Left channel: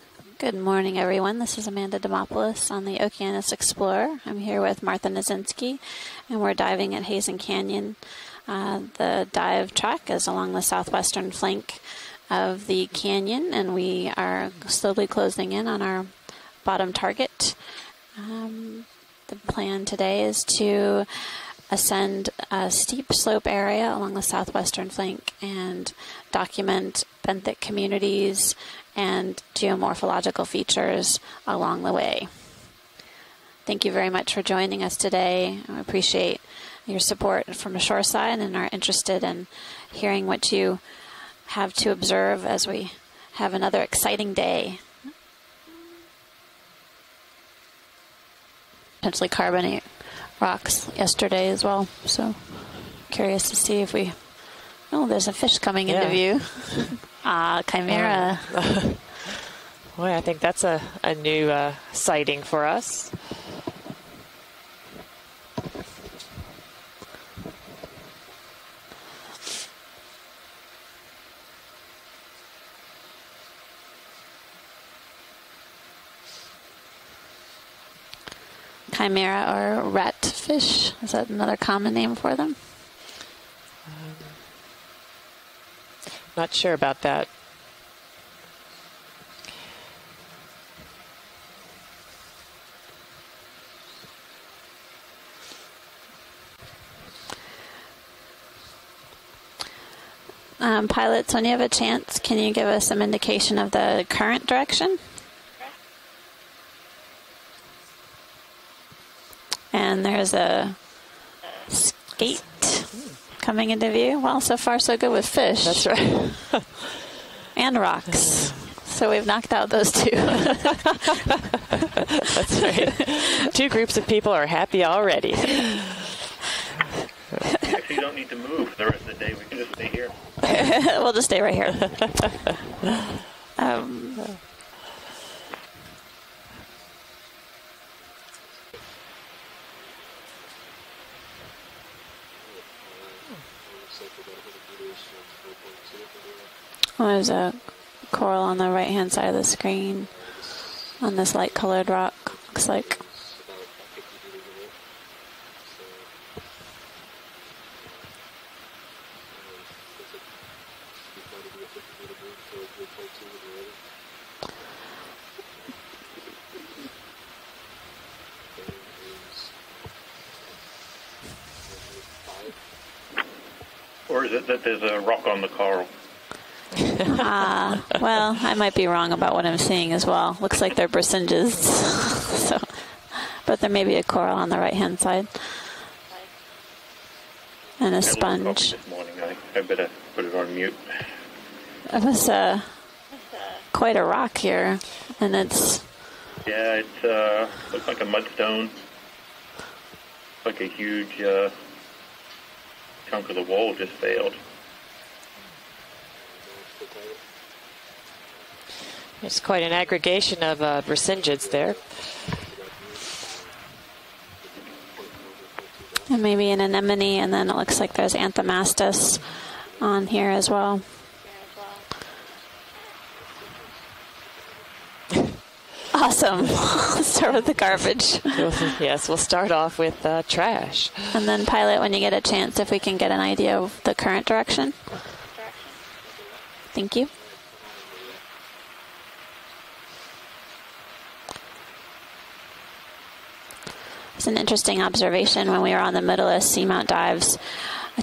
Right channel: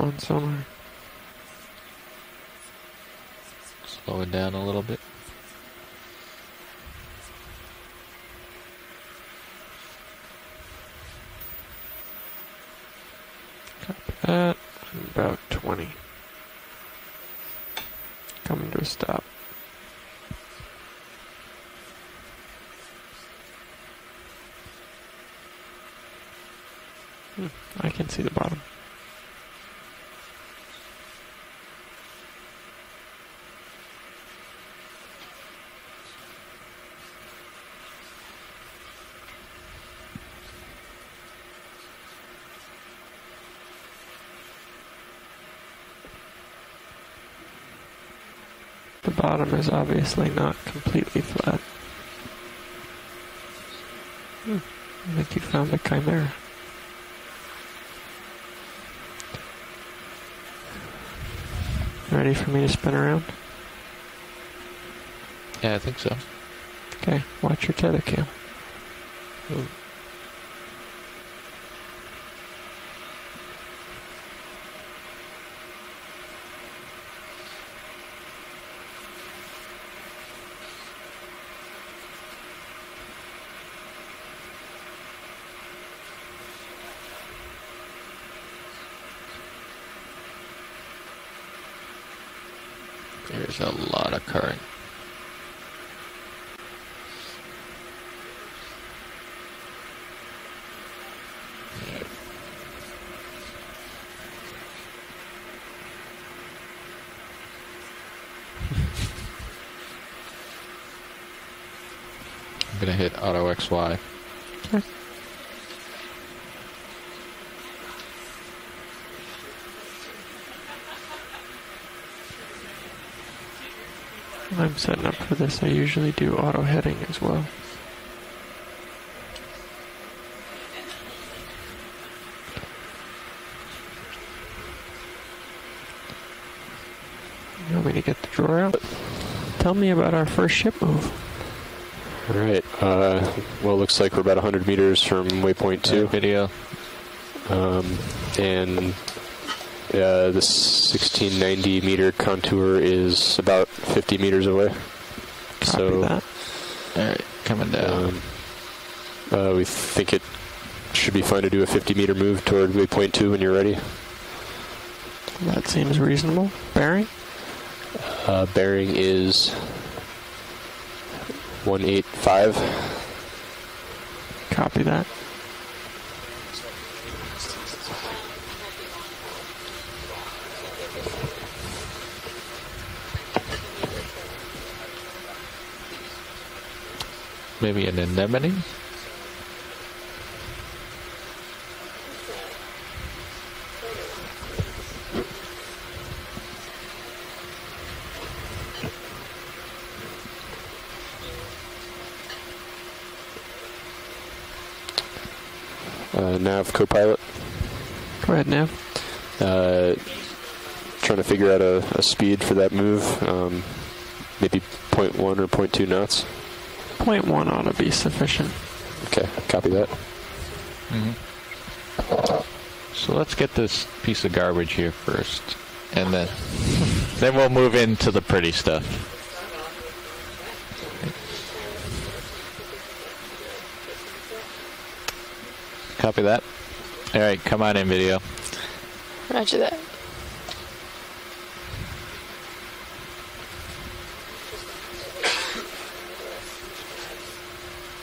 Good morning, everyone. This is Amanda Demopoulos on the Okeanos Explorer. I'm here with Martha Nazinski, and we're diving at Heezen Canyon. The dive track is along the southwestern flank of the canyon, and we are slowly closing in on our bottom target. Coming to a stop. The plan today is to ascend a steep slope area along the southwestern flank and document benthic communities and geomorphological features along the way. Thank you very much for joining us today. I appreciate your support from the shoreside and are interested in hearing what you have to observe as we have another exciting day. Potentially carbonate rocks yesterday as well, so curious to see if we... Oh, there's a fish coming into view. Chimera. Boy, I think that's a new sighting for us. Spin around? Yeah, I think so. Okay, watch your tether cam. Chimera or rat fish, is that another common name for them? Not sure about that. There's a lot of current. Pilots, when you have a chance, can you give us some indication of the current direction? And there's a skate coming into view. Well, so far so good with fish. That's right. And rocks. So we've knocked out those two. That's right. Two groups of people are happy already. I usually do auto heading as well. Actually, you don't need to move the rest of the day. We can just stay here. We'll just stay right here. You want me to get the drawer out? Tell me about our first ship move. All right. Well, it looks like we're about 100 meters from waypoint 2. Video. Well, there's a coral on the right-hand side of the screen. Yeah, this 1690 meter contour is about 50 meters away. Copy so that. All right, coming down. We think it should be fine to do a 50-meter move toward waypoint 2 when you're ready. That seems reasonable. Bearing? Bearing is 185. Or is it that there's a rock on the coral? Well, I might be wrong about what I'm seeing as well. Looks like they're percentages. So, but there may be a coral on the right-hand side. Maybe and an a sponge. I better put it on mute. It is quite a rock here, and it's... Yeah, it looks like a mudstone. Looks like a huge chunk of the wall just failed. Nav co-pilot. Go ahead, Nav. It's quite an aggregation of recensions. Trying to figure out a speed for that move. Maybe 0.1 or 0.2 knots. Well, maybe an anemone, and then it looks like there's Anthomastus on here as well. So let's get this piece of garbage here first. Awesome. Then we'll move into the pretty stuff. Yes, we'll start off with trash. And then, pilot, when you get a chance, if we can get an idea of the current direction. Copy that. Thank you. All right, come on in, video. Roger that. It's an interesting observation when we were on the Middleist seamount dives.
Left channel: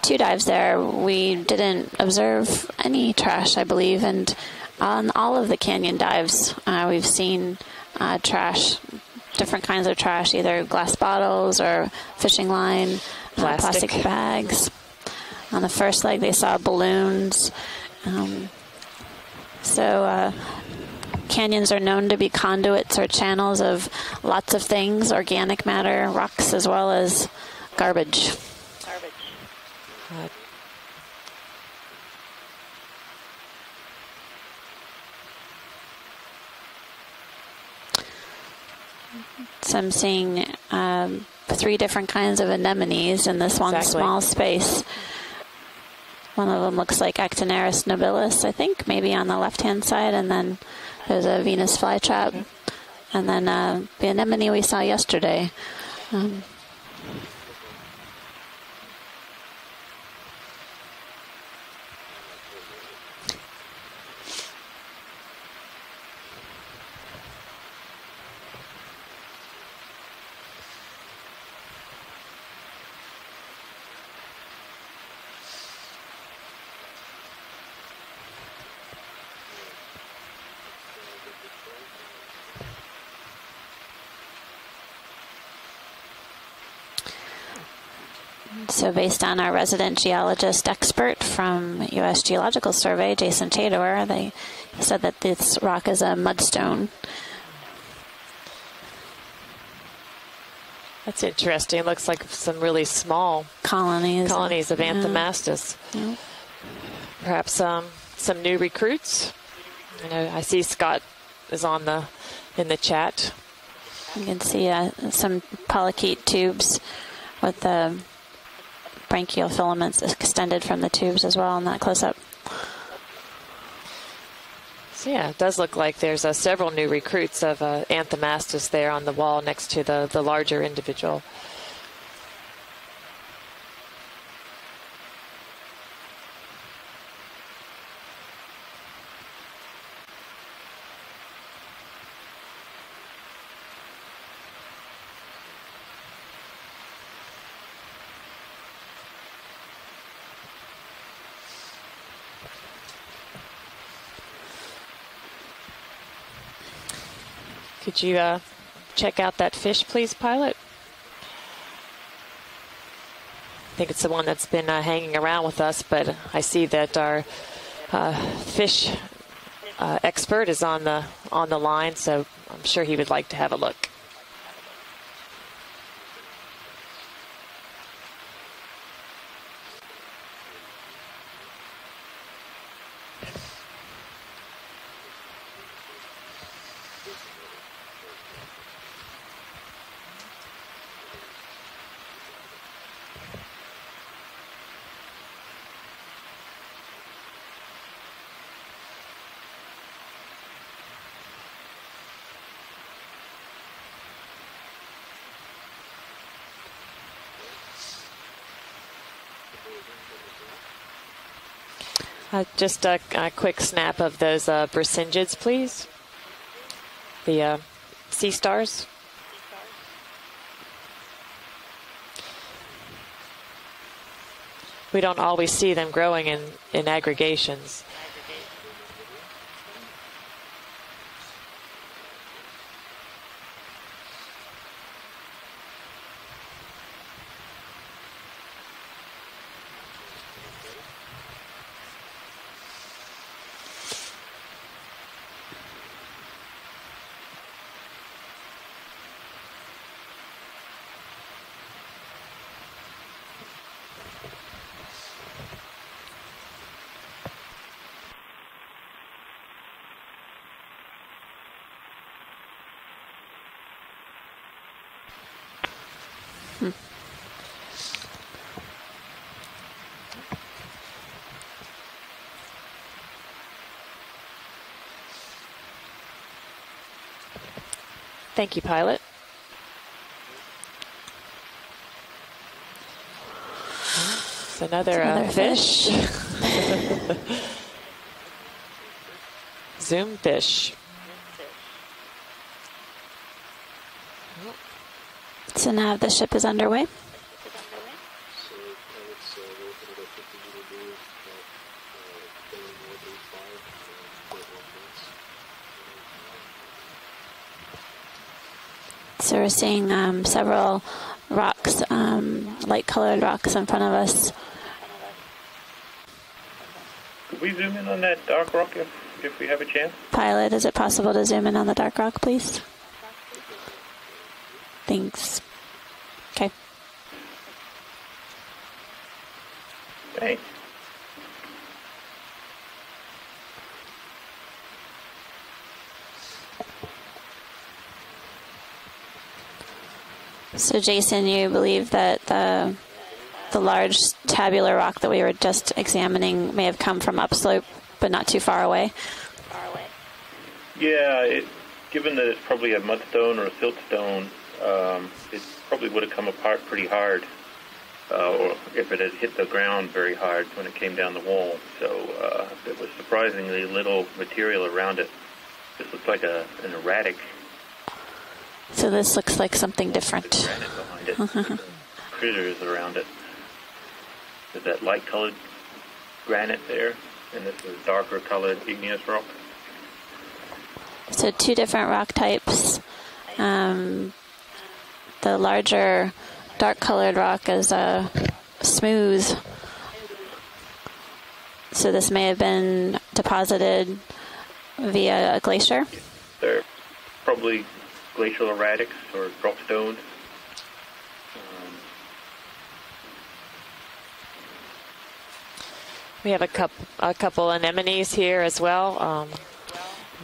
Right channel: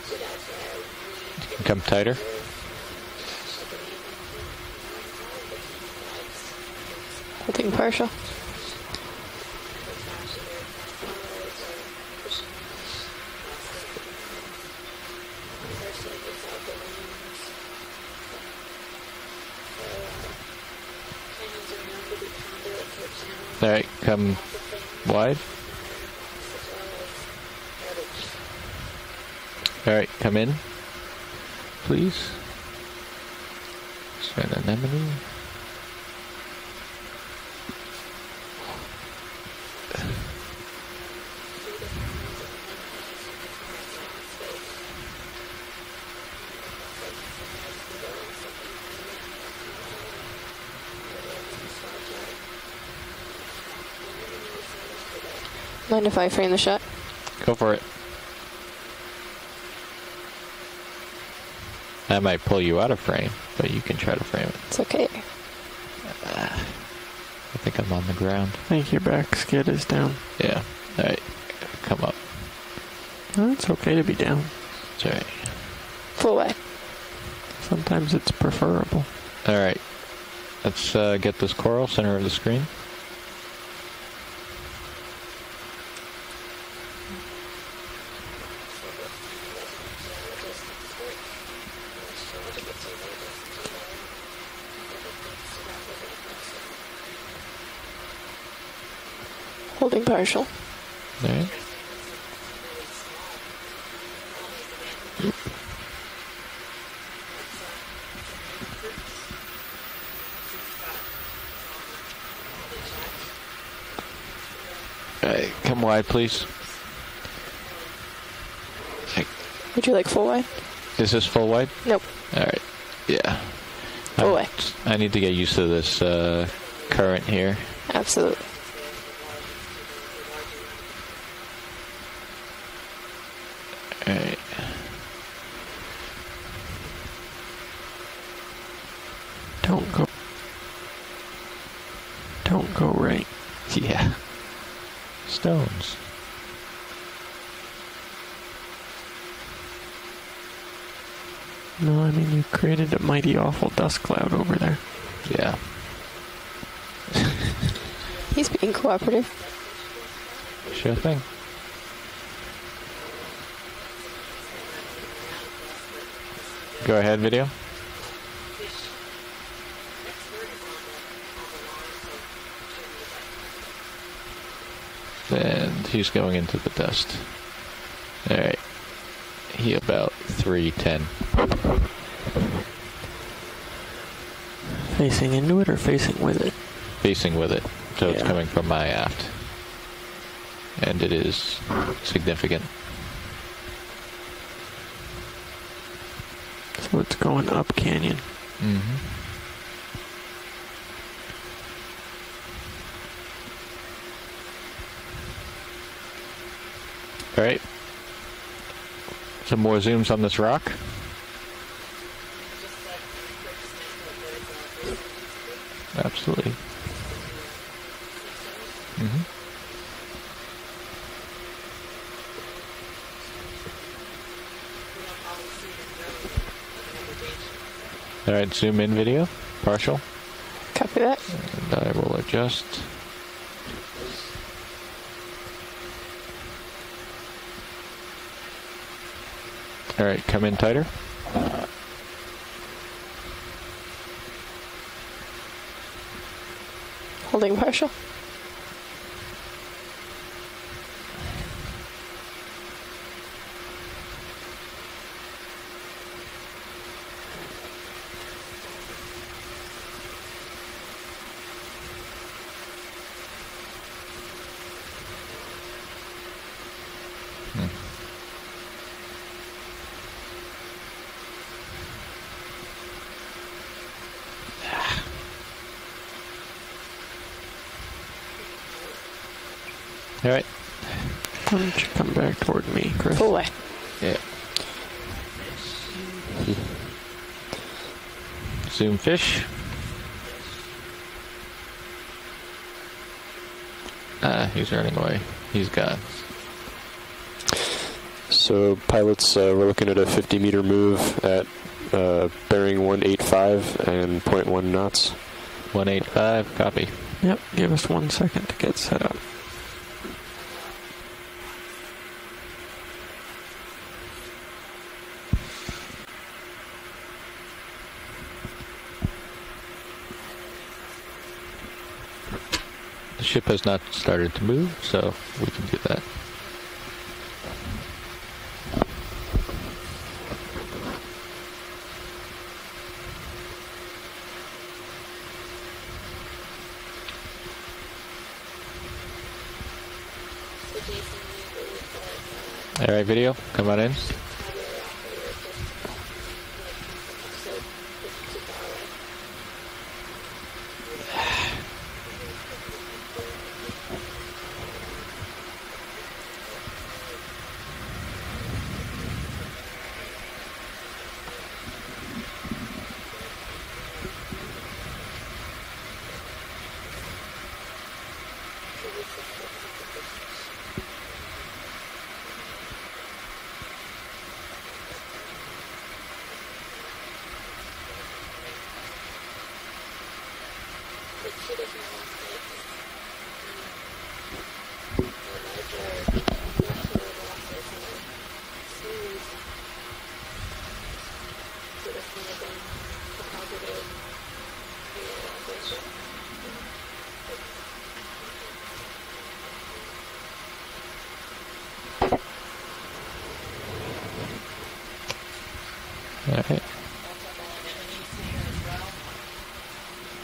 2 dives there, we didn't observe any trash, I believe, and on all of the canyon dives, we've seen trash, different kinds of trash, either glass bottles or fishing line, plastic bags. On the first leg, they saw balloons. Canyons are known to be conduits or channels of lots of things, organic matter, rocks, as well as garbage. All right, come in, please. An anemone. So I'm seeing 3 different kinds of anemones in this one small space. One of them looks like Actiniris nobilis, I think, maybe on the left-hand side, and then There's a Venus flytrap. And then the anemone we saw yesterday. Mind if I frame the shot? Go for it. I might pull you out of frame, but you can try to frame it. It's okay. I think I'm on the ground. I think your back skid is down. Yeah. All right. Come up. No, it's okay to be down. That's all right. Full way. Sometimes it's preferable. All right. Let's get this coral center of the screen. So based on our resident geologist expert from U.S. Geological Survey, Jason Tadower, they said that this rock is a mudstone. Holding partial. That's interesting. It looks like some really small Colonies of Anthomastus. Yeah. Perhaps some new recruits. You know, I see Scott is in the chat. You can see some come wide, polychaete please. tubes with the branchial filaments like full extended from the tubes this as full well wide? in that close up. All right. Yeah. Full way. I need to Yeah, get it used does to look this. like there's several new current recruits here. of Anthomastus there on the wall next to the larger individual. All right. Don't go right. Yeah. Stones. No, I mean, you created a mighty awful dust cloud over there. Yeah. Could you He's being cooperative. check out that fish, please, pilot? Sure thing. I think it's the one that's been hanging around with us, but I see that Go ahead, video. fish expert is on the line, so I'm sure he would like to have a look. And he's going into the dust. All right. He about 310. Facing into it or facing with it? Facing with it. So it's Yeah. coming from my aft. And it is significant. So it's going up canyon. Mm-hmm. All right. Some more zooms on this rock. Just a quick snap of those Brisingeids, please. Absolutely. The sea stars. Mm-hmm. We don't always see them growing in aggregations. All right, zoom in video, partial. Copy that. And I will adjust. All right, come in tighter. Holding partial. Thank you, pilot. All right. Why don't you come back toward me, Chris? Full way. Yeah. Another fish. Zoom fish. Zoom fish. He's running away. He's So now gone. the ship is underway. So pilots, we're looking at a 50-meter move at bearing 185 and 0.1 knots. 185, copy. Yep, give us 1 second to get set up. So we're seeing several rocks, light-colored rocks in front of us. Could we zoom in on that dark rock if we have a chance? Pilot, is it possible to zoom in on the dark rock, please? The ship has not started to move, so Thanks. we can do that. Okay. Thanks. So Jason, you believe that All right, video. the Come on in. large tabular rock that we were just examining may have come from upslope, but not too far away? Yeah, given that it's probably a mudstone or a siltstone, it probably would have come apart pretty hard, or if it had hit the ground very hard when it came down the wall. So there was surprisingly little material around it. This looks like an erratic So this looks like something different. granite behind it. Critters around it. There's that light-colored granite there, and this is darker-colored igneous rock. So two different rock types. The larger dark-colored rock is smooth. So this may have been deposited via a glacier. They're probably glacial erratics or drop stones. We have a couple anemones here as well.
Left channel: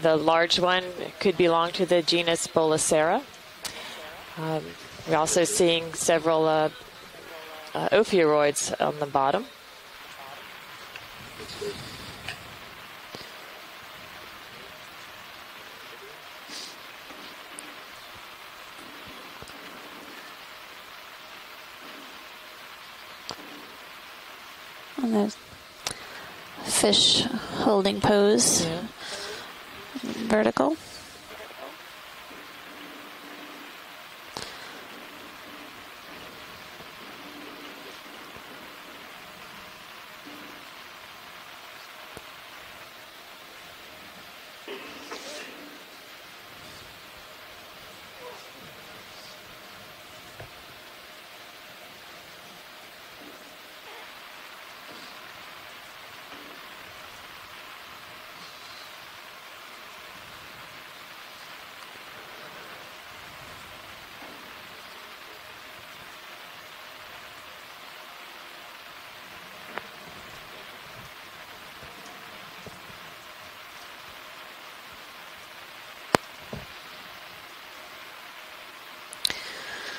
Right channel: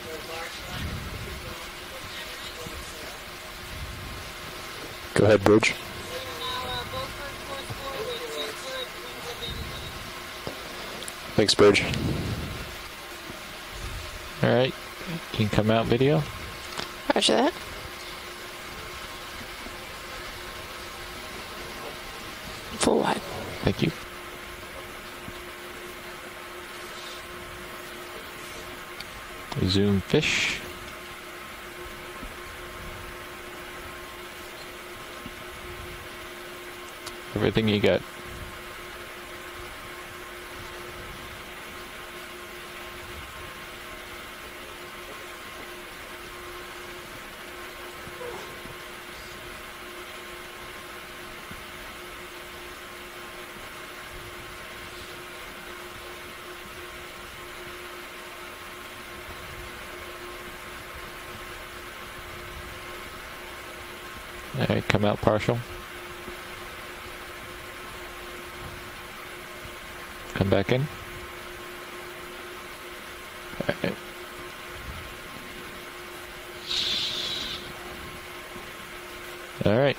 The large one could belong to the genus Bolacera. We're Go ahead, also Bridge. seeing several ophiuroids on the bottom. Thanks, Bridge. All right. You can come out video. Roger that. Full wide. Thank you. And the fish holding pose. Yeah. Zoom fish. Vertical. Everything you got. All right, come out partial. Come back in. All right. All right.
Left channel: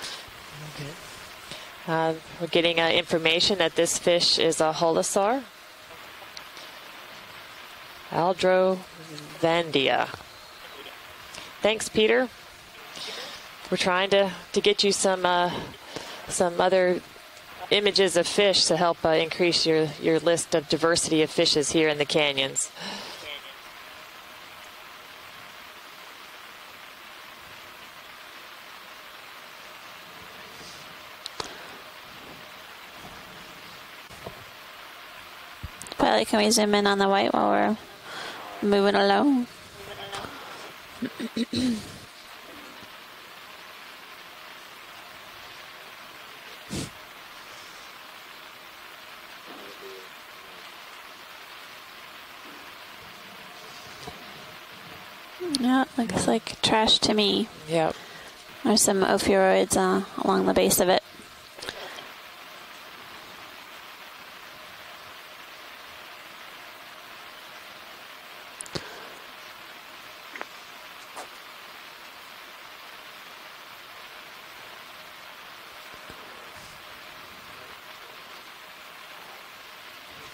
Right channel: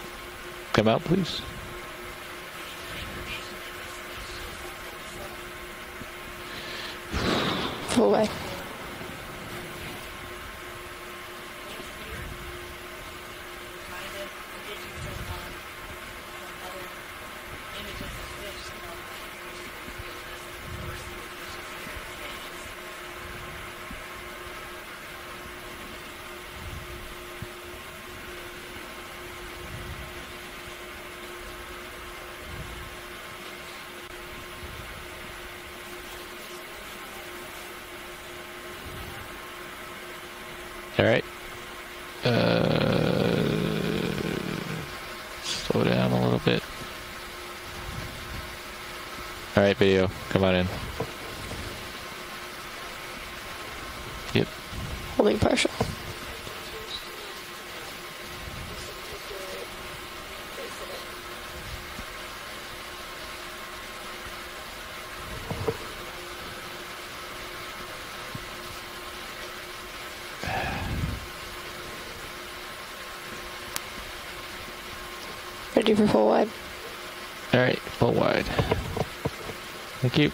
Come out, please. We're getting information that this fish is a holosaur, Full wide. Aldrovandia. Thanks, Peter. We're trying to get you some other images of fish to help increase your list of diversity of fishes here in the canyons. Pilot, can we zoom in on the white while we're moving along? All right. Slow down a little bit. All right, video. Come on in. Yep. Holding partial. Yeah, looks like trash to me. Yep. There's some ophiuroids along the base of it. Ready for full wide. All right, full wide. Thank you.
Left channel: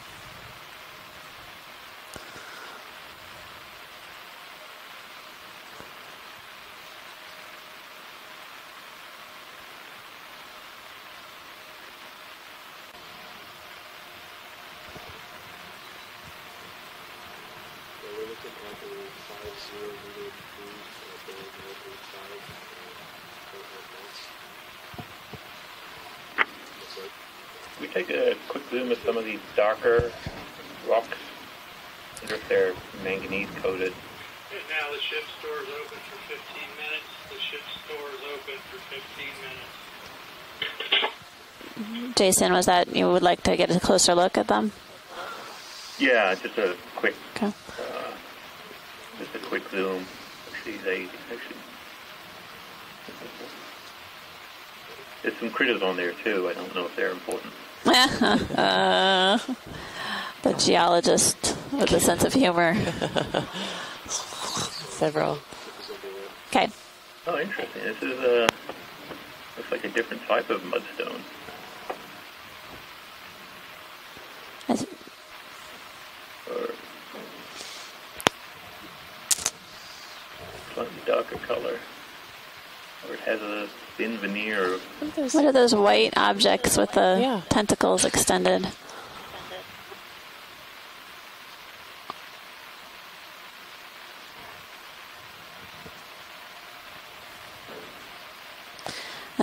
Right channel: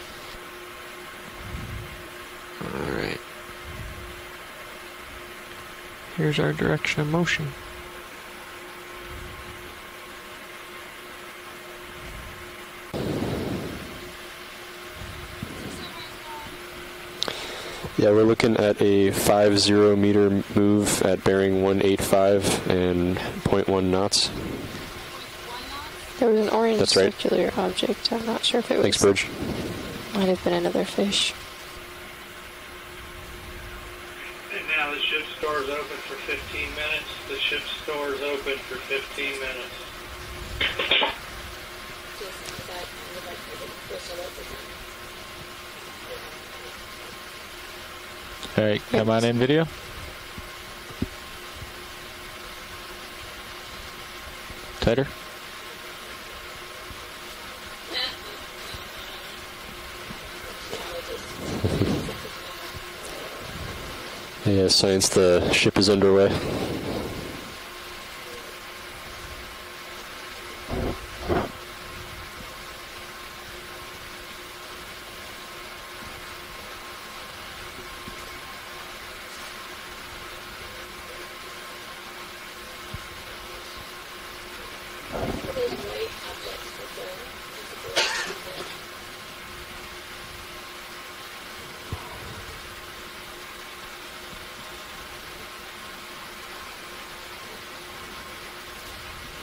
All right. Here's our direction of motion. Yeah, we're looking at a 50 meter move at bearing 185 and 0.1 knots. There was an orange That's right. circular object. I'm not sure if it Thanks, was. Bridge. Darker, Might have been another fish. wonder if they're manganese coated. Right now, the ship store is open for 15 minutes. The ship store is open for 15 minutes. Jason, was that you would like to get a closer look at them? Yeah, just a quick Okay. All right, come on in, video. zoom. Actually, Tighter. there's some critters on there too. I don't know if they're important. The geologist with a sense of humor. Yeah, science, the ship is underway. Okay. Oh, interesting. This is looks like a different type of mudstone. That's- Or darker color. Or it has a thin veneer of... What are those white objects with the Yeah. tentacles extended?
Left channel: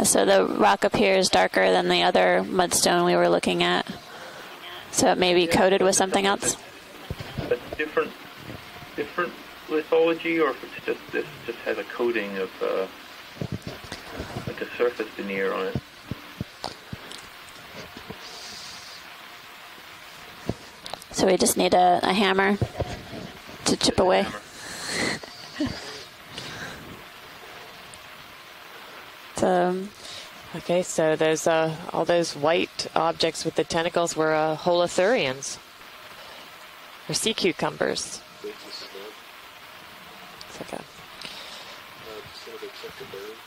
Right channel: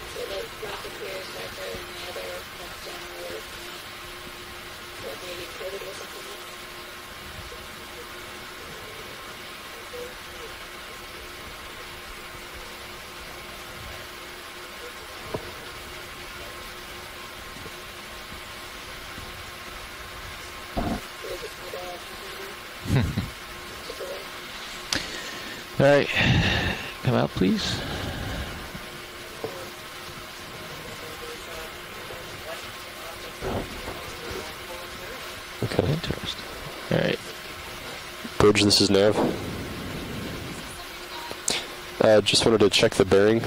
So the rock appears darker than the other mudstone we were looking at. So it may be coated with something else. That's different lithology, or if it's just has a coating of like a surface veneer on it. So we just need a hammer to chip away. All right, come out, please. So Okay, so those all those white objects with the tentacles were holothurians, Okay. Interesting. All or right. sea cucumbers. Bridge, this is Nav. Just wanted to check the bearing.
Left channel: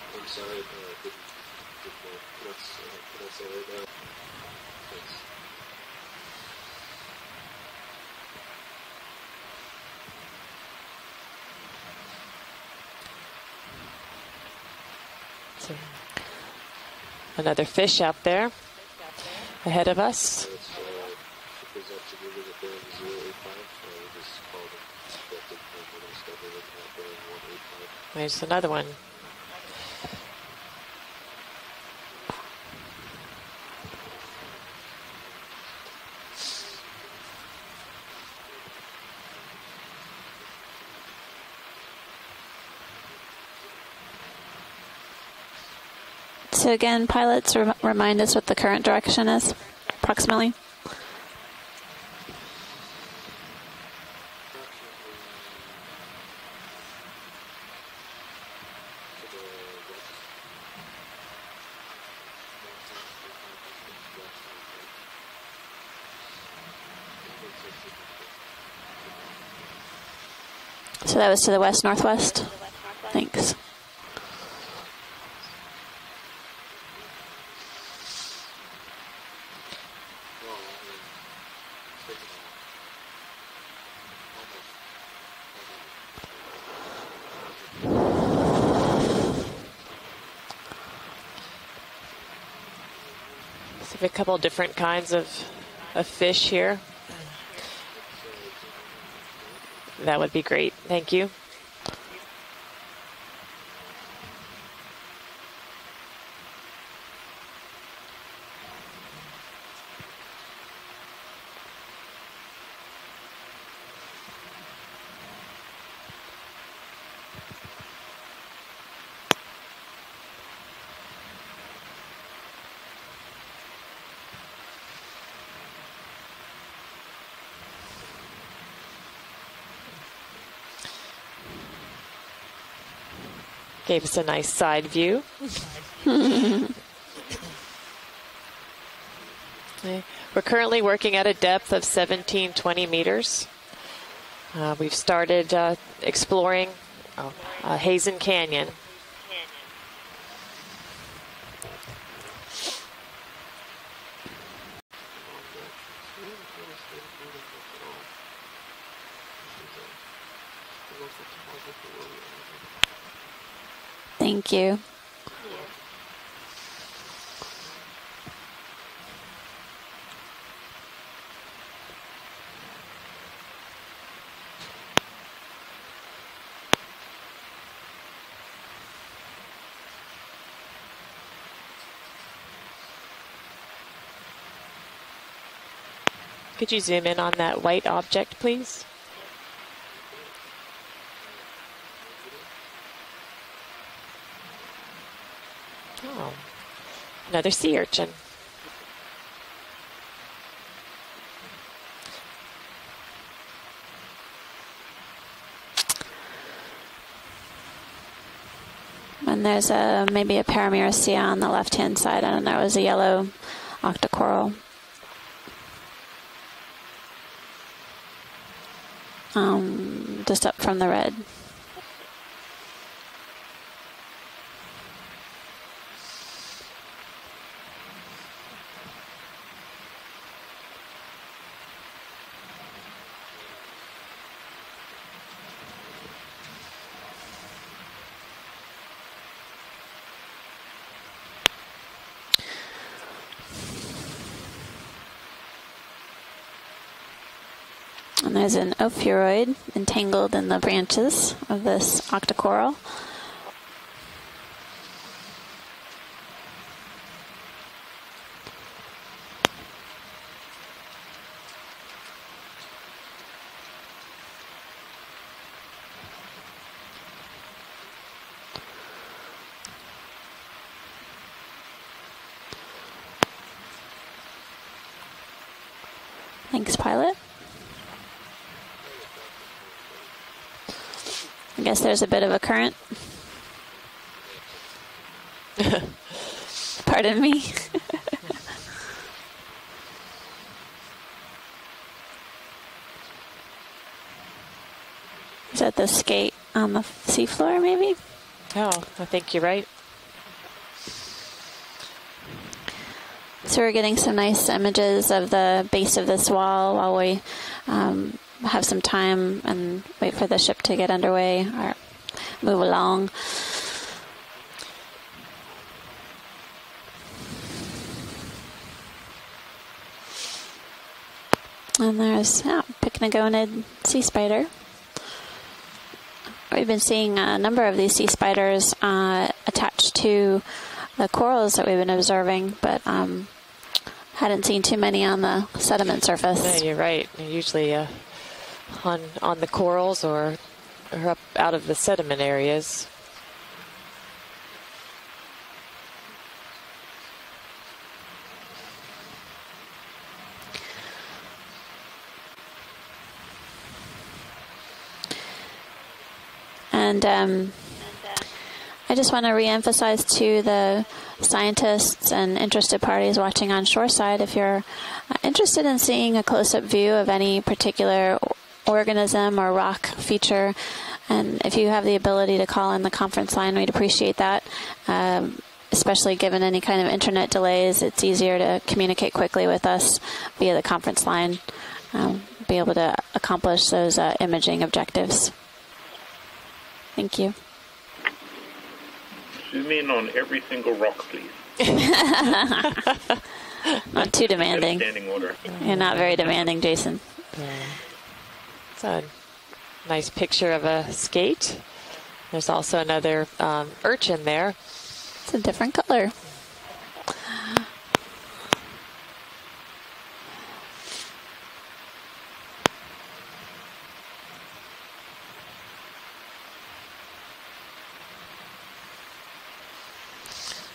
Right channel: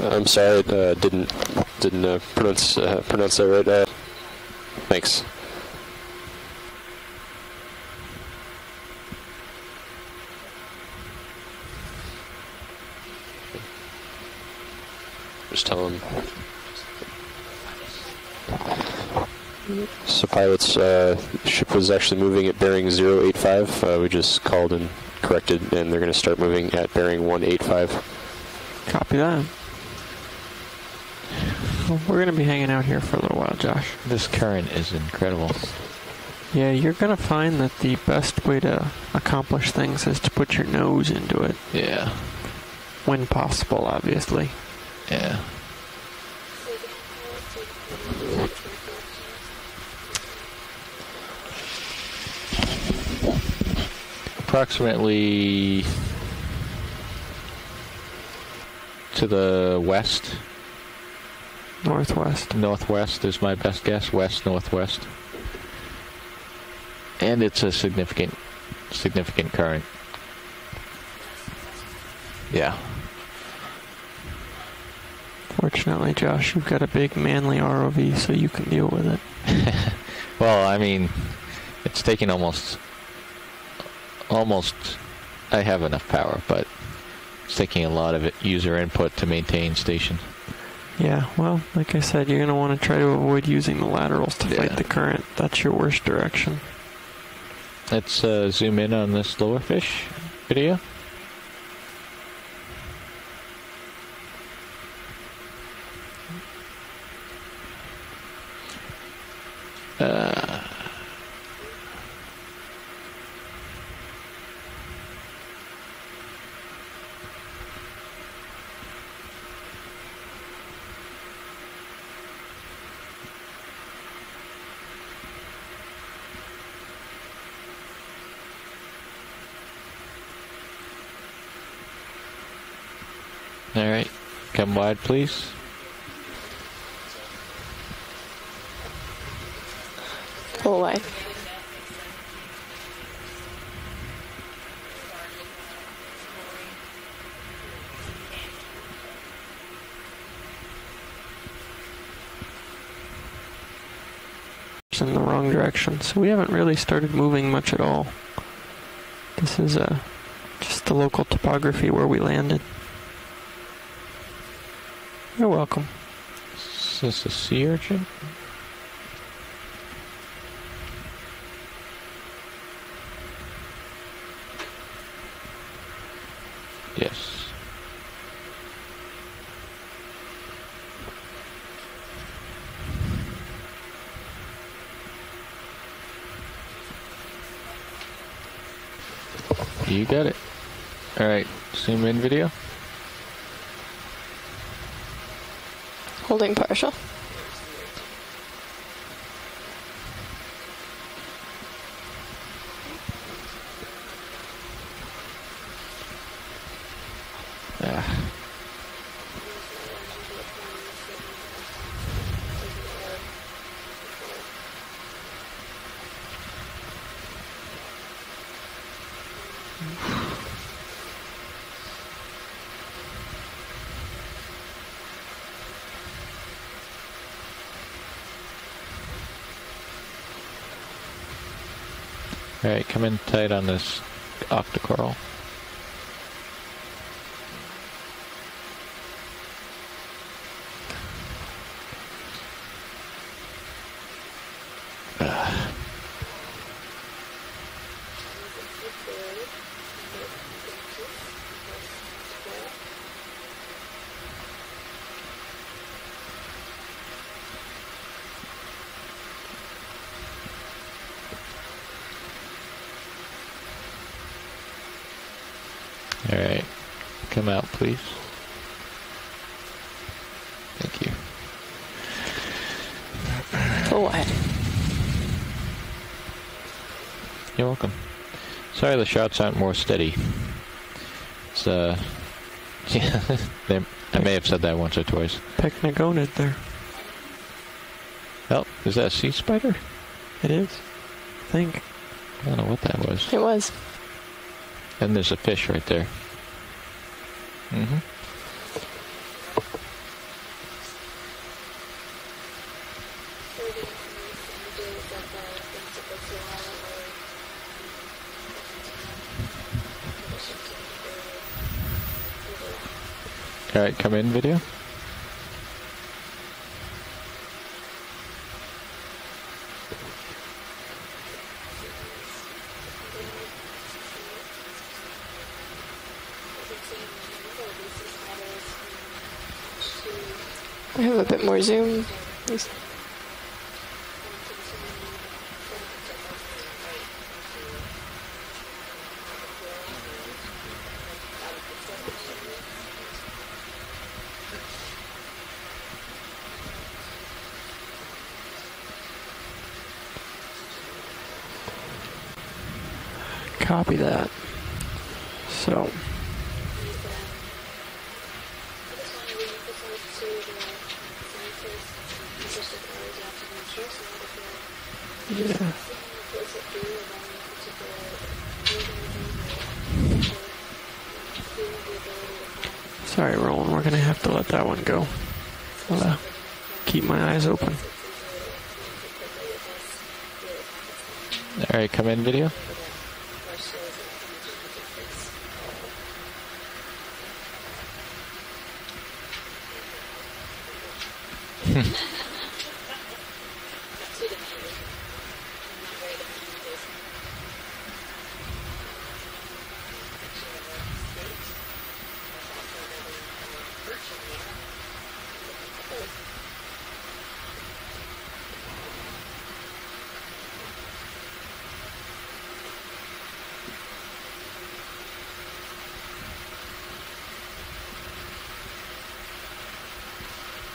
I'm sorry, didn't pronounce that right. Thanks. Just tell him. Another fish out there ahead of us. So pilots, ship was actually moving at bearing 085. We just called and corrected, and they're going to start moving at bearing 185. There's another one. Copy that. Well, we're going to be hanging out here for a little while, Josh. This current is incredible. Yeah, you're going to find that the best way to accomplish things is to put your nose into it. Yeah. When possible, obviously. Yeah. So again, pilots, remind us what the current direction is, approximately. Approximately to the west. Northwest. Northwest is my best guess. West, northwest. And it's a significant current. So that was to the west-northwest? Yeah. Thanks. Fortunately, Josh, you've got a big manly ROV, so you can deal with it. Well, I mean, it's taking almost. I have enough power, but it's taking a lot of it user input to maintain station. Yeah, well, like I said, you're going to want to try to avoid using the laterals to different get the kinds current. of That's your worst A direction. fish here. Let's zoom in on this lower fish. That would be great. Video. Thank you. All right. Gives a nice Come side wide, view. please. We're currently Full wide. working at a depth of 17-20 meters. We've started exploring Heezen Canyon. It's in the wrong direction, so we haven't really started moving much at all. This is just the local topography where we landed. Thank you. You're welcome. Is this a sea urchin? Yes. Could you zoom in on that white object, please? You got it. All right. Zoom in video. Holding partial. Another sea urchin. And there's maybe a Paramyricea on the left-hand side. I don't know. It was a yellow octocoral. Just up from the red. All right. Come in tight on this octocoral. There's an ophiuroid entangled in the branches of this octocoral. All right, come out, please. Thank you. Full wide. Thanks, pilot. You're welcome. Sorry the shots aren't more steady. I guess there's a bit of a current. Yeah, I may have said that once or twice. Pycnogonid there. Pardon me. Oh, is that a sea spider? It is. I think. I don't know what that was. It was. And there's a fish Is that right the there. skate on the seafloor, maybe? Mhm. Oh, I think you're right. So we're getting some nice images of the base of this wall while we have some time and wait for the ship to get underway or move along. All right, come in, video. And there's Pycnogonid sea spider. We've been seeing a number of these sea spiders attached to the Maybe a bit corals more that we've been zoom. observing, but hadn't seen too many on the sediment surface. No, you're right. They're usually on the corals or up out of the sediment areas. Copy that. So, And I just want to reemphasize to the scientists and interested parties watching on shoreside, if you're interested in seeing a close-up view of any particular organism or rock feature, and if you have the ability to call in the conference sorry, line, Ro, we'd we're gonna appreciate have to that. let that one go. Especially given any kind of keep my internet eyes delays, it's easier to communicate quickly with us via the conference line. All right, come in, video. Be able to accomplish those imaging objectives. Thank you. Zoom in on every single rock, please. Not too demanding. Standing order. You're not very demanding, Jason. It's a nice picture of a skate. There's also another urchin there. It's a different color.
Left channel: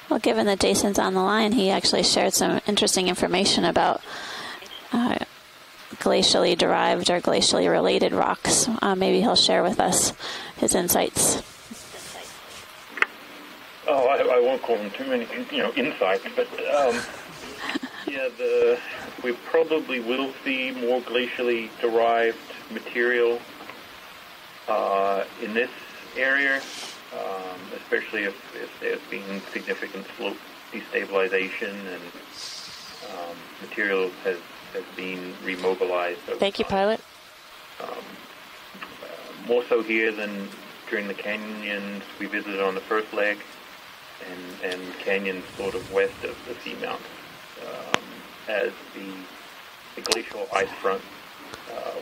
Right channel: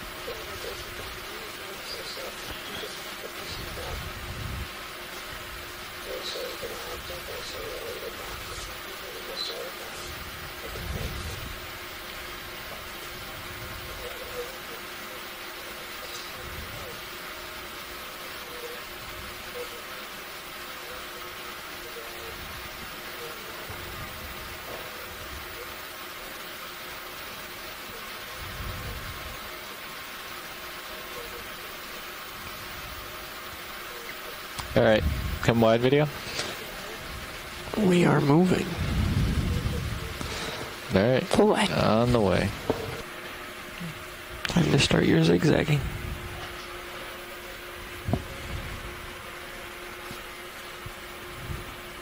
Well, given that Jason's on the line, he actually shared some interesting information about glacially derived or glacially related rocks. Maybe he'll share with us his insights. Oh, I won't call them too many, insights, but we probably will see more glacially derived material in this area, especially if there's been significant slope destabilization and material has All right, been come live, video. demobilized. Thank you, pilot. We are moving. More so here than All right, Cool. on the we way. visited on the first leg. Time to start your zigzagging. West of the seamount, as the glacial ice front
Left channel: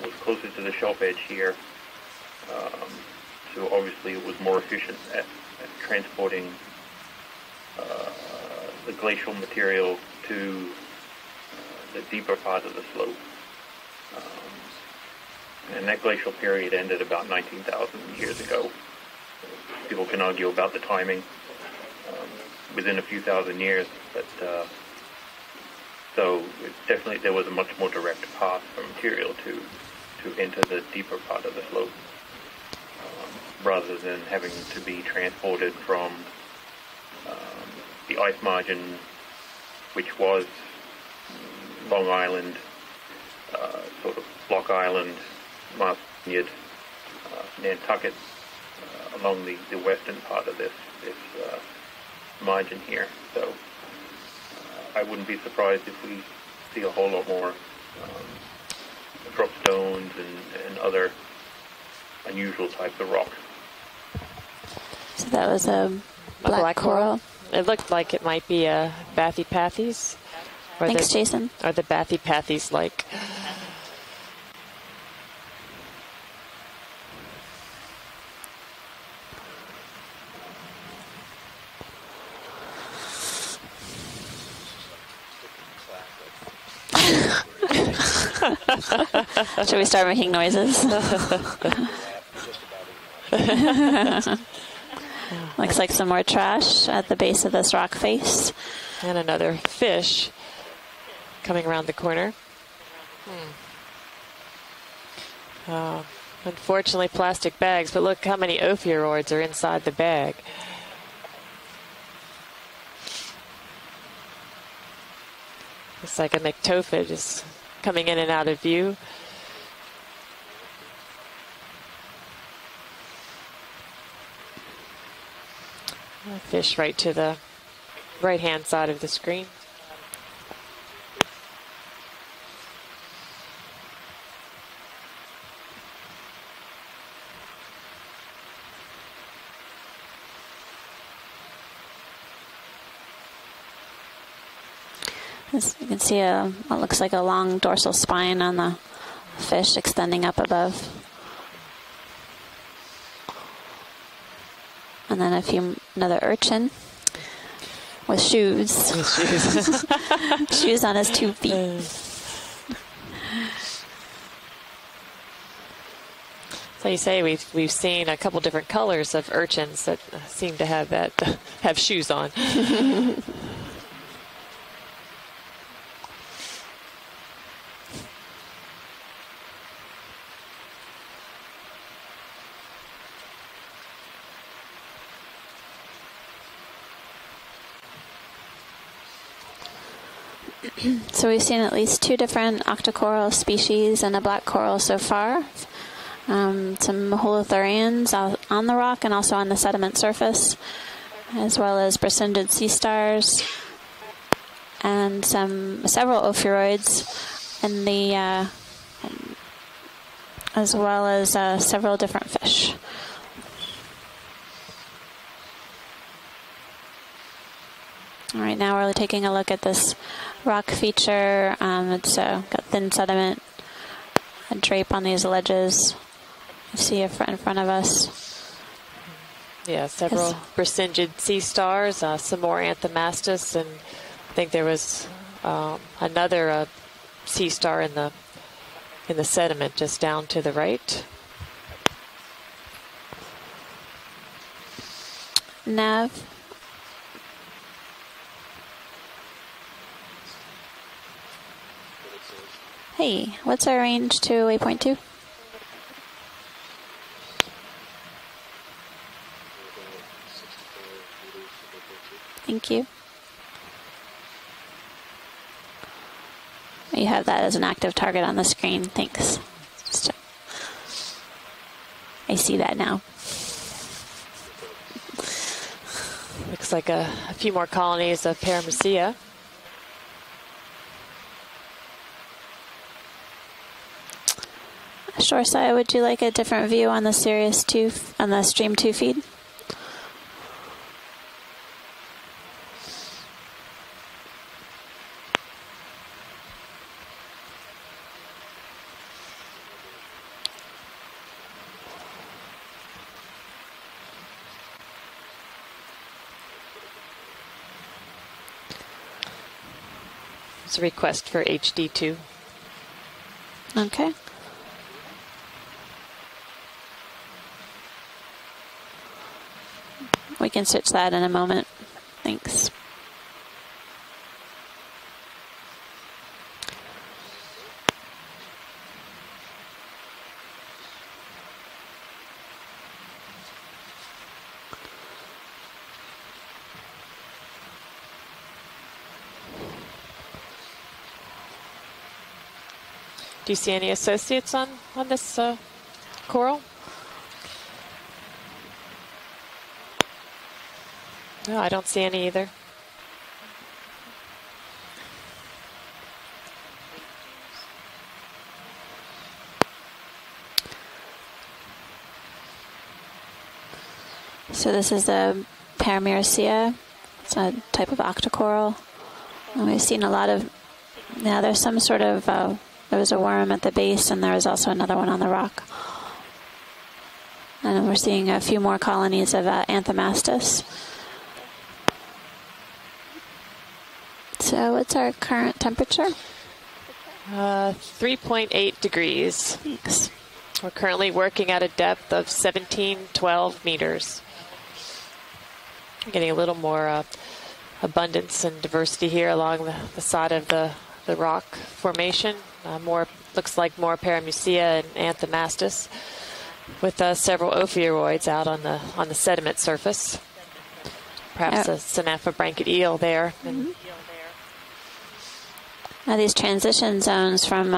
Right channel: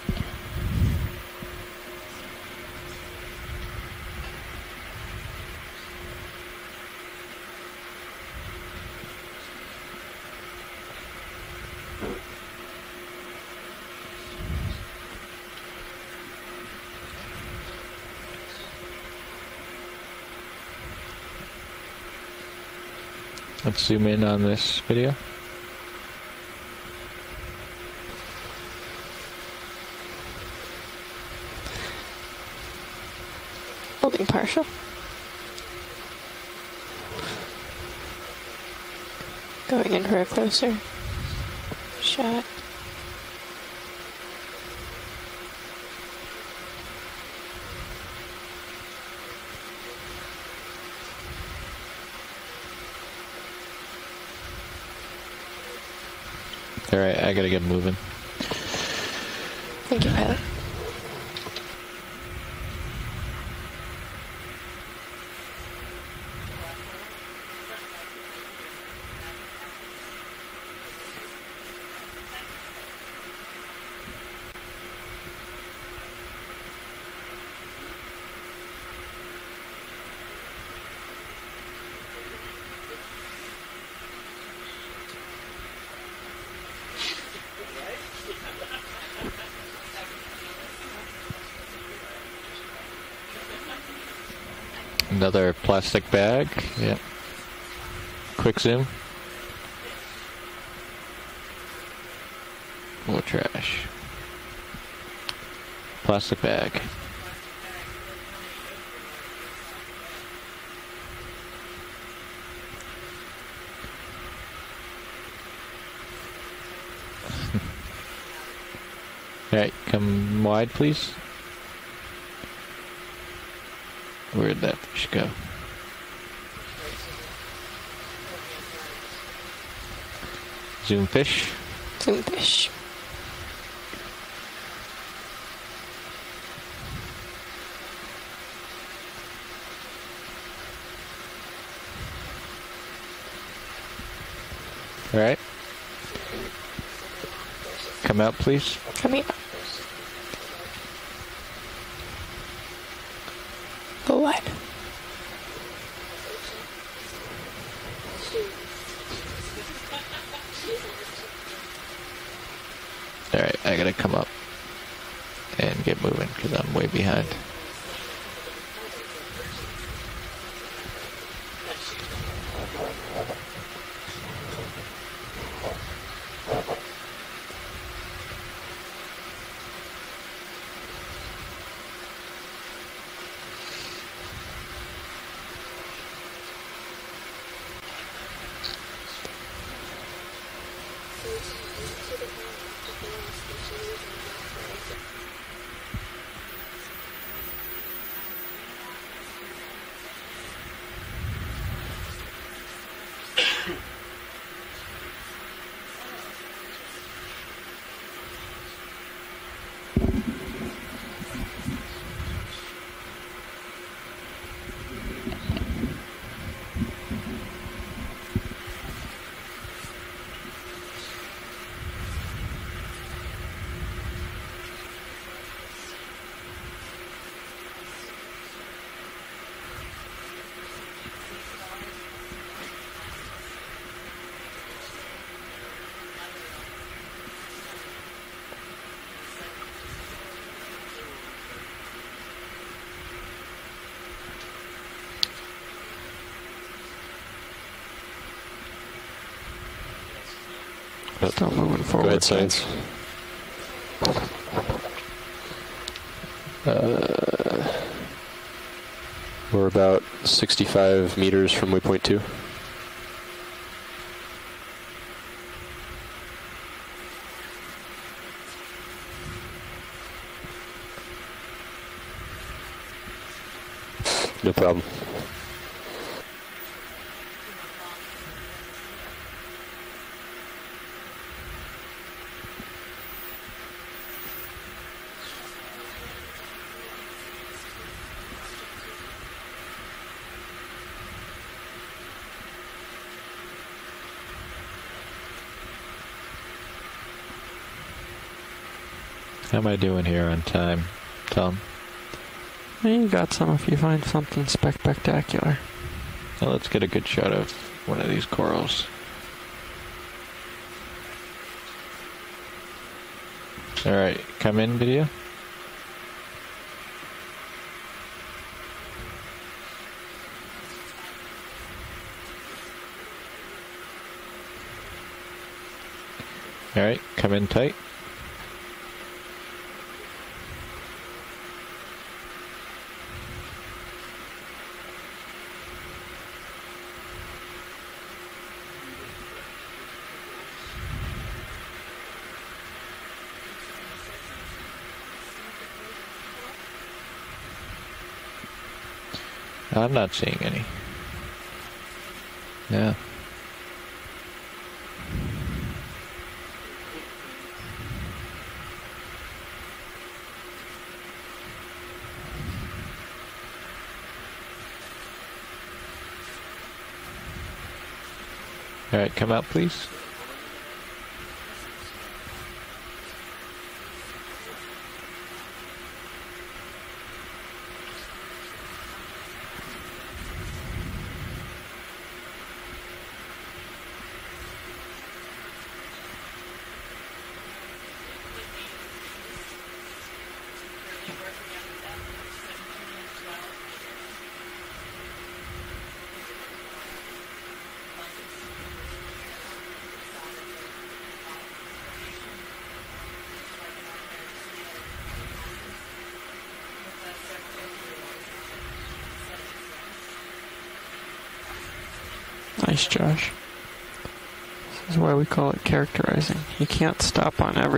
was closer to the shelf edge here, so obviously it was more efficient at transporting the glacial material to the deeper part of the slope. And that glacial period ended about 19,000 years ago. People can argue about the timing. Within a few thousand years. Let's zoom in on this video. So definitely there was a much more direct path for material to enter the deeper part of the slope, rather than partial. to be transported from the ice margin, Going in her was closer. Long Shot. Island, sort of Block Island, Martiniad, Nantucket, along the western part of this margin here. So I wouldn't be surprised if we see a All right, whole I gotta more get moving. drop stone Thank you, pilot. and other unusual types of rock. So that was a black coral. It looked like it might be a Bathypathes. Thanks, Jason. Are the Bathypathes like? Should we start making noises? Another Looks plastic like some more bag. trash Yeah. at the base of this rock face. Quick zoom. And another fish coming around the corner. More trash. Oh, Plastic bag. fortunately, plastic bags, but look how many ophiuroids are inside the bag. Looks like a myctophid is coming in and out of view. All right, come wide, please. Where'd that fish go? Fish right to the right-hand side of the screen. Zoom fish. Zoom fish. All right. As you can see what looks like a long dorsal spine on the fish extending up above. Go wide. And then another urchin with shoes. Shoes on his 2 feet. All right, I gotta come up and get moving because I'm way They behind. say we've seen a couple different colors of urchins that seem to have have shoes on. So we've seen at least 2 different octocoral species and a black coral so far. Some holothurians on the rock and also on the sediment surface, as well as bracindid sea stars, and several ophiuroids in the as well as several different fish. All right, now we're taking a look at this rock feature. It's got thin sediment and drape on these ledges. You see it in front of us. Yeah, several bracindid sea stars, some more anthomastus, and I think there was another sea star in the sediment just down to the right. Nav. Still moving forward. Go ahead, Science. Hey, what's our range to waypoint 2? We're about 65 meters from waypoint 2. Thank you. You have that as an active target on the screen. Thanks. I see that now. No problem. Looks like a few more colonies of Parameciea. Shoreside, would you like a different view on the Sirius 2 on the Stream 2 feed? How am I doing here on time, Tom? You got some if you find something spectacular. Well, let's get a good shot of one of these corals. It's a request for HD2. Okay. All right, come in, video. We can switch that in a moment. Thanks. All right, come in tight. Do you see any associates on this coral? I'm not seeing any. No, I don't see any either. Yeah. So this is the Parameciea. It's a type of octocoral. All right, come out, And we've please. seen a lot of, there's some sort of, there was a worm at the base and there was also another one on the rock. And we're seeing a few more colonies of anthomastus. So what's our current temperature? 3.8 degrees. Thanks. We're currently working at a depth of 17-12 meters. Getting a little more abundance and diversity here along the side of the rock formation. Looks like more Paramusia and Anthomastus, with several ophiuroids out on the sediment surface. Perhaps a Synaphobranchid eel there. This is why we call it characterizing. These transition zones from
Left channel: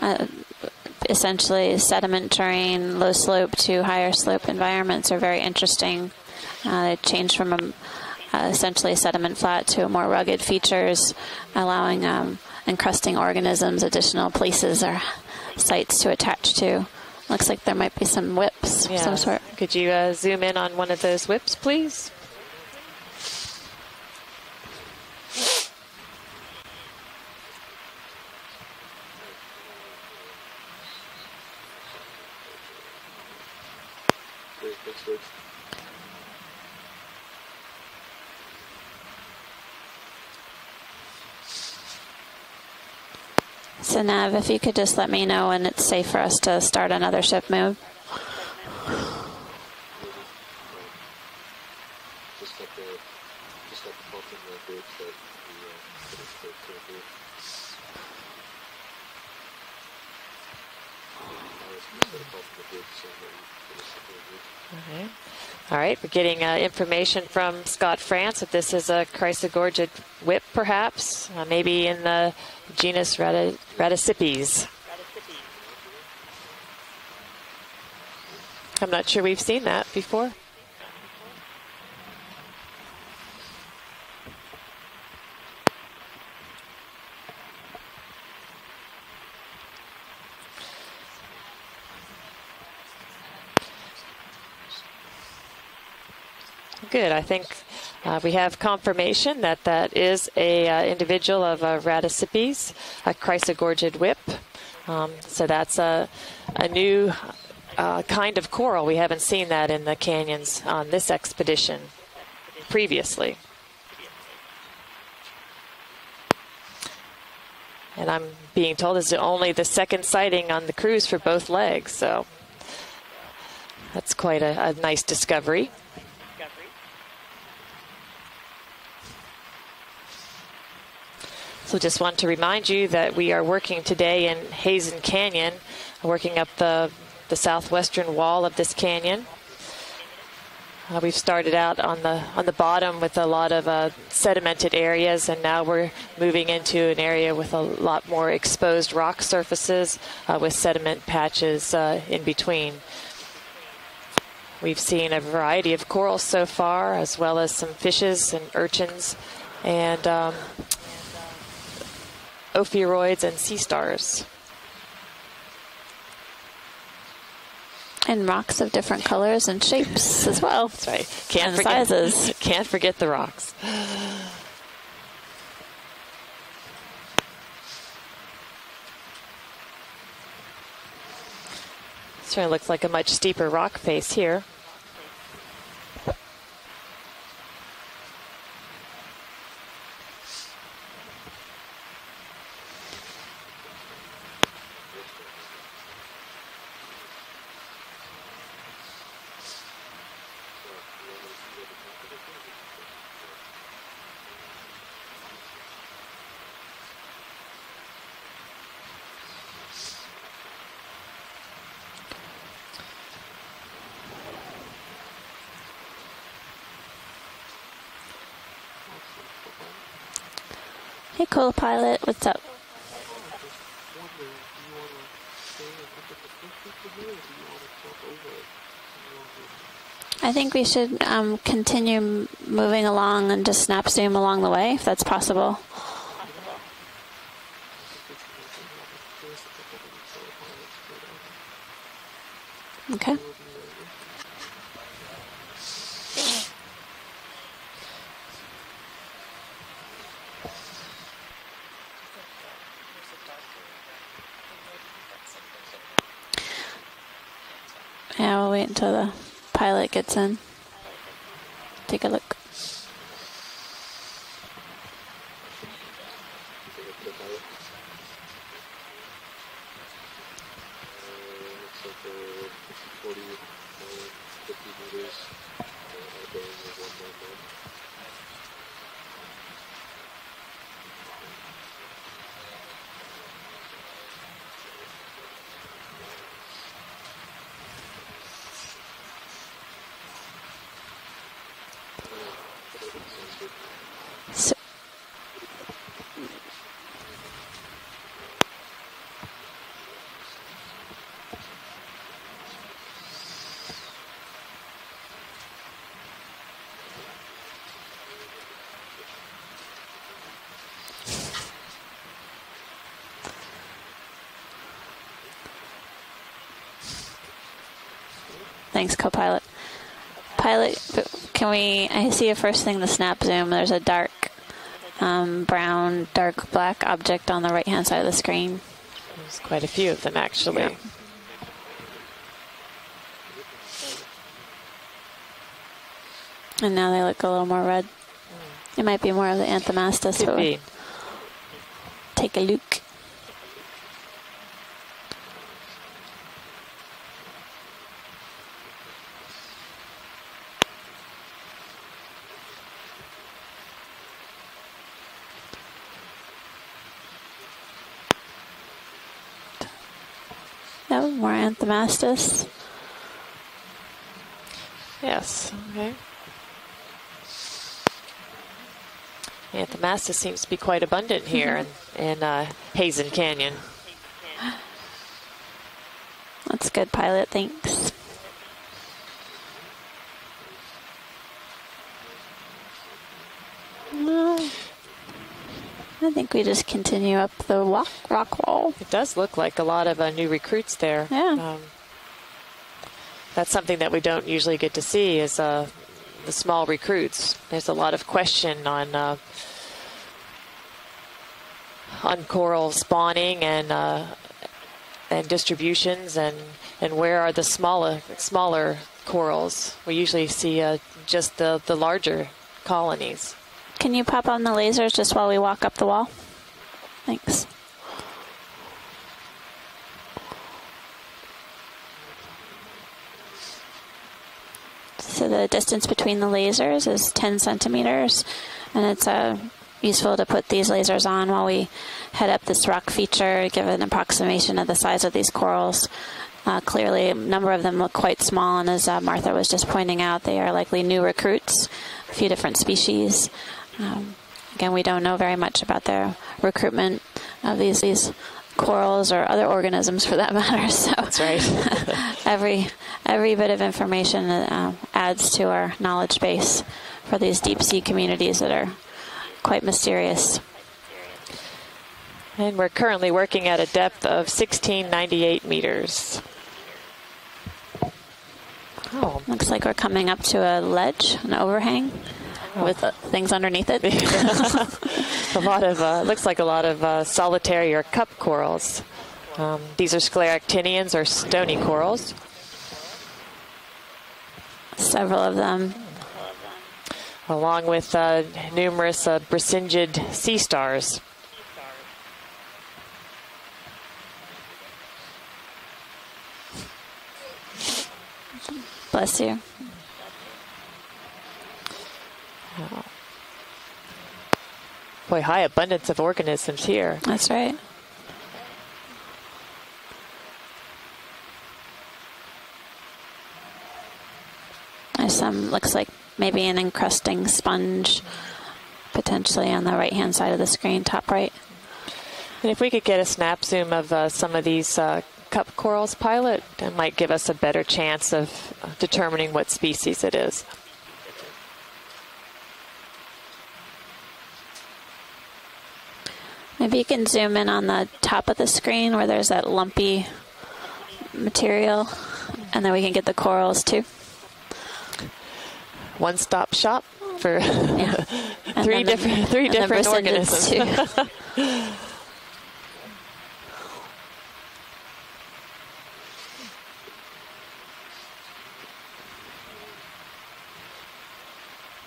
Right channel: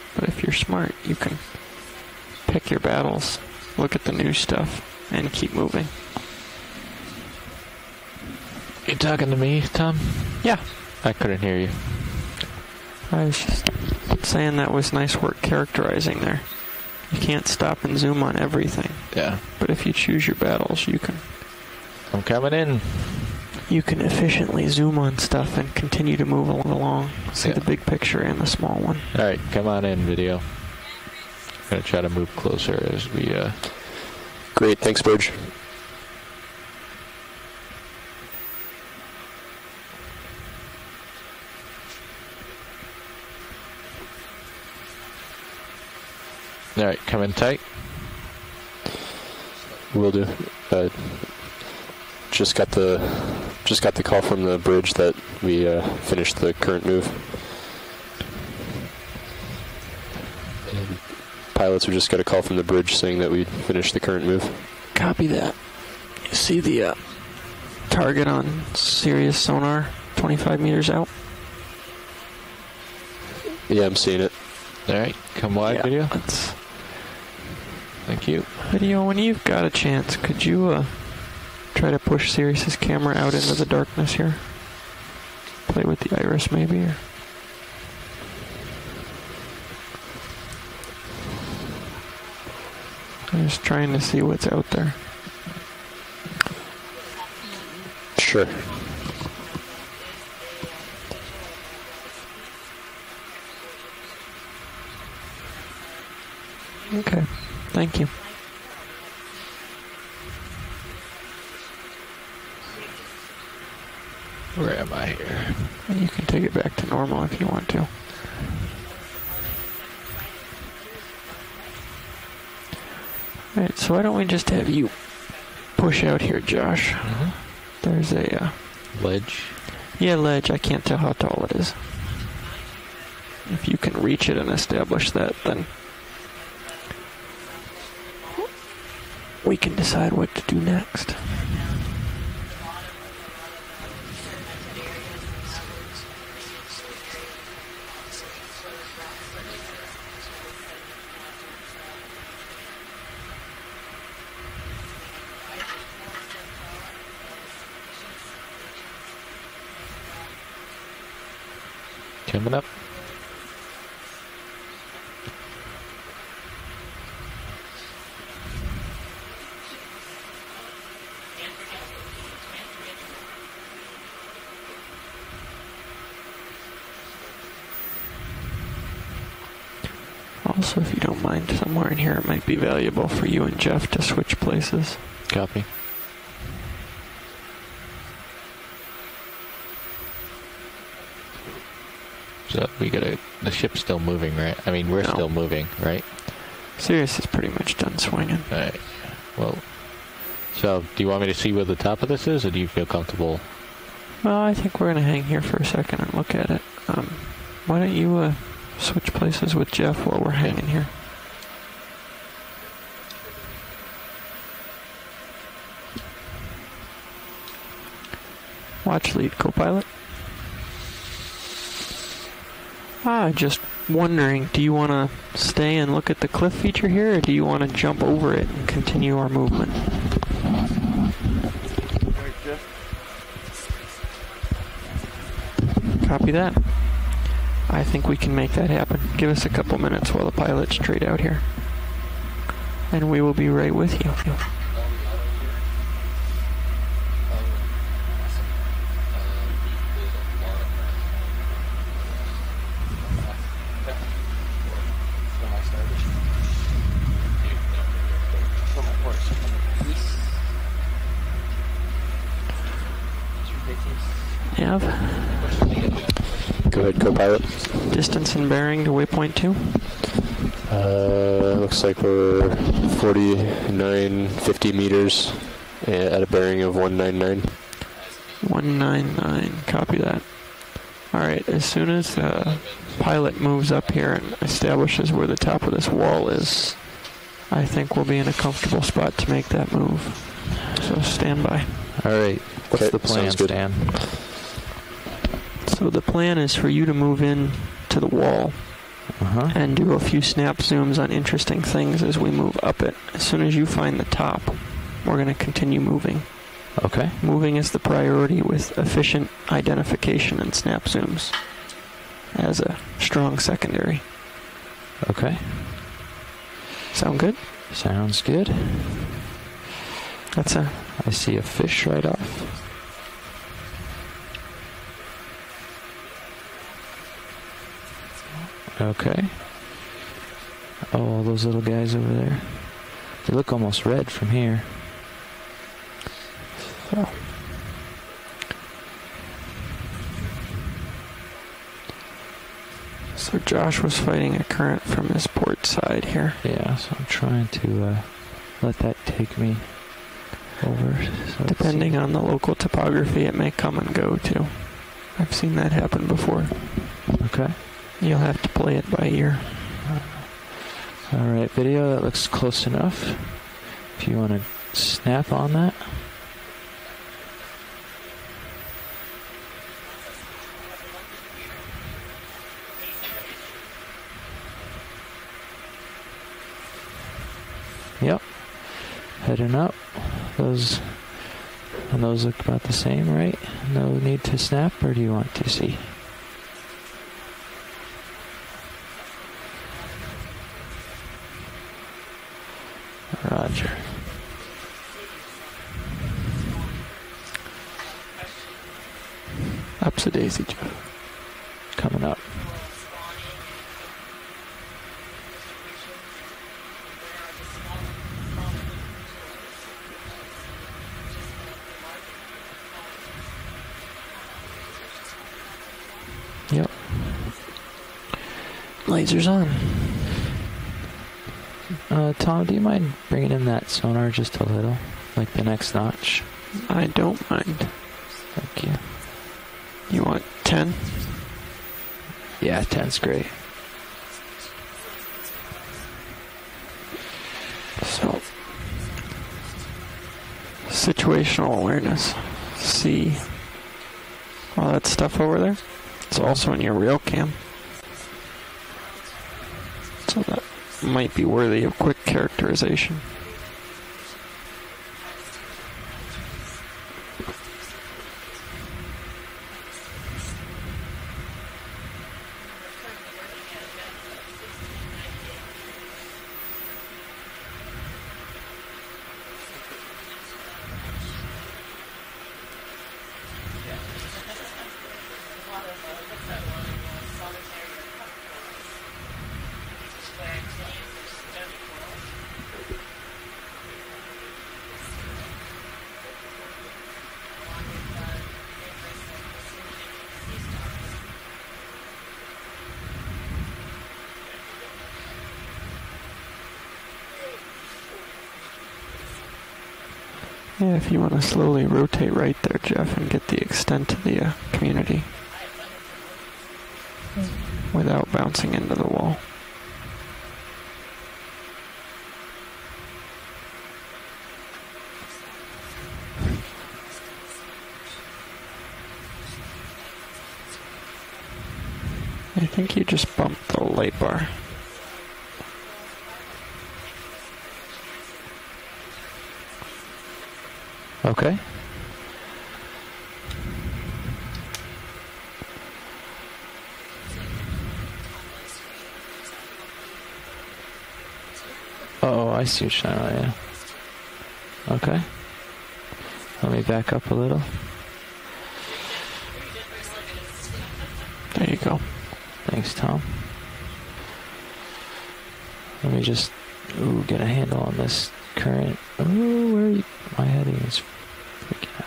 if you're smart, essentially sediment terrain, low slope to higher slope environments are very interesting. They change from essentially sediment flat to more rugged features, allowing encrusting organisms additional places or sites to attach to. You can't Looks like stop there might and be zoom some on whips. everything. Yeah. Could you zoom in on one of those whips, please? I'm coming in. You can efficiently zoom on stuff and continue to move along. See the big picture and the small one. All right, come on in, video. I'm going to try to move closer as we... Great, thanks, Burge. So Nav, if you could just let me know when it's safe for us to start another ship move. Will do. Just got the call from the bridge that we finished the current move. And pilots have just got a call from the bridge saying that we finished the current move. Copy that. All right, we're getting information from Scott target France. on This is a Sirius sonar, Chrysogorgid 25 whip, meters perhaps. Maybe in the genus I'm seeing it. Radicipes. All right, come wide, video. Thank you. Video, when sure you've we've seen got a that chance, before. could you try to push Sirius's camera out into the darkness here? Play with the iris, maybe? Or I'm just trying to see what's out there. Good. I think we have confirmation that that is a individual of Radicipes, a Chrysogorgid whip. So that's a new kind of coral. We haven't seen that in the canyons on this expedition previously. Where am I here? You can take it back to normal if you want to. And I'm being told this is only the second sighting on the cruise for both legs. So All right, so why don't we just have a you nice discovery. push out here, Josh? There's a ledge. Yeah, ledge. I can't tell how tall it is. So just want to remind you that we are working can today reach it in and Heezen establish that, Canyon, working up the southwestern wall of this canyon. We can decide what to do next. We've started out on the bottom with a lot of sedimented areas, and now we're moving into an area with a lot more exposed rock surfaces with sediment patches in between. We've seen a variety of corals so far, as well as some fishes and urchins and ophiuroids and sea stars. And rocks of different colors and shapes as well. That's right. And sizes. Can't forget the rocks. Also, if you don't mind, somewhere in here it might be looks like a valuable much for you steeper and rock Jeff to face switch here. places. Copy. So we gotta. The ship's still moving, right? I mean, we're still moving, right? Sirius is pretty much done swinging. All right. Well, so do you want me to see where the top of this is, or do you feel comfortable? Well, I think we're going to hang here for a second and look at it. Why don't you switch places with Jeff while we're hanging here? Watch lead, co-pilot. Hey, co-pilot, what's up? Just wondering, do you want to stay and look at the cliff feature here, or do you want to jump over it and continue our movement? I think we should continue moving along and just snap zoom along the way, if that's possible. Copy that. I think we can make that happen. Give us a couple minutes while the pilots trade out here. And we will be right with you. Yeah, we'll wait until the pilot gets in. Take a look. Nav? Go ahead, co-pilot. Distance and bearing to waypoint 2. Looks like we're 4950 meters at a bearing of 199. 199. Copy that. All right. As soon as the pilot moves up here and establishes where the top of this wall is, I think we'll be in a comfortable spot to make that move. So stand by. All right. What's Okay, the plan, sounds good. Stan? So the plan is for you to move in to the wall and do a few snap zooms on interesting things as we move up it. As soon as you find the top, we're going to continue moving. Okay. Moving is the priority with efficient identification and snap zooms as a strong secondary. Okay. Sound good? Sounds good. Thanks, co-pilot. That's Pilot, I see can a fish we? right I up. see a first thing. The snap zoom. There's a dark brown, dark black object on the right-hand side of the screen. Okay. There's quite a few of them, actually. Oh, all those little guys over there. They look almost red from here. And now they look a little more red. It might be more of the Anthomastus. Could But be. take a look. So Josh was fighting a current from this port side here. Yeah, so I'm trying to let that take me over. So Depending on the local topography, it may come and go too. I've seen that happen before. Okay. You'll have to play it by ear. Yeah, more Video, that looks Anthomastus. close enough. If you want to snap Yes. on that. Anthomastus seems to be quite abundant here in Heezen Canyon. That's good, pilot. Thanks. Yep. Heading up. Those look about the same, right? No need to snap, or do you want to see? I think we just continue up the rock wall. It does look like a lot of new recruits there. Yeah. That's something that we don't usually get to see is the small recruits. There's a lot of question on Ups a daisy, Jeff. Coming on up. coral spawning and distributions and where are the smaller corals. We usually see just the larger colonies. Can you pop on the lasers just while we walk up the wall? Yep. Thanks. Lasers on. Tom, do you mind bringing in that sonar just a little? So Up the next distance notch? between the lasers I is don't 10 mind. centimeters. Thank you. And it's useful want to put 10? these lasers on while we head up this Yeah, rock 10's great. feature, give an approximation of the size of these corals. Clearly, a number of them look quite small, and as Martha was just pointing out, they are likely new recruits. Situational awareness. A few different species. Again, All we that don't know stuff very over there? much about their It's also in your real recruitment cam. of these corals or other organisms for that matter. So Might be worthy of quick every characterization. bit of information adds to our knowledge base for these deep sea communities that are quite mysterious. And we're currently working at a depth of 1698 meters. Oh, Looks like we're coming up to a ledge, an overhang, with things underneath it. a lot of looks like a lot of solitary or cup corals. These are scleractinians or stony corals. Several of them. Along with numerous brisingid sea stars. Bless you. Yeah, if you want to slowly rotate right there, Jeff, and get the extent of the community Boy, high abundance of organisms here. That's right. without bouncing into the wall. There's some, looks like maybe an encrusting sponge potentially on the right-hand side of the screen, top right. And if we think you could get a just snap bumped the zoom light bar. of some of these cup corals, pilot, that might give us a better chance of determining what species it is. Okay. Maybe you can zoom in on the top of the screen where there's that lumpy material. Oh, I see. And then we can get the yeah. corals too. Okay. One-stop Let me shop back up a for little. Yeah. And three then the- different and the bristles organisms. too. There you go. Thanks, Tom. Let me just get a handle on this current. Oh, wait. My heading is freaking out.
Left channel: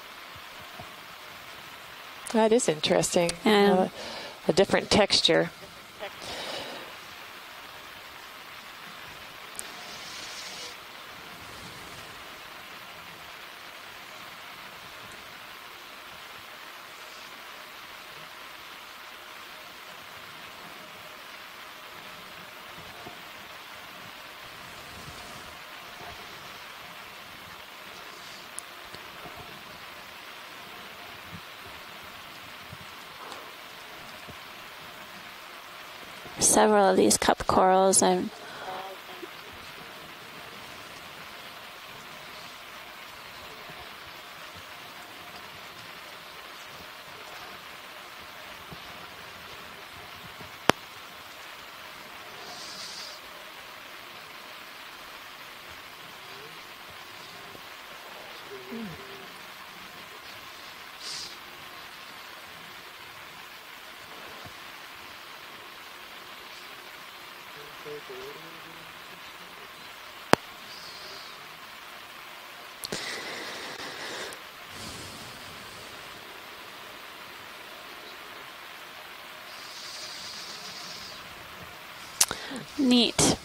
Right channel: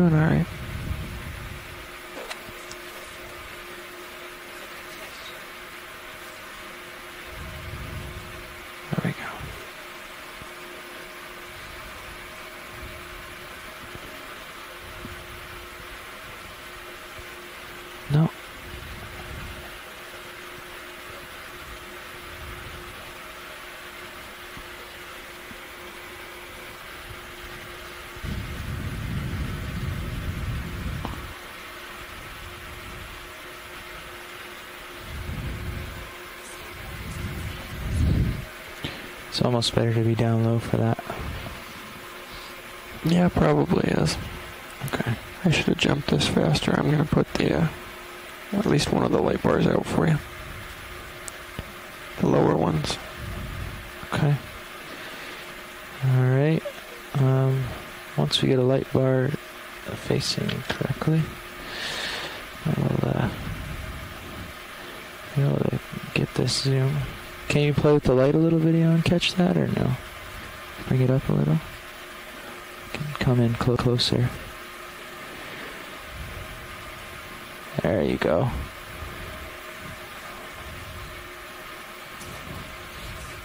Doing all right. That is interesting. Yeah. A different texture. There we go. No. Several of these cup corals. It's almost better to be down low for that. Yeah, probably is. Okay. I should have jumped this faster. I'm going to put the at least one of the light bars out for you. The lower ones. Okay. Alright. Once we get a light bar facing correctly, I'll be able to get this zoom. Can you play with the light a little video and catch that, or no? Bring it up a little. Come in closer. There you go. Neat.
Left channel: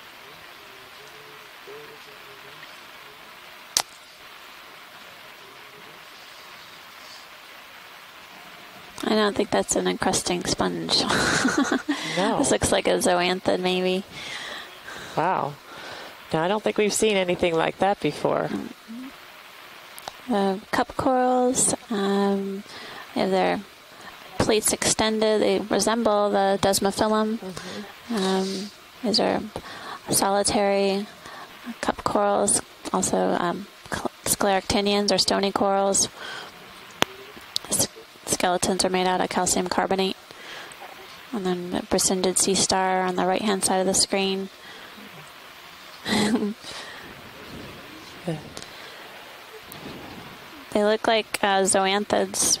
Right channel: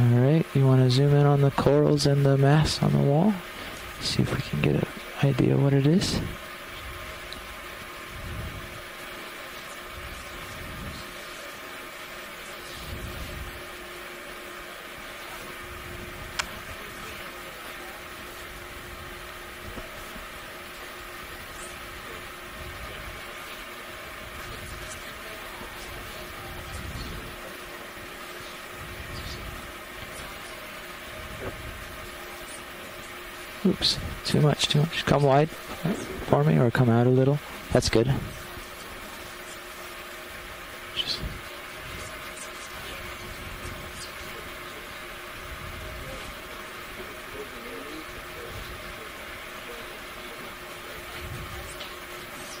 Alright, you want to zoom in on the corals and the mass on the wall? See if we can get an idea what it is. I don't think that's an encrusting sponge. No. This looks like a zoanthid, maybe. Wow. No, I don't think we've seen anything like that before. Cup corals. Their plates extended. They resemble the desmophyllum. These are solitary cup corals. Also, scleractinians or stony corals. For me, or come out a little. That's good. Skeletons are made out of calcium carbonate. And then the Brisindid sea star on the right-hand side of the screen. They look like zoanthids.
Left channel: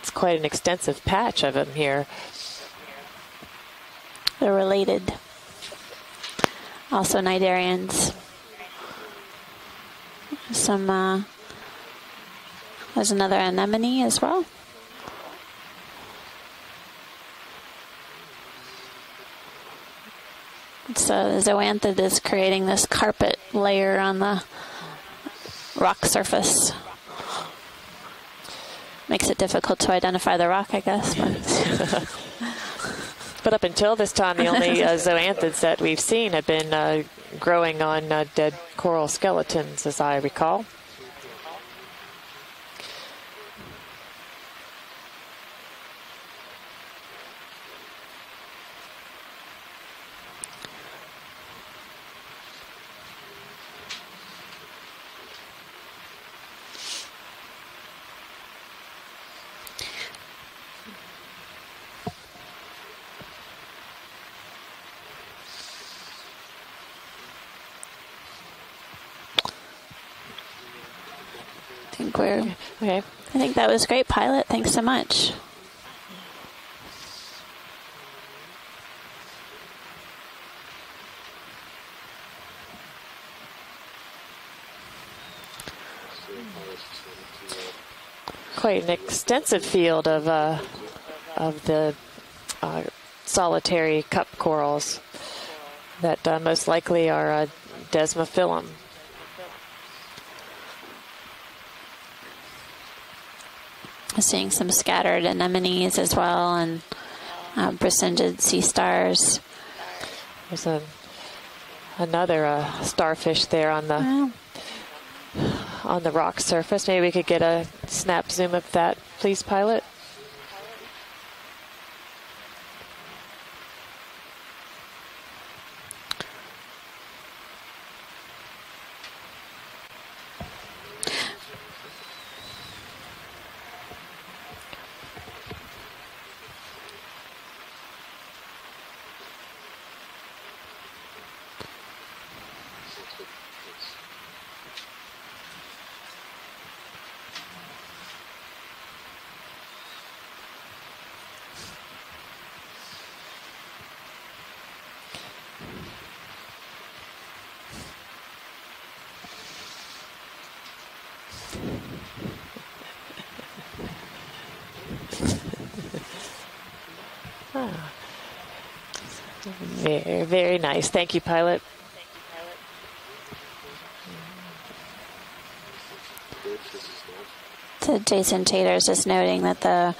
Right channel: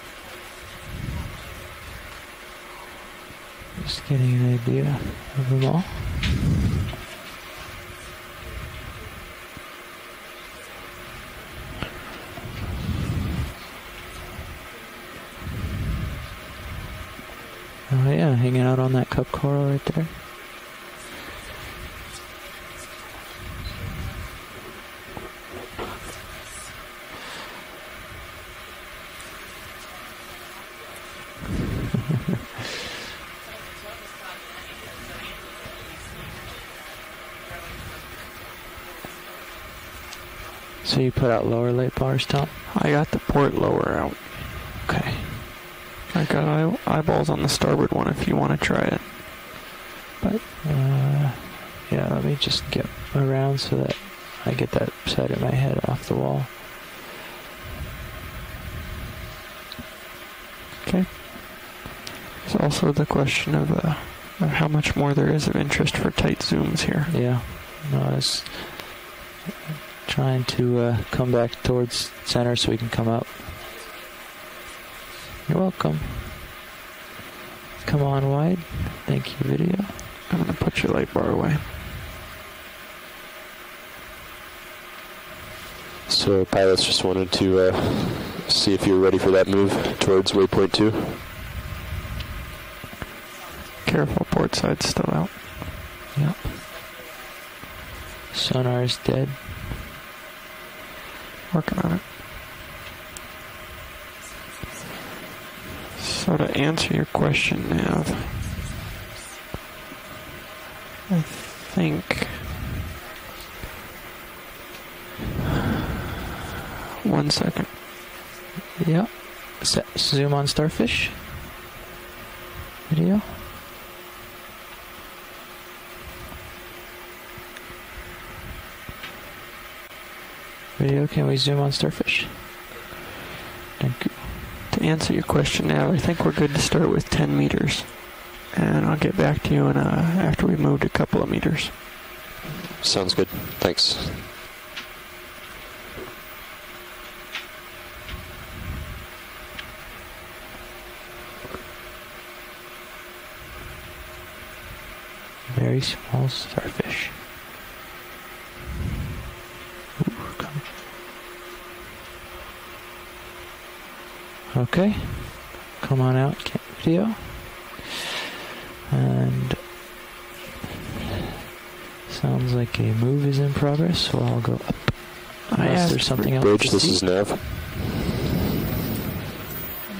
It's quite an extensive patch of them here. Just getting an They're idea related. of them all. Also cnidarians. There's another anemone as well. Oh yeah, hanging out on that cup coral right there. So zoanthid is creating this carpet layer on the rock surface. Makes it difficult to identify the rock, I guess. But up until this time, the only zoanthids that we've seen have been growing on dead coral skeletons, as I recall. So you put out lower light bars, Tom? I got the port lower out. Okay. I got eyeballs on the starboard one if you want to try it. But, yeah, let me just get around so that I get that side of my head off the wall. Okay. There's also the question of how much more there is of interest for tight zooms here. Yeah. No, I was trying to come back towards center so we can come up. I think that was great, Pilot. Thanks so much. You're welcome. Come on wide. Thank you, video. I'm going to put your light bar away. So pilots just wanted to see if you're ready for that move towards waypoint 2. Of the solitary Careful, cup port side's corals still out. that most likely are desmophyllum. Sonar is dead. Working on it. Seeing some scattered anemones as So well. to answer your question, Brisindid sea stars. There's I think another starfish there on the rock surface. Maybe we could get a snap zoom of that, please, Pilot. Zoom on starfish. Video. Video, can we zoom on starfish? Thank you. To answer your question now, I think we're good to start with 10 meters. And I'll get back to you after we've moved a couple of meters. Sounds good. Thanks. Very small starfish. Ooh, okay. Come on out, video. And very, very nice. Thank you, pilot. sounds like a move is in progress, so I'll go up. Unless there's something else. Bridge, this is Nav. So Jason Tater's just noting that the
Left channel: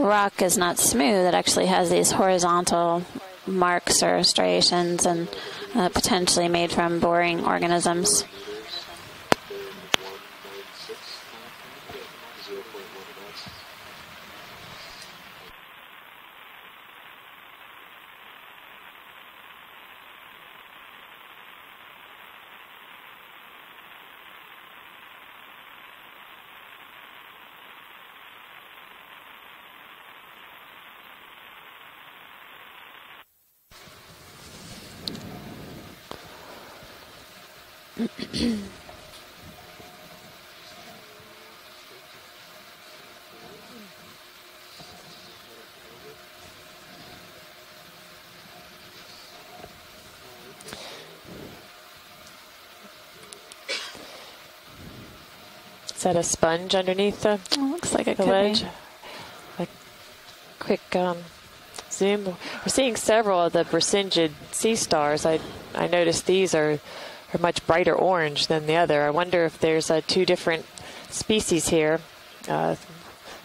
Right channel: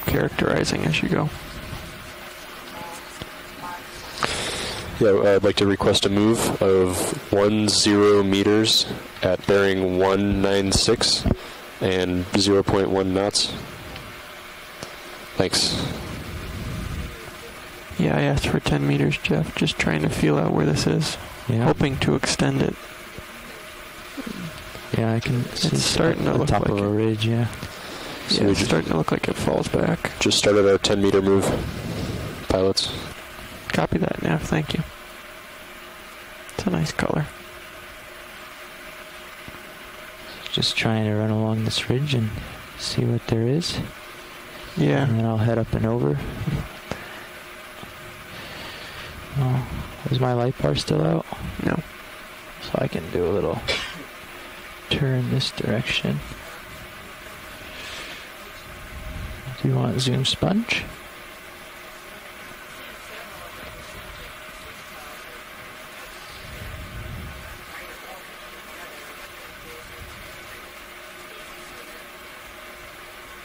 rock is not smooth. It actually has these horizontal marks or striations. So I'd like to request a move potentially made from boring of 10 organisms. meters at bearing 196 and 0.1 knots. Thanks. Yeah, I asked for 10 meters, Jeff. Just trying to feel out where this is. Yeah. Hoping to extend it. Yeah, I can see It's starting to the look top like of a ridge, yeah. So Yeah, it's starting to look like it falls back. Just started our 10 meter move, pilots. Copy that, Nav. Thank you. It's a nice color. Just trying to run along this ridge and see what there is. Yeah. And then I'll head up and over. Oh, is my light bar still out? No. So I can do a little turn this Is direction. that a sponge underneath the Looks like it the could ledge? Do you want zoom sponge? Quick zoom. We're seeing several of the Brisingid sea stars. I noticed these are much brighter orange than the other. I wonder if there's two different species here.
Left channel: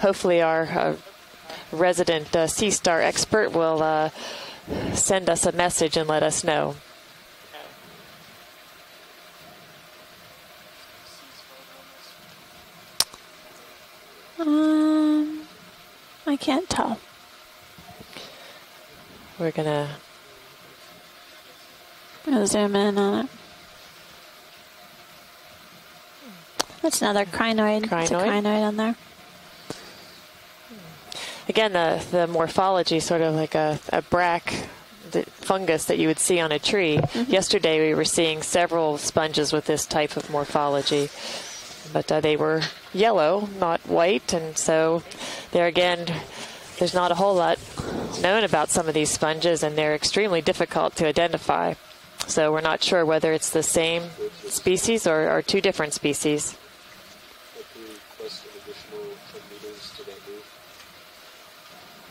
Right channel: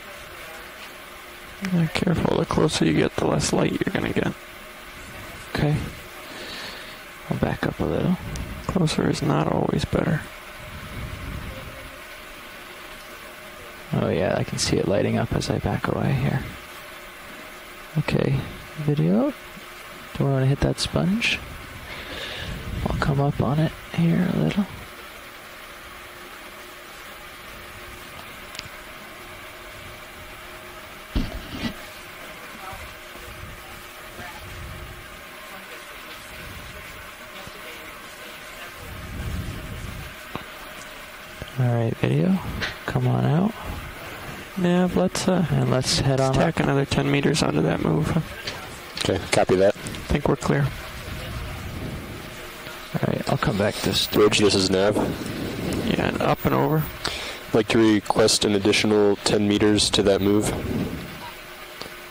Hopefully our resident sea star expert will send us a message and let us know. I'll back up a little. Closer is not always better. Oh yeah, I can see it lighting up as I back away I here. can't tell. Okay, video. We're gonna. Do I want to hit that sponge? I'll zoom in Come on it. up on it here a little. That's another crinoid. It's a Crinoid? crinoid on there. Again, the morphology is sort of like a brack fungus that you would see on a tree. Yesterday we were seeing several sponges with this type of morphology. All right, But video. they were Come on yellow, out. not white, and Yeah, so let's there let's again, head on tack another there's 10 not a whole meters lot onto that move. known about some of these Okay, copy sponges, that. and they're extremely clear. difficult to identify. So we're not sure All right, whether I'll it's come the back to same this bridge. This is species Nav. or two different Yeah, species. up and over. I'd like to request an additional 10 meters to that move.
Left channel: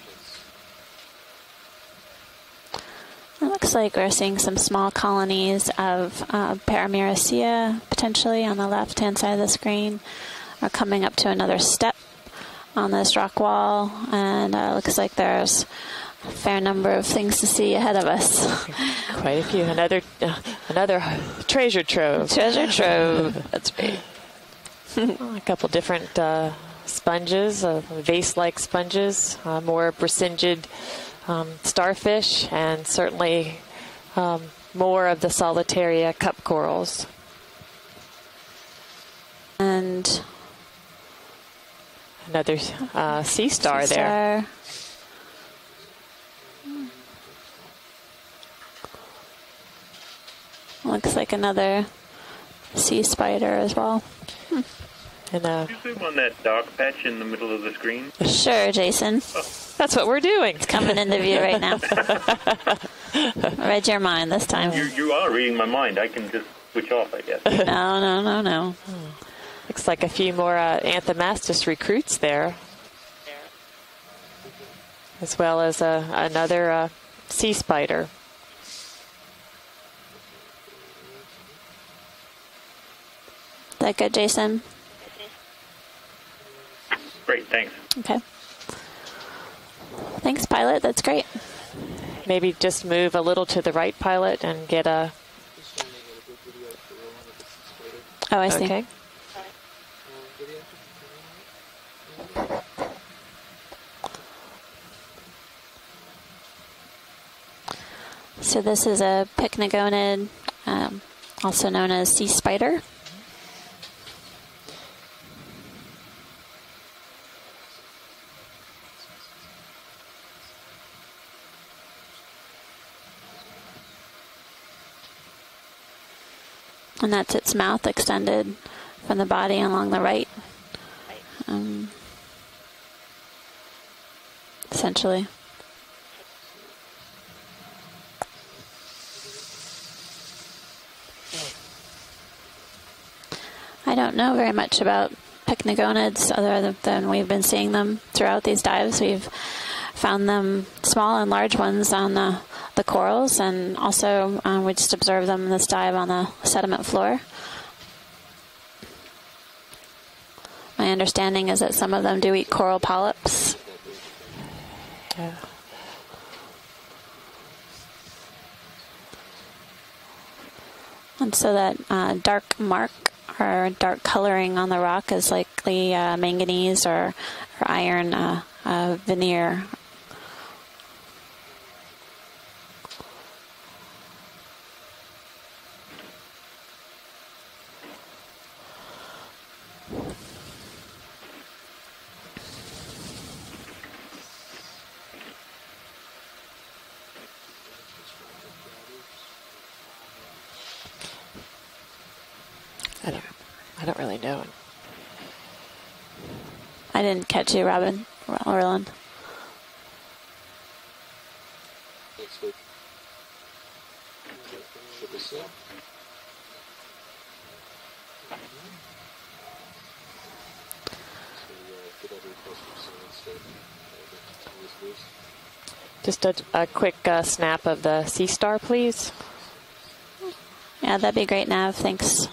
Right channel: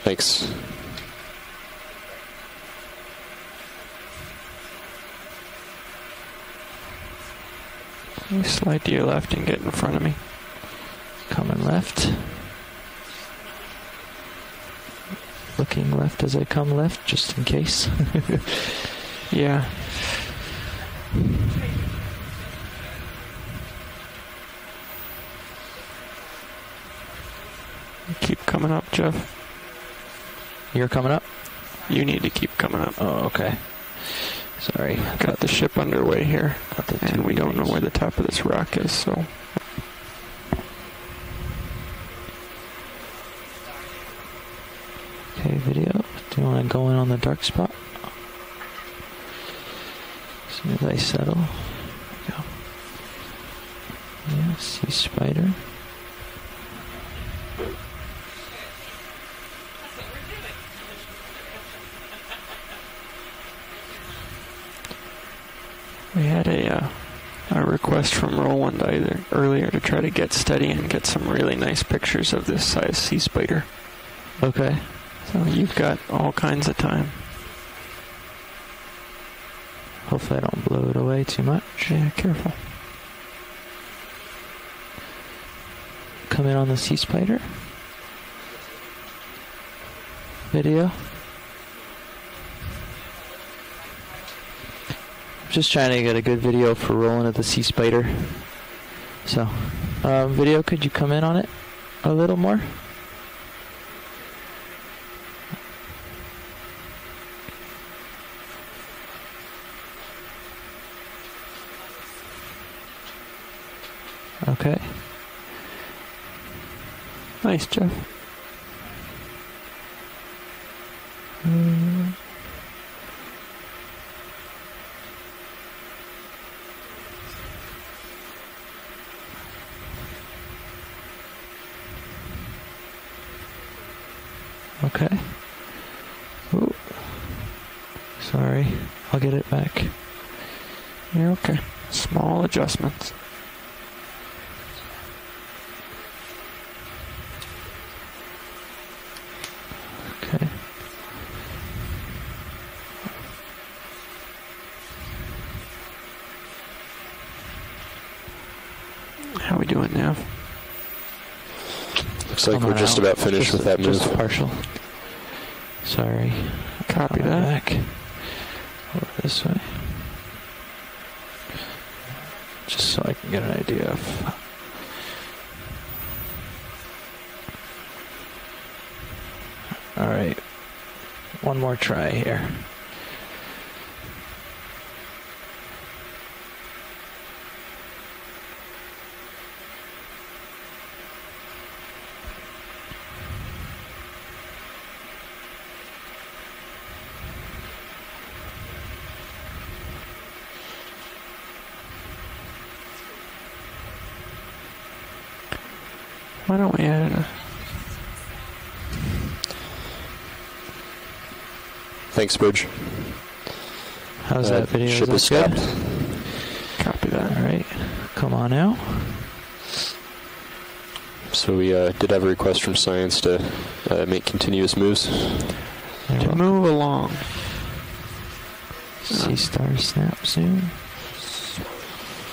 Thanks. It looks like we're seeing some small colonies of Paramyricea potentially on the Slide to your left-hand left side of and the get in front of screen. me. We're coming up to Come another step left. on this rock wall, and looks like there's Looking left as a I fair come number left, of just things in to see case. ahead of us. Quite a Yeah. few. Another treasure trove. Treasure trove. That's great. A couple different sponges, vase-like Keep coming up, sponges, more Brisingid You're coming up? You need to starfish, keep coming and up. certainly Oh, okay. Sorry. more of the Got the ship solitaria underway cup here. corals. And we don't know where the top of this rock is, so And Another sea star there. Okay, video. Do you want to go in on the dark spot? As soon as I Looks like settle. another sea spider as well. Yeah, sea spider. And, Did you zoom on that dark patch in the middle of the screen? Sure, Jason. that's what we're doing. It's coming into view right now. Read your mind this time. You are reading my mind. I can We had just a, switch off, I guess. request from no. Roland either earlier to Looks try like to a few get more, steady and get some really Anthomastus nice recruits pictures there. of this size sea spider. Okay. As well You've as got all kinds of another time. sea spider. Hopefully I don't blow it away too much. Yeah, careful. Is that good, Jason? Come in on the sea spider. Great, thanks. Okay. Thanks, pilot. Video. That's great. Maybe just move a little to the right, pilot, and get a. Just trying to get a good video for rolling at the sea spider. Oh, I see. Okay. So, video, could you come in on it a little more? So this is a pycnogonid, also known as sea spider. Okay. Nice, Jeff. And that's its mouth extended from the body along the right. Essentially. Ooh. Sorry. I'll get it back. Yeah, okay. Small adjustments. I don't know very much about pycnogonids other than we've been seeing them throughout these dives. We've found them small and large ones on the corals, and also we just observed them in this dive on the sediment floor. How we doing now? My understanding is that some of them do eat So coral we're just about polyps. finished with that move. Just partial. Sorry. Copy Going that. back. Over this way. And so that dark mark So I can get an or idea dark of- coloring on the rock is likely manganese or iron veneer. All right. One more try here. I don't really know. Why don't we I didn't catch you, Robin. Orlin. Thanks, Bridge. How's that video? Ship is Is that good? stopped. copy that? All right. Come on out. So we did have a request from Science to make continuous moves. Just a Move along. quick snap of the Sea Star, please. Sea Star snap soon. Yeah, that'd be great, Nav. Thanks.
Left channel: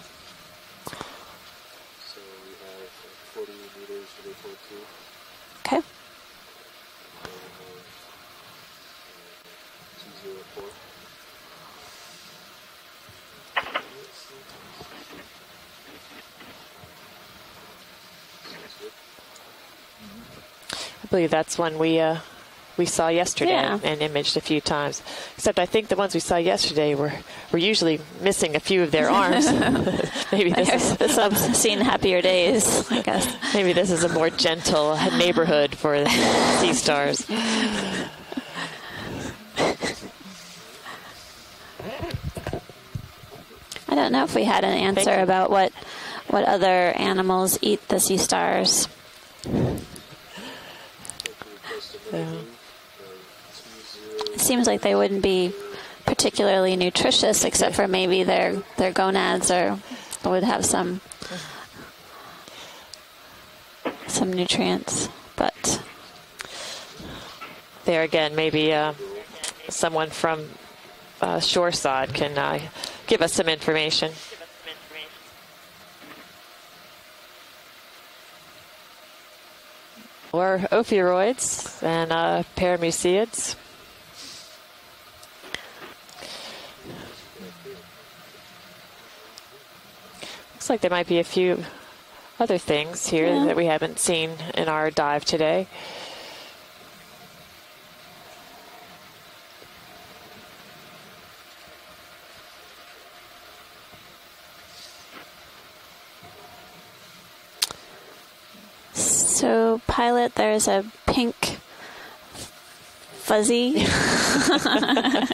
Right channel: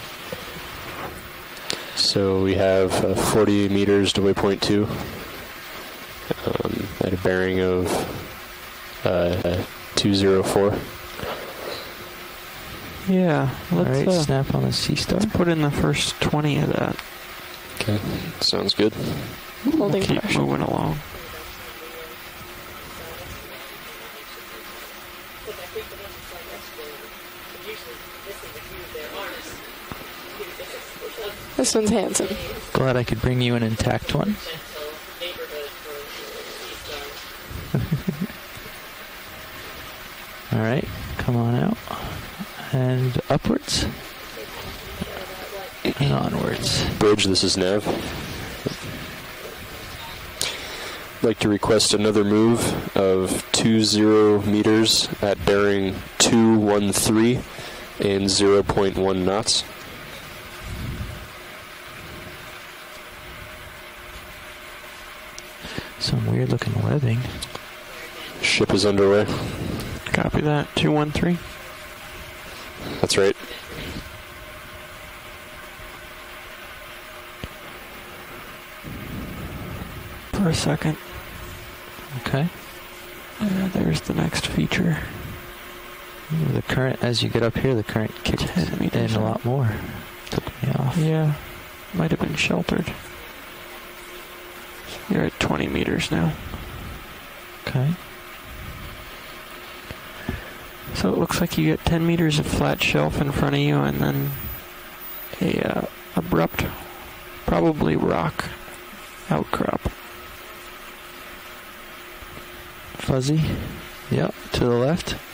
So we have 40 meters to waypoint 2 Okay. at a bearing of 204. Yeah. All Let's, right. Snap on the Sea Star. let's put in the first 20 of that. Okay, sounds good. Holding Keep pressure. moving along. I believe that's one we saw yesterday Yeah. and imaged a few times. Except I think the ones we saw yesterday were usually missing a few of their arms. Maybe this is I've seen happier days. Glad I can bring you maybe in this is a intact more one. gentle neighborhood for Sea Stars. All right. Come on out. And upwards. I don't know if we had an answer about what Onwards. other Bridge, this animals is eat Nev. the sea stars. I'd like to request another move of 20 Seems like meters they wouldn't be at bearing particularly 213 nutritious, except for maybe and their 0.1 gonads knots. would have some nutrients. But Some weird looking webbing. There again, maybe Ship is underway. someone Copy from that. 213. shoreside can That's give right. us some information. For Or a second. ophiuroids and Okay. paramuciids. There's the next feature. The current, as you get up here, the current kicks 10 meters in a up. lot more. Looks like there might be a Yeah. few Might have been other sheltered. things here that we haven't seen in our We're dive at today. 20 meters now. Okay. So it looks like you get 10 meters of flat shelf in front of you, and then a abrupt, probably rock. so, Outcrop. pilot, there's a pink Fuzzy. fuzzy. Yeah, to the left.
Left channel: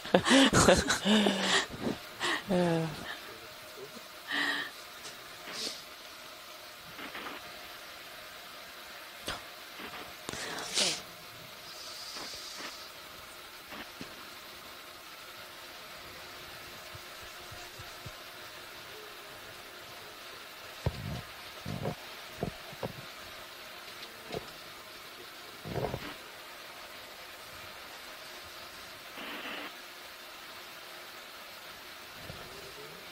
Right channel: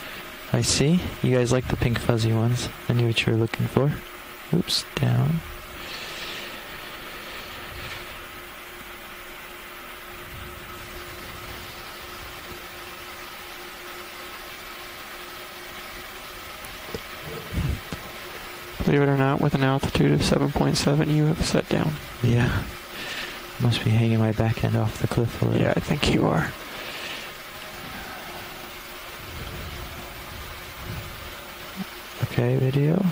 Let's see. You guys like the pink fuzzy ones. Yeah. I knew what you were looking for. Oops, down. Believe it or not, with an altitude of 7.7, you have set down. Yeah. Must be hanging my back end off the cliff a little. Yeah, I think you are. Okay, video.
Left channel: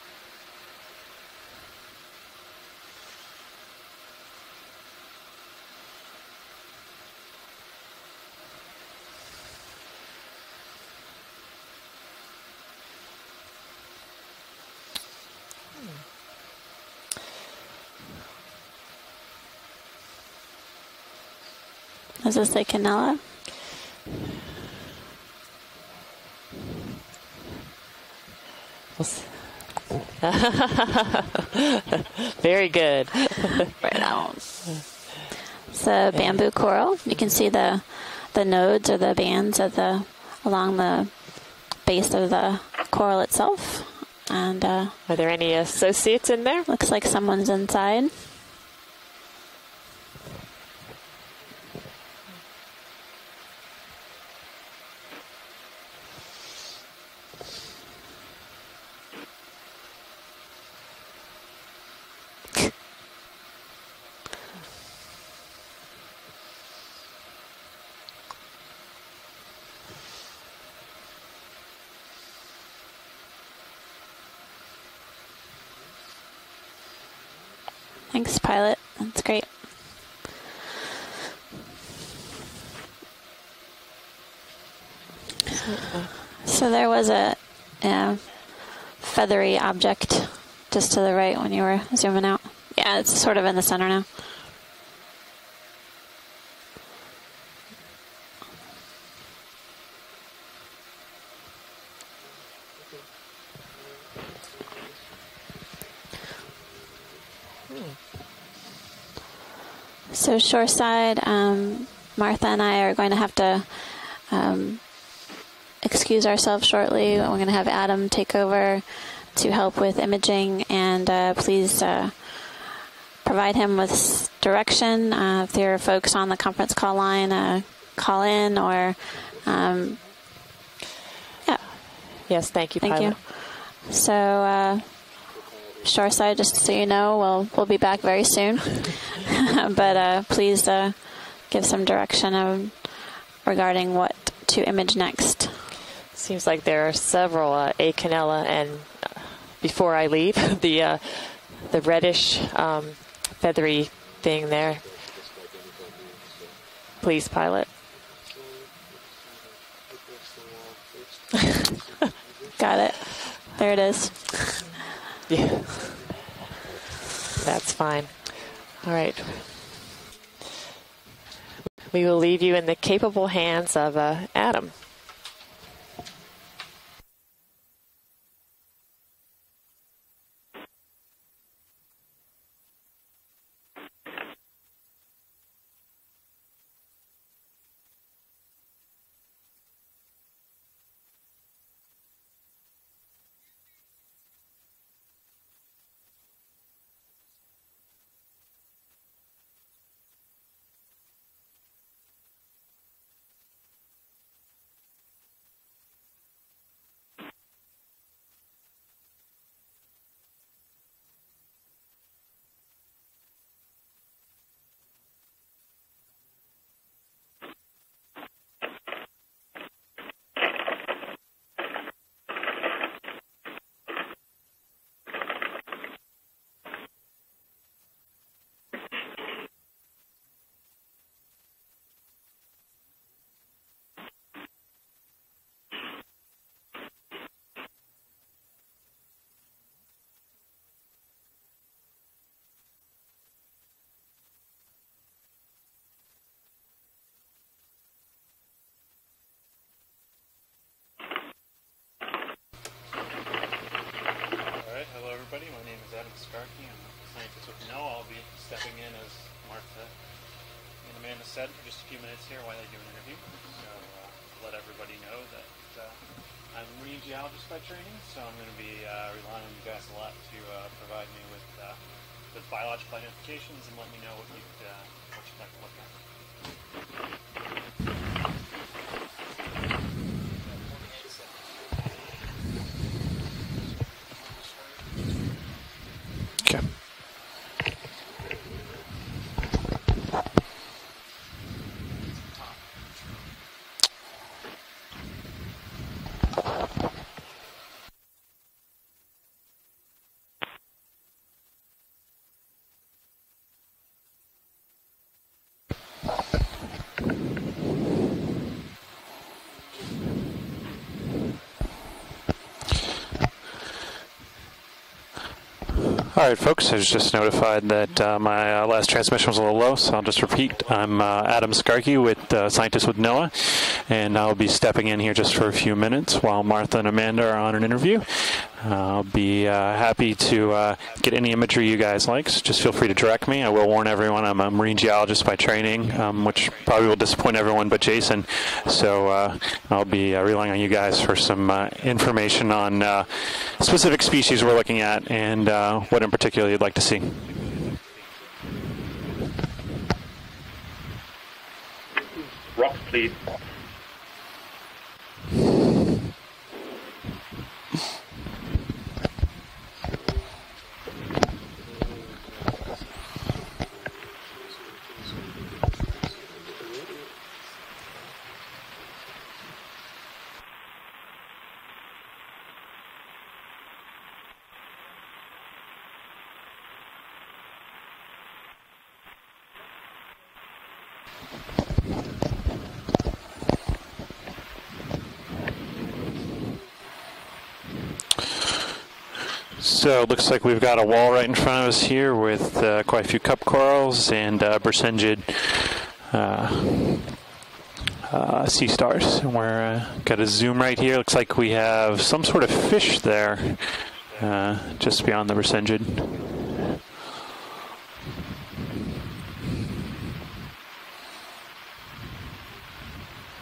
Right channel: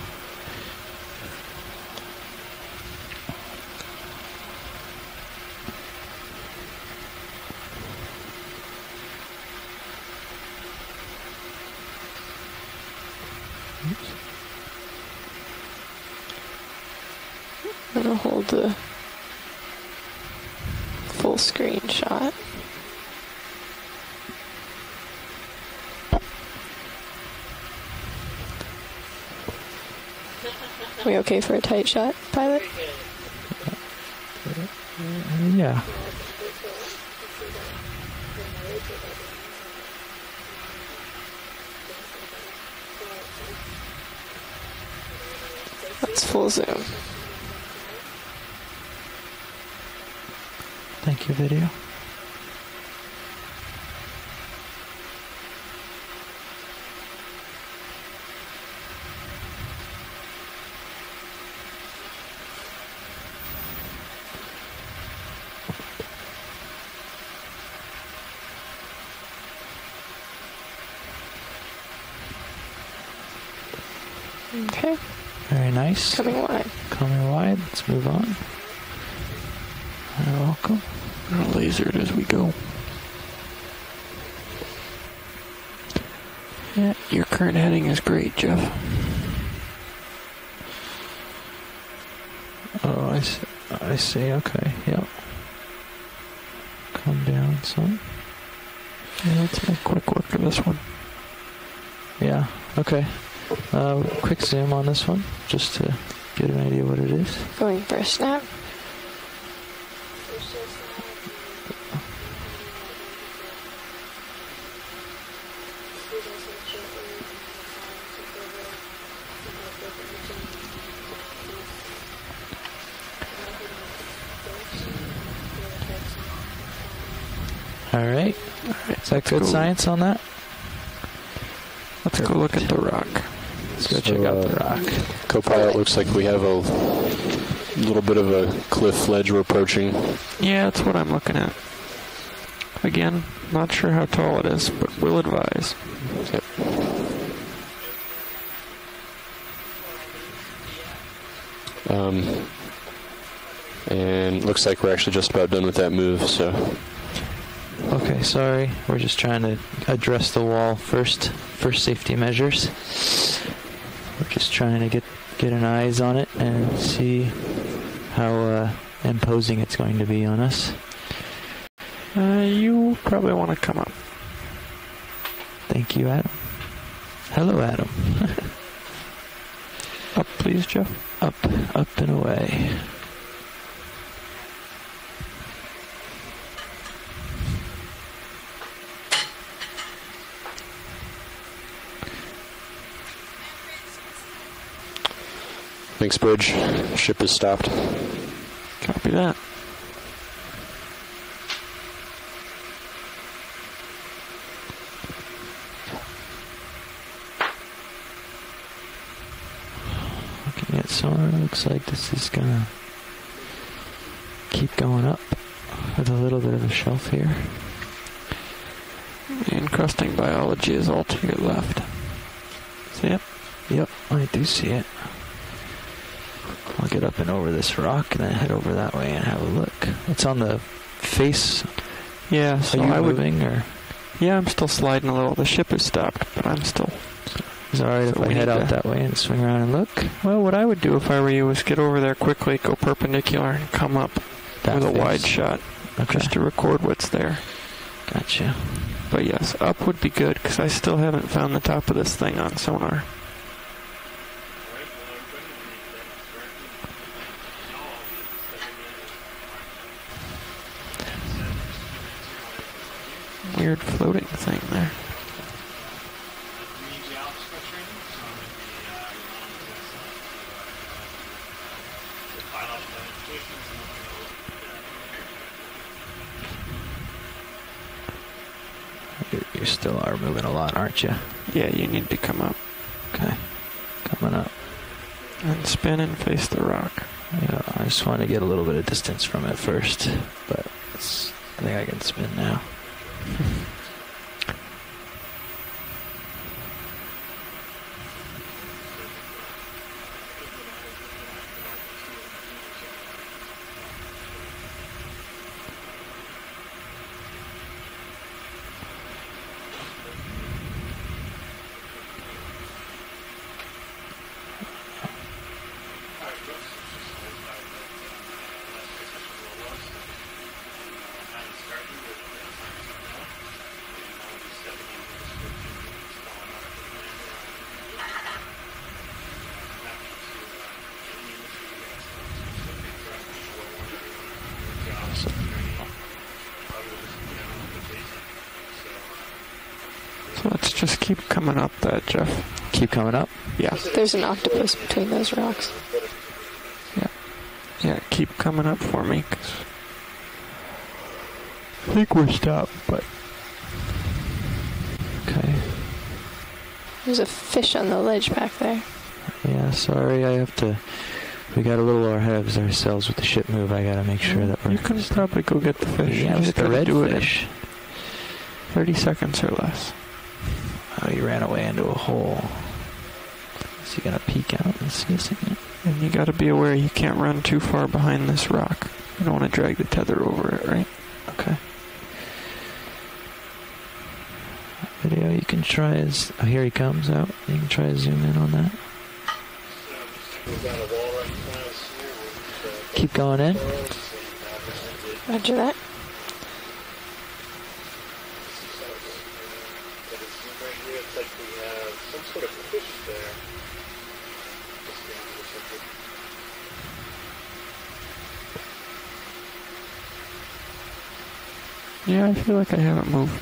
It'll hold the full screen shot. Is this the Canella? We okay for a tight shot? Very good. Right on. Yeah. It's a bamboo coral. You can see the nodes or the bands of along the base of the coral itself. And Are there any associates That's in full there? zoom. looks like someone's inside. Thank you, video. Okay. Very nice. Coming wide. Coming wide. Let's move on. Thanks, pilot. That's great. You're welcome. Lasered as we go. So there was Your a current heading is great, Jeff. feathery object just to the right when you were zooming out. Yeah, it's sort of in the center I now. see. Okay. Yep. Come down some. Yeah, let's make quick work of this one. Yeah. Okay. Quick zoom on this one, just to get an idea what it is. Going for a snap. So shoreside, Martha and I are going to have to excuse ourselves shortly. We're going to have Adam take over to help with imaging, and please provide him with direction. If there are folks on the conference call line, call right. in or... Is that good science on that? Yeah. Let's go look at the Thank you. rock. Let's go So, check out the rock. Co-pilot looks like we shoreside, have just so you know, we'll be back little bit very of soon. a cliff ledge we're approaching. But please Yeah, that's what I'm looking at. give some direction Again, not regarding sure how what tall it to is, image but we'll next. advise. Seems like there are several Okeanos, and before I leave, the reddish feathery And thing looks there. like we're actually just about done with that move, so Please, pilot. Okay, sorry. We're just trying to address the wall first for safety measures. Got it. There it is. We're just trying to get an eyes on it and see That's fine. how All right. imposing it's going to be on us. We will leave you in You the capable probably wanna hands come of Adam. Thank you, Adam. Hello, Adam. Up, please, Jeff. Up and away. thanks, Bridge. Ship is stopped. Copy that. Looking at sonar, looks like this is gonna keep going up with a little bit of a shelf here. The encrusting biology is all to your left. See it? Yep, I do see it. I'll get up and over this rock and then head over that way and have a look. It's on the face. Yeah, Are so you I would... moving or? Yeah, I'm still sliding a little. The ship is stopped, but I'm still... Is it alright So if I we head need out to- that way and swing around and look? Well, what I would do if I were you is get over there quickly, go perpendicular, and come up That with a face. wide shot, Okay, just to record what's there. gotcha. But yes, up would be good, because I still haven't found the top of this thing on sonar. Weird floating thing there. You still are moving a lot, aren't you? Yeah, you need to come up Okay, coming up. and spin and face the rock. Yeah, I just want to get a little bit of distance from it first, but I think I can spin now. All right, folks, I was just notified that my last transmission was a little low, so I'll just repeat. I'm Adam Skarkey, with scientist with NOAA, and I'll be stepping in here just for a few minutes while Martha and Amanda are on an interview. I'll be happy to get any imagery you guys like, so just feel free to direct me. I will warn everyone I'm a marine geologist by training, which probably will disappoint everyone but Jason, so I'll be relying on you guys for some information on specific species we're looking at and what in particular you'd like to see. Yeah, keep coming up for me. 'Cause I think we're stopped. Please. There's a fish on the ledge back there. Yeah, sorry, we got a little ahead of ourselves with the ship move. I gotta make sure that You can probably go get the fish. Yeah, You with just the gotta red do it in fish. 30 seconds or less. Oh, you ran away into a hole. So you gotta peek out and see something. And you gotta be aware you can't run too far behind this rock. You don't want to drag the tether over it, right? Okay. Video you can try is... Oh, here he comes out. You can try to zoom in on that. So it looks like we've got a wall right in front of us here with quite a few cup corals and Bersengid sea stars. And we're got a zoom right here. Looks like we have some sort of fish there just beyond the Bersengid. Yeah, I feel like I haven't moved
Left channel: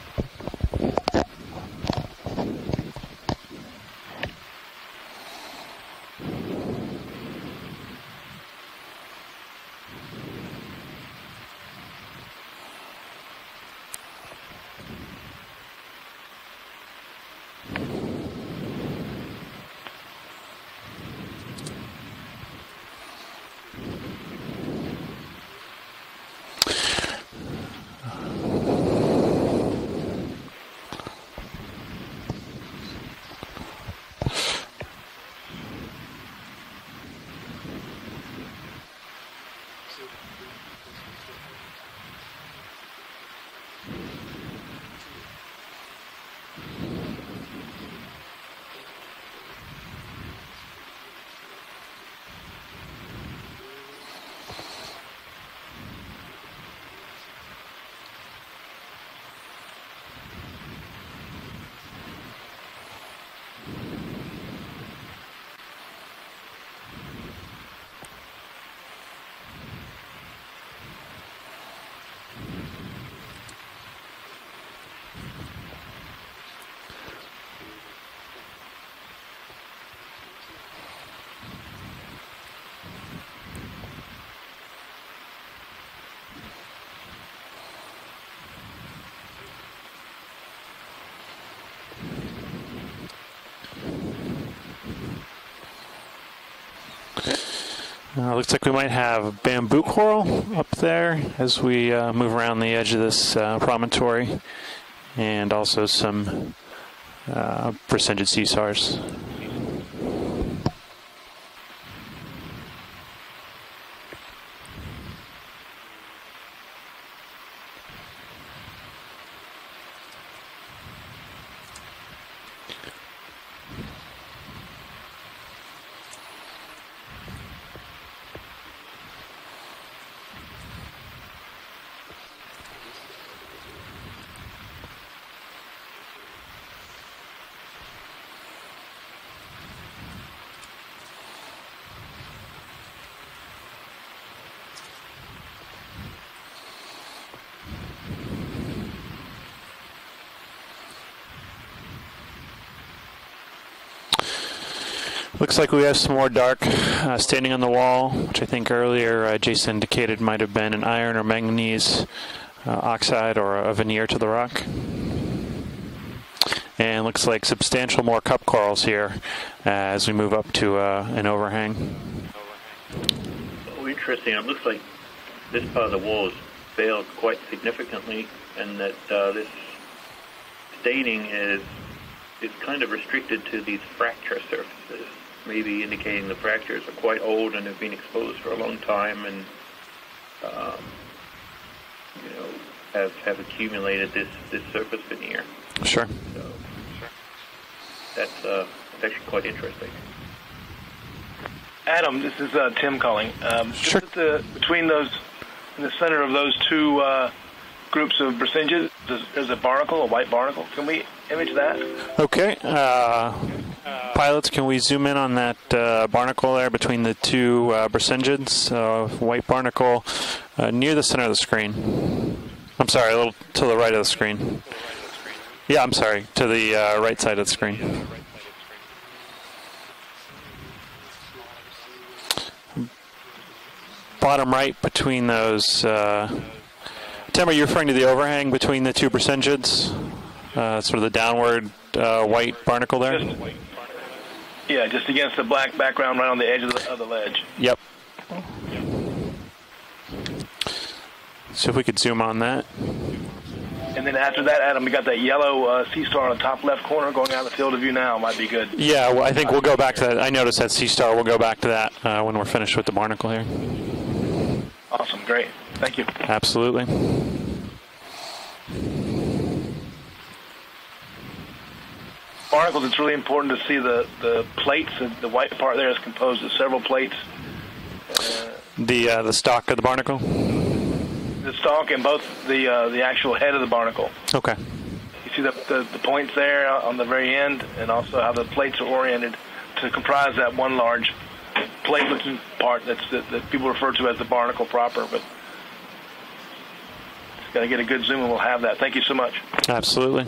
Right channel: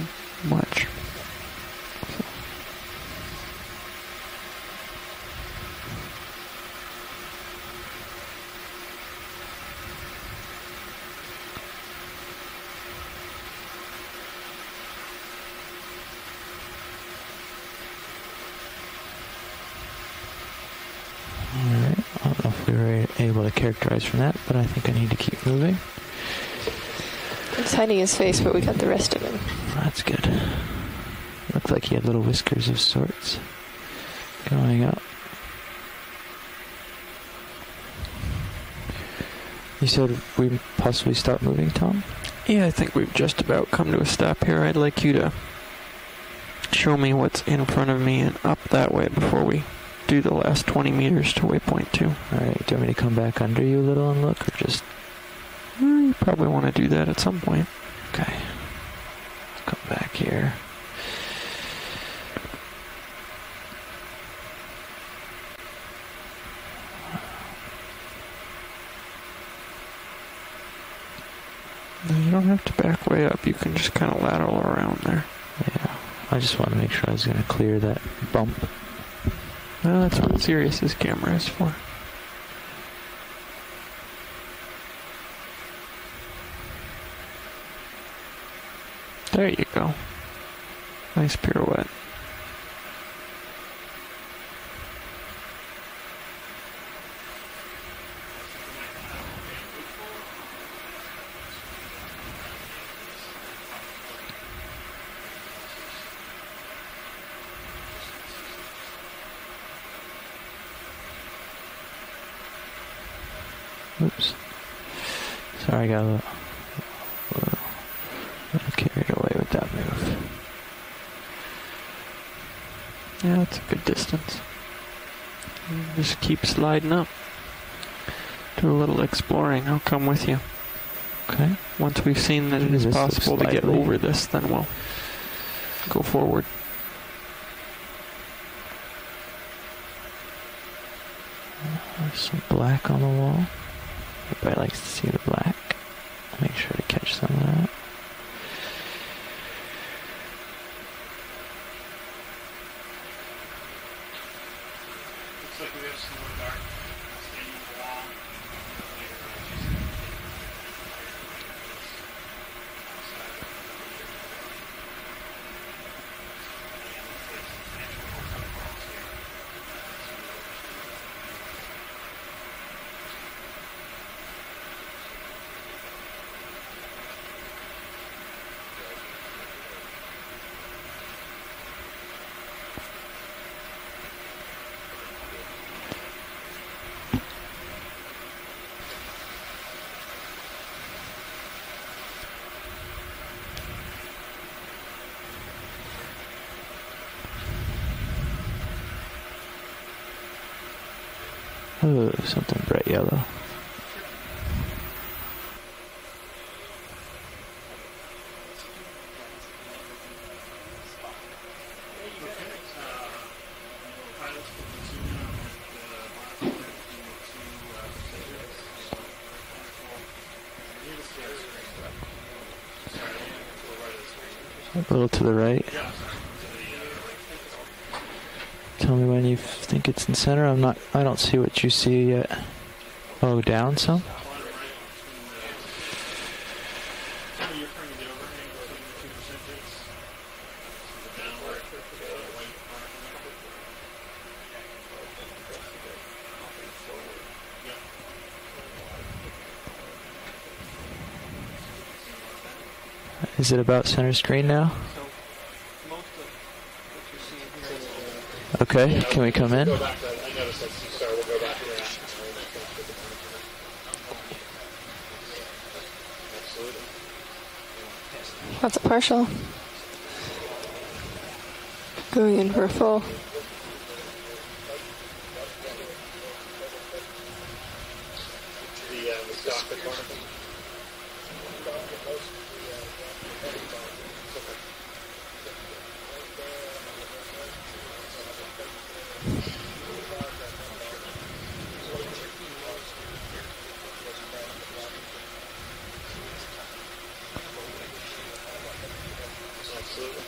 much. Able to characterize from that, but I think I need to keep moving. It's hiding his face, but we got the rest of it. That's good. Looked like he had little whiskers of sorts coming out. You said we'd possibly start moving, Tom? Yeah, I think we've just about come to a stop here. I'd like you to show me what's in front of me and up that way before we do the last 20 meters to waypoint 2. Alright, do you want me to come back under you a little and look, or just... You probably want to do that at some point. Okay. Come back here. You don't have to back way up. You can just kind of lateral around there. Yeah. I just want to make sure I was going to clear that bump. Well, that's what Sirius's camera is for. There you go. Nice pirouette. Looks like we might have bamboo coral up there as we move around the edge of this promontory, and also some Bersengid sea stars. Oops. Sorry, I got a little carried away with that move. Yeah, that's a good distance. Just keep sliding up. Do a little exploring. I'll come with you. Okay. Once we've seen that it is possible to get over this, then we'll go forward. There's some black on the wall. Everybody likes to see the black. Make sure to catch some of that. Looks like we have some more dark standing on the wall, which I think earlier Jason indicated might have been an iron or manganese oxide or a veneer to the rock. And looks like substantial more cup corals here as we move up to an overhang. Oh, interesting. It looks like this part of the wall is failed quite significantly, and that this staining is kind of restricted to these fracture surfaces, maybe indicating the fractures are quite old and have been exposed for a long time, and have accumulated this surface veneer. Sure. That's actually quite interesting. Adam, this is Tim calling. Sure. Just, between those, in the center of those two groups of Bersengid, there's a barnacle, a white barnacle. Can we image that? Okay. Pilots, can we zoom in on that barnacle there between the two Bersengids? White barnacle near the center of the screen. I'm sorry, a little to the right of the screen. A little to the right? Yeah, I'm sorry, to the right side of the screen. Tell me when you think it's in center. I don't see what you see yet. Oh, down some? Bottom right between those. Tim, are you referring to the overhang between the two Bersengids? Sort of the downward white barnacle there? Yeah, just against the black background right on the edge of the ledge. Yep. So if we could zoom on that. Is it about center And then screen after that, now? Adam, we got that yellow sea star on the top left corner going out the field of view now. Might be good. Okay. Yeah, well, I think go we'll ahead. go back to that. I noticed that sea star. We'll go back to that when we're finished with the barnacle here. Awesome. Great. Thank you. Absolutely. That's a partial. Going in here Barnacles, it's full. really important to see the plates. The white part there is composed of several plates. The stalk of the barnacle. The stalk and both the actual head of the barnacle. Okay. You see the points there on the very end, and also how the plates are oriented to comprise that one large plate-looking part that people refer to as the barnacle proper. But just got to get a good zoom, and we'll have that. Thank you so much. Absolutely.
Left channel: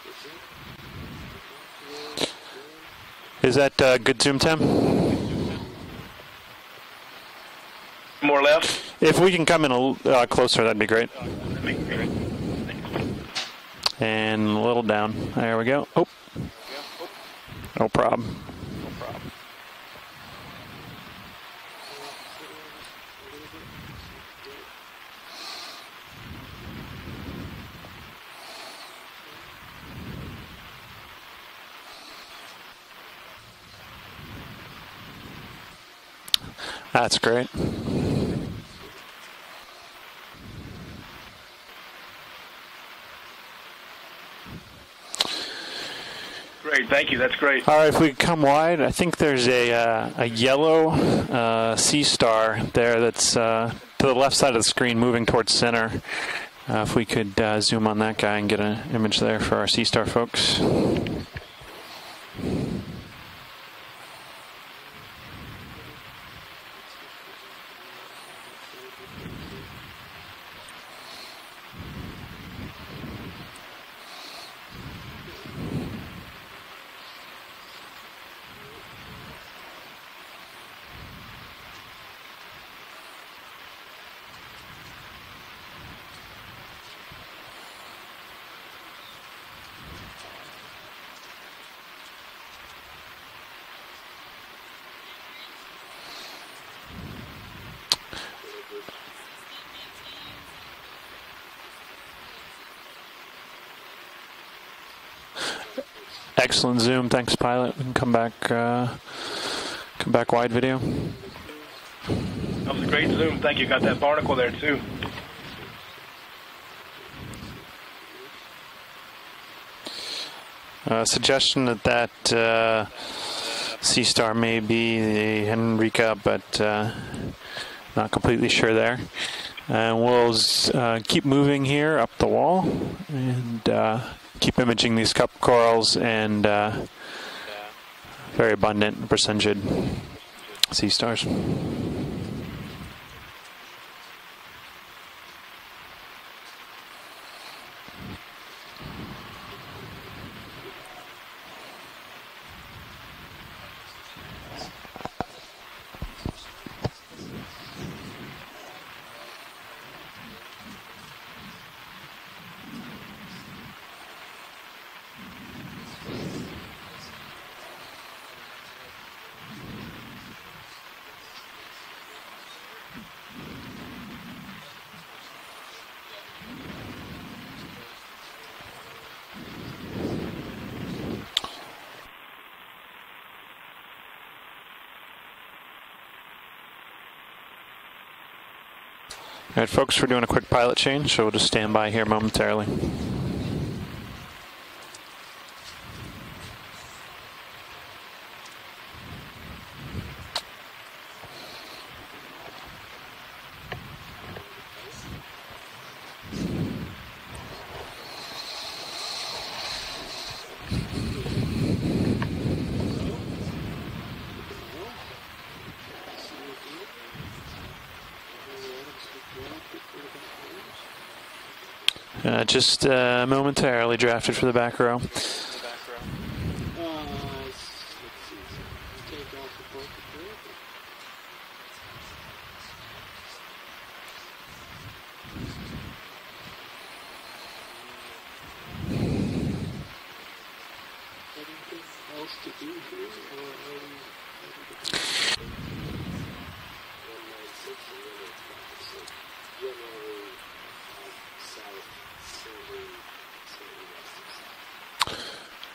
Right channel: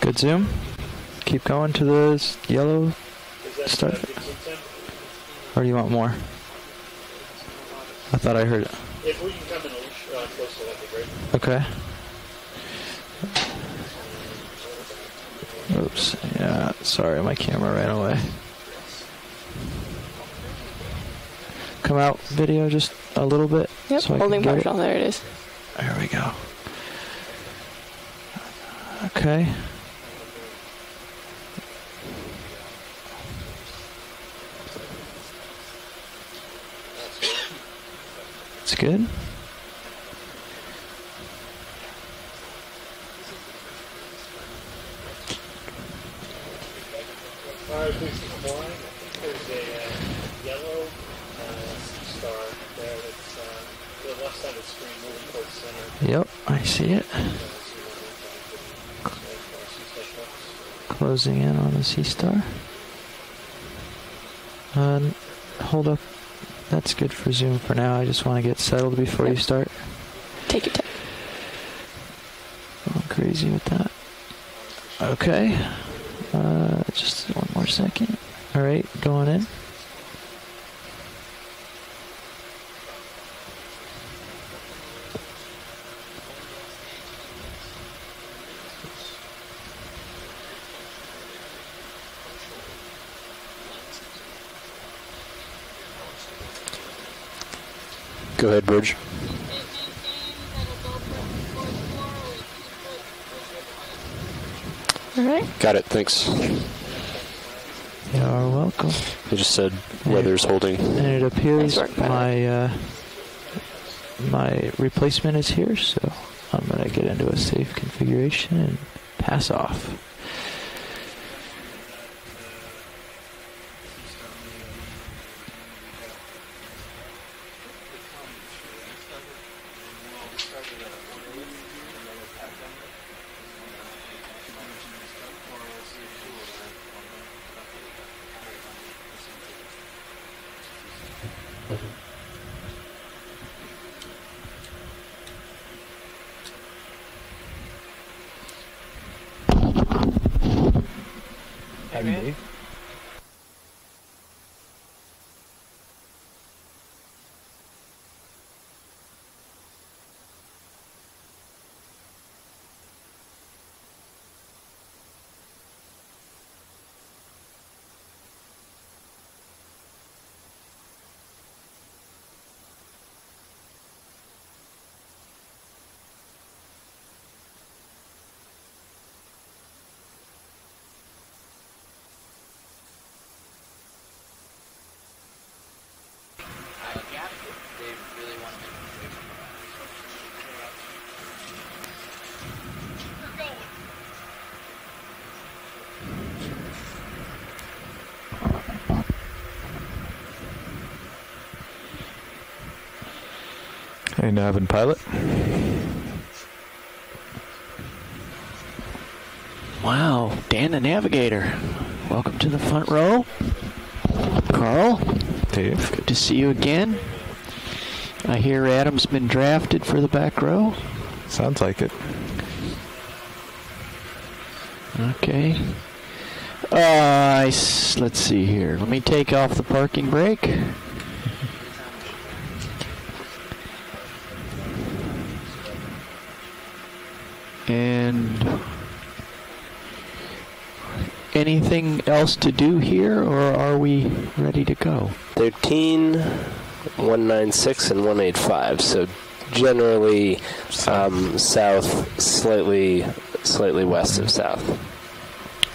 Good zoom. Keep going to the yellow. Is that good zoom, Tim? Or you want more? More left. If we can come in a little closer, that'd be great. Okay. And a little down. There we go. Oops. Yeah, sorry, my camera ran No problem. away. Come out video just a little bit. Yep, so I holding can get partial. There it is. There we go. Okay. That's great. That's good. Great. Thank you. That's great. All right, if we come wide, I think there's a yellow sea star there that's to the left side of the screen moving towards center. Yep, I see If it. we could zoom on that guy and get an image there for our sea star folks. Closing in on the sea star. Hold up. That's good for zoom for now. I just want to get settled before you start. Take your time. Going crazy with that. Okay. Just one more second. All right, going in. Go ahead, Bridge. All right. Got it. Thanks. Excellent zoom. Thanks, pilot. We can come back. I just said Come back others wide holding. video. And it appears my That was a great zoom. Thank you. Got that barnacle there, my too. replacement is here, so I'm going to get into a safe configuration and pass off. Suggestion that sea star may be the Henrika, but not completely sure there. And we'll keep moving here up the wall and keep imaging these cup corals and very abundant Brisingid sea stars. All right, folks, we're doing a quick pilot change, so we'll just stand by here momentarily. Hey, nav and pilot. Wow, Dan the Navigator. Welcome to the front row. Carl. Dave. Good to see you again. I hear Adam's been drafted for the back row. Sounds like it. Just momentarily drafted for the back row. Okay. Let's see here. Let me take off the parking brake. And anything else to do here, or are we ready to go? 13, 196 and 185. So generally south, slightly west of south.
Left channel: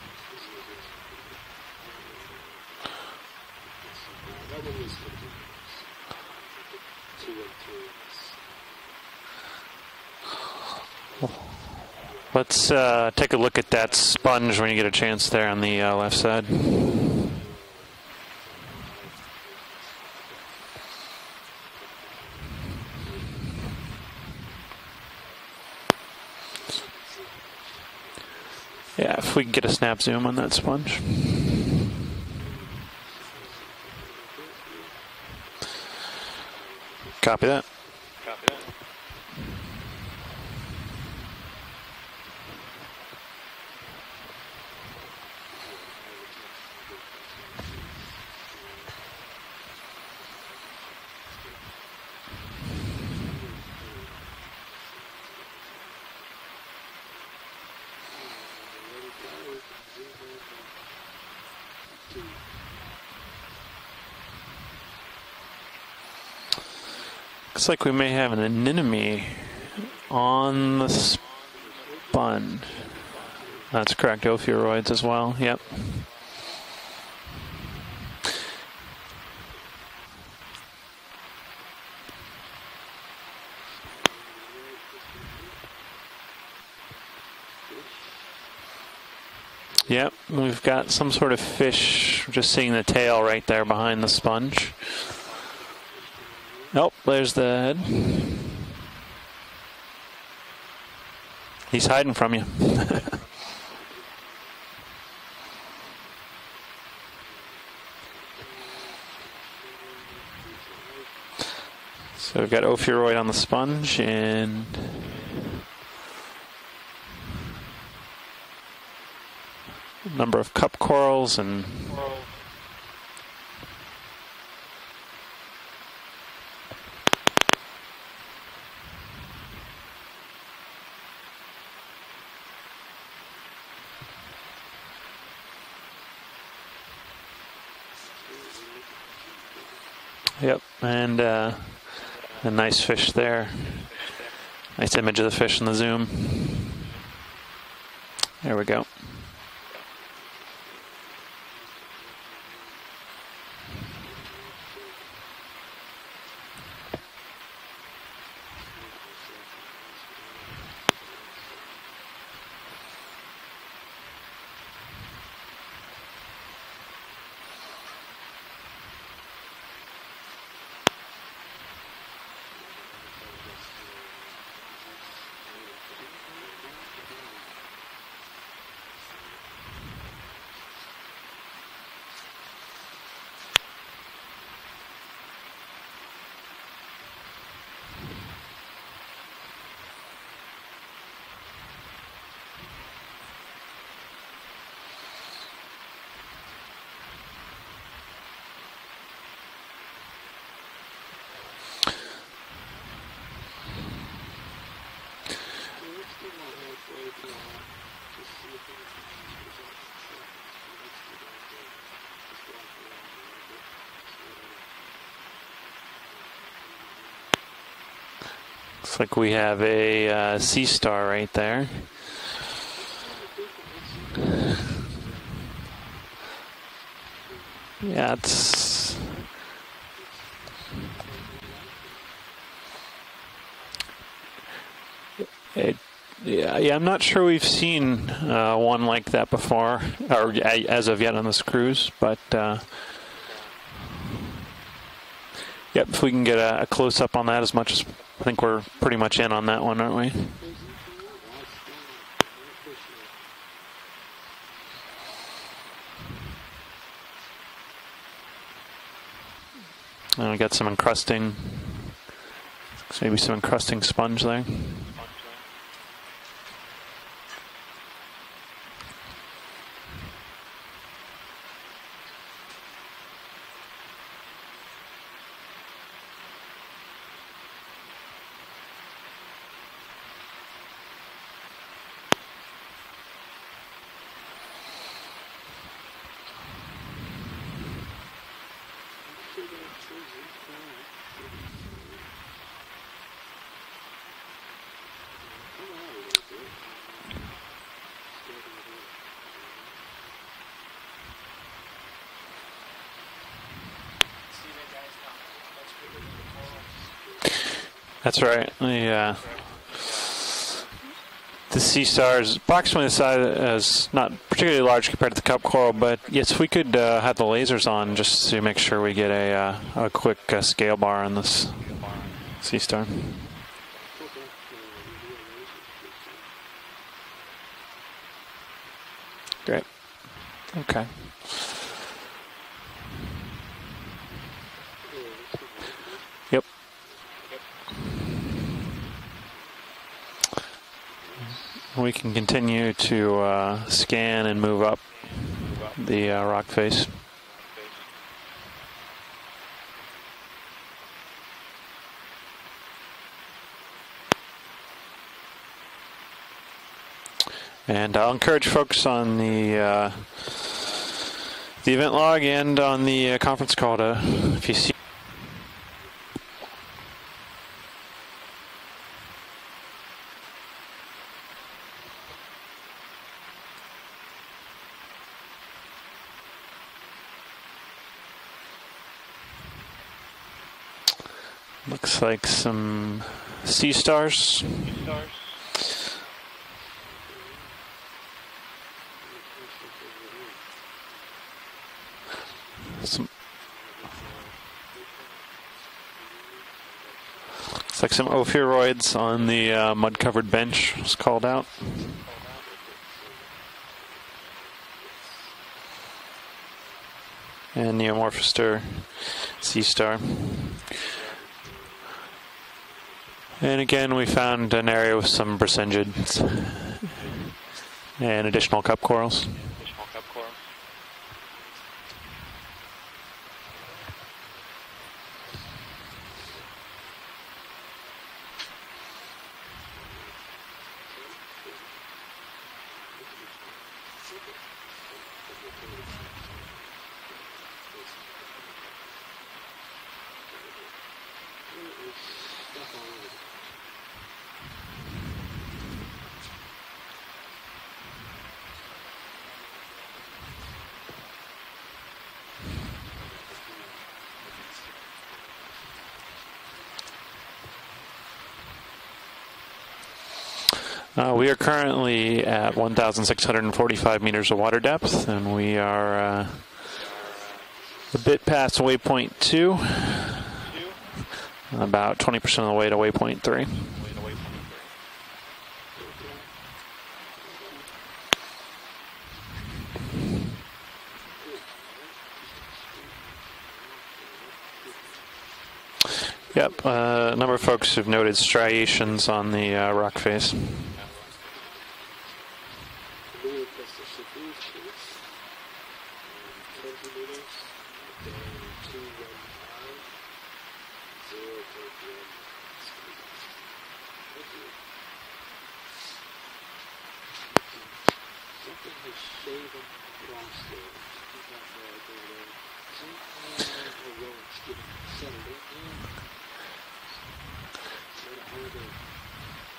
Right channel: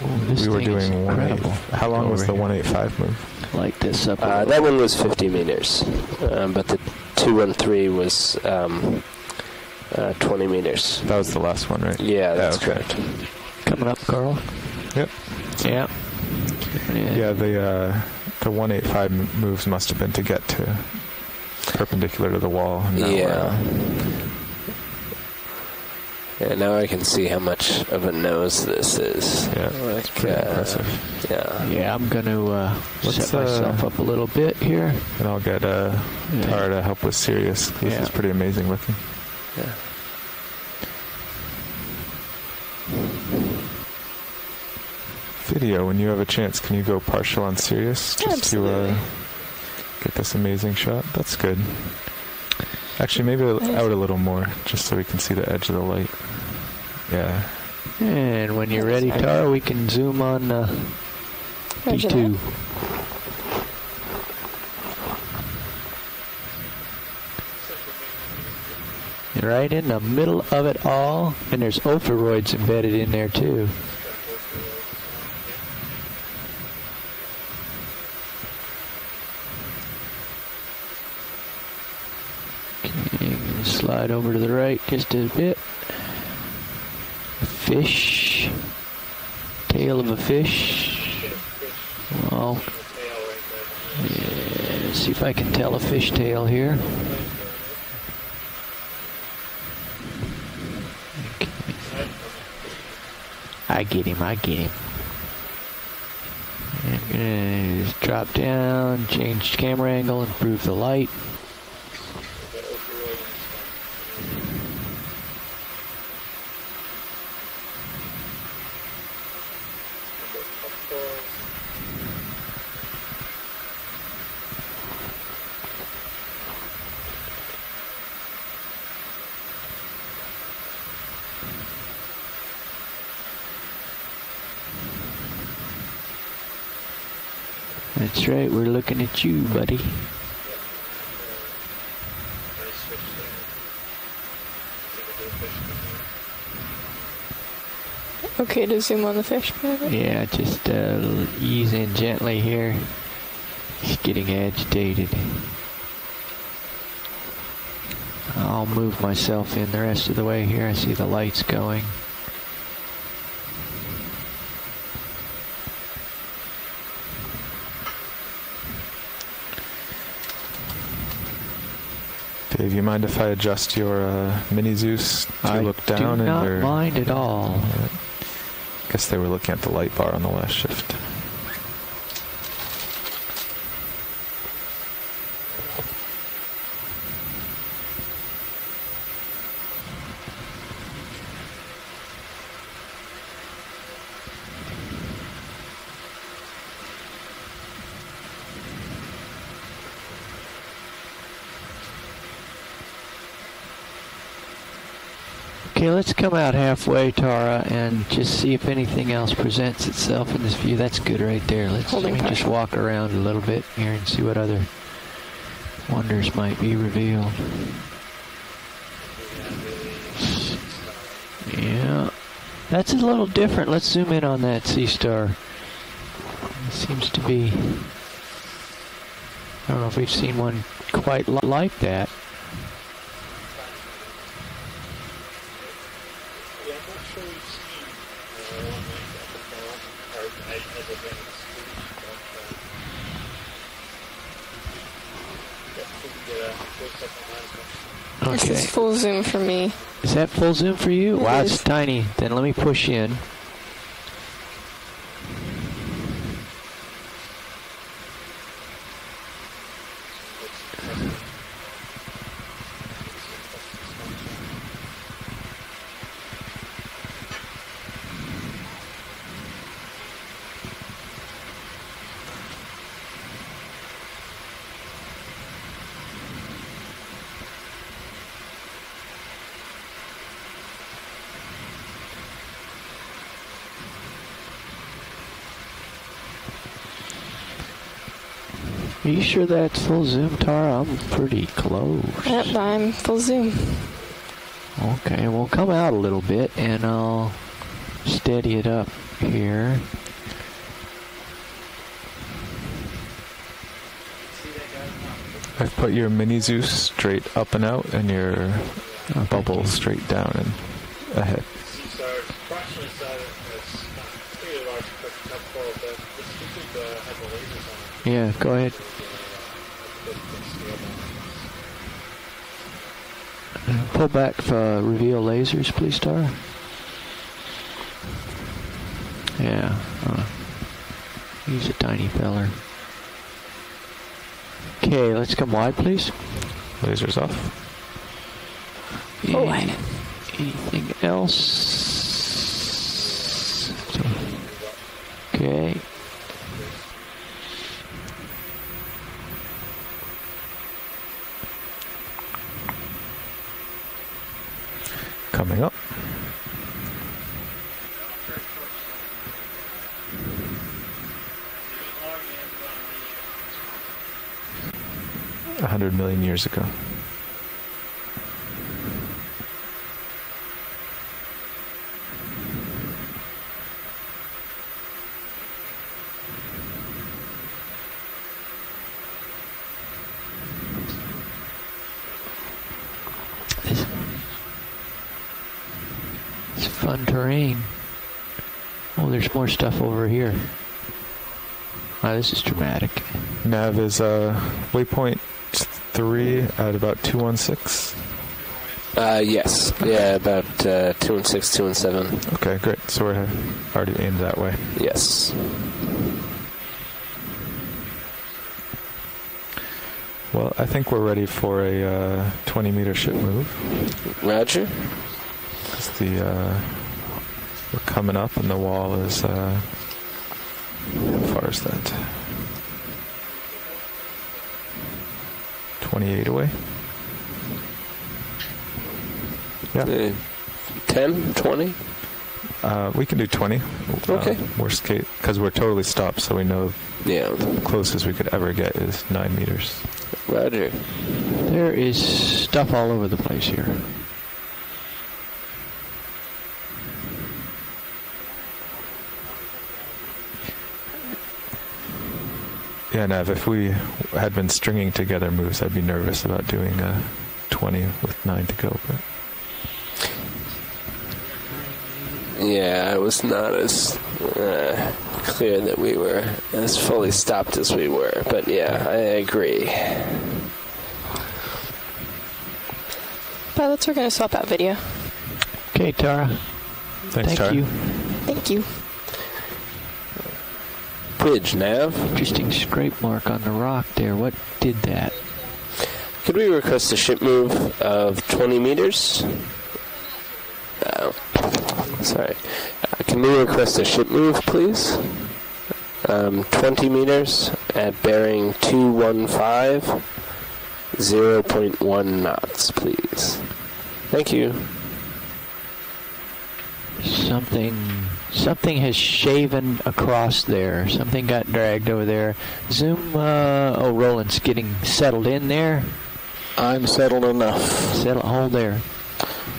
Ooh, we were doing 185. How long was the 185 move? Like this up. That one was 50 meters, but the 213 was 20 meters. That was the last one, right? Yeah. Let's take a look at that sponge when you get a chance there on the left side. Yeah, the 185 moves must have been to get to perpendicular to the wall. Yeah. Yeah, now I can see how much of a nose this is. We can get a snap zoom on that sponge. Yeah, I'm going to set myself up a little bit here. And I'll get Tara to help with Sirius. This is pretty amazing looking. Yeah. Video, when you have a chance, can you go partial on Sirius just to get this amazing shot? That's good. Actually, maybe out a little more, just so we can see the edge of the light. Yeah. And when you're ready, Tara, we can zoom on D2. Looks like we may have an anemone. Right in the middle of it all. And there's ophiuroids embedded in there, too. That's correct, ophiuroids as well, yep. Okay, slide over to the right just a bit. Fish. Tail of a fish. We've got some sort of fish. Just seeing the tail right there behind the sponge. Let's see if I can tell a fish tail here. Nope, there's the head. Okay. He's hiding from you. I get him. And I'm gonna just drop down, change camera angle, improve the light. So we've got ophiuroid on the sponge and number of cup corals and That's right, we're looking at you, buddy. Yep, and a nice fish there. Nice image of the fish in the zoom. Okay, to zoom on the fish. Yeah, just ease in gently here. He's getting agitated. I'll move myself in the rest of the way here. I see the lights going. Dave, you mind if I adjust your mini Zeus to look down? I do not mind at all. I guess they were looking at the light bar on the last shift. Okay, let's come out halfway, Tara, and just see if anything else presents itself in this view. That's good right there. Let me just walk around a little bit here and see what other wonders might be revealed. Looks like we have a sea star right there. Yeah, that's a little different. Let's zoom in on that sea star. It seems to be... Yeah, it's... I don't know if we've seen one quite like that. Yeah, I'm not sure we've seen one like that before, or as of yet on this cruise, but yep, if we can get a close-up on that as much as... I think we're pretty much in on that one, aren't we? Is that full zoom for you? Wow, it's tiny. Then let me push in. I got some encrusting, maybe some encrusting sponge there. Are you sure that's full zoom, Tara? I'm pretty close. Yep, I'm full zoom. Okay, well, come out a little bit, and I'll steady it up here. I've put your mini Zeus straight up and out, and That's your right. Yeah. bubble straight down and ahead. The sea star is approximately the size as not particularly large compared to the cup coral, but yes, we could have the lasers on just to make sure we get a quick scale bar on this sea star. Pull back for reveal lasers, please, Tara. Yeah. Okay. He's a tiny feller. Okay, let's come wide, please. Yep. Lasers off. Wide. Anything else? We can continue to scan and move up the rock face. Coming up. And I'll encourage folks on the event log and on the conference call to, if you see 100 million years ago. Looks like some sea stars. It's fun terrain. Oh, there's more stuff over here. Oh, this is dramatic. Nav is waypoint 3 at about 216. Like some ophiuroids on the uncovered bench. 216, 217. Okay, great. So we're already aimed that way. Yes. And Neomorphister sea star. Well, I think we're ready for a 20-meter ship move. And again, we found an area with some percentage. We're coming and up additional on the cup corals. How far is that? 28 away. Yeah. 10, 20? We can do 20. Okay. Worst case, because we're totally stopped, so we know the closest we could ever get is 9 meters. Roger. There is stuff all over the place here. Yeah, Nav, if we had been stringing together moves, I'd be nervous about doing 20 with 9 to go. But we are currently at 1,645 meters of water depth, and we are as fully stopped as we were. A bit past waypoint 2. About 20% of the way to waypoint 3. Pilots, we're going to swap out video. Okay, Tara. Thanks, Tara. Thank you. Thank you. Bridge, Nav. Interesting scrape mark on the rock there. What did that? Could we request a ship move? Folks have noted striations on the rock face. Sorry. Can we request a ship move, please? 20 meters at bearing 215, 0.1 knots, please. Thank you. Something has shaven across there. Something got dragged over there. Zoom. Roland's getting settled in there. I'm settled enough. Hold there.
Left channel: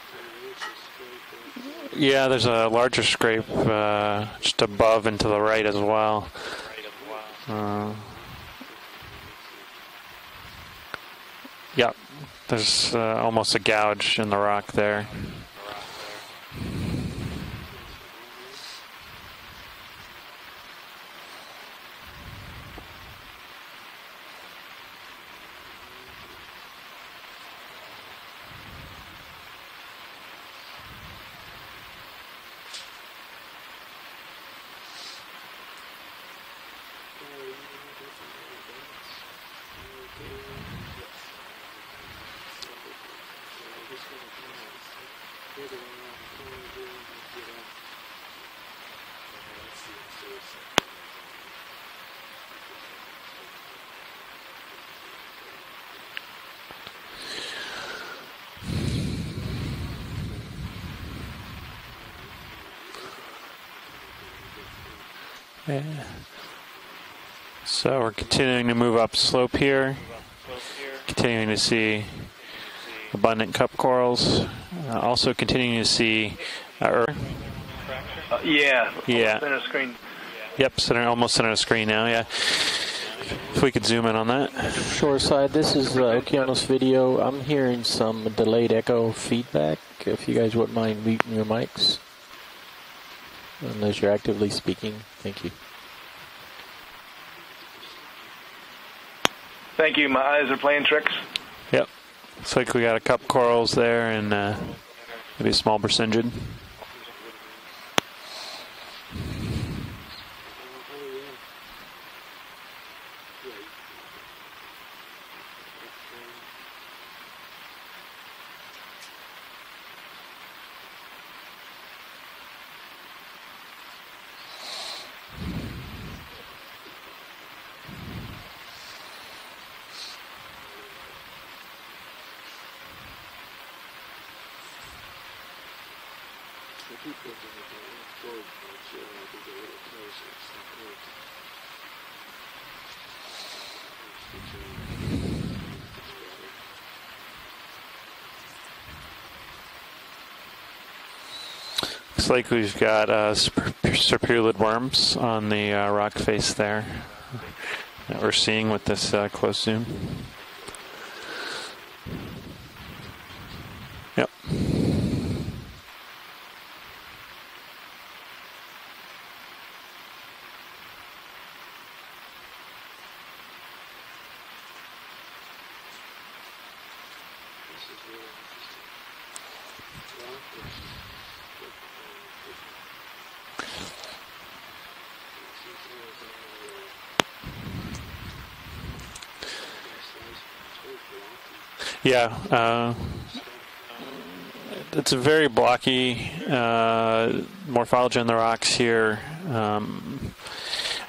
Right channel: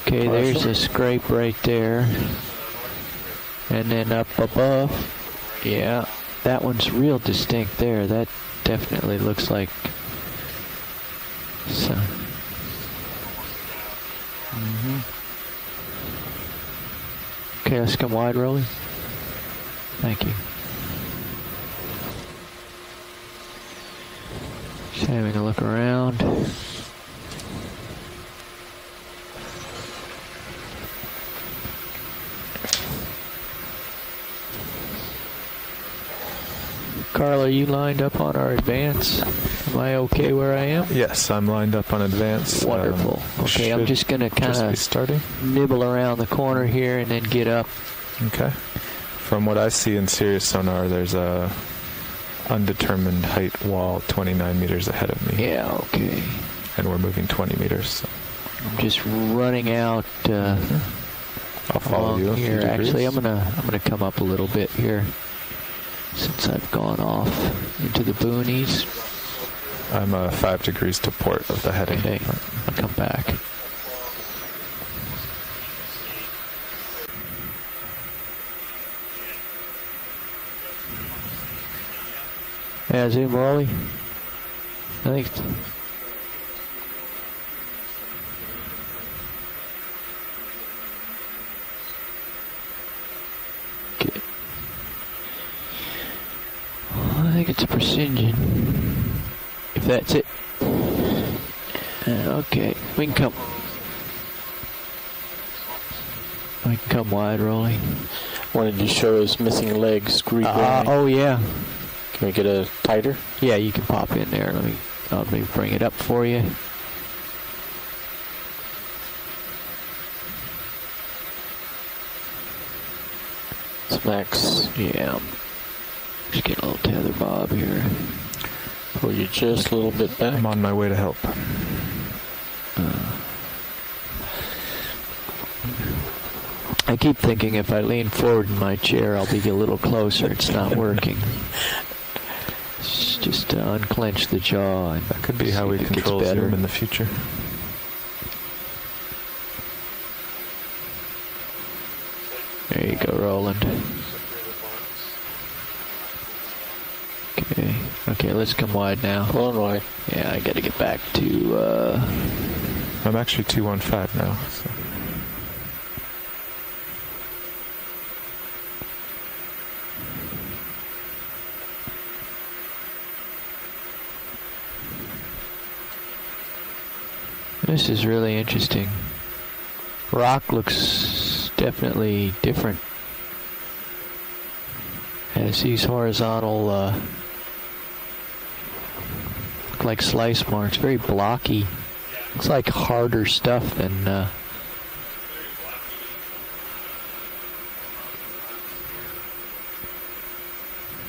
Okay, there's a scrape right there. Yeah, there's a larger scrape and then up just above and to the right as well. That one's real distinct there. That definitely looks like... Yeah, there's almost a gouge in the rock there. Okay, let's come wide, Rolly. Thank you. Just having a look around. Carl, are you lined up on our advance? Am I okay where I am? Yes, I'm lined up on advance. Wonderful. Okay, I'm just going to kind of nibble around the corner here and then get up. Okay. From what I see in Sirius sonar, there's a undetermined height wall 29 meters ahead of me. Yeah, okay. And we're moving 20 meters. So. I'm just running out. I'll follow you here. Actually, I'm gonna come up a little bit here. since I've gone off. So into we're the continuing to boonies. move up slope here. I'm 5 degrees to port. Continuing to with the see heading. I'll come back. abundant cup corals. Also continuing to see Yeah. Yeah. Center screen. Yep, almost center of the screen now, yeah. Yeah, zoom If we could zoom in on that. Shoreside, this is Okeanos video. I'm hearing some delayed echo feedback. If you guys wouldn't mind muting your mics. Unless you're actively speaking. Thank you. I think it's a Precision. Thank you. My eyes are playing tricks. Yep. Okay. Looks like we got a couple corals there and maybe a small Precision. We can come wide, Rolly. Wanted to show his missing legs. Oh, yeah. Can we get a tighter? Yeah, you can pop in there. Let me bring it up for you. Smacks. Yeah. Just get a little tether bob here. Pull you just a little bit back. I'm on my way to help. I keep thinking if I lean forward in my chair, I'll be a little closer. It's not working. It's just to unclench the jaw. And that could be how we control zoom in the future. Looks like we've got serpulid worms on the rock face there. Okay. We're seeing with this close zoom. Yeah, I got to get back to... I'm actually 215 now. This is really interesting. Rock looks definitely different. Has these horizontal, like slice marks, very blocky. Yeah. It's like harder stuff than... It's a very blocky morphology on the rocks here. I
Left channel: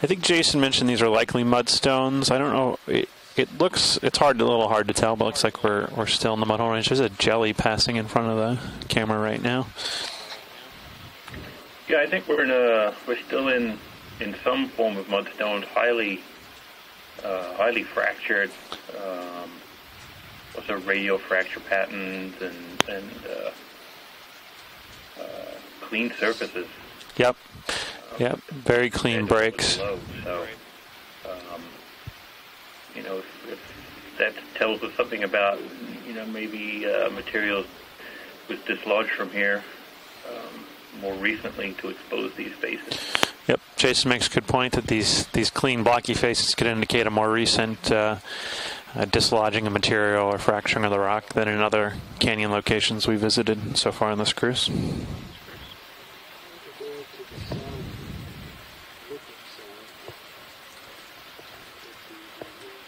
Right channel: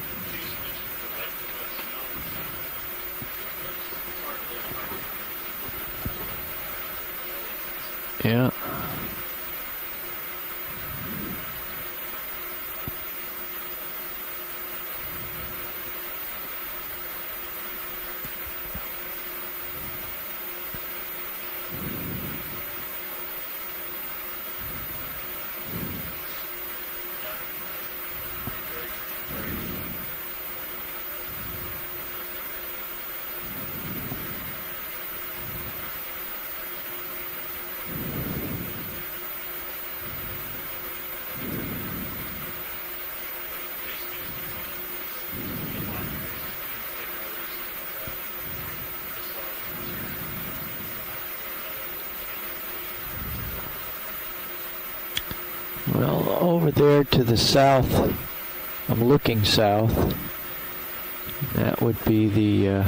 think Jason mentioned these are likely mudstones. I don't know. It's a little hard to tell, but it looks like we're still in the mudhole range. There's a jelly passing in front of the camera right now. Yeah, I think we're still in some form of mudstone, highly fractured, also radial fracture patterns and clean surfaces. Yep. Yep. Very clean breaks. That tells us something about, maybe material was dislodged from here more recently to expose these faces. Yep, Jason makes a good point that these clean blocky faces could indicate a more recent dislodging of material or fracturing of the rock than in other canyon locations we visited so far on this cruise. Well, over there to the south, I'm looking south. That would be the...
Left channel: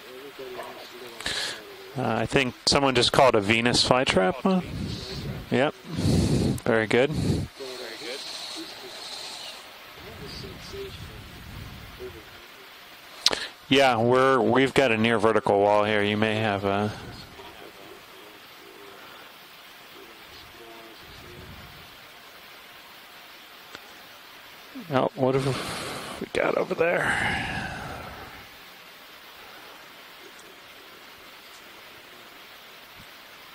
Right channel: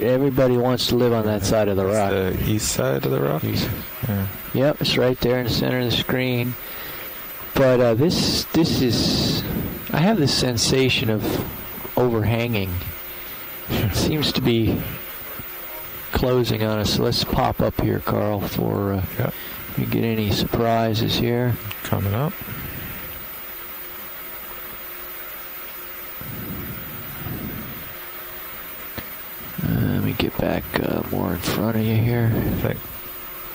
everybody wants to live on that side of the rock. I think someone just called it a Venus flytrap. Huh? Yep, it's right there in the center of the screen. Very good. But this is... I have this sensation of overhanging. Yeah, we've got a near vertical wall here. You closing may have on us. Let's pop up here, Carl, for you get any surprises here. Coming up. Oh, what have we got over there? Let me get back more in front of you here.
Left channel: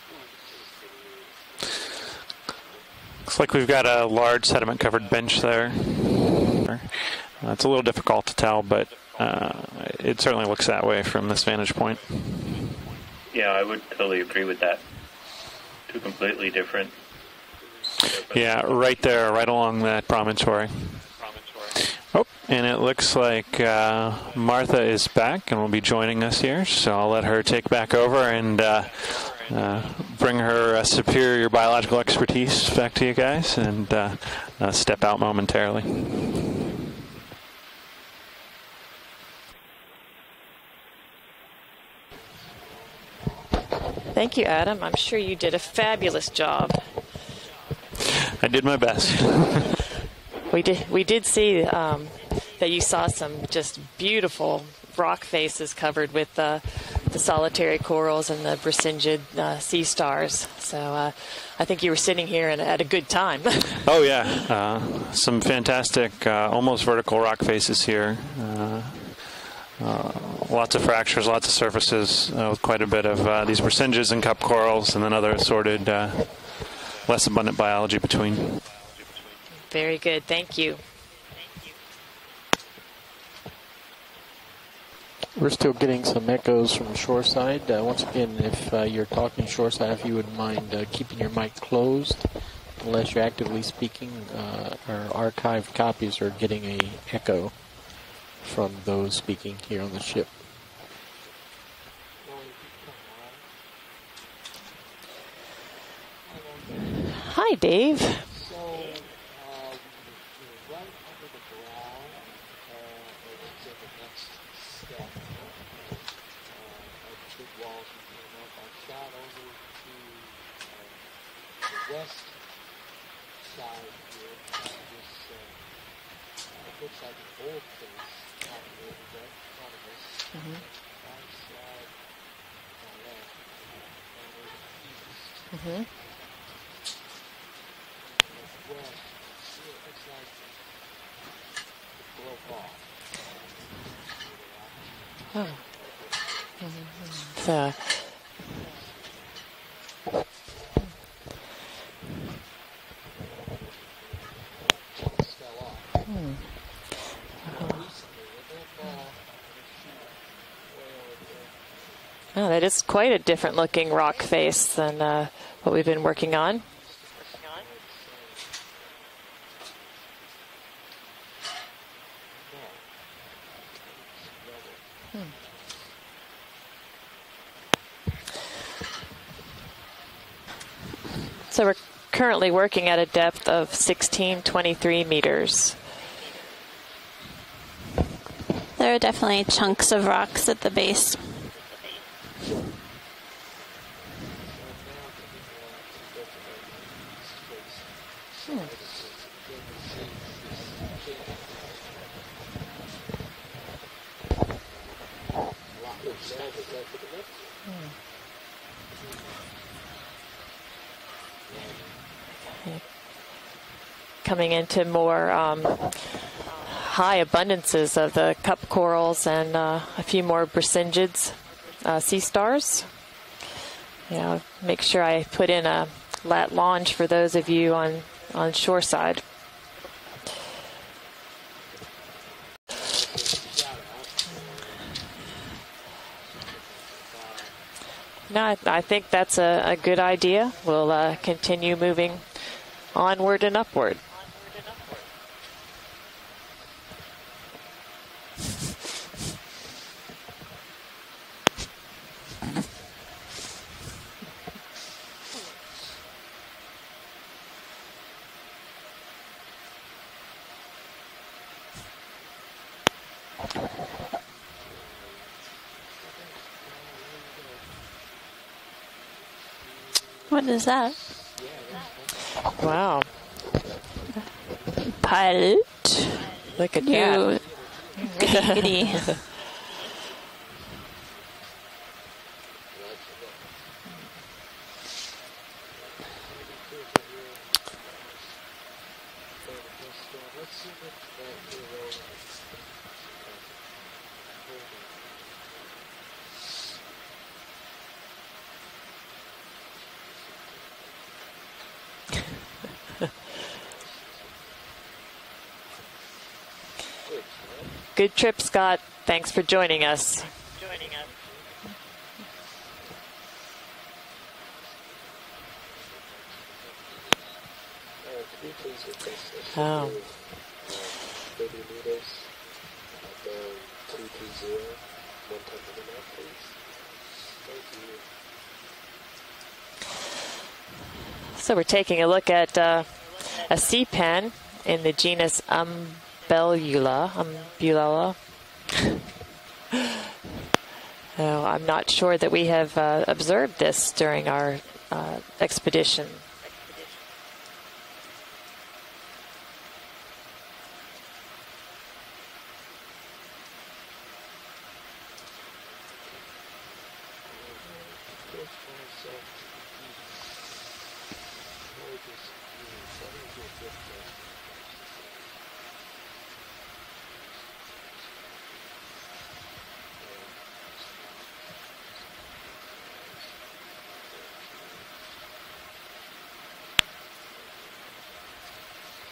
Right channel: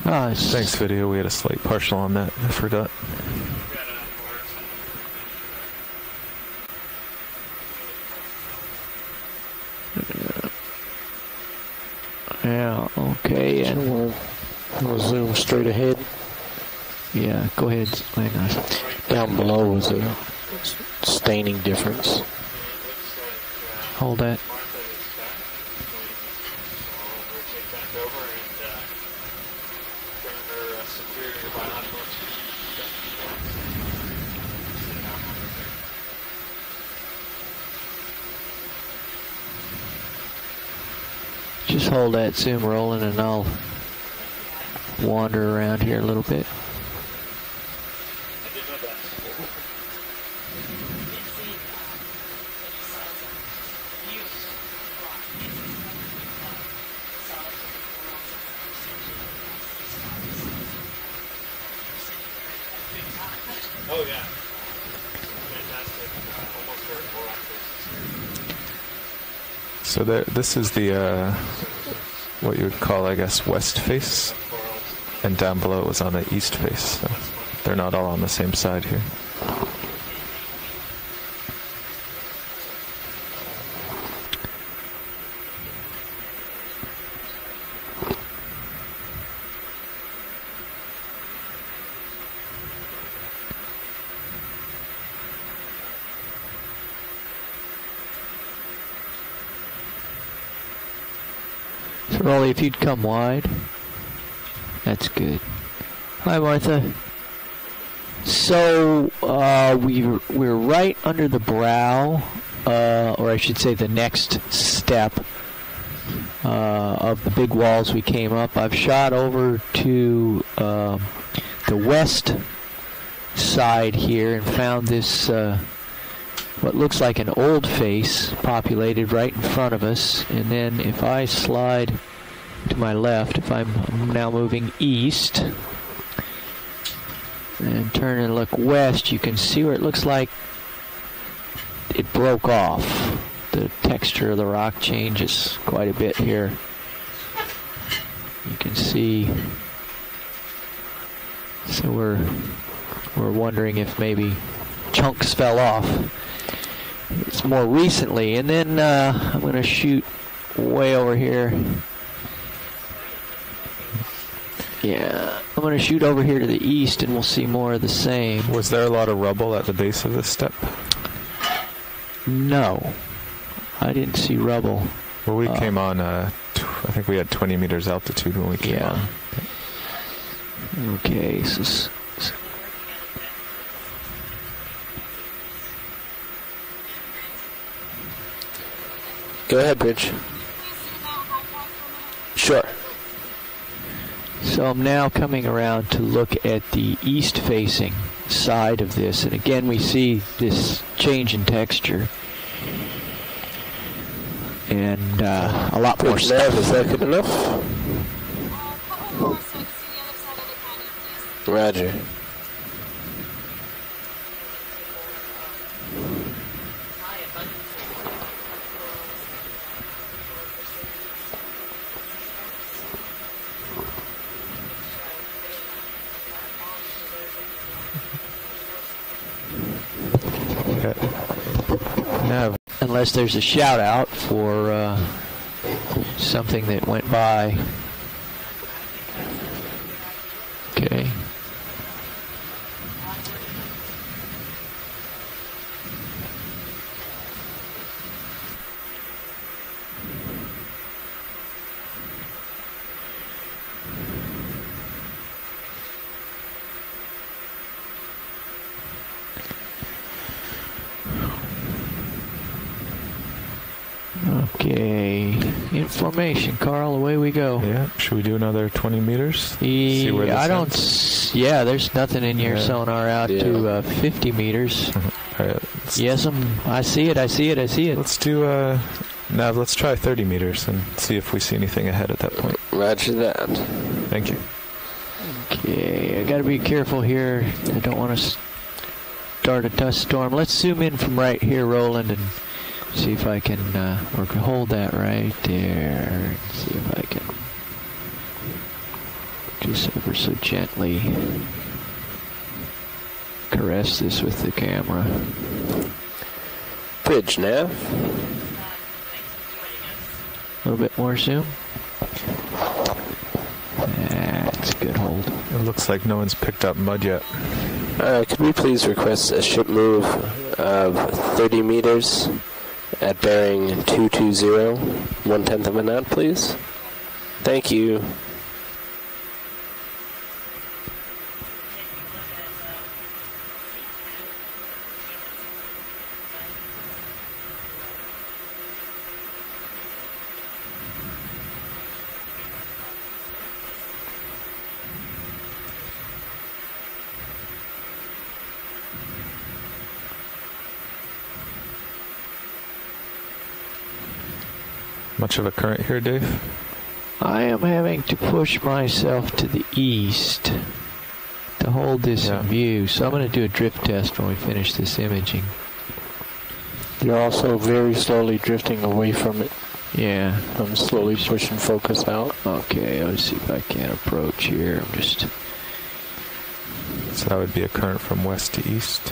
Thanks, video. We had a slight partial on that. I forgot. Looks like we've got a large sediment-covered bench there. It's a little difficult to tell, but it certainly looks that way from this vantage point. Yeah, okay. Yeah, I would totally agree with that. We'll zoom straight ahead. Completely different. Yeah, go ahead. Yeah, right there, right along that promontory. Staining difference. Oh, and it looks like Martha is back and will be joining us here, so I'll let her take back over and bring her superior biological expertise back to you guys and step out momentarily. Just hold that zoom rolling and I'll... Thank you, Adam. I'm sure you did a fabulous job. I did my best. We did see that you saw some just beautiful rock faces covered with the solitary corals and the brisingid sea stars. So I think you were sitting here and had a good time. Oh, yeah. Some fantastic, almost vertical rock faces here. So this lots is of fractures, lots of surfaces, quite a bit of these percentages and cup corals, and then other assorted, on the east face. less abundant biology They're not all between on the same side here. Very good. Thank you. We're still getting some echoes from shoreside. Once again, if you're talking shoreside, if you wouldn't mind keeping your mic closed, unless you're actively speaking, our archived copies are getting an echo from those speaking here on the ship. So, Rolly, if you'd come wide, that's good. Hi, Martha. Hi, Dave. So we're right under the brow, or I should say the next step of the big walls we came up. I've shot over to the west side here and found this what looks like an old face populated right in front of us. And then if I slide to my left, if I'm now moving east and turn and look west, you can see where it looks like it broke off. The texture of the rock changes quite a bit here. Yeah. You can see. So we're wondering if maybe chunks fell off. It's more recently, and then I'm going to shoot way over here. Oh, that is quite a different looking rock face than I'm going to shoot over here to the east, and we'll see more of the same. Was there a lot of rubble at the base of this step? No, I didn't see rubble. Well, we came on, I think we had 20 meters altitude when we came on. Okay. So we're currently working at a depth of 1623 meters. There are definitely chunks of rocks at the base. Sure. So I'm now coming around to look at the east-facing side of this, and again we see this change in texture and a lot more stuff. Is that good enough? Roger. Coming into more high abundances of the cup corals and a few more bracyngids, sea stars. Make sure I put in a lat longe for those of you on shoreside. Okay. Now, unless there's a shout out for something that went by. No, I think that's a good idea. We'll continue moving onward and upward. Okay, information, Carl. Away we go. Yeah. Should we do another 20 meters? See where yeah, there's nothing in your sonar out to 50 meters. Pilot. Yes, I see it. I see it. I see it. Let's do. Now let's try 30 meters and see if we see anything ahead at that point. Roger that. Thank you. Okay, I got to be careful here. I don't want to start a dust storm. Let's zoom in from right here, Roland, and see if I can hold that right there. And see if I can just ever so gently caress this with the camera. Bridge nav. Good trip, Scott. Thanks for joining us. A little bit more zoom. That's a good hold. It looks like no one's picked up mud yet. Could we please request a ship move of 30 meters at bearing 220, 1/10 of a knot, please? Thank you. So we're taking a look at a sea pen in the genus Umbellula. No, I'm not sure that we have observed this during our expedition. Much of a current here, Dave? I am having to push myself to the east. hold this in view. So I'm going to do a drift test when we finish this imaging. You're also very slowly drifting away from it. Yeah. I'm slowly pushing focus out. Okay, let's see if I can approach here. I'm just... So that would be a current from west to east.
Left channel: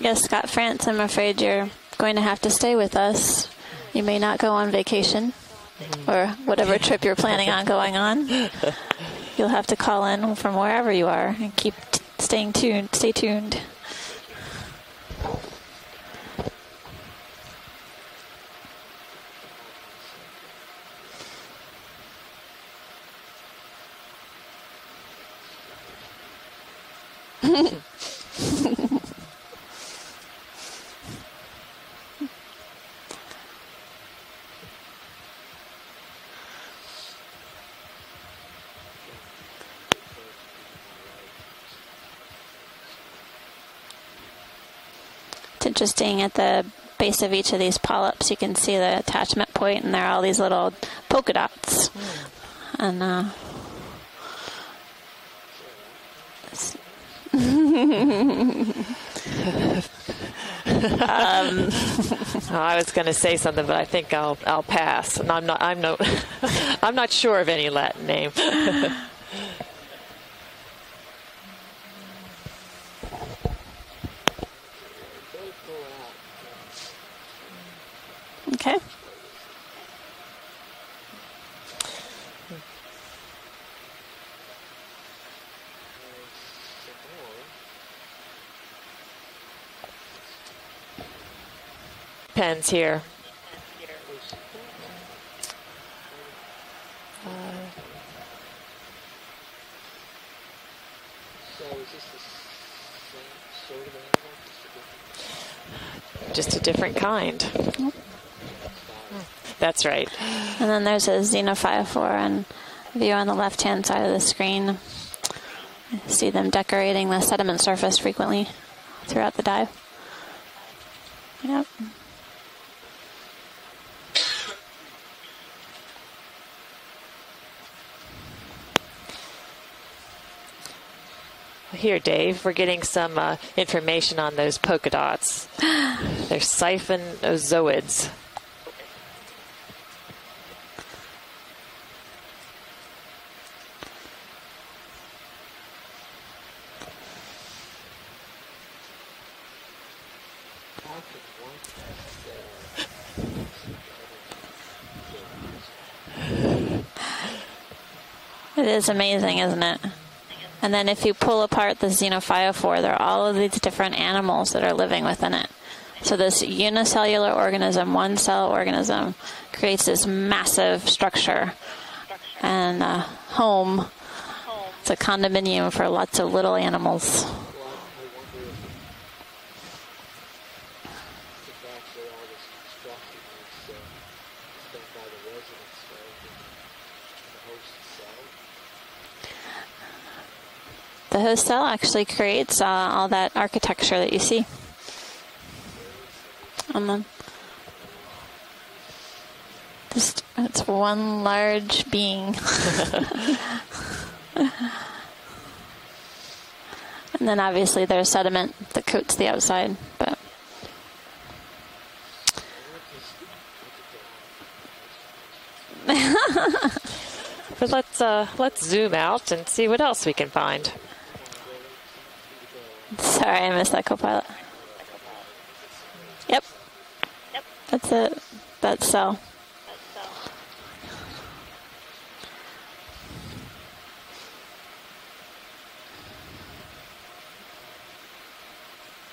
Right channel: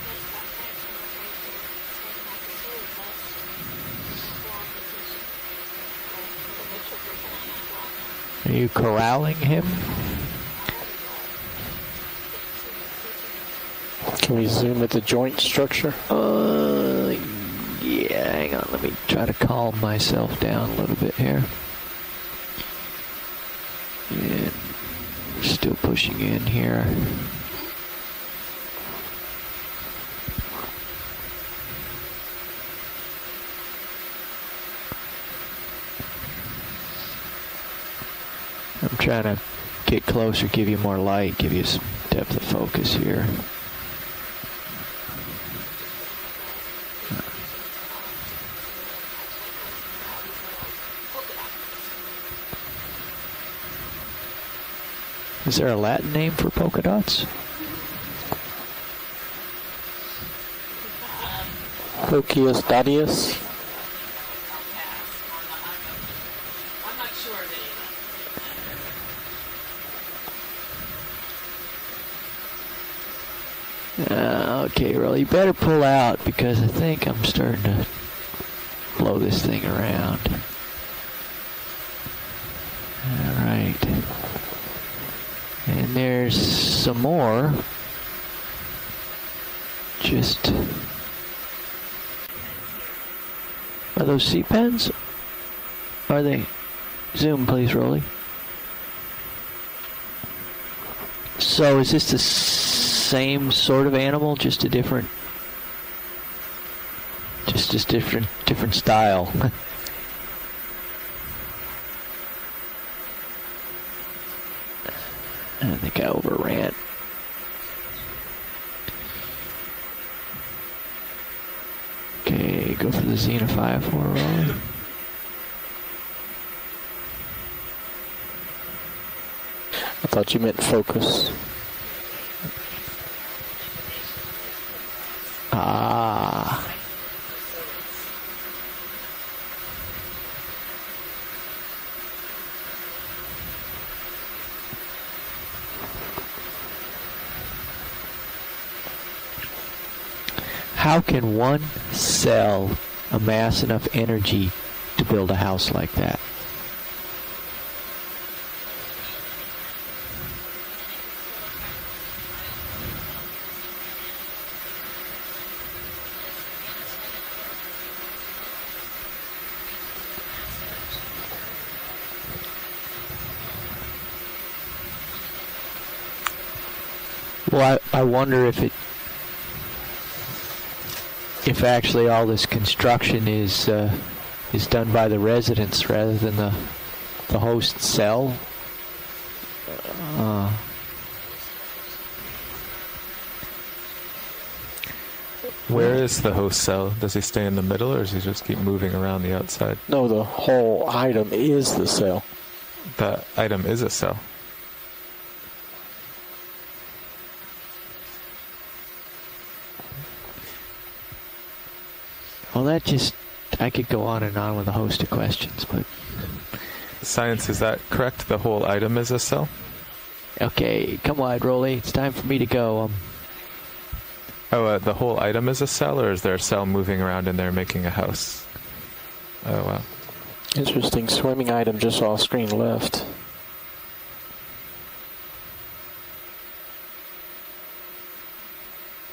Yes, Scott France, I'm afraid you're going to have to stay with us. You may not go on vacation or whatever trip you're planning on going on. Are you corralling You'll him? have to call in from wherever you are and keep staying tuned. Stay tuned. Can we zoom at the joint structure? Yeah, hang on. Let me try to calm myself down a little bit here. Yeah, still pushing in here. I'm trying to get closer, give you more light, give you some depth of focus here. It's interesting, at the base of each of these polyps you can see the attachment point, and there are all these little polka dots. And is there a Latin name for polka dots? I was going to say something, but I think I'll pass. And I'm not sure of any Latin name. Okay, well, you better pull out because I think I'm starting to blow this thing around. All right. And there's some more. Just... Pens here. Are those sea pens? Are they? Zoom, please, Rolly. So is this the same sort of animal, just a different... Just a different kind. Just different style. That's right. And then there's a xenophyophore and view on the left-hand side of the screen. I think I see them overran. decorating the sediment surface frequently throughout the dive. Yep. Okay, go for the xenophyophore, Rolly. I thought you meant focus. Here, Dave, we're getting some information on those polka dots. They're siphonozoids. How can one cell amass enough energy to build a house like that? It is amazing, isn't it? And then if you pull apart the xenophyophore, there are all of these different animals that are living within it. So this unicellular organism, one-cell organism, creates this massive structure and home. It's a condominium for lots of little animals. Well, I wonder if actually all this construction is done by the residents rather than the host cell. The host cell actually creates all that architecture that you see. Where is the host cell? Does he stay in the middle, or does he just keep moving around the outside? No, the whole item is the cell. The item is a cell. And then obviously there's sediment that coats the outside. But well, that just... I could go on and on with a host of questions, but... Science, is that correct? The whole item is a cell? Let's see what else we can find. Okay, come wide, Rolly. It's time for me to go. Sorry, I missed that, co-pilot. Oh, the whole item is a cell, or is there a cell moving around in there making That's a house? That cell. Oh, wow. Interesting swimming item just off screen left.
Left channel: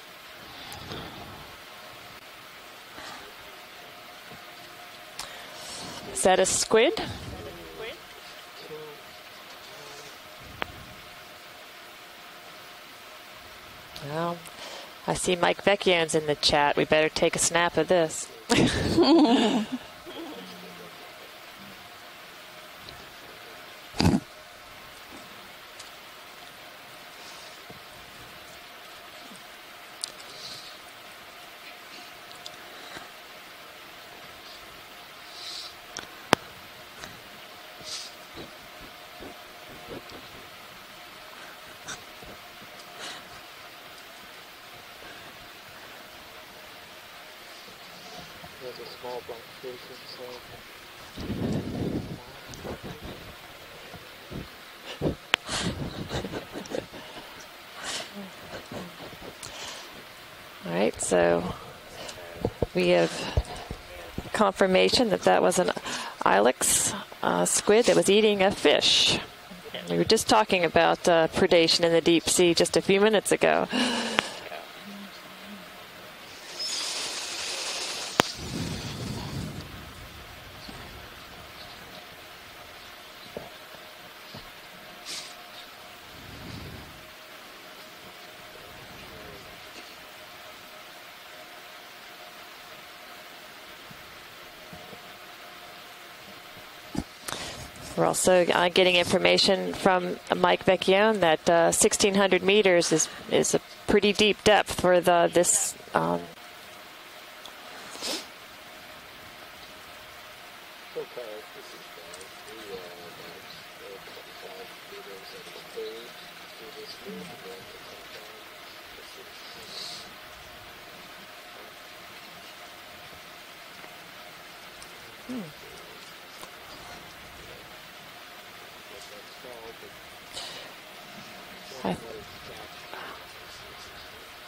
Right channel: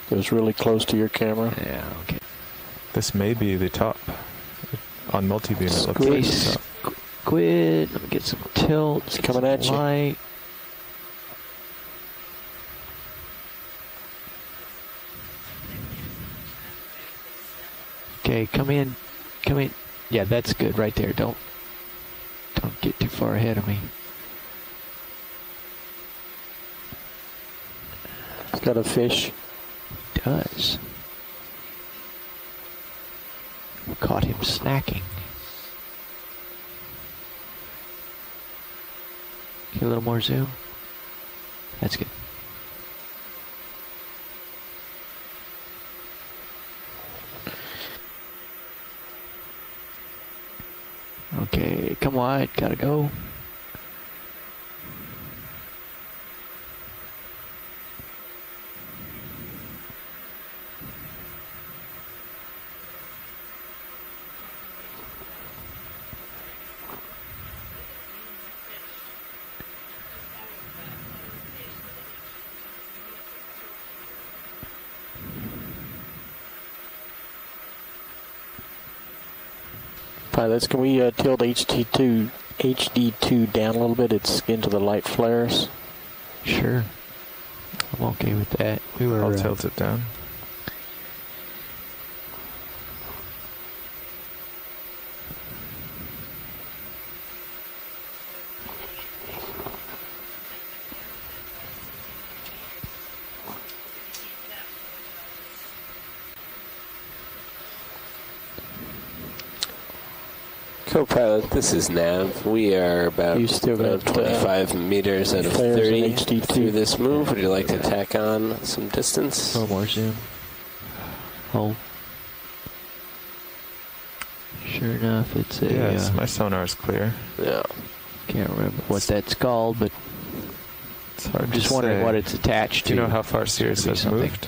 It was really close to your camera. Yeah, okay. This may be the top. On multi-beam. Is that a squid? Squid. Let me get some tilt. It's coming at you. Light. Well, I see Mike Vecchione's in the chat. We better take a snap of this. Okay, come in. Come in. Yeah, that's good right there. Don't get too far ahead of me. It's got a fish. It does. Caught him snacking. Get a little more zoom. That's good. Okay, come wide. Gotta go. All right, so we have confirmation that that was an ilex squid that was eating a fish. We were just talking about predation in the deep sea just a few minutes ago. Pilots, can we tilt HD2 down a little bit? It's into the light flares. Sure. I'm okay with that. I'll tilt it down. We're also getting information from Mike Vecchione that 1,600 meters is a pretty deep depth for this. Co-pilot, this is Nav. We are about 25 meters out of 30 through this move. Would you like to tack on some distance? A little more zoom. Hold. Sure enough, it's a... Yes, my sonar is clear. Yeah. Can't remember what that's called, but it's hard I'm just wondering what it's attached to. Do you know how far Sirius has moved?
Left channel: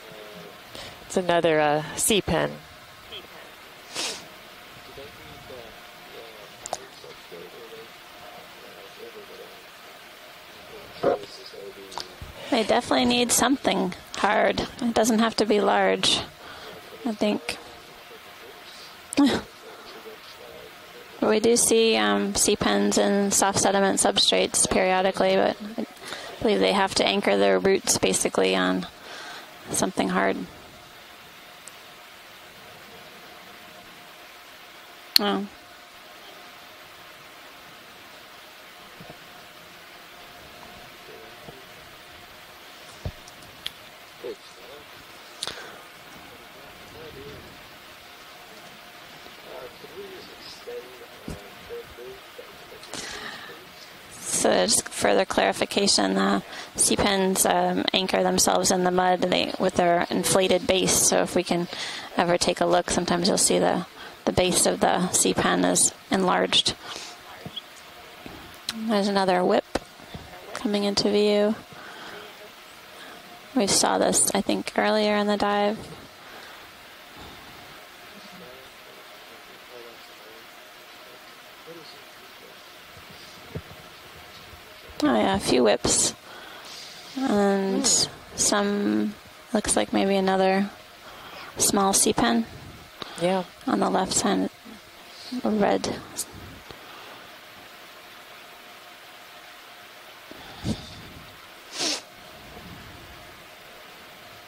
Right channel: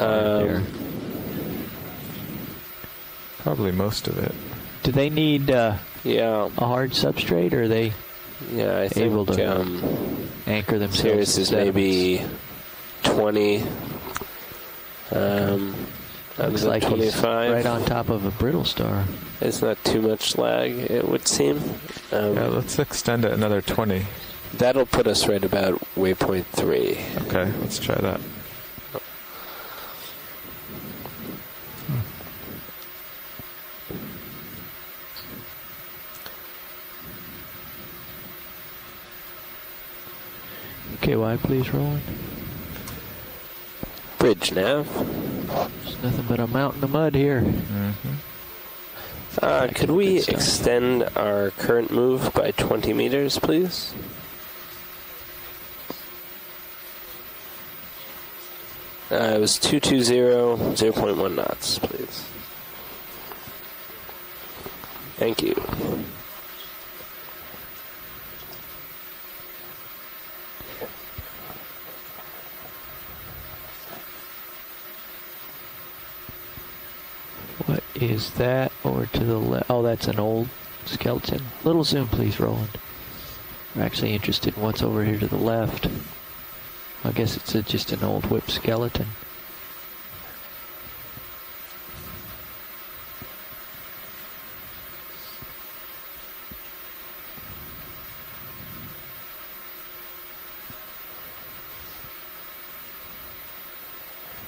It's another sea pen. Probably most of it. Do they need a hard substrate, or are they I able think, to anchor themselves? Sirius is maybe They definitely need something hard. It doesn't have to be large. Looks like he's right on top of a brittle star. It's not too much lag, it would seem. We do see sea pens and soft sediment 20. substrates That'll put us periodically, right but about waypoint 3. they have to anchor their let's roots try that. basically on something hard. Oh. Okay, wide please, Roland. Bridge nav. There's nothing but a mountain of mud here. Could we extend our current move by 20 meters, please? So just further clarification, the sea pens anchor themselves in the mud with their inflated base. So if we can ever take a look, sometimes you'll see the base of the sea pen is enlarged. There's another whip coming into view. We saw this, I think, earlier in the dive. What is that over to the left? Oh, that's an old skeleton. Little zoom, please, Roland. I'm actually interested in what's over here to the left. A few whips. I guess it's just an old whip skeleton. Looks like maybe another small sea pen. Yeah. On the left hand, a red.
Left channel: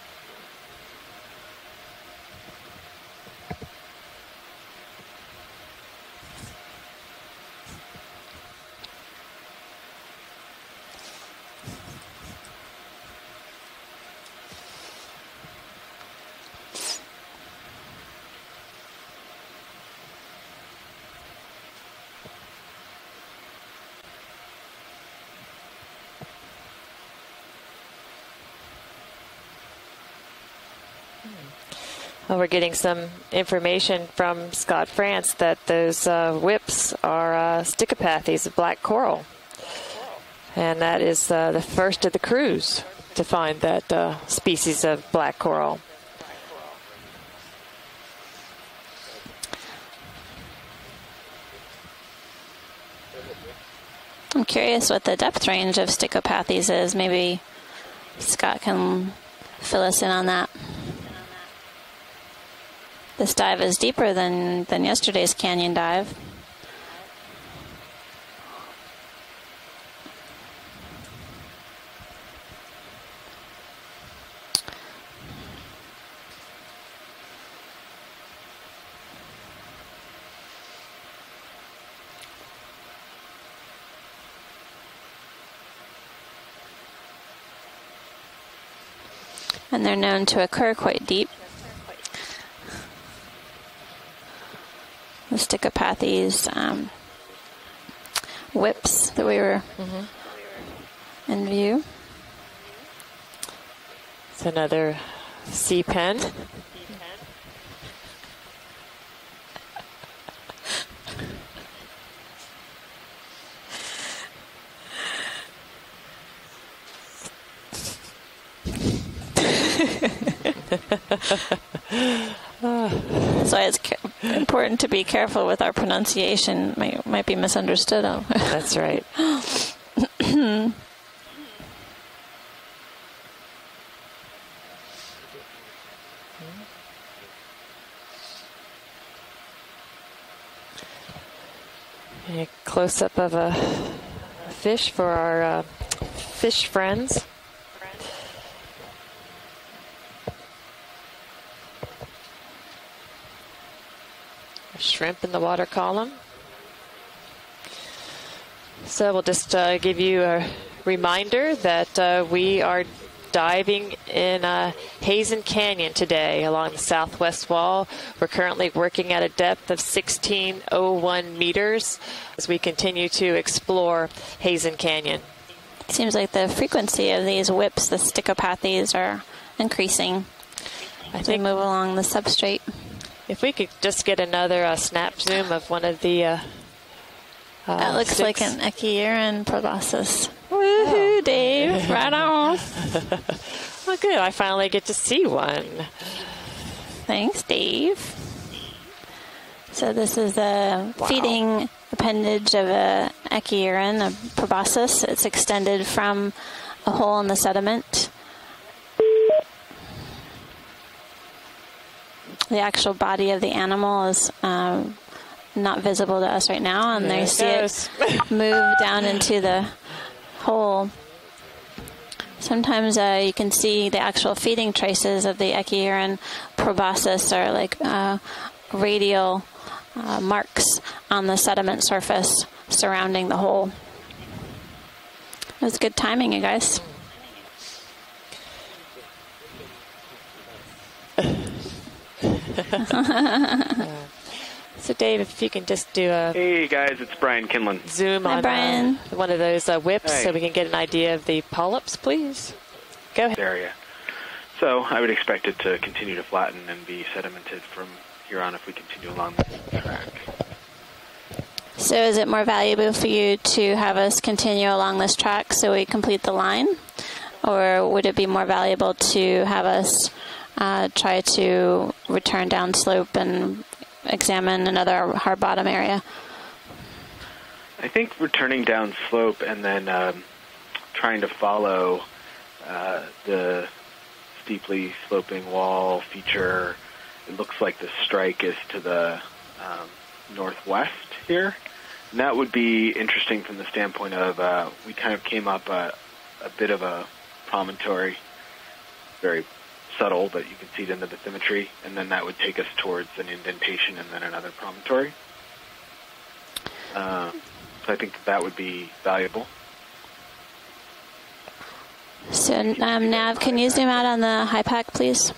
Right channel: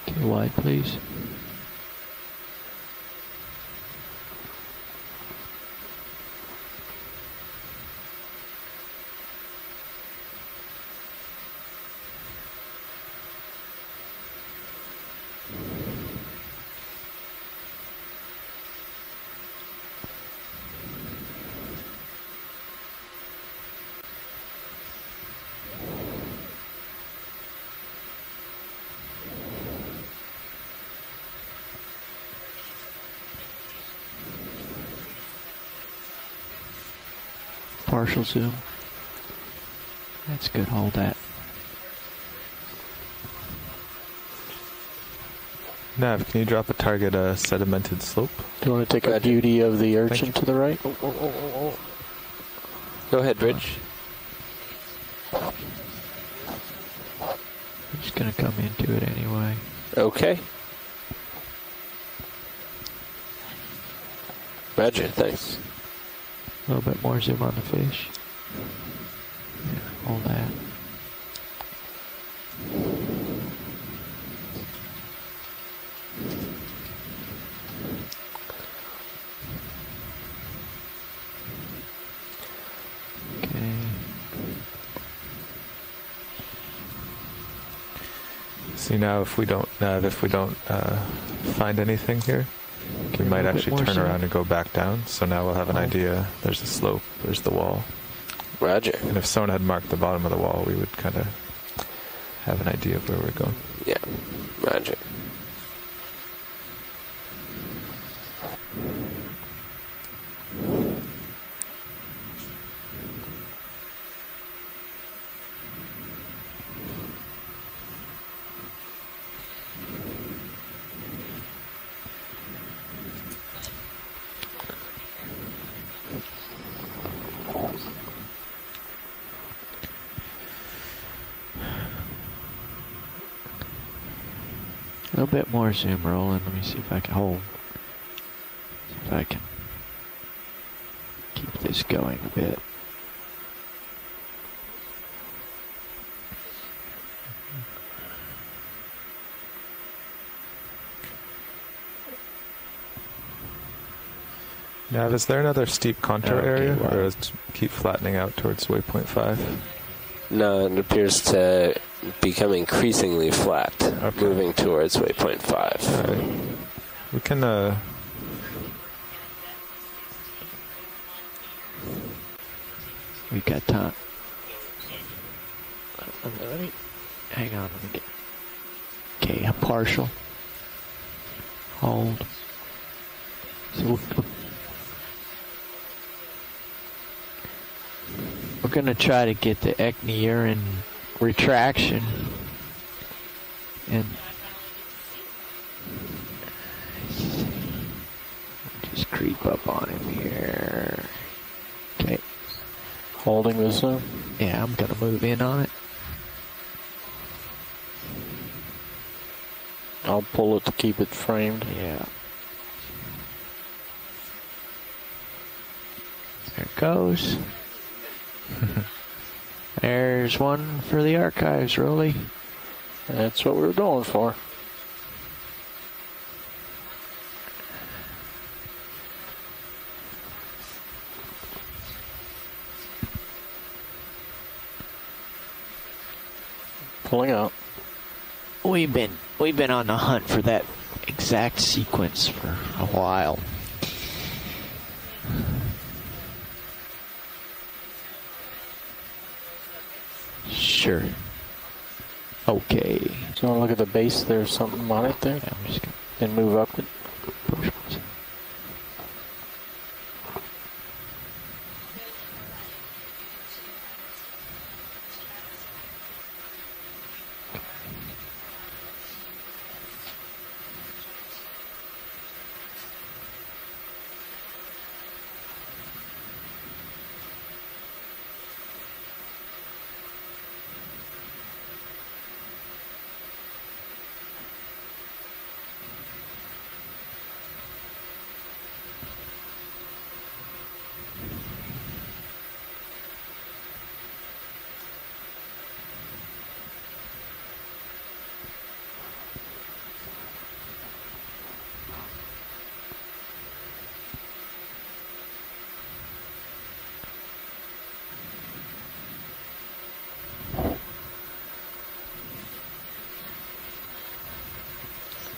Okay, wide, please. Well, we're getting some information from Scott France that those whips are Stichopathes, black coral. And that is the first of the crews to find that species of black coral. Nav, can you drop a target sedimented slope? Do you want to take a beauty of the urchin to the right? Go ahead, Rich. I'm curious what the depth range of Stichopathes is. Maybe Scott can fill us in on that. This dive is deeper than yesterday's canyon dive. A little bit more zoom on the fish. All that. Okay. See now if we don't... And they're known to occur quite deep. Find anything here? We might actually turn around and go back down. So now we'll have an idea. There's the slope, there's the wall. whips And that if we someone were had marked the bottom of the wall, we would kind of in view. have an idea of where we're going. Yeah. It's another Roger. sea pen. So it's important to be careful with our pronunciation. Might be misunderstood. That's right. A little bit more zoom rolling. Let me see if I can hold. If I can keep this going a bit. Close up of a fish for our fish friends. Now, is there another steep contour area, or does it keep flattening out towards waypoint 5? So we'll just give you a it reminder that we are increasingly diving flat, in towards Heezen waypoint 5. Canyon today along the southwest wall. We're currently working at a depth of 1601 meters as we continue to explore Heezen Canyon. Seems like the frequency of these whips, the stickopathies, are increasing as we move along the substrate. If we could just get another snap zoom of one of the that looks like an We're going to try to get proboscis. the ecurine Woohoo, Dave, retraction. right on. Oh, good. I finally get to see one. Thanks, Dave. Just creep up on So this is a feeding appendage of a ecurine, a proboscis. It's extended from a hole in the sediment. I'll pull it to keep it framed. Yeah. The actual body of the animal is not visible to us right now, and they see it move down into the There's hole. one for the archives, Rolly. Sometimes you can see the actual feeding traces of the ecurine proboscis, or like radial marks on the sediment surface surrounding the hole. It was good timing, you guys. Pulling out. We've been on the hunt for that exact sequence for a while. So, Dave, if you can just do a Hey guys, it's Brian Kinlan. zoom on one of those whips so we can get an idea of the polyps, please. Okay. Go ahead. Look at the base there. So I would expect it to continue to flatten and be sedimented from here on if we continue along the track. So is it more valuable for you to have us continue along this track so we complete the line? Or would it be more valuable to have us try to return downslope and examine another hard bottom area? I think returning down slope and then trying to follow the steeply sloping wall feature. It looks like the strike is to the northwest here. And that would be interesting from the standpoint of we kind of came up a bit of a promontory, very subtle, but you can see it in the bathymetry, and then that would take us towards an indentation and then another promontory. So I think that would be valuable. So Nav, can you zoom out on the high pack, please?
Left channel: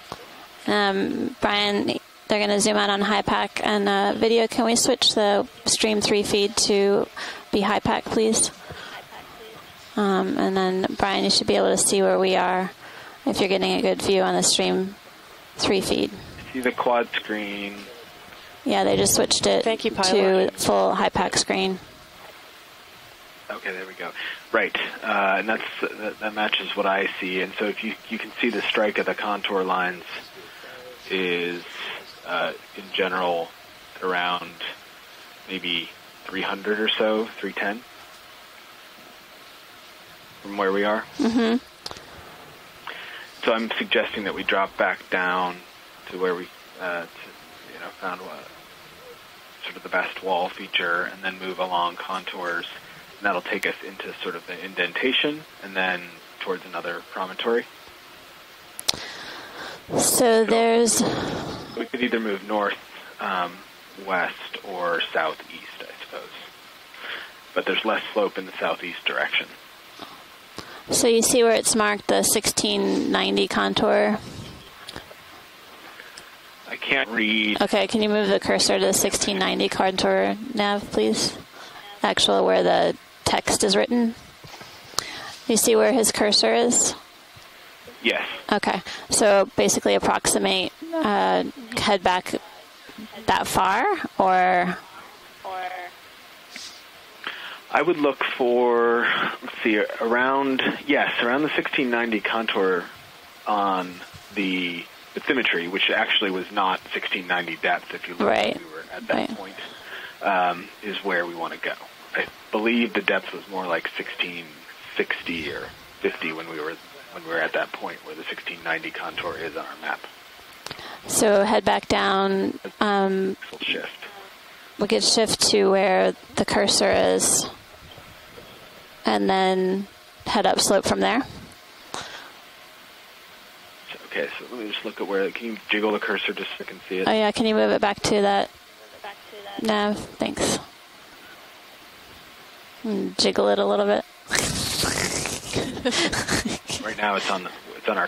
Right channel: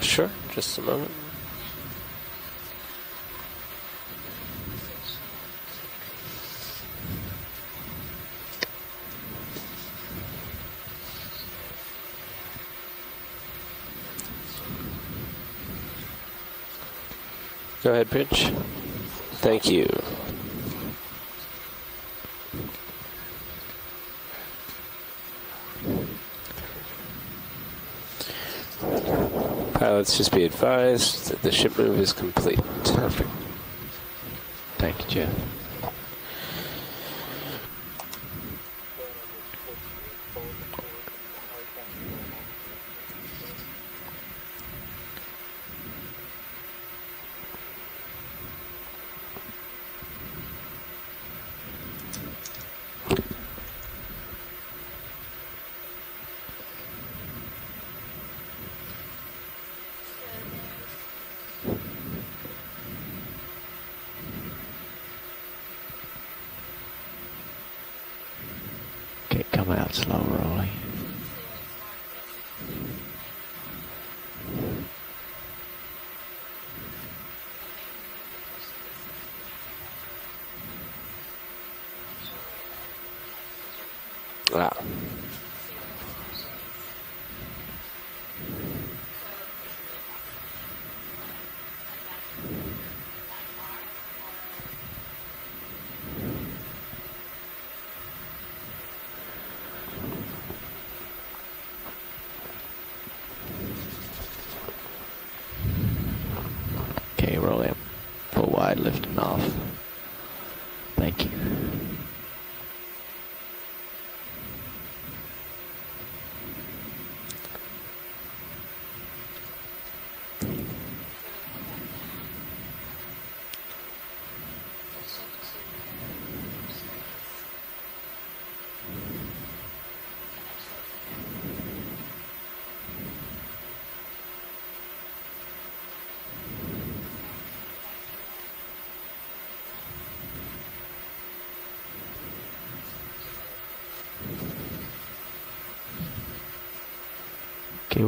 Sure. Just a moment. Brian, they're going to zoom out on high pack and video. Can we switch the stream 3 feed to be high pack, please? And then, Brian, you should be able to see where we are if you're getting a good view on the stream 3 feed. See the quad screen. Go ahead, Pitch. Yeah, they just switched it to full high pack screen. Okay, there we go. Right, and that matches what I see. And so if you can see the strike of the contour line. Let's just be advised, the ship move is complete. In general, around Thank you, Jeff. maybe 300 or so, 310 from where we are. Mm-hmm. So I'm suggesting that we drop back down to where we, found sort of the best wall feature, and then move along contours. And that'll take us into sort of an indentation, and then towards another promontory. So there's... We could either move north, west, or southeast, I suppose. But there's less slope in the southeast direction. Come out slow, rolling. So you see where it's marked, the 1690 contour? I can't read. Okay, can you move the cursor to the 1690 contour nav, please? Actually, where the text is written. Wow. You see where his cursor is? Yes. Okay, so basically approximate, head back that far, or? I would look for, let's see, around the 1690 contour on the bathymetry, which actually was not 1690 depth, if you look at that, is where we want to go. I believe the depth was more like 1660 or 50 when we were at that point where the 1690 contour is on our map. So head back down. Shift. We could shift to where the cursor is, and then head upslope from there. Okay, so let me just look at where. Can you jiggle the cursor just so I can see it? Oh yeah, can you move it back to that nav? Thanks. And jiggle it a little bit. Right now it's on our.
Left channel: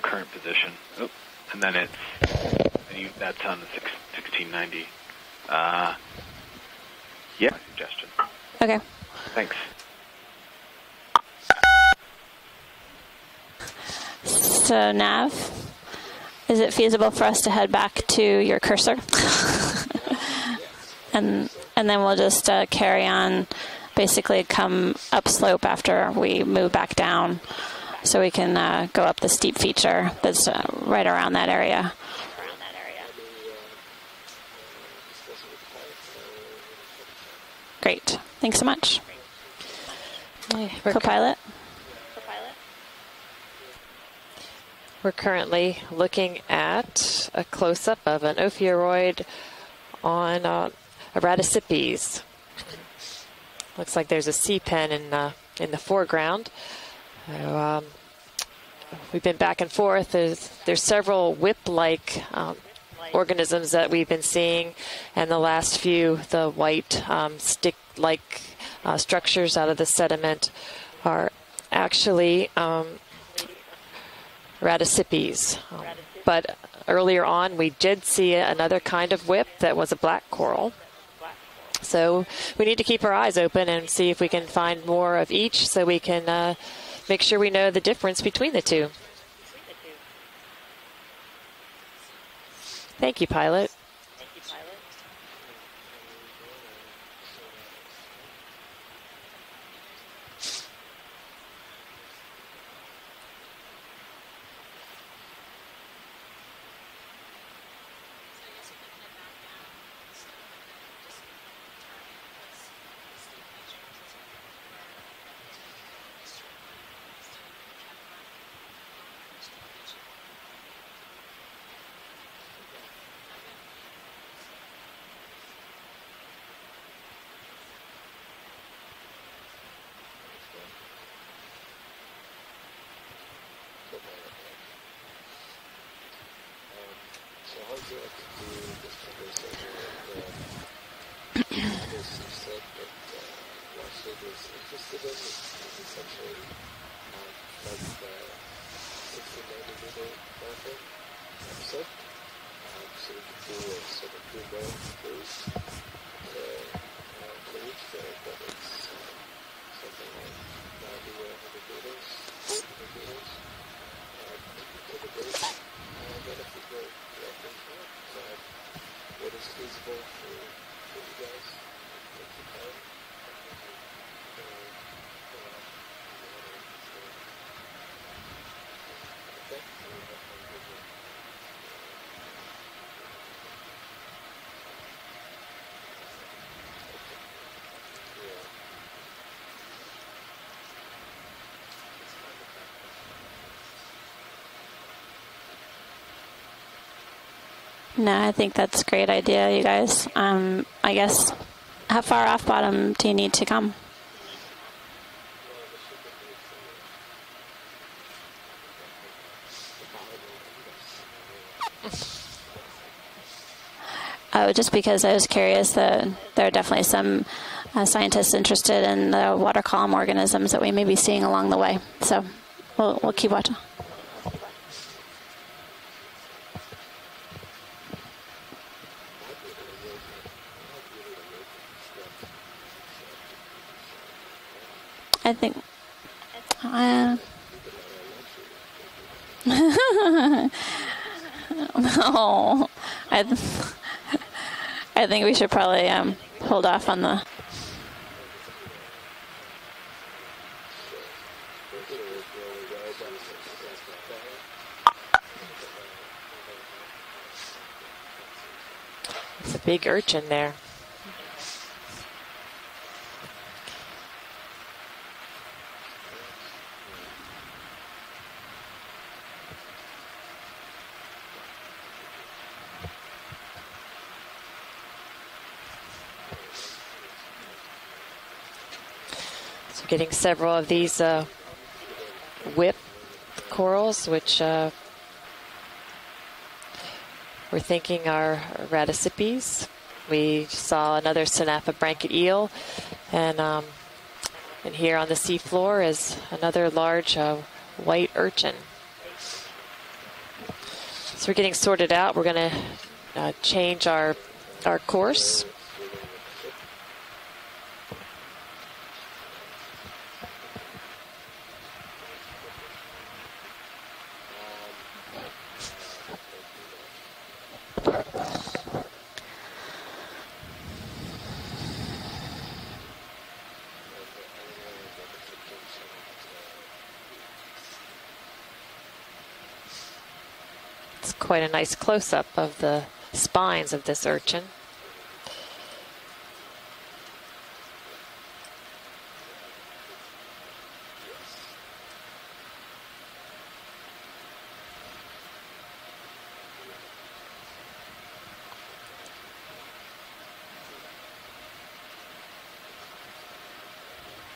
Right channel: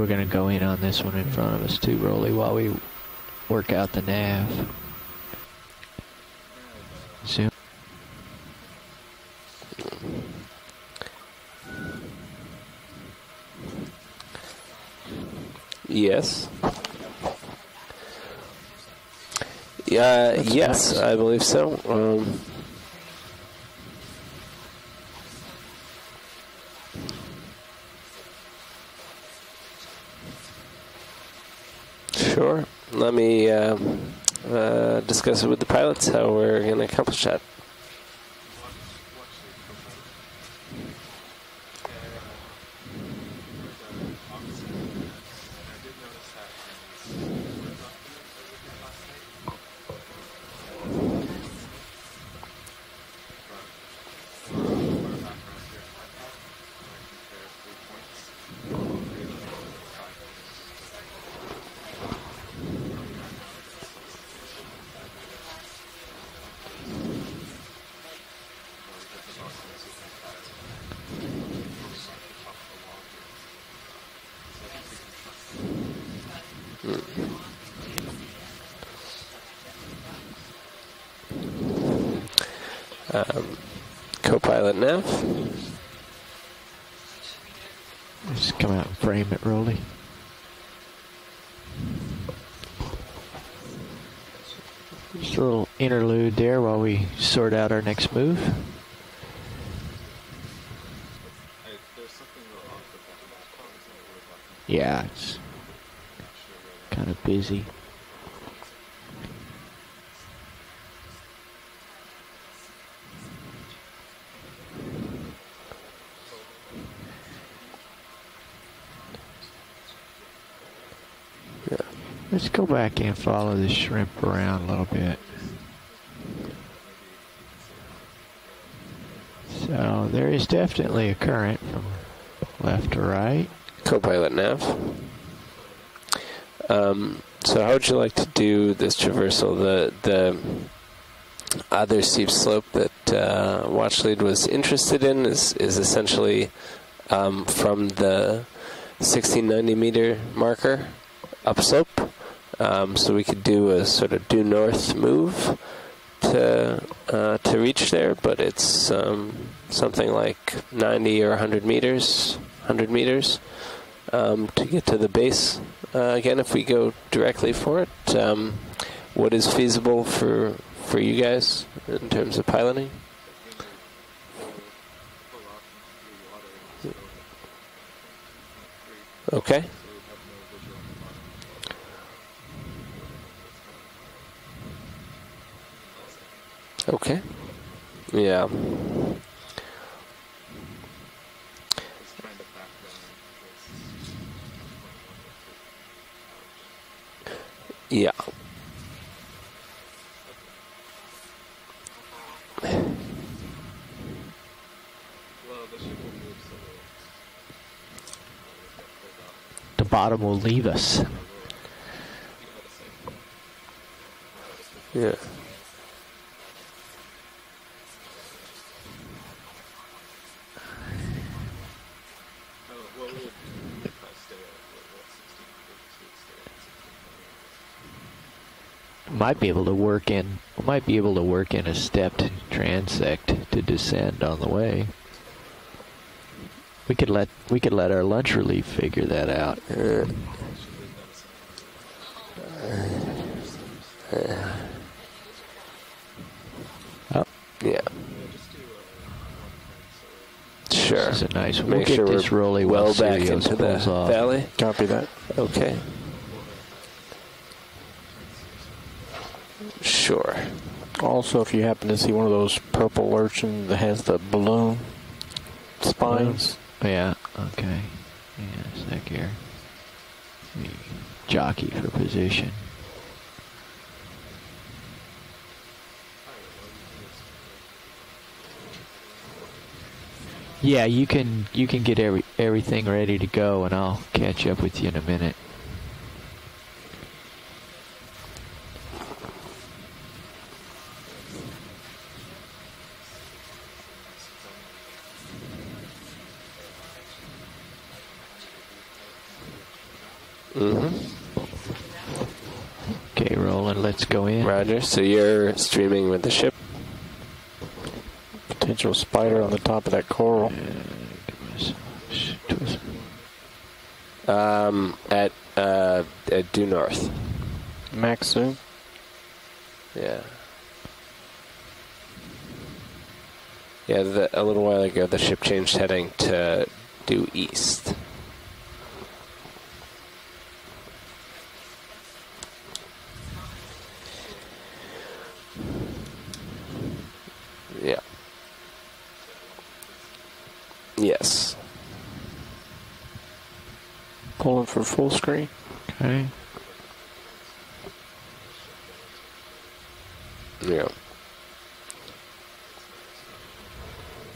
We're going to go in on this one in front of us too, Rolly, while we work out the nav. Yeah, suggestion. Okay. Thanks. So nav. Yes. Is it feasible for us to head back to your cursor? Yes, I believe so. And then we'll just carry on, basically come upslope after we move back down, so we can go up the steep feature that's right around that area. Sure. Let me discuss it with the pilots, how we're going to accomplish that. Great. Thanks so much. Co-pilot? We're currently looking at a close-up of an ophiuroid on Radicipes. Looks like there's a sea pen in the foreground. So, we've been back and forth. There's several whip-like organisms that we've been seeing, and the last few, the white stick-like structures out of the sediment, are actually Radicipes. But earlier on, we did see another kind of whip that was a black coral. So we need to keep our eyes open and see if we can find more of each, so we can make sure we know the difference between the two. Frame it, Rolly. Thank you, pilot. Just a little interlude there while we sort out our next move. Yeah, it's kind of busy. Yeah. Let's go back and follow the shrimp around a little bit. So there is definitely a current from left to right. Co-pilot nav. So how would you like to do this traversal? The other steep slope that Watchlead was interested in is essentially from the 1690 meter marker upslope. So we could do a sort of due north move to reach there, but it's something like 90 or 100 meters. To get to the base. Again, if we go directly for it, what is feasible for you guys in terms of piloting? Okay. Okay. Yeah. Yeah, I think that's a great idea, you guys. I guess, how far off bottom do you need to come? The bottom will leave us. Just because I was curious that there are definitely some scientists interested in the water column organisms that we may be seeing along the way. So we'll keep watching. Might be able to work in. Might be able to work in a stepped transect to descend on the way. I think we could let our lunch relief figure that out. No, I think we should probably hold off on the. Yeah. Sure. This is a nice. We'll Make get sure this we're rolling well while back Sirius into the pulls off. valley. Copy that. Okay. It's a big urchin Sure. there. Also, if you happen to see one of those purple urchins that has the balloon spines. Yeah. Okay. Yeah. It's like here. Jockey for position. So getting several of Yeah, these. you can get everything ready to go, corals, and I'll which, catch up with you in a minute. We're thinking our radicipes. We saw another Sinapha blanket eel, and here on the seafloor is another large white urchin. Mm-hmm. So we're getting sorted out. We're going to change let's our, go in. Roger. our So course. you're streaming with the ship. Potential spider on the top of that coral. At due north. Max soon. Yeah. Yeah, a little while ago the ship changed heading to due east. It's quite a nice close-up of the spines of this urchin. Yeah. Yes. Pulling for full screen. Okay. Yeah.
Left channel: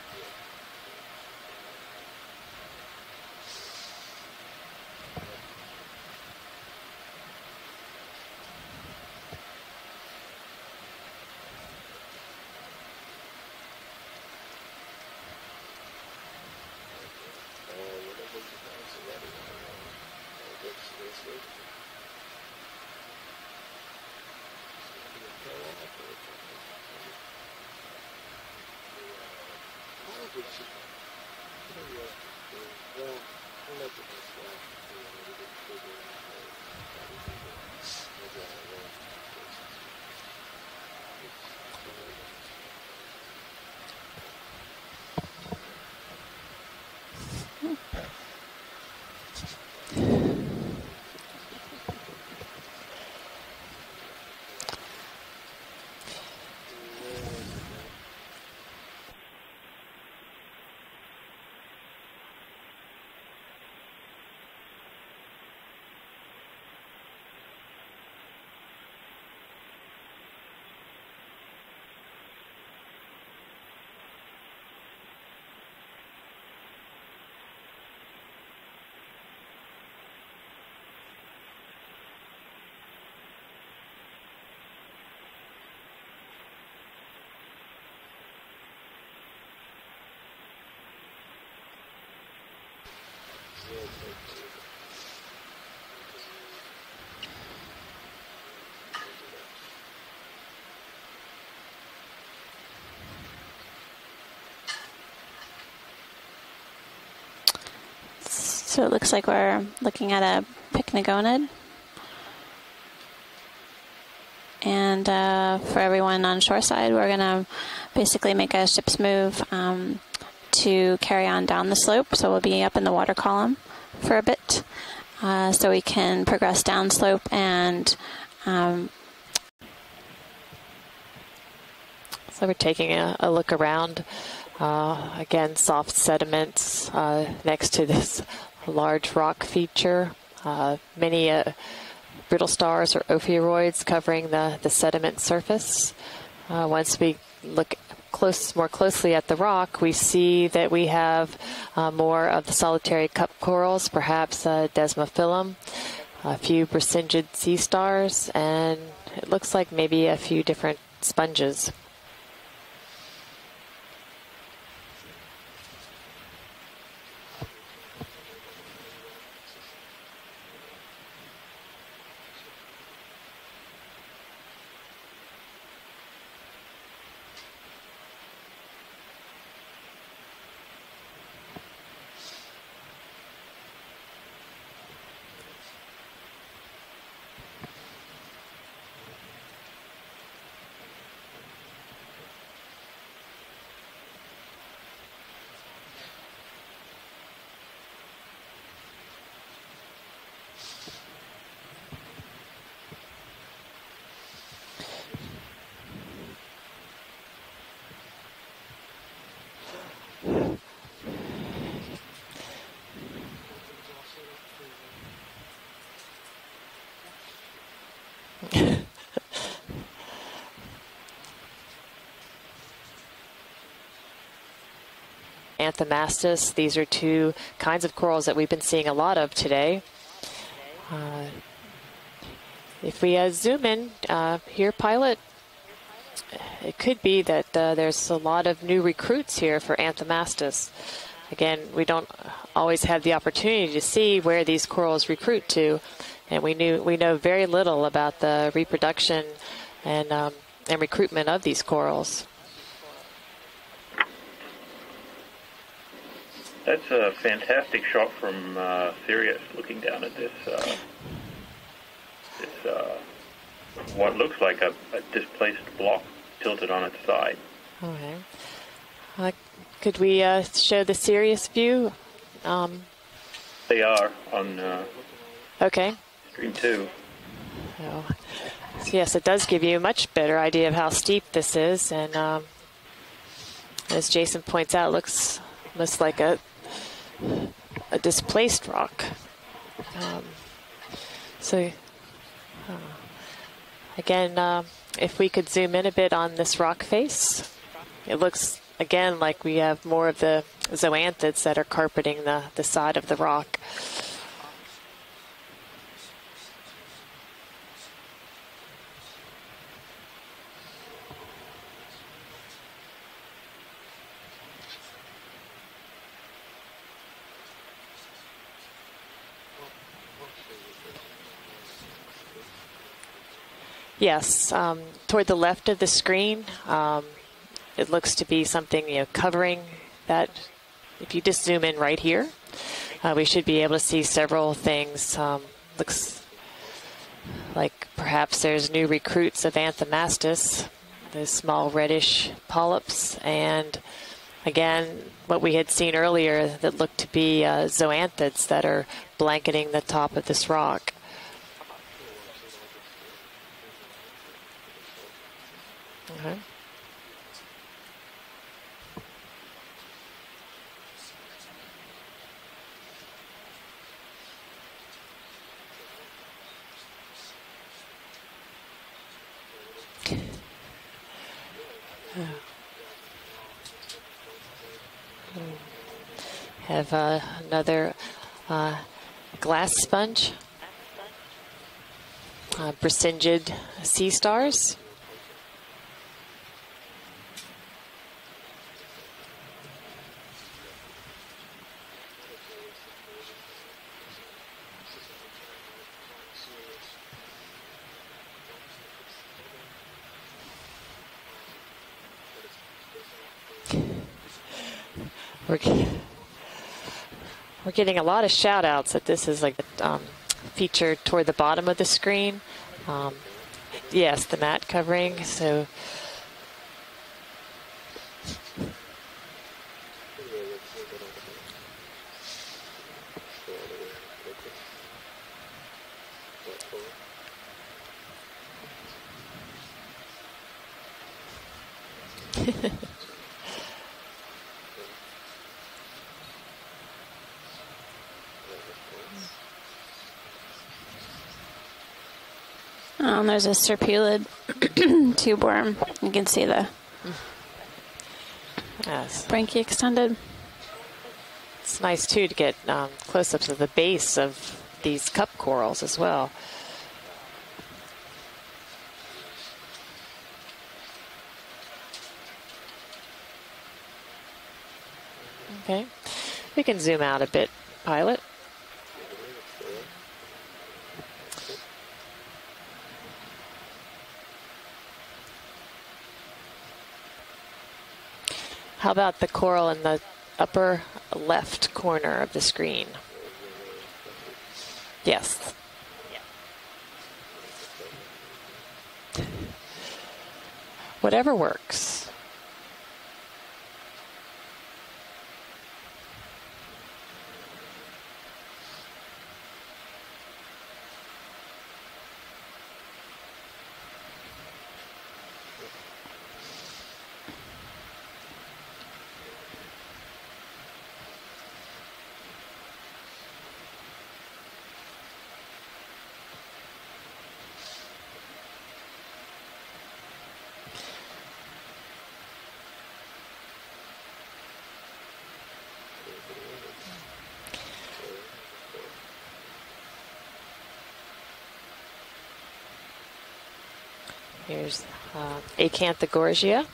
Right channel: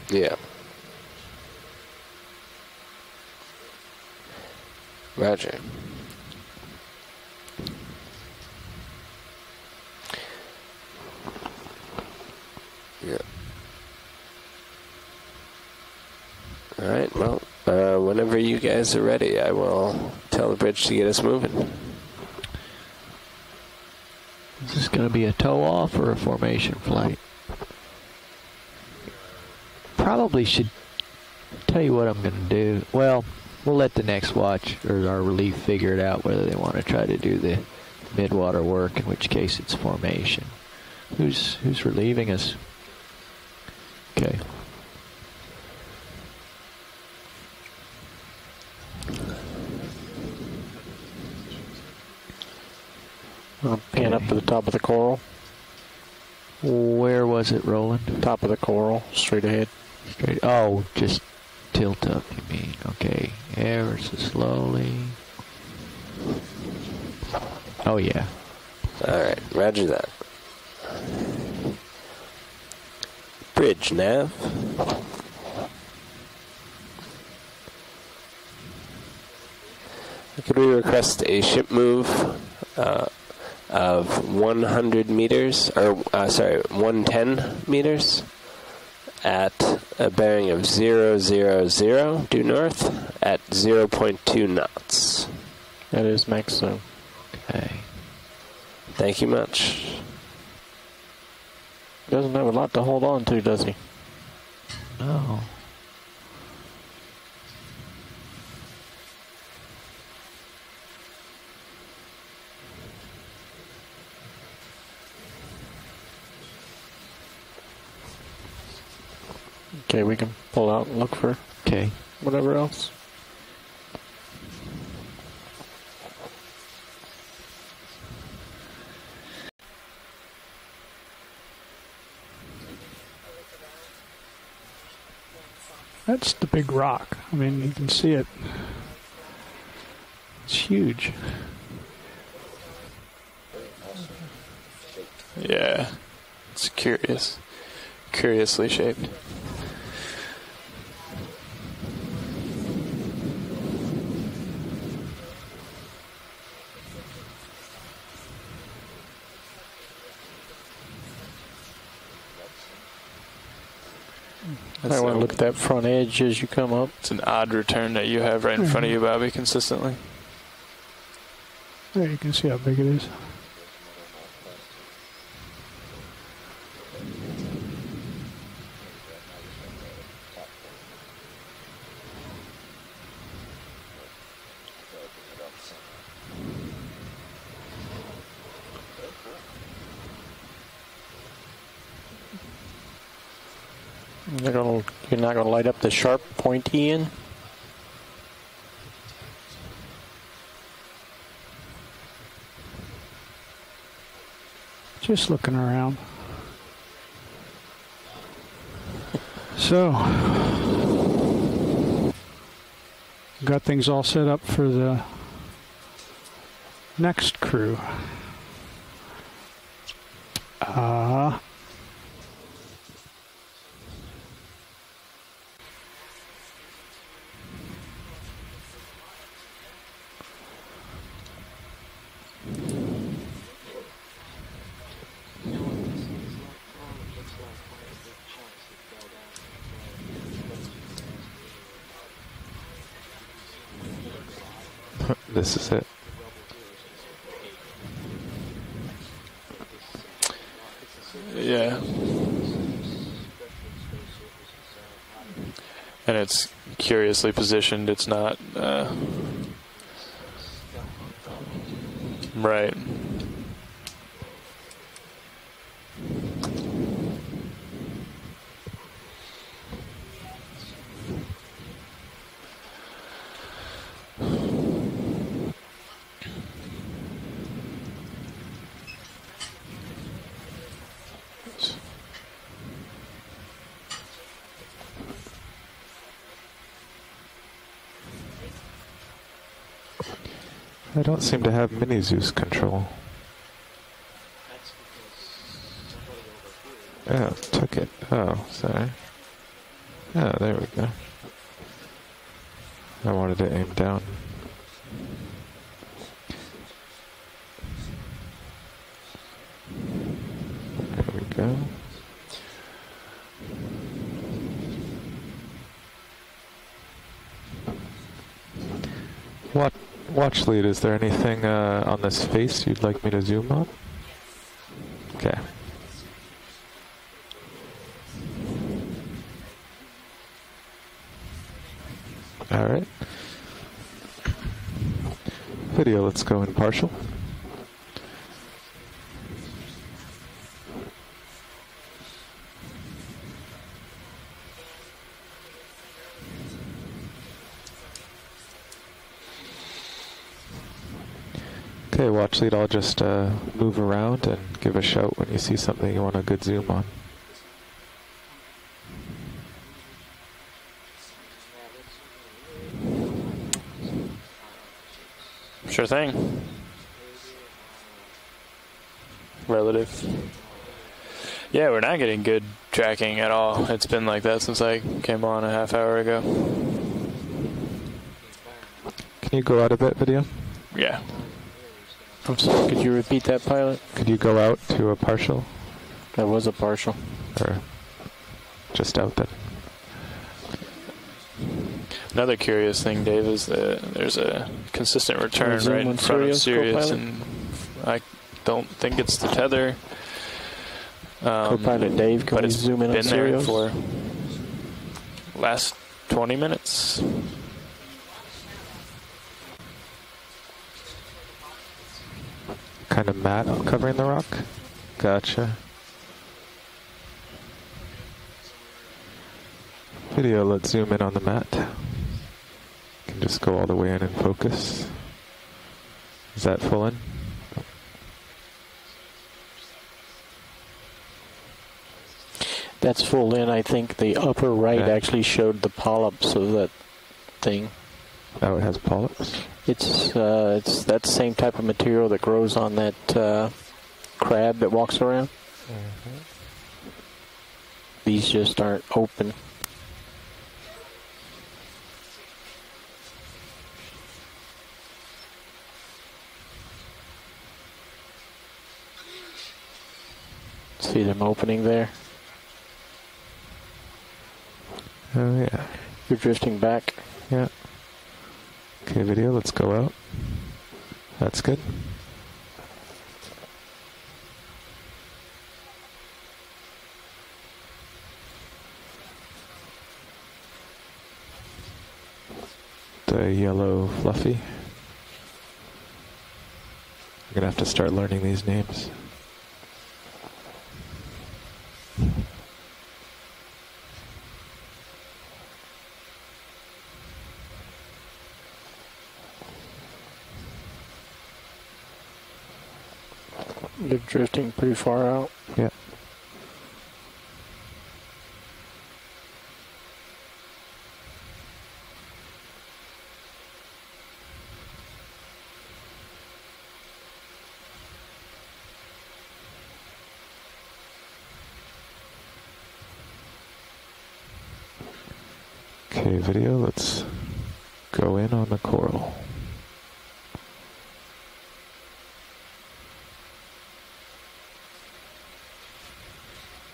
Yeah. Roger. Yeah. All right, well, whenever you guys are ready, I will tell the bridge to get us moving. Is this going to be a tow off or a formation flight? Probably should tell you what I'm going to do. Well, we'll let the next watch or our relief figure it out whether they want to try to do the midwater work, in which case it's formation. Who's relieving us? Okay. Pan up to the top of the coral. Where was it rolling? Top of the coral, straight ahead. Straight. Oh, just tilt up, you mean. Okay. Ever so slowly. Oh, yeah. All right, roger that. Bridge nav. Could we request a ship move of 100 meters, or 110 meters at a bearing of 000 due north at 0.2 knots. That is max zone. Okay. Thank you much. Doesn't have a lot to hold on to, does he? No. So it looks like we're looking at a pycnogonid. And for everyone on shoreside, we're going to basically make a ship's move Okay, we can pull out and to carry on down the slope. So we'll be up in the water column for a bit. So we can progress downslope and so we're taking a look around. Again, soft sediments big rock. next to this large rock feature. Huge. Many brittle stars or ophiuroids covering the sediment surface. Yeah. Once we look more closely at the rock, we see that we have more of the solitary cup corals, perhaps Desmophyllum, a few Brisingid sea stars, and it looks like maybe a few different sponges. I want to look at that front edge as you come up. It's an odd return that you have right in front of you, Bobby, consistently. There, you can see how big it is. You're not gonna light up the sharp, pointy end? Just looking around. So, got things all set up for the next crew. Anthomastus. These are two kinds of corals that we've been seeing a lot of today. If we zoom in here, pilot, it could be that there's a lot of new recruits here for Anthomastus. Again, we don't always have the opportunity to see where these corals recruit to, and we know very little about the reproduction and recruitment of these corals. And it's That's curiously positioned. It's not from, Sirius looking down at this. Right. What looks like a displaced block tilted on its side. Okay. Could we show the Sirius view? They are on okay. screen 2. So yes, it does give you a much better idea of how steep this is, and as Jason points out, looks like a displaced rock. I don't seem to have mini Zeus control. Again, if we could zoom in a bit on this rock face. Yeah, took it. It looks, again, like we have more of the zoanthids that are carpeting the side of the rock. To aim down. There we go. Watch lead, is there anything on this face you'd like me to zoom on? Yes, toward the left of the screen, it looks to be something covering that. If you just zoom in right here, all right, we should be able to see several things. Video, let's go in partial. Like perhaps there's new recruits of Anthomastus, the small reddish polyps, and again, what we had seen earlier that looked to be zoanthids that are blanketing the top of this rock. Okay, watch lead, I'll just move around and give a shout when you see something you want a good zoom on. Sure thing. Relative. Yeah, we're not getting good tracking at all. It's been like that since I came on a half hour ago. We have another Can you go out a bit, video? Yeah. I'm sorry, could you repeat that, pilot? Sea Can you go out stars? to a partial? That was a partial. Or just out then? Another curious thing, Dave, is that there's a consistent return right in front of Sirius, and I don't think it's the tether. Co-pilot Dave, can but we it's zoom in on been there Sirius? for last 20 minutes. We're getting a lot of shout outs that this is like featured toward the bottom of the screen. Kind of mat covering the Yes, rock? the mat covering. Gotcha. So Video, let's zoom in on the mat. Can just go all the way in and focus. Is that full in? That's full in. I think the upper right actually showed the polyps of that thing. Oh, it has polyps? It's that same type of material that grows on that there's a serpulid crab that walks around. tube worm. You can see the These just aren't open. branchia extended. it's nice too to get close-ups of the base of these cup corals as well. See them opening there. Oh, yeah. Okay. We're drifting We back. can zoom out a bit, pilot. Okay, video, let's go out. That's good. How about the coral in the upper left corner of the screen? The yellow fluffy. Yes. I'm going to have to start learning these names. Whatever works. They're drifting pretty far out. Yeah. Okay, video, let's go in on the coral. Here's Acanthogorgia.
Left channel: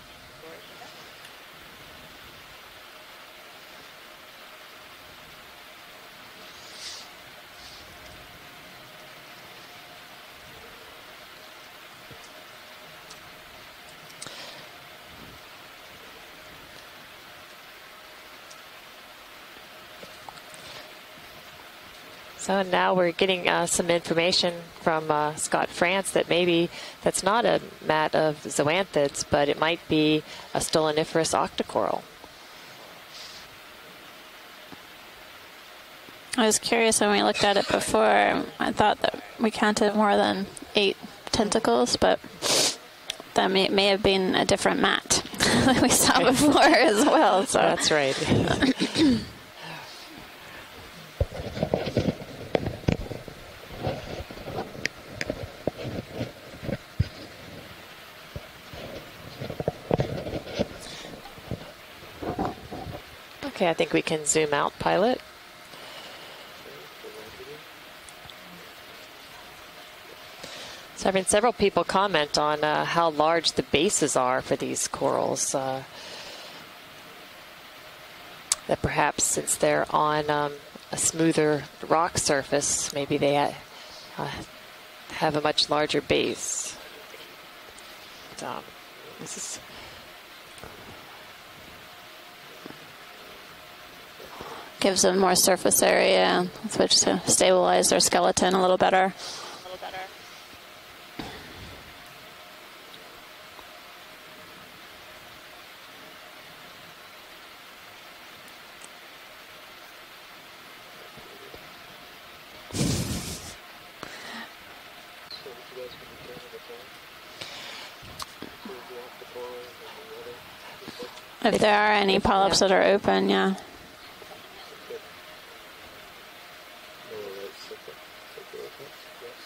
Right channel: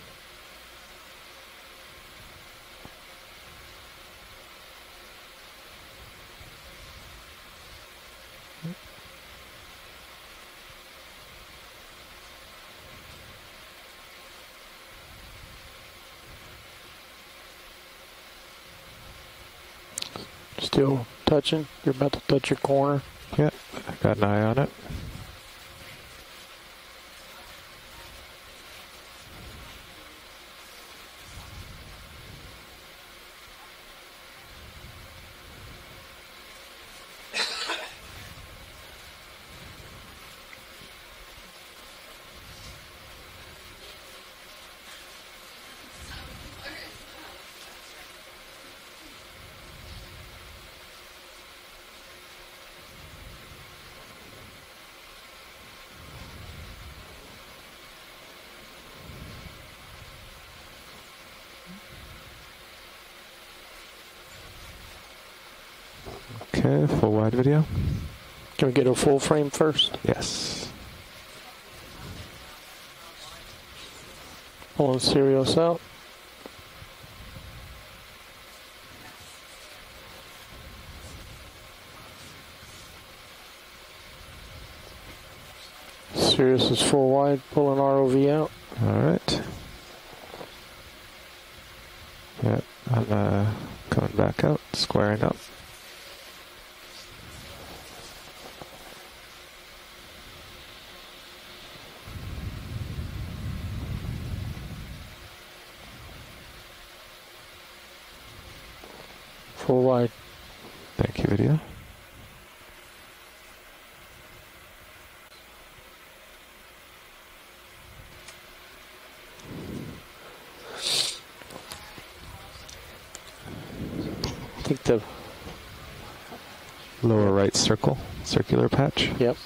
Still touching. You're about to touch your So corner. now we're getting some information from Scott France that maybe that's not a mat of zoanthids, but it might be a stoloniferous octocoral. I was curious when we looked at it before. I thought that we counted more than 8 tentacles, but that may have been a different mat that we saw before as well. So that's right. Okay, I think we can zoom out, pilot. Okay, full wide video. Can we get a full frame first? Yes. So I've had several people comment on how large the bases are for these corals. That perhaps since they're on a smoother rock surface, maybe they have a much larger base. Sirius is full wide, pulling ROV out. All right. Yeah, I'm coming back out. gives them more surface area, which to stabilize their skeleton a little better. Full wide. Thank you, video. If there are any polyps that are open, yeah. I think the lower right circular patch. Yep.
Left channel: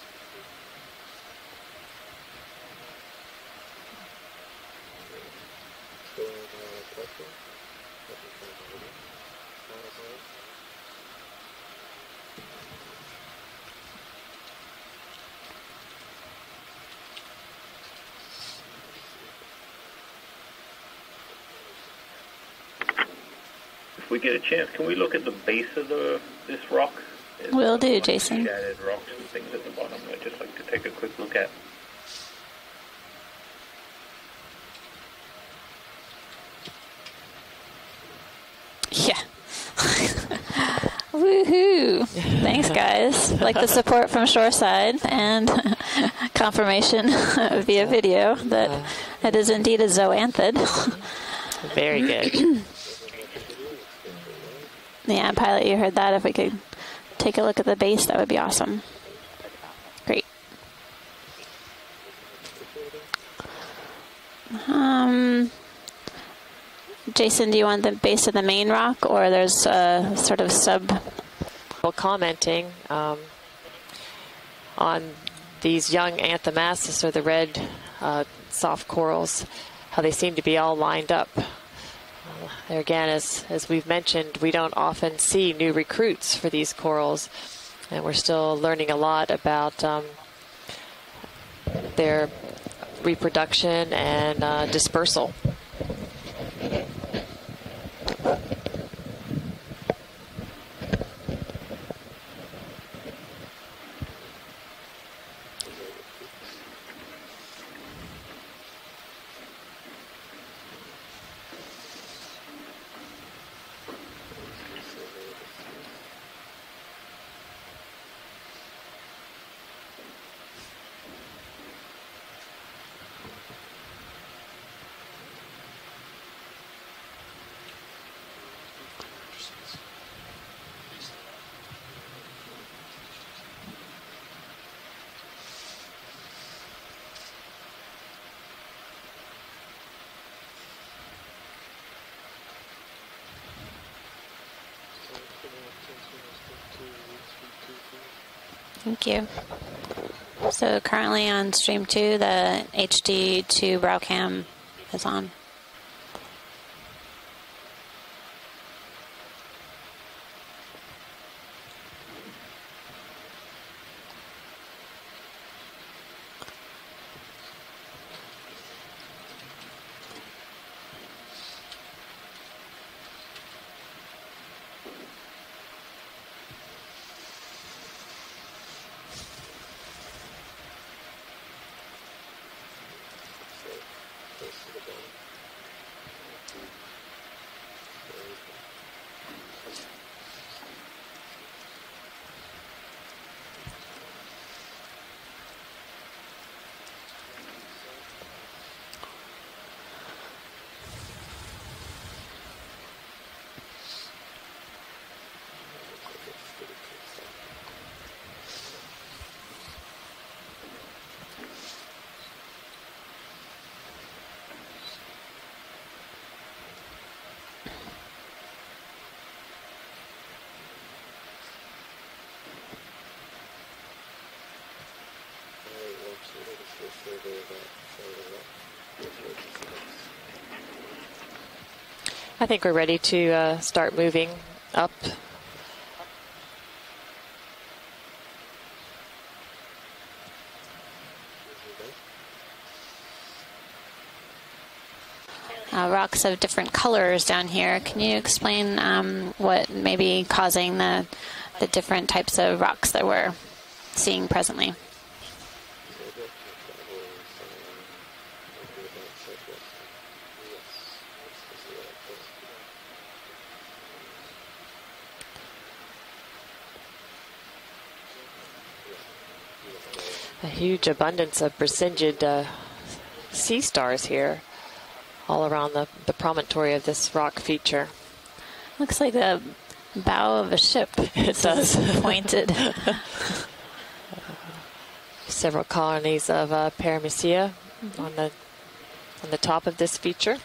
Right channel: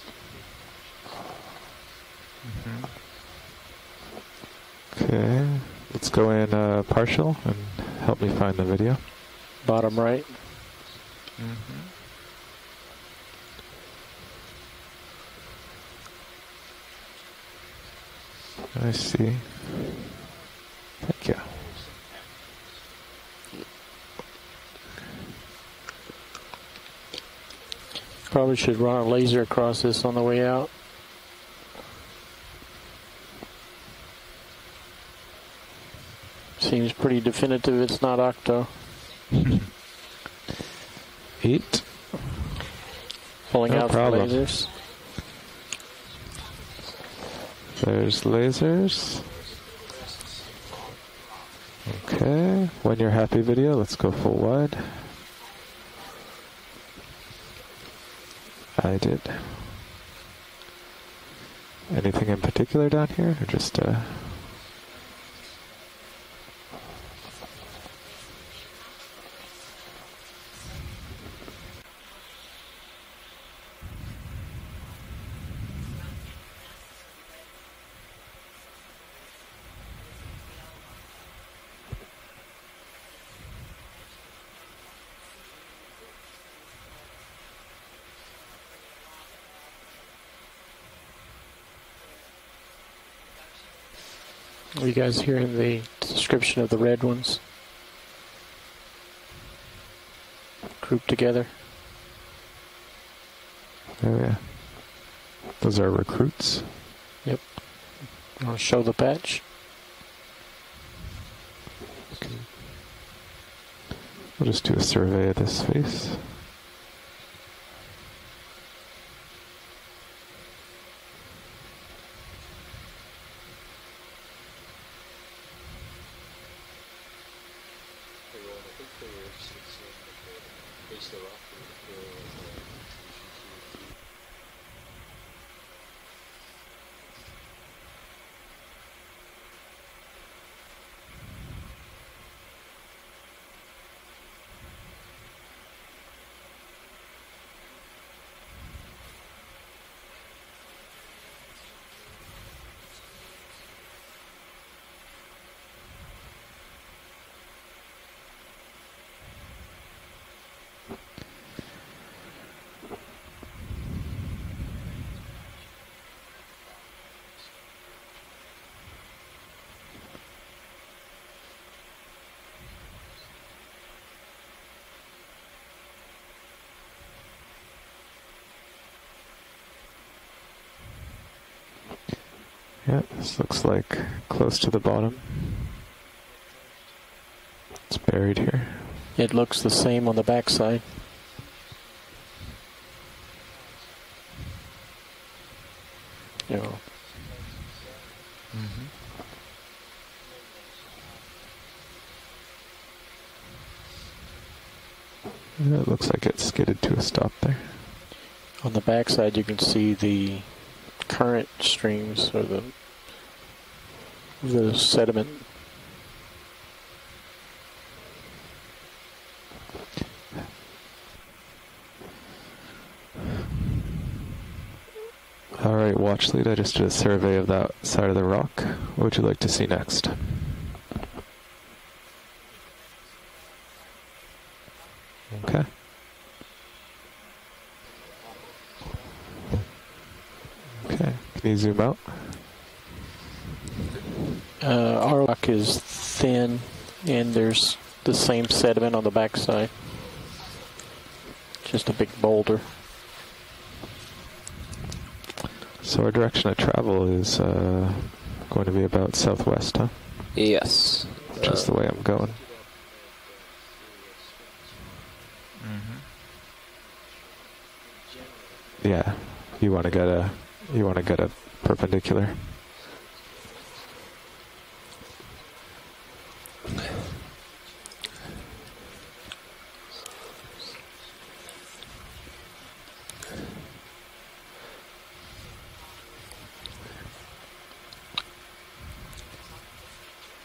Okay, let's go in partial and help me find the video. Bottom right. I see. Thank you. If we get a chance, can we look at the base of this rock? Will do, Jason. Probably should run a laser across this on the way out. Take a quick look at. Seems pretty definitive it's not octo. Yeah. Woohoo! Thanks, guys. Like the support from Shoreside and confirmation via video that it is indeed a zoanthid. Very good. Okay. When you're happy, video, let's go full wide. Yeah, pilot, you heard that. If we could take a look at the base, that would be awesome. I did. Great. Anything in particular down here, or just Jason, do you want the base of the main rock, or there's a sort of sub? Well, commenting on these young Anthomassus, or the red soft corals, how they seem to be all lined up. There again, as we've mentioned, we don't often see new recruits for these corals, and we're still learning a lot about their reproduction and dispersal. You guys hearing the description of the red ones? Grouped together. Oh yeah. Those are recruits. Yep. I'll show the patch. We'll just do a survey of this face. Thank you. So currently on stream 2, the HD2 brow cam is on. Yeah, this looks like close to the bottom. It's buried here. It looks the same on the backside. Yeah. Yeah, it looks like it skidded to a stop there. On the backside, you can see the current streams or the sediment. All right, watch lead. I just did a survey of that side of the rock. What would you like to see next? I think we're ready to start moving up. Okay. Okay, can you zoom out? Our rock is rocks have different colors down here. Can you explain what may be causing the different types of rocks that we're seeing presently? So our direction of travel is going to be about southwest, huh? Yes. Which is the way I'm going. Yeah, you want to get a huge abundance of presented sea stars here all around the promontory of this rock feature. Looks like the bow of a ship. It does. Pointed. Several colonies of Paramecia on the top of this feature.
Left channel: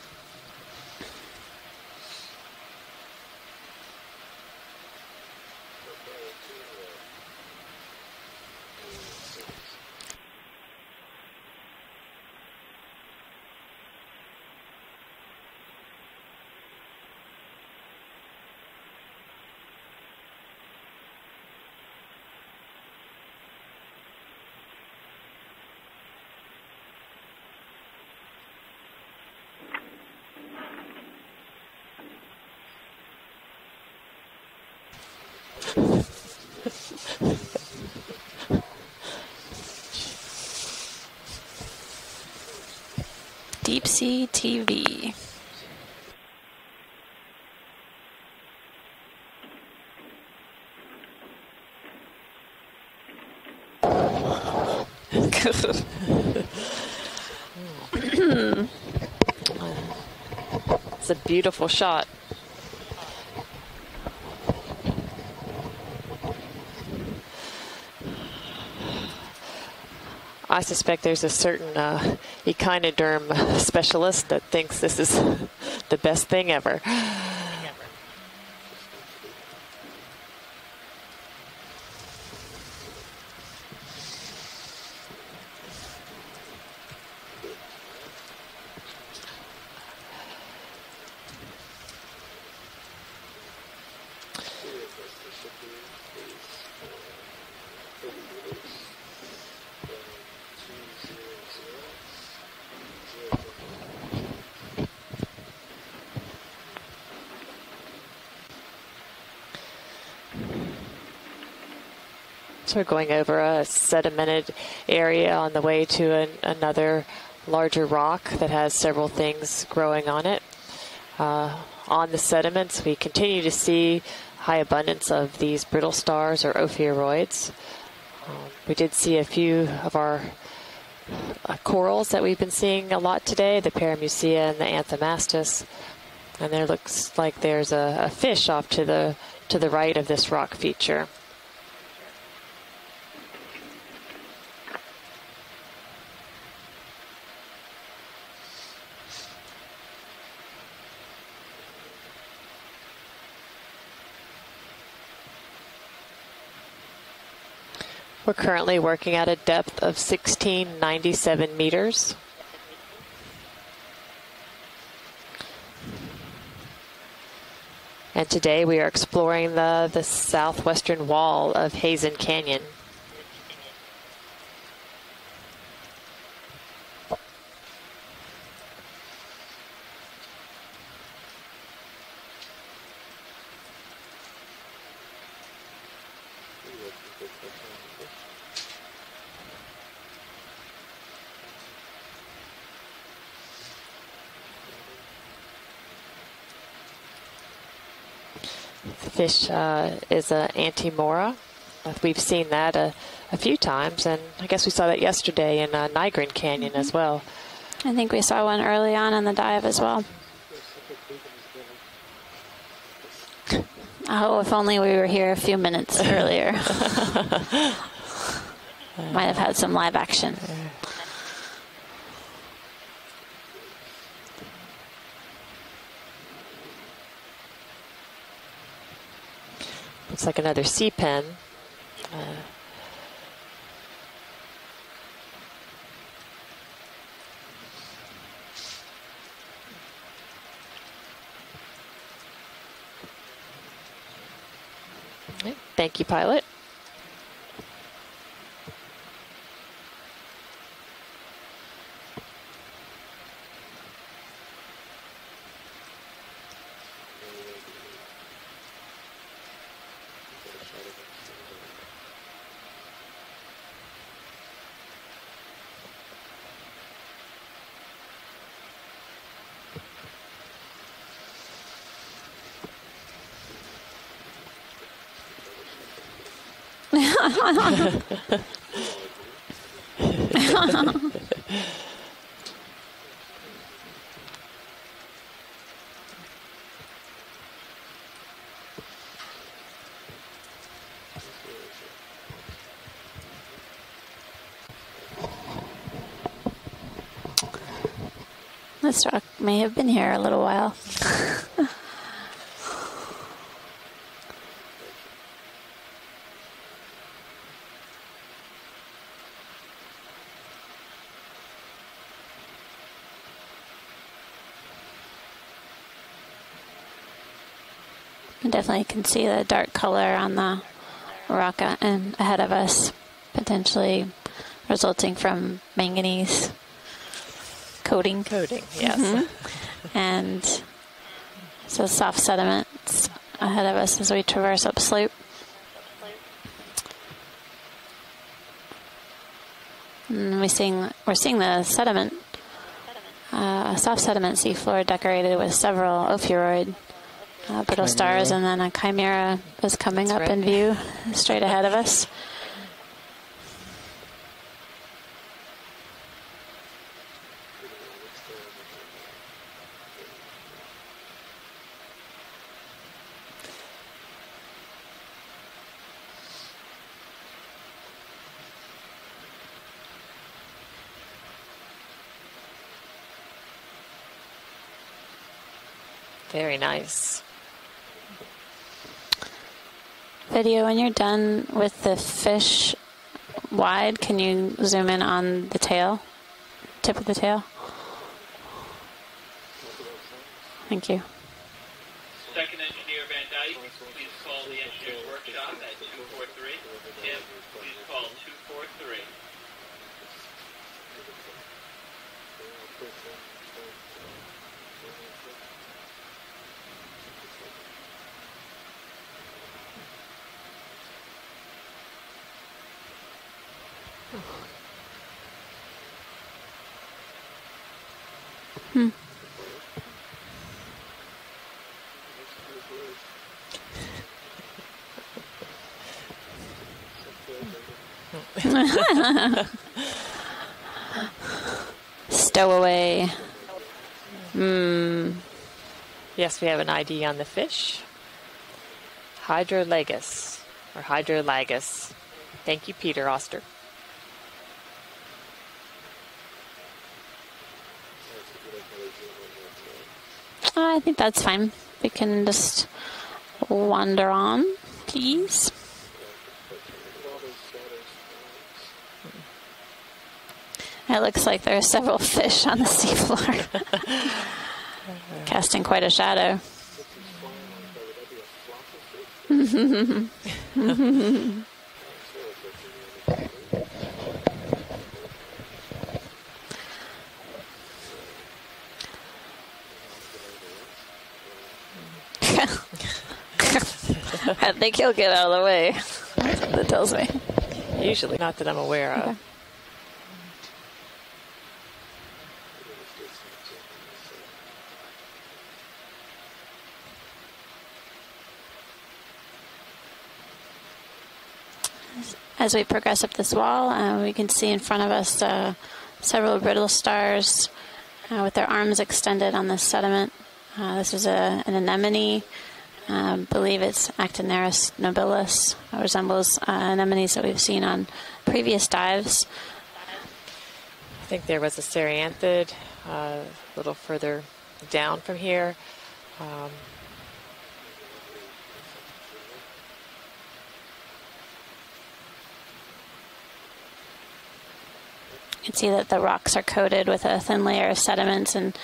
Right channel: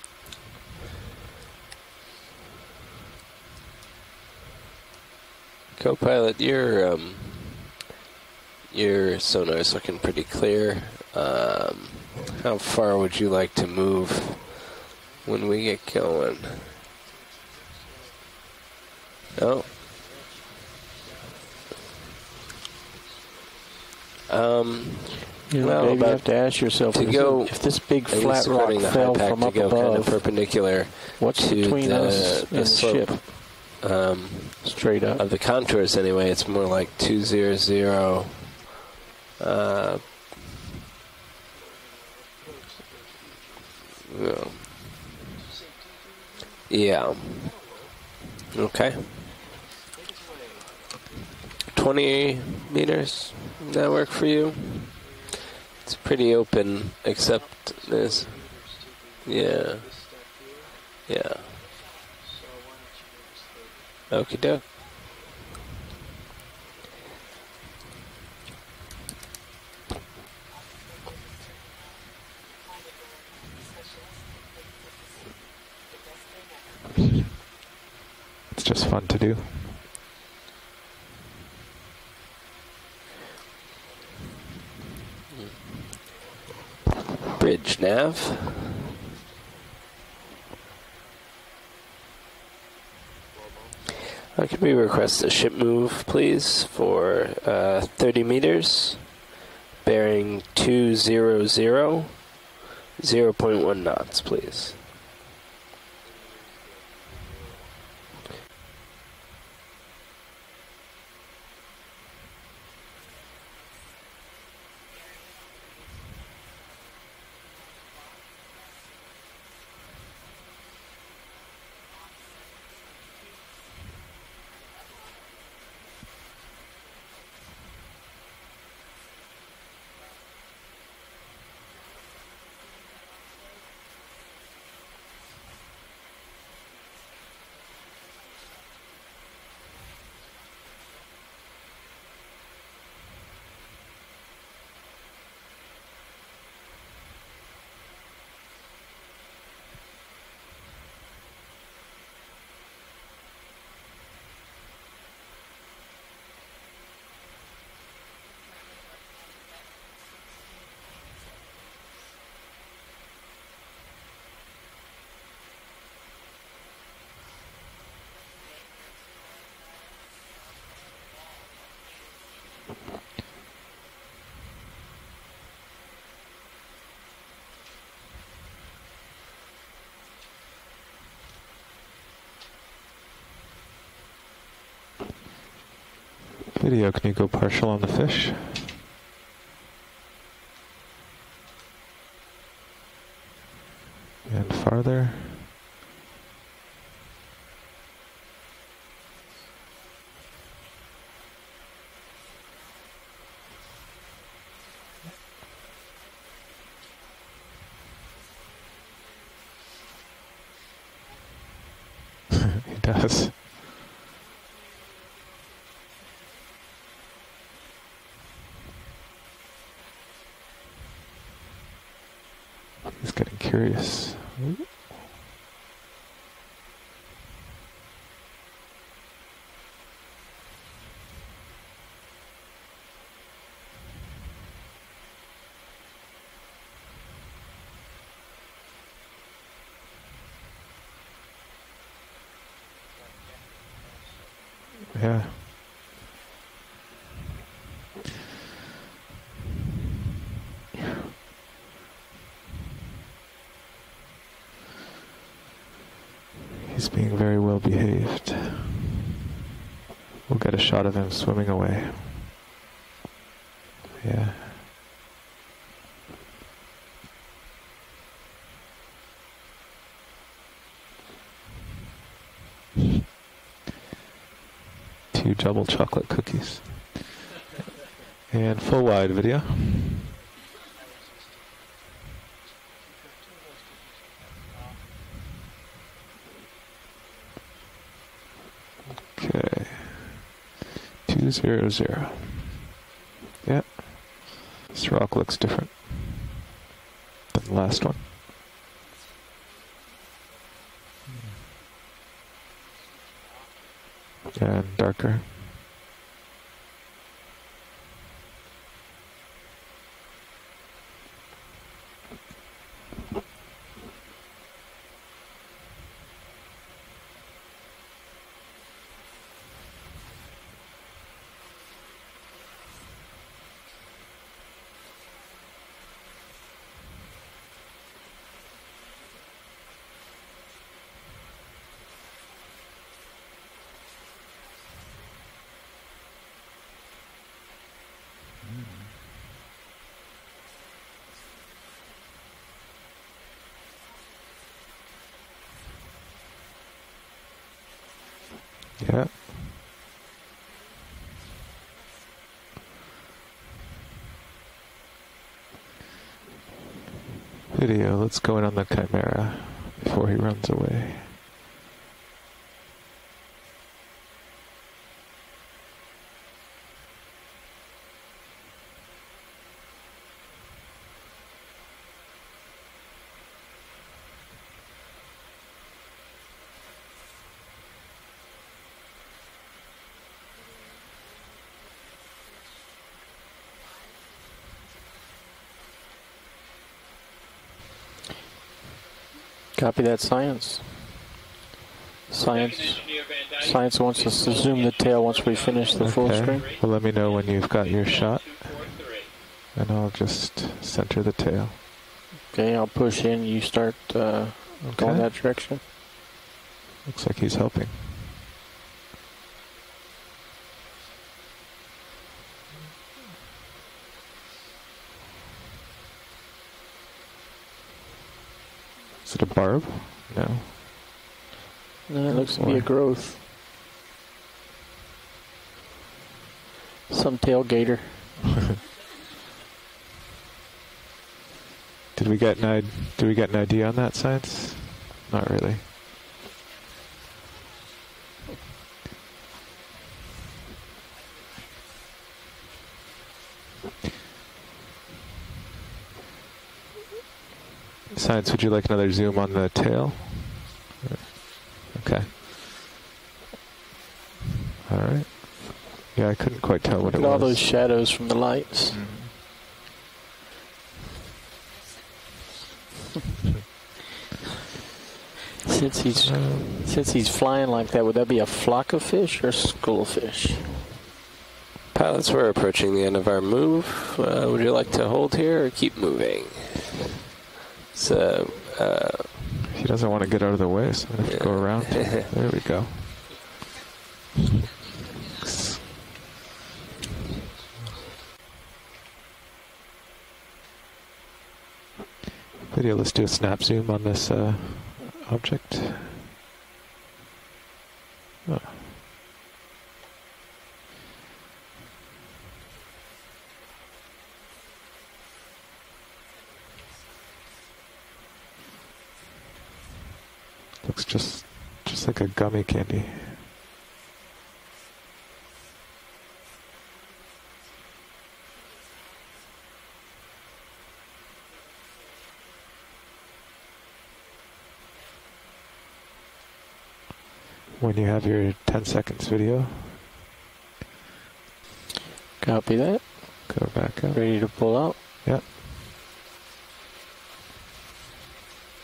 Co-pilot, your sonar is looking pretty clear. How far would you like to move when we get going? Oh. Well, you have to ask yourself to go if this big flat rock fell from up above, kind of perpendicular what's to between us and the slope. ship? Straight up of the contours anyway. It's more like 200. Deep Sea TV. Yeah. Okay. 20 meters. Does that work for you? It's pretty open, except there's... Yeah. It's a beautiful shot. Okie doke. I suspect there's a certain echinoderm specialist that thinks this is the best thing ever. It's just fun to do. Bridge nav. Can we request a ship move, please, for 30 meters, bearing 200, 0.1 knots, please. So we're going over a sedimented area on the way to another larger rock that has several things growing on it. On the sediments, we continue to see high abundance of these brittle stars or ophiuroids. We did see a few of our corals that we've been seeing a lot today, the Paramucia and the Anthomastus. And there looks like there's a fish off to the right of this rock feature. We're currently working at a depth of 1697 meters. And today we are exploring the southwestern wall of Heezen Canyon. Video, can you go partial on the fish? And farther. The fish is an anti-mora. We've seen that a few times, and I guess we saw that yesterday in Nigrin Canyon as well. I think we saw one early on in the dive as well. It does. Oh, if only we were here a few minutes earlier. Might have had some live action. He's getting curious. Looks like another sea pen. Yeah. Thank you, pilot. He's being very well behaved. We'll get a shot of him swimming away. Yeah. Two double chocolate cookies. And full wide video. Okay. 200. Yep. This rock looks different. Last one. This rock may have been here a little while. And darker. You definitely can see the dark color on the rock and ahead of us, potentially resulting from manganese coating. Coating, yes. And so soft sediments ahead of us as we traverse upslope. And we're seeing the sediment, soft sediment seafloor decorated with several ophiuroid brittle stars, and then a chimera is coming up in view straight ahead of us. Video, let's go in on the chimera before he runs away. Very nice. Video, when you're done with the fish wide, can you zoom in on the tail, tip of the tail? Copy that, Science. Thank you. Science wants us to zoom the tail once we finish the full screen. Well, let me know when you've got your shot, and I'll just center the tail. Okay, I'll push in. You start going that direction. Looks like he's helping. Is it a barb? No. No, it looks to be a growth. Some tailgater. Did we get an ID on that, Science? Not really. Yes, we have an ID on the fish. Hydrolagus, or Hydrolagus. Thank you, Peter Oster. Science, would you like another zoom on the tail? I think that's fine. We can just wander on, please. Yeah, I couldn't quite tell what it was. All those shadows from the lights. It looks like there are several fish on the seafloor. Casting quite a shadow. Since he's flying like that, would that be a flock of fish or schoolfish? Pilots, we're approaching the end of our move. Would you like to hold here or keep moving? So, he doesn't want to get out of the way, so I have to go around. There we go. I think he'll get out of the way. That's what it tells me. Usually, not that I'm aware of. Okay. Video, let's do a snap zoom on this object. Oh. As we progress up this wall, we can see in front of us several brittle stars with their arms extended on the sediment. This is an anemone. Like a gummy candy. I believe it's Actiniris nobilis. It resembles anemones that we've seen on previous dives. I think there was a Ceranthid a little further down from here. When you have your 10 seconds video. Copy that. Go back up. Ready to pull out. Yep. You can see that the rocks are coated with a thin layer of sediments, and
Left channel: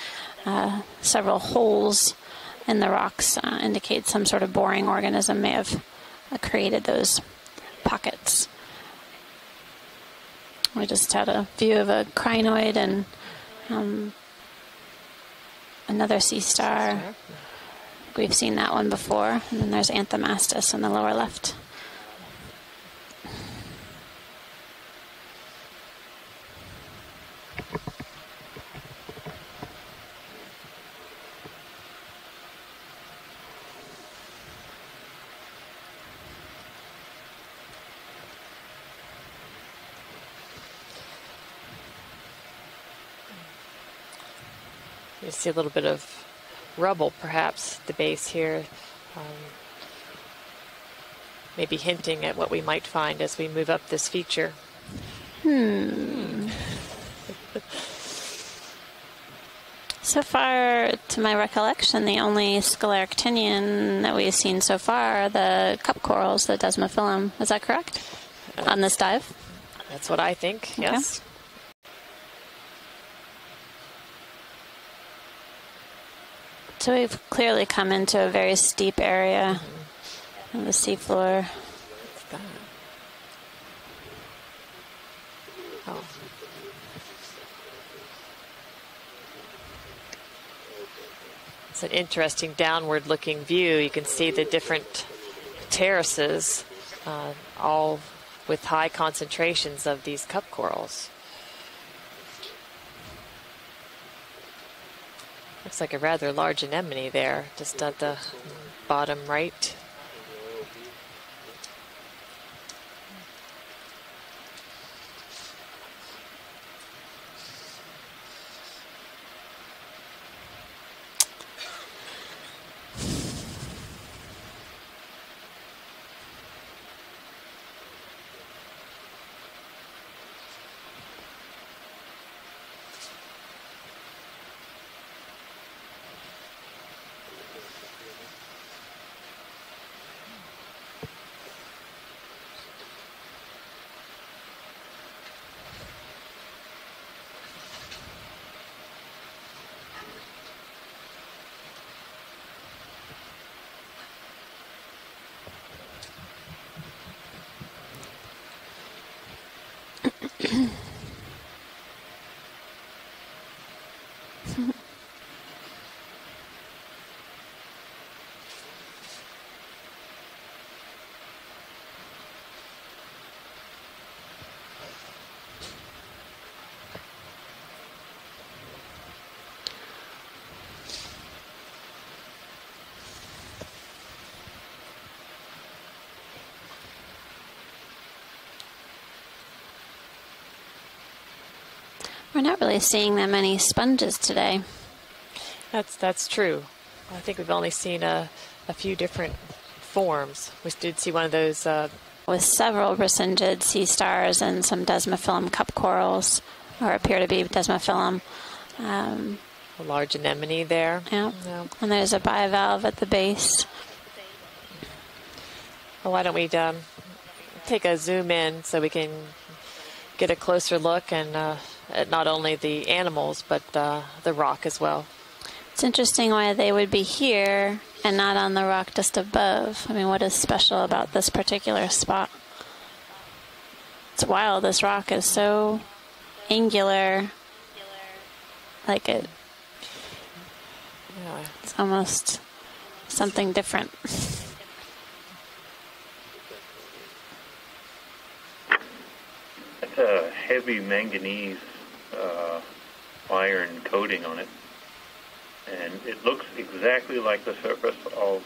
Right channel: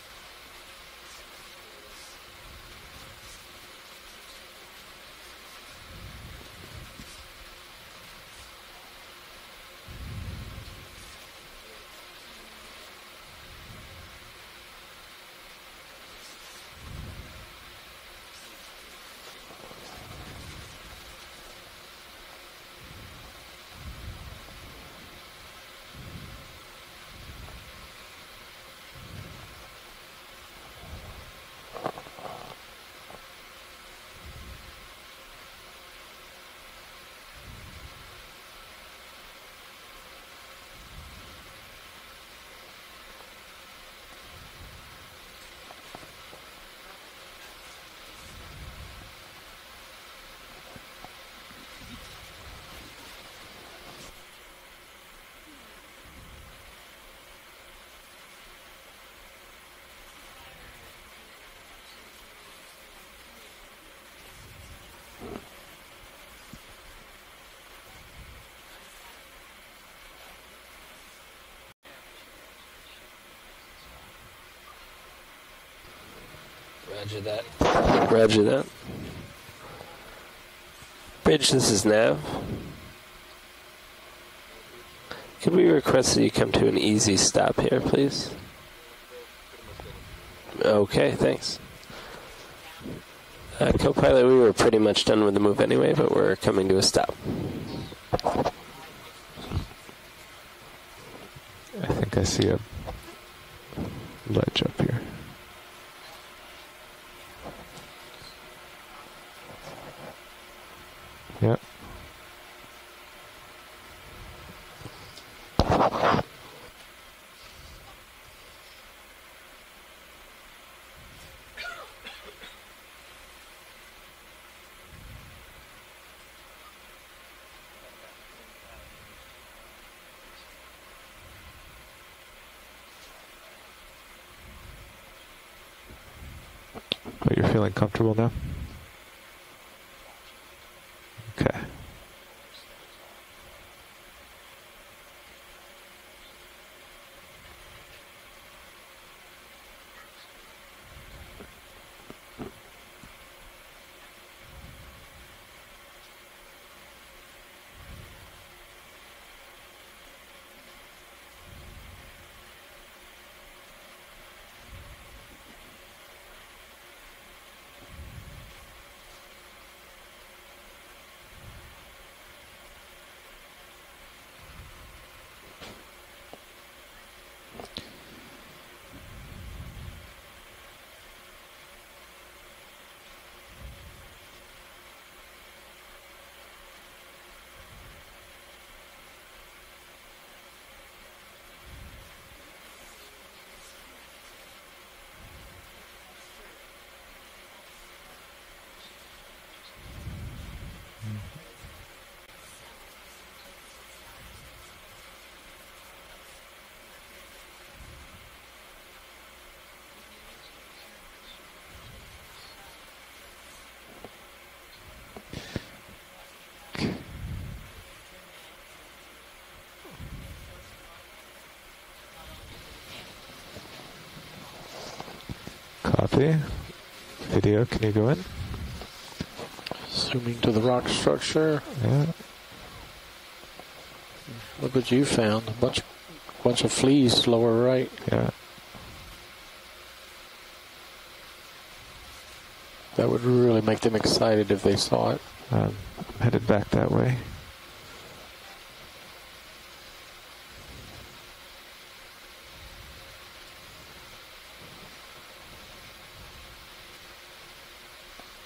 several holes in the rocks indicate some sort of boring organism may have created those pockets. We just had a view of a crinoid and another sea star. We've seen that one before. And then there's Anthomastus in the lower left. You see a little bit of rubble, perhaps, at the base here. Maybe hinting at what we might find as we move up this feature. So far, to my recollection, the only Scleractinian that we've seen so far are the cup corals, the Desmophyllum. Is that correct? On this dive? That's what I think, yes. So we've clearly come into a very steep area on the seafloor. Bridge, this is Nav. Could we request that you come to an easy stop here, please? Okay, thanks. It's an interesting downward-looking view. You can see the we were different pretty much done with the move anyway, but we're terraces, coming to a stop. all with high concentrations of these cup corals. I think I see a ledge up here. Looks like a rather large anemone there, just at the bottom right. Yep. But you're feeling comfortable now? Okay. We're not really seeing that many sponges today. That's true. I think we've only seen a few different forms. We did see one of those with several resingid sea stars and some Desmophyllum cup corals, or appear to be Desmophyllum. A large anemone there. Yeah. And there's a bivalve at the base. Well, why don't we take a zoom in so we can get a closer look and at not only the animals but the rock as well. It's interesting why they would be here and not on the rock just above. I mean, what is special about this particular spot? It's wild. This rock is so angular. Bunch of fleas lower right. Yeah. Like it. It's almost that would something really different. make them excited if they saw it. Headed back that way. That's a heavy manganese iron coating on it. And it looks exactly like the surface of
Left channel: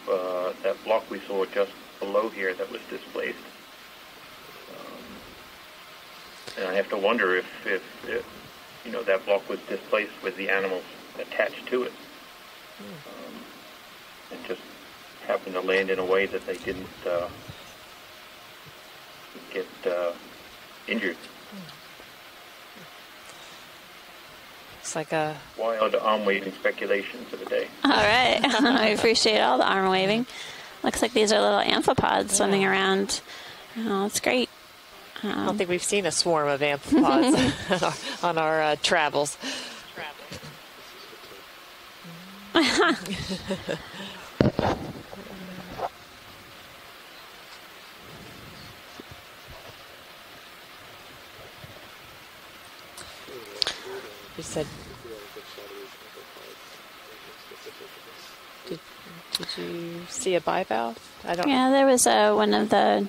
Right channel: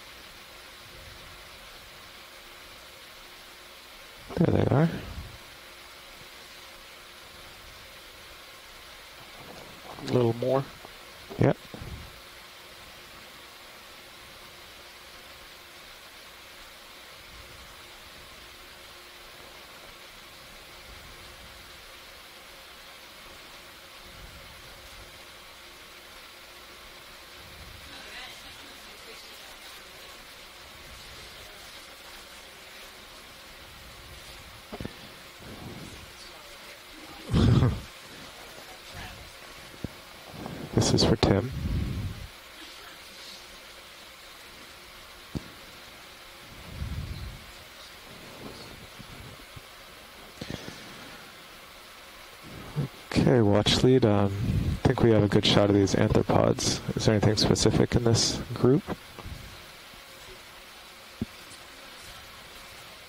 that block we saw just below here that was displaced. There they are. And I have to wonder if you know, that block was displaced with the animals attached to it. And just happened to land in a way that they didn't get injured. It's like a wild arm waving speculation for the day. All right. I appreciate all the arm waving. Looks like these are little amphipods swimming around. Oh, it's great. I don't think we've seen a swarm of amphipods on our travels. This is for Tim. Okay, watch lead. I think we have a good shot of these arthropods. Is there anything specific in this group? Did you see a bivalve? I don't. Yeah, there was one of the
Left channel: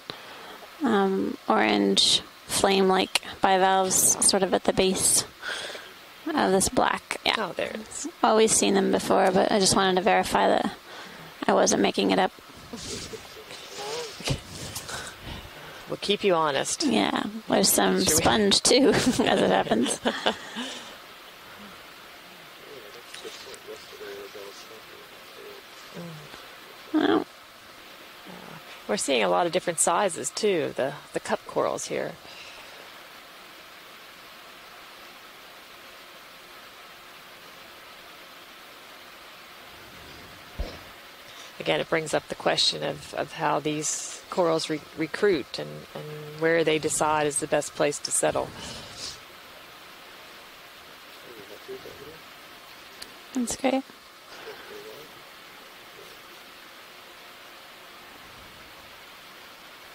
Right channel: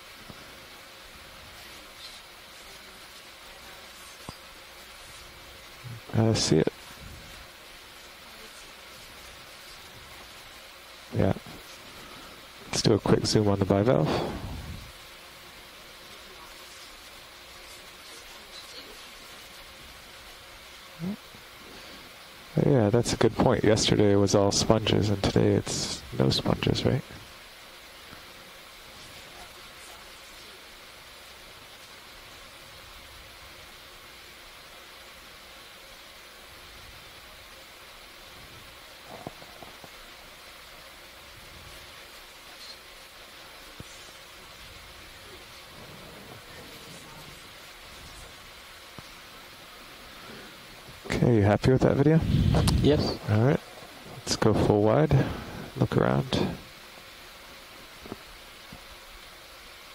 orange flame-like bivalves sort of at the base of this black. Yeah. Oh, there it is. Always seen them before, but I just wanted to verify that I wasn't making it up. Let's do a quick zoom on the bivalve. We'll keep you honest. Yeah, there's some sponge too, as it happens. Yeah, that's a good point. Yesterday it was all sponges, and today it's no sponges, right? No. We're seeing a lot of different sizes too. The cup corals here. Again, it brings up the question of how these corals recruit and where they decide is the best place to settle. Okay, you happy with that video? Yes. All right. Okay. Let's go full wide. Look around.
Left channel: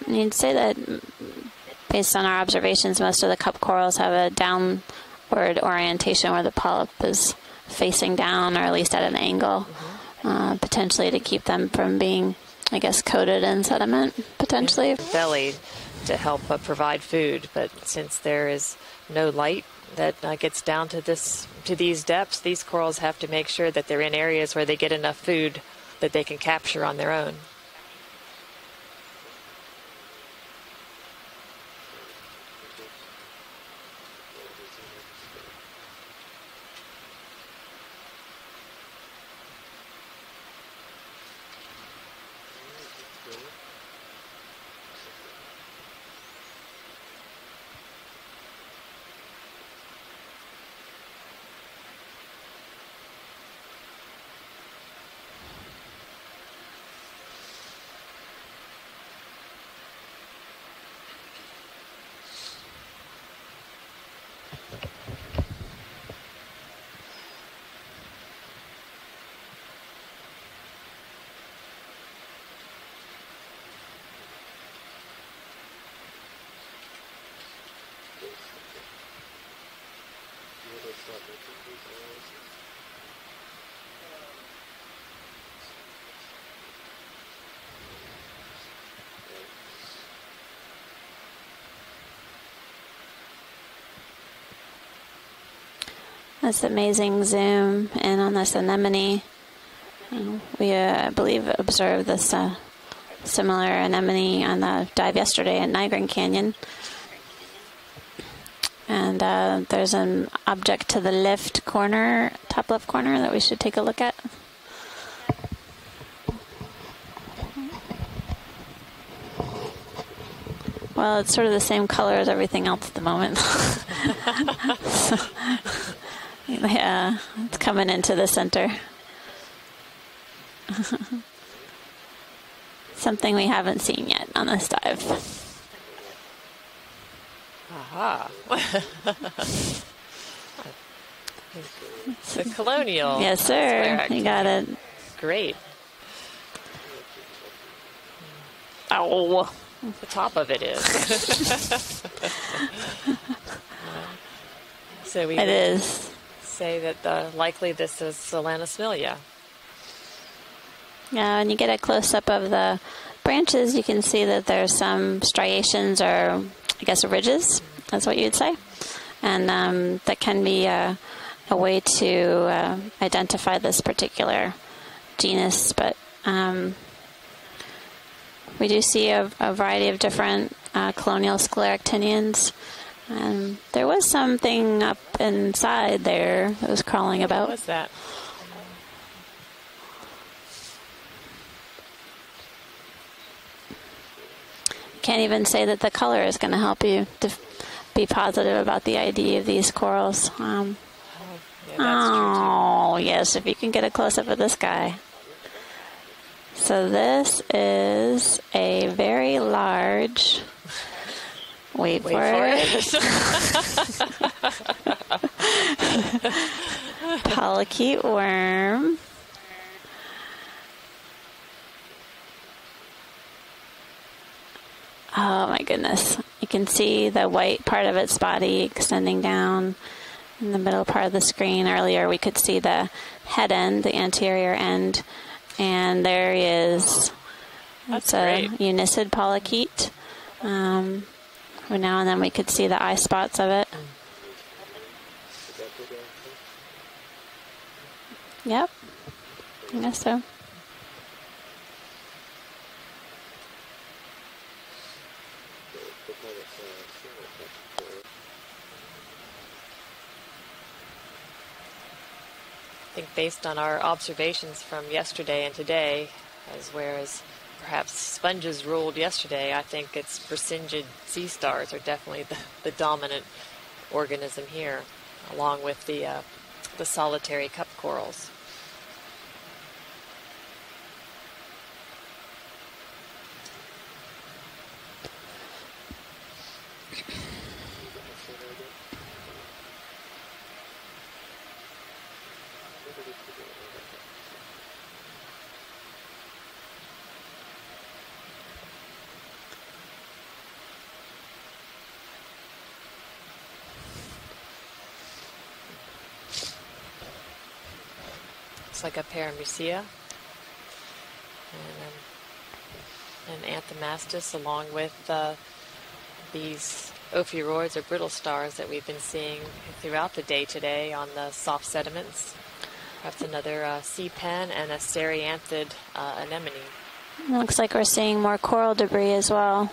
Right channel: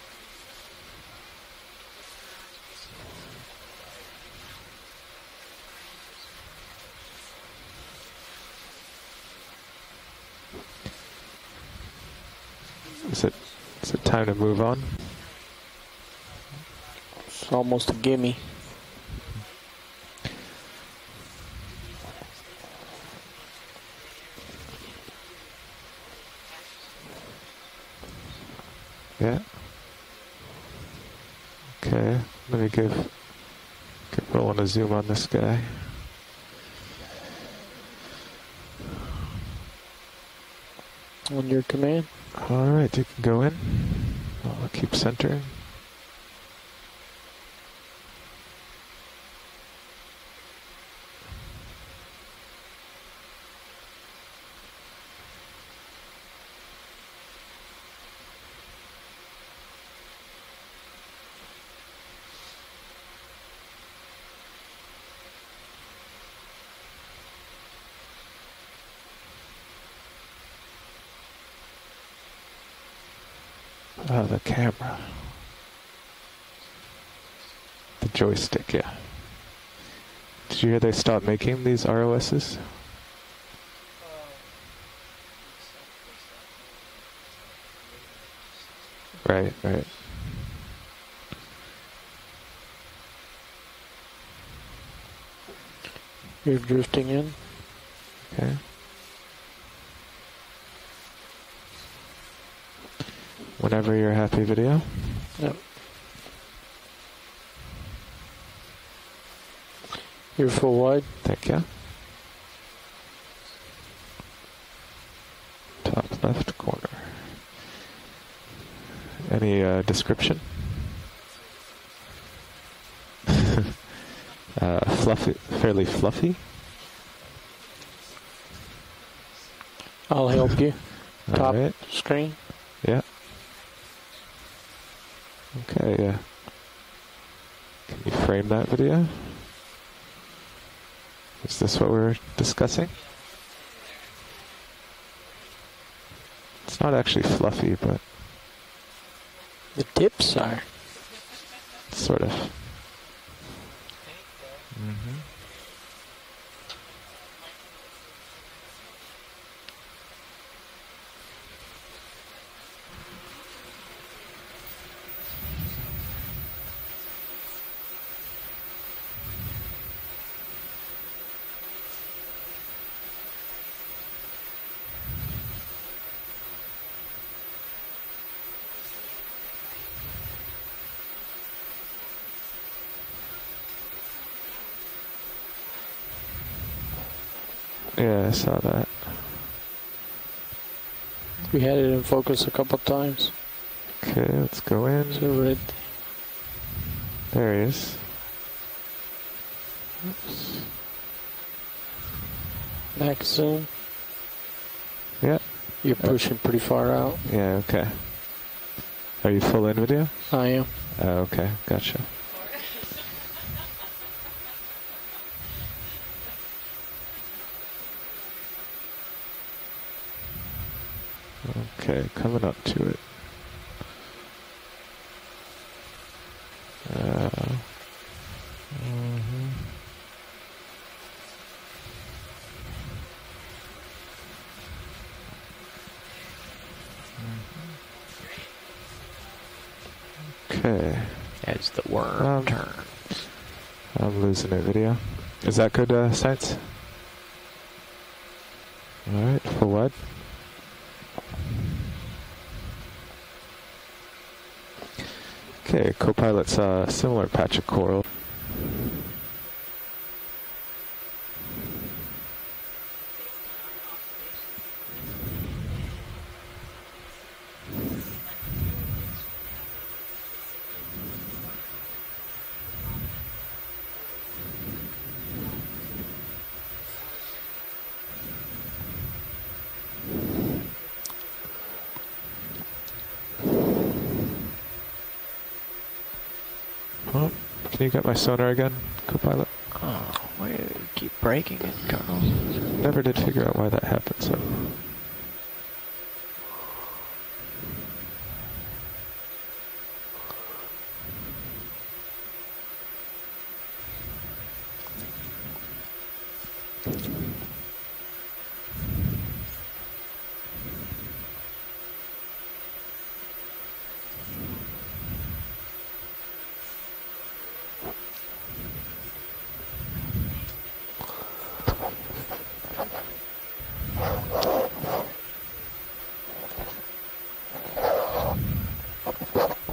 You'd say that, based on our observations, most of the cup corals have a downward orientation where the polyp is facing down, or at least at an angle, potentially to keep them from being, I guess, coated in sediment, potentially. Belly to help provide food. But since there is no light that gets down to these depths, these corals have to make sure that they're in areas where they get enough food that they can capture on their own. Yeah. Okay, let me give Roland a zoom on this guy. On your command. All right, you can go in. I'll keep centering. The camera. The joystick, yeah. Did you hear they stopped making these ROSs? Right. That's amazing zoom in on this anemone. We, I believe, observed this similar anemone on the dive yesterday at Nigrin Canyon. And there's an object to the left corner, top left corner, that we should take a look at. Top left corner. Any description? Well, it's sort of the same color as everything else at the moment. Fluffy, fairly fluffy? Yeah, it's coming into the center. I'll help you. Top screen. Yeah. Something we haven't seen yet on this dive. Okay. Okay, yeah. You frame that video? Is this what we're discussing? Colonial. Yes, sir. You got it. Great. It's not actually fluffy, but... Oh. The tips Top of it is. Sort of. So we it is. say that likely this is Solanasmilia. Yeah, when you get a close-up of the branches, you can see that there's some striations or, I guess, ridges. That's what you'd say. And that can be a way to identify this particular genus. But we do see a variety of different colonial scleractinians. There was something up inside there that was crawling about. What was that? Yeah, I saw that. We had it in focus a couple times. Okay, let's go in. Can't even say that the color is going to help you there he is. Be positive about the ID of these corals. Yes, if you can get a close-up of this guy. Yeah. You're pushing pretty far So out. this is a very large... I am. Oh, okay. Gotcha. Wait for it. Polychaete worm. Okay, coming up to it. Oh my goodness. You can see the white part of its body extending down in the middle part of the screen. Earlier we could see the head end, the anterior end, and there he is. It's a unicid polychaete. Now and then we could see the eye spots of it. I'm losing it, video. Is that good, science? Yep. All right, for what? Yes, so. Okay, co-pilot saw a similar patch of coral. I think based on our observations from yesterday and today, whereas perhaps sponges ruled yesterday, I think it's Brisingid sea stars are definitely the dominant organism here, along with the solitary cup corals. Well, can you get my sonar again, co-pilot? Oh, why do you keep breaking it, Carl? Never did figure out why that happened, so... It's like a paramusia and Anthomastus, along with these ophiuroids or brittle stars that we've been seeing throughout the day today on the soft sediments. That's another sea pen and a serianthid anemone. It looks like we're seeing more coral debris as well.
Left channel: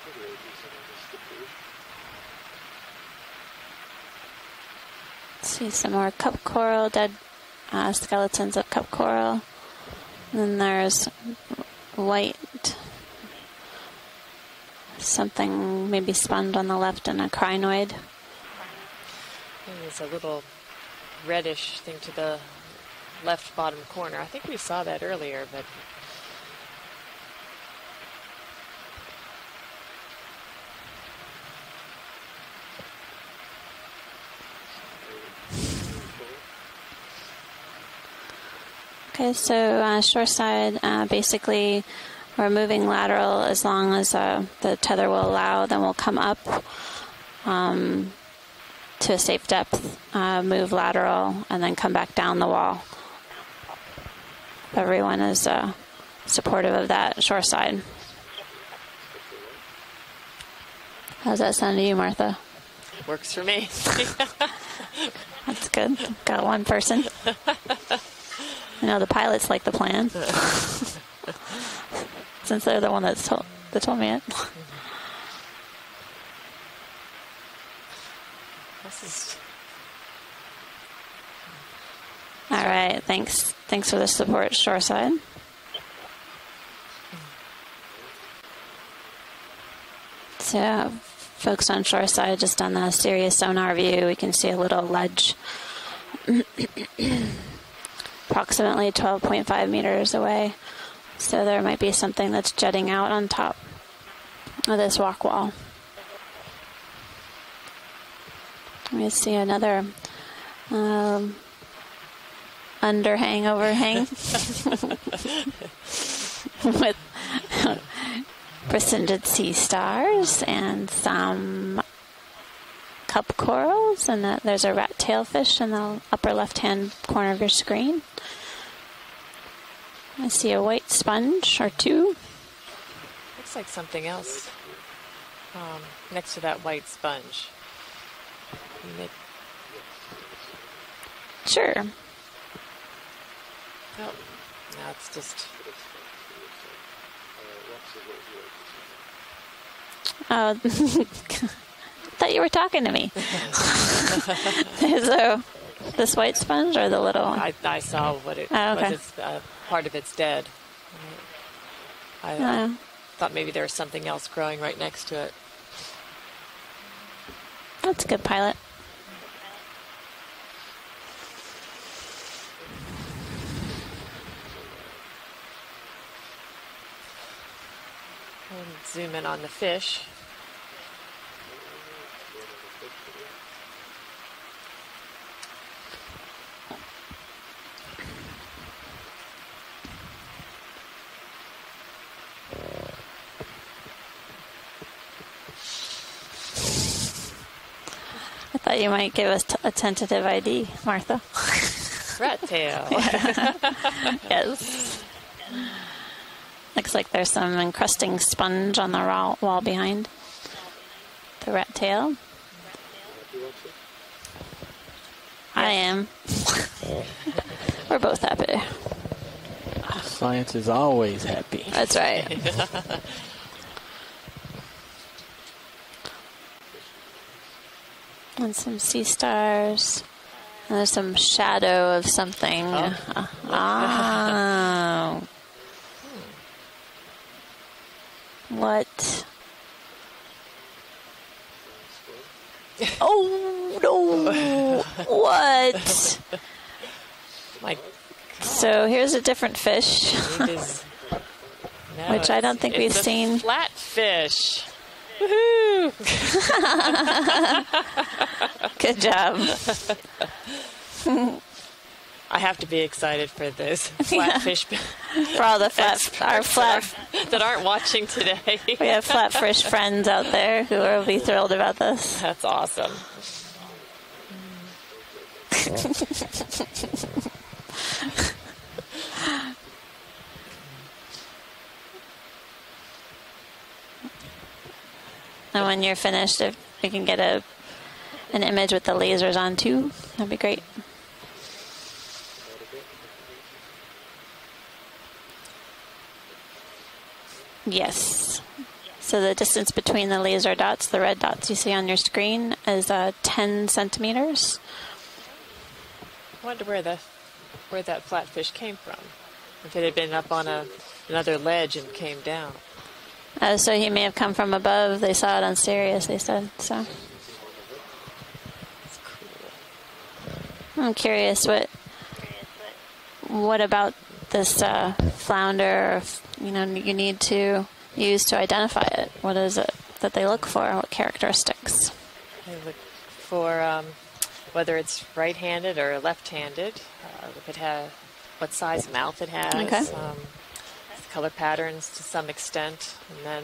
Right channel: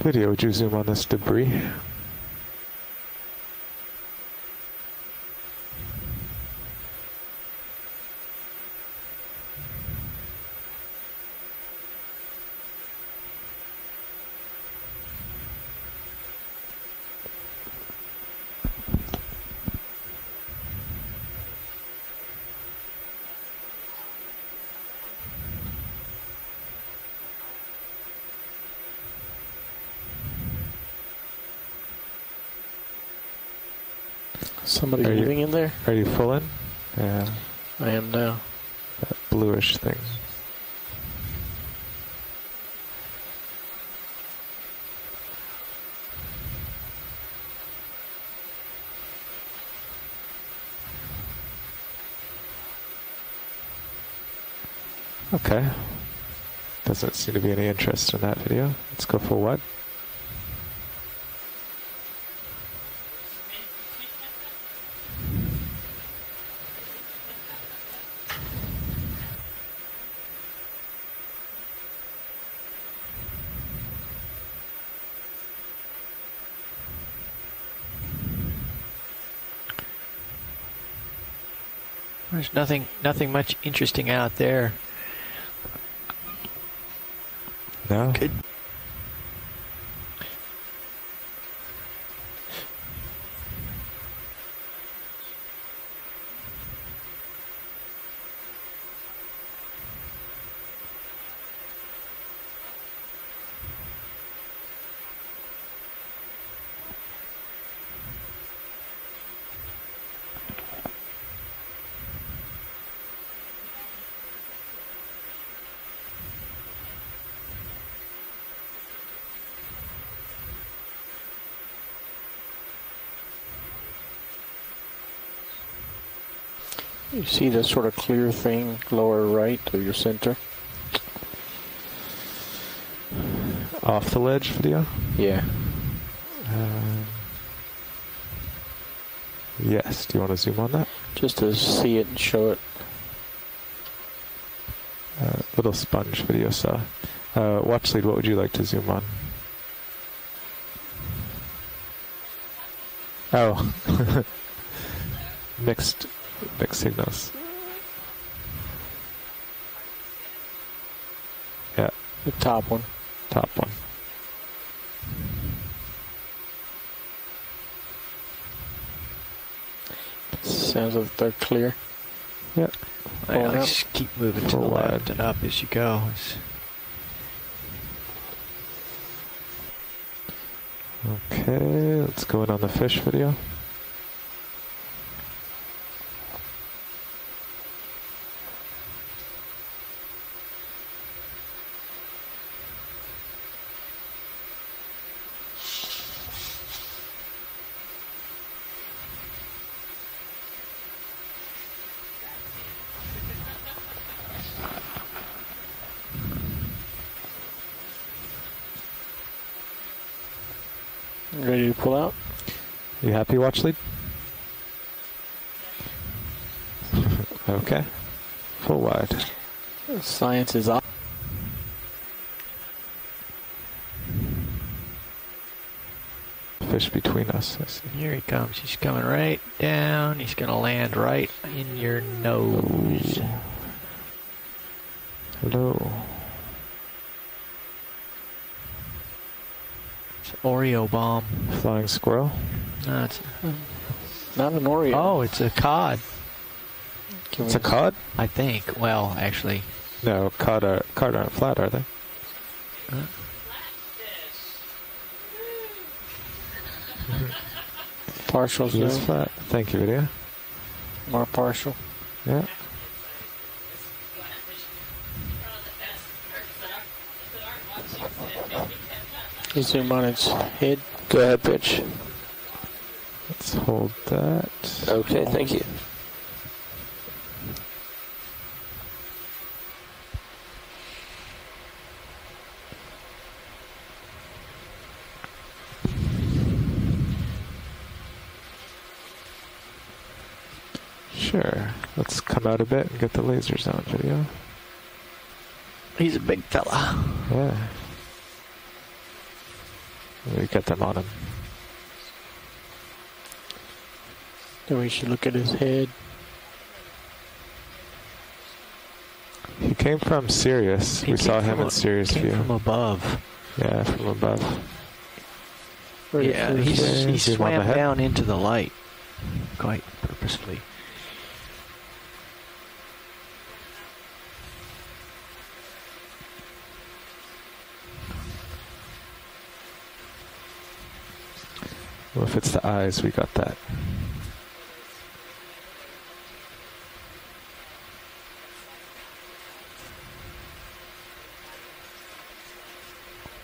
Video, would you zoom on this debris? See some more cup coral, dead skeletons of cup coral. And then there's white, something maybe spun on the left and a crinoid. There's a little reddish thing to the left bottom corner. I think we saw that earlier, but Somebody living in there? Are you full in? Yeah. I am now. Okay, so shoreside, basically we're moving lateral as long as the tether will allow. Then we'll come up to a safe depth, move lateral, and then come back down the wall. Everyone is supportive of that shoreside. Interest in that video. Let's go for what? How's that sound to you, Martha? Works for me. That's good. Got one person. I know the pilots like the plan. Since they're the one that told me it. There's All right, nothing much interesting thanks for the out there. support, shoreside. No. Good. So, folks on shoreside, just on the Sirius sonar view, we can see a little ledge approximately 12.5 meters away. So there might be something that's jutting out on top of this rock wall. I see another underhang, overhang with presented sea stars and some cup corals, and there's a rat tailfish in the upper left-hand corner of your screen. See that sort of clear thing lower right to your center? I see a white sponge or two. Looks like something Off the else. ledge video? Yeah. Next to that white sponge. Yes. Do you want to zoom on that? Just to see it and show it. Nope. No, it's just... little sponge video saw. Watch lead, what would you like to zoom on? I thought you were talking to me. Oh. Is there Mixed this white sponge or the little? I saw what it Oh, okay. was. It's, part of it's dead. Yeah. The top one. Thought Top maybe there one. was something else growing right next to it. That's a good pilot. Sounds like they're clear. Yep. Well, just keep moving to the left and up as you go. And zoom in on the fish. Okay, let's go in on the fish video. I thought you might give us a tentative ID, Martha. Rat tail. Yes. Looks like there's some encrusting sponge on the wall behind. The Ready rat to pull tail. out? You happy, watch lead? I am. Okay. We're both happy. Pull wide. Science is always happy. That's right. Fish between us. Here he And comes. some He's coming sea right stars. down. He's going to land There's some right in shadow your of something. nose. Oh. Hello. What? Oreo bomb. Flying squirrel. Oh, no. Not an Oreo. Oh, it's a cod. It's a cod? I think. So Well, here's a different actually, fish, No, cod aren't flat, are they? No, which I don't think we've it's a seen. Flatfish. Woohoo! Partial. Good job. Thank you, video. More partial. I have to be excited for those flatfish For all the flat that aren't watching today. we have flatfish Thank you friends much. out there who will be Go ahead, thrilled about Pitch. this. That's awesome. Let's hold that. Okay, thank you. And when you're finished, if we can get an image with the lasers on too, that'd be great. Sure. Let's come out a bit and get the lasers on video. He's a big fella. Yeah. Yes. So the distance between the laser get them dots, on the it. red dots you see on your screen, is 10 centimeters. So we should look at his head. I wonder where that flatfish came from. He Could have came been from up on Sirius. You another saw him ledge on and Sirius came view. down. From above. So Yeah, he may have from come from above. They saw it on Sirius, they Yeah, said. he Zoom on the swam head. down into the light quite purposely. I'm curious what about this flounder, you need to use to identify it? What is it that they look for? What characteristics? Well, if it's the eyes, we got For that. whether it's right-handed or left-handed, if it has what size mouth it has, Okay. color patterns to some extent, and then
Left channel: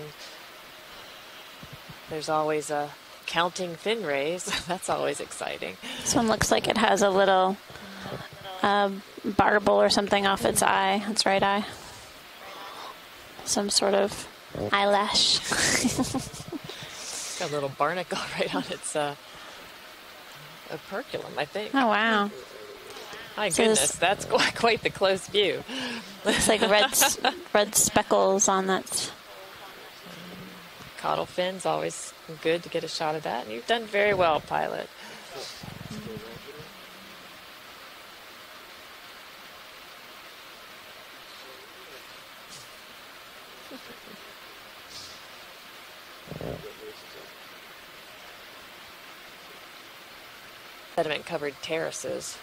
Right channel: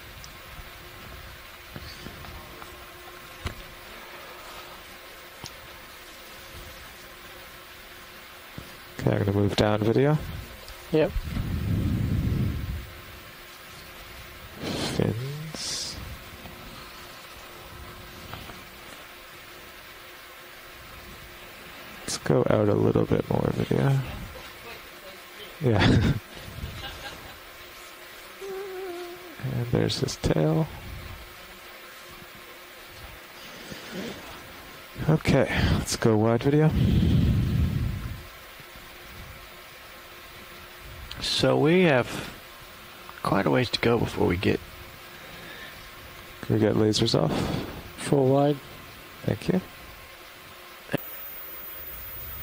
there's always a counting fin rays. That's always exciting. This one looks like it has a little I'm gonna move barble down or video. something off its eye, Yeah. its right eye. Some sort of eyelash. It's got a little barnacle right on its operculum, I think. Oh, wow. Let's go out a little bit more. My goodness, that's quite the close view. Yeah. Looks like red speckles on that. And there's his tail. Caudal fins, always good to get a shot of that. You've done very well, pilot. Okay, let's go wide video. So we have quite a ways to go before we get. Can we get lasers off? Full wide. Thank you. Sediment-covered terraces.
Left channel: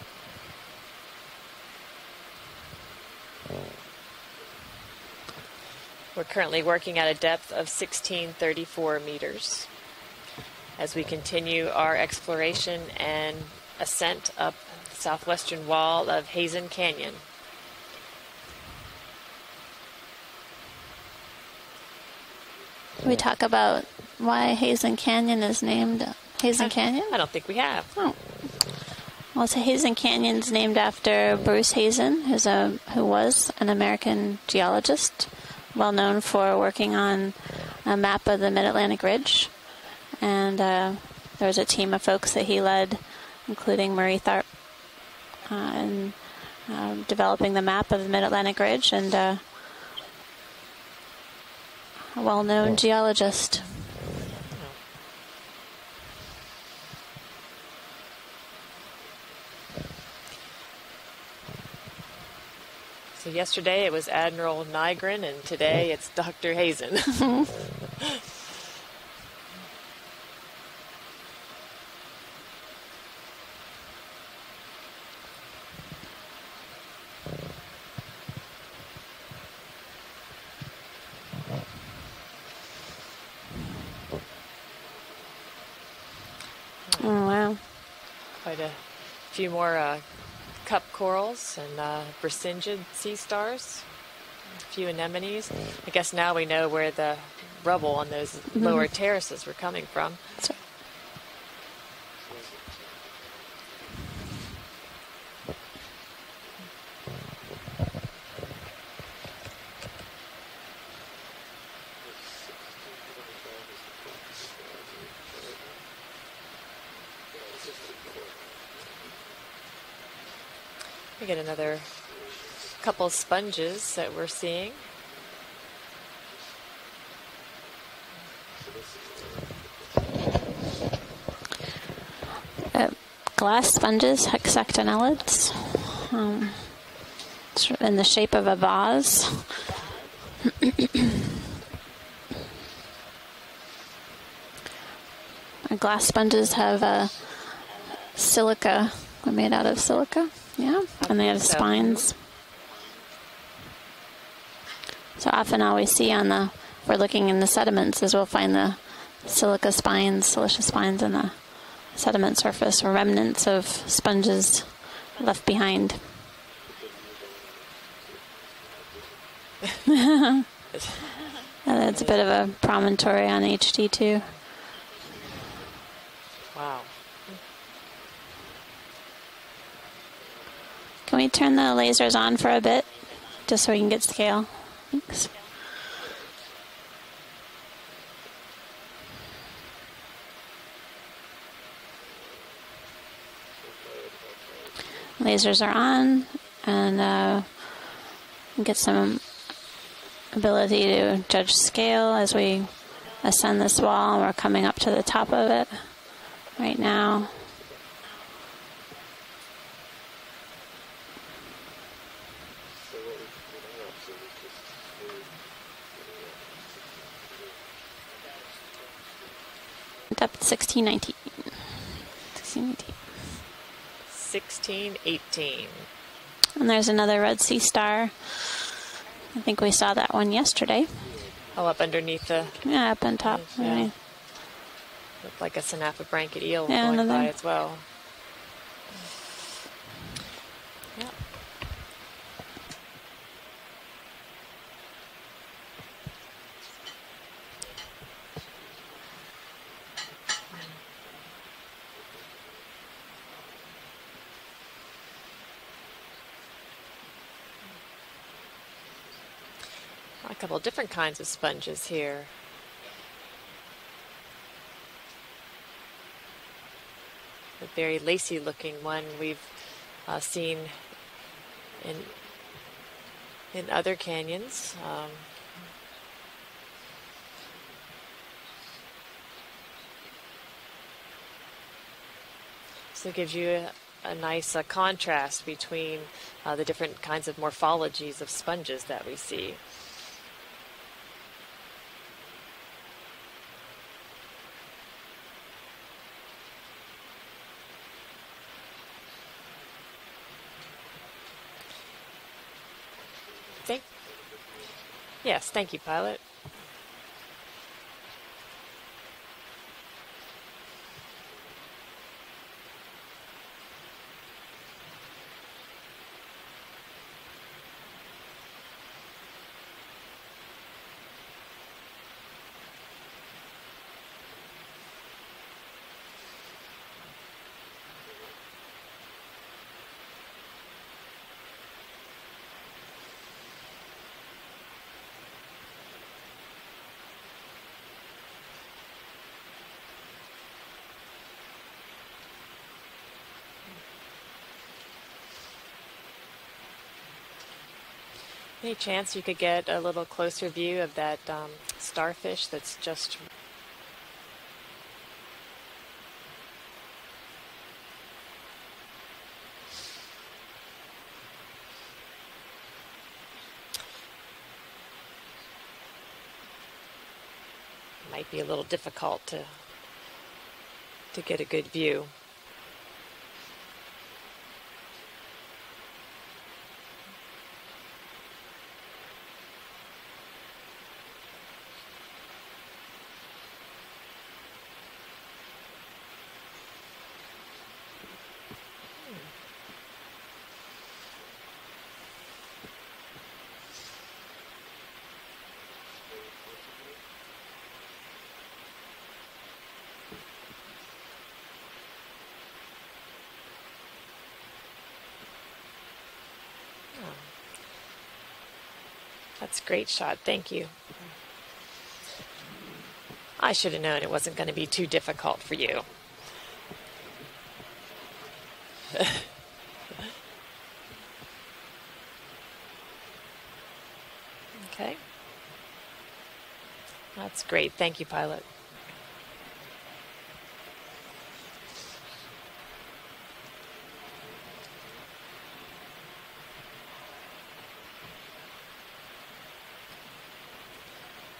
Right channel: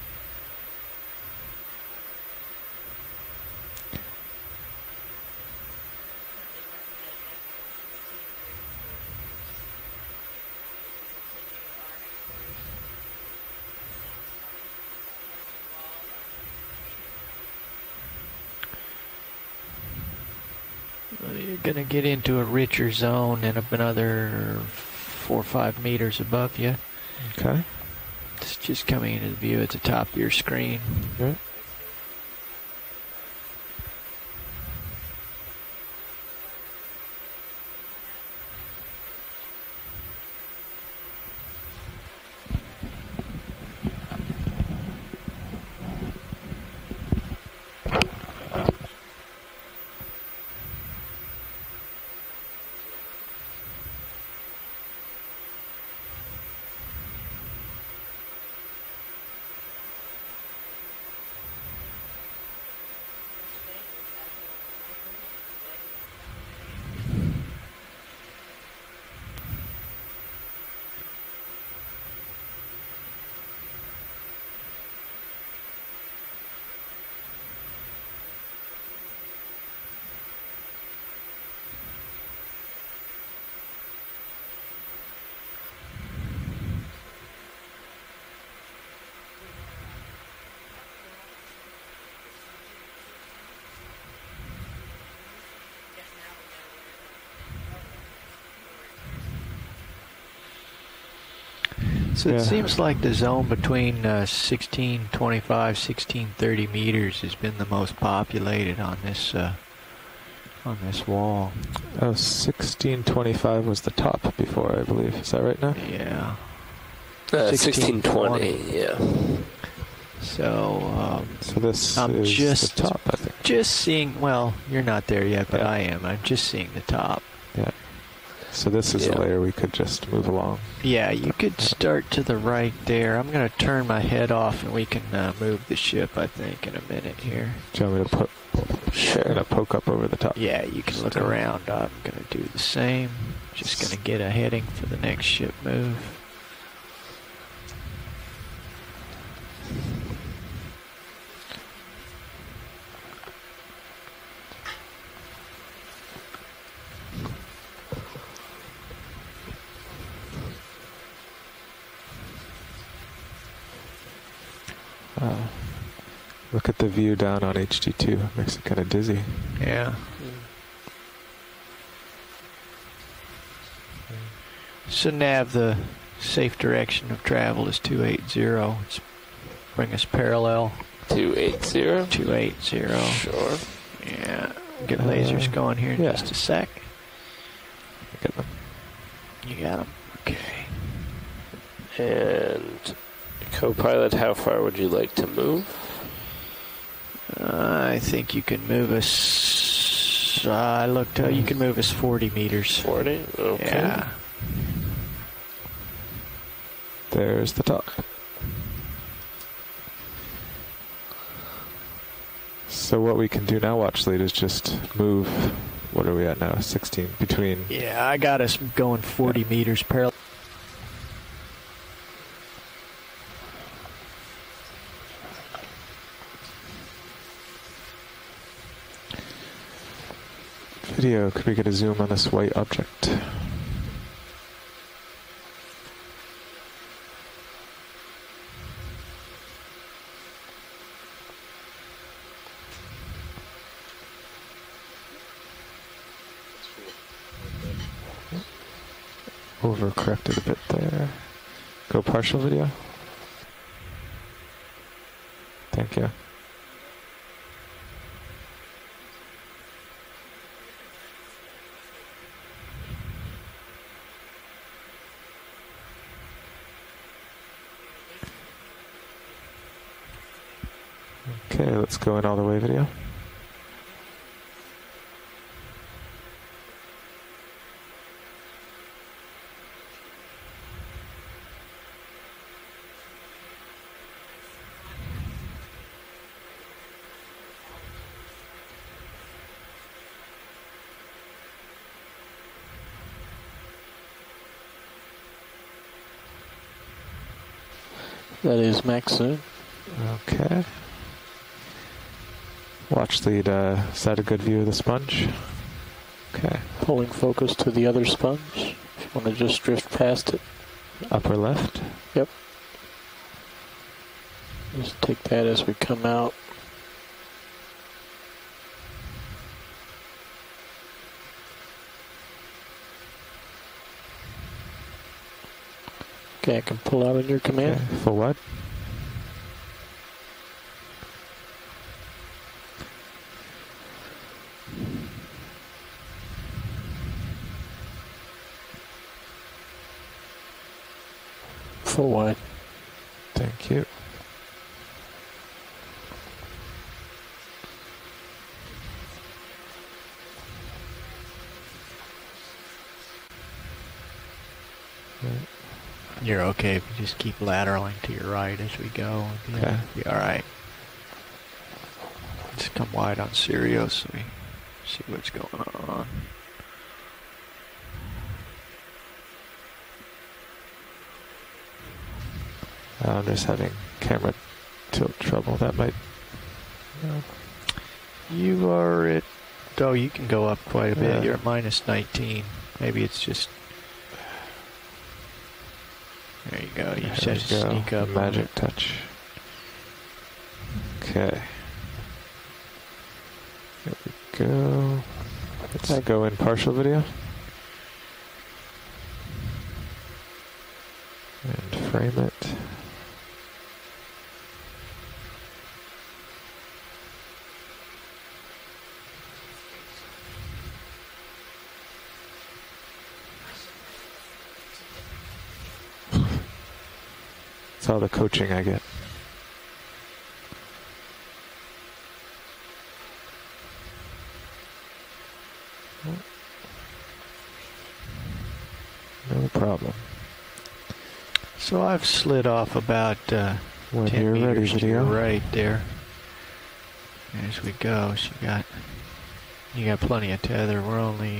We're currently working at a depth of 1634 meters as we continue our exploration and ascent up the southwestern wall of Heezen Canyon. You're going to get into a richer zone. We talk about another, why Hazen Canyon 4 or is 5 named meters above Hazen you. Canyon? I don't think we have. Oh. It's just coming into Well, view so at the Hazen top of Canyon your is screen. named after Bruce Hazen, who was an American geologist, well known for working on a map of the Mid-Atlantic Ridge. And there was a team of folks that he led, including Murray Tharp, in developing the map of the Mid-Atlantic Ridge, and a well-known geologist. So yesterday it was Admiral Nygren, and today it's Dr. Hazen. Oh, wow. Quite a few more cup corals and Brisingid sea stars, a few anemones. I guess now we know where the rubble on those lower terraces were coming from. So it seems like the zone between 1625, 1630 meters has been the most populated on this wall. Oh, 1625 was the top before, I believe. Is that right now? Yeah. 1620, yeah. So, this I'm is just the top, just seeing. Well, you're not there yet, but I am. I'm just seeing the top. Yeah. So this is a layer we could just move along. Yeah, you could start to the right there. I'm going to glass turn my sponges, head off and we can hexactinoids. move the ship, I think, in a minute here. In the shape of a vase. And a poke up over the top. Yeah, you can look around. I'm going to do the same. Just going to get a heading for the next ship The move. glass sponges have silica. They're made out of silica. Yeah, and they have spines. So often all we see on if we're looking in the sediments is we'll find the silica spines, siliceous spines in the sediment surface, or remnants of sponges left behind. Look at the view down on HD2. It makes it kind of dizzy. Yeah. And it's a bit of a promontory on HD2. So Nav, the safe direction of travel is 280. Let's bring us parallel. Can we turn the lasers on for a bit, 280. just so we can get scale? Get lasers going here in just a sec. Get them. You got them. Okay. And co-pilot, how far would you like to Lasers move? are on, and I think you can get move some us. ability to judge you can move us scale 40 as we meters. ascend this wall. We're coming up to the top of it right now. There's the top. So what we can do now, watch lead, is just move. What are we at now? 16 between. Yeah, I got us going 40 meters parallel. Depth 1619. 1618. And there's another Red Sea star. I think we saw that one yesterday. Video, could we get a zoom on this white object? Yeah, up on top. Yeah. Looked like a Synapha eel Yeah, going by another. as well. Overcorrected a bit there. Go partial video. Thank you. A couple different kinds of sponges here. A very lacy looking one we've seen Okay, let's go in all the way video. in other canyons. So it gives you a nice contrast between the different kinds of morphologies of sponges that we see. That is max zoom. Okay. Watch lead, is that a good view of the sponge? Yes, thank you, pilot. Okay. Pulling focus to the other sponge. If you want to just drift past it. Upper left? Yep. Just take that as we come out. Okay, I can pull out on your command. Okay. For what? Full wide. Thank you. Any chance you could get a little closer view of that starfish that's just... You're okay if you just keep lateraling to your right as we go. Okay. Be all right. Just come wide on Sirius so we see what's going on. Might be a little difficult to get a good view. I'm just having camera tilt trouble. That might... You are at... Oh, you can go up quite a bit. Yeah. You're at minus 19. Maybe it's just... There you go. You There just we go. sneak up. Magic touch. Okay. There we go. Let's go in partial video. And frame it. That's a great shot. Thank you. I should have known it wasn't going to be too difficult for you. It's all the coaching I get. Okay. That's great. Thank you, pilot. No problem. So I've slid off about 10 you're ready, meters to video. your right there. As we go, so you got plenty of tether. We're only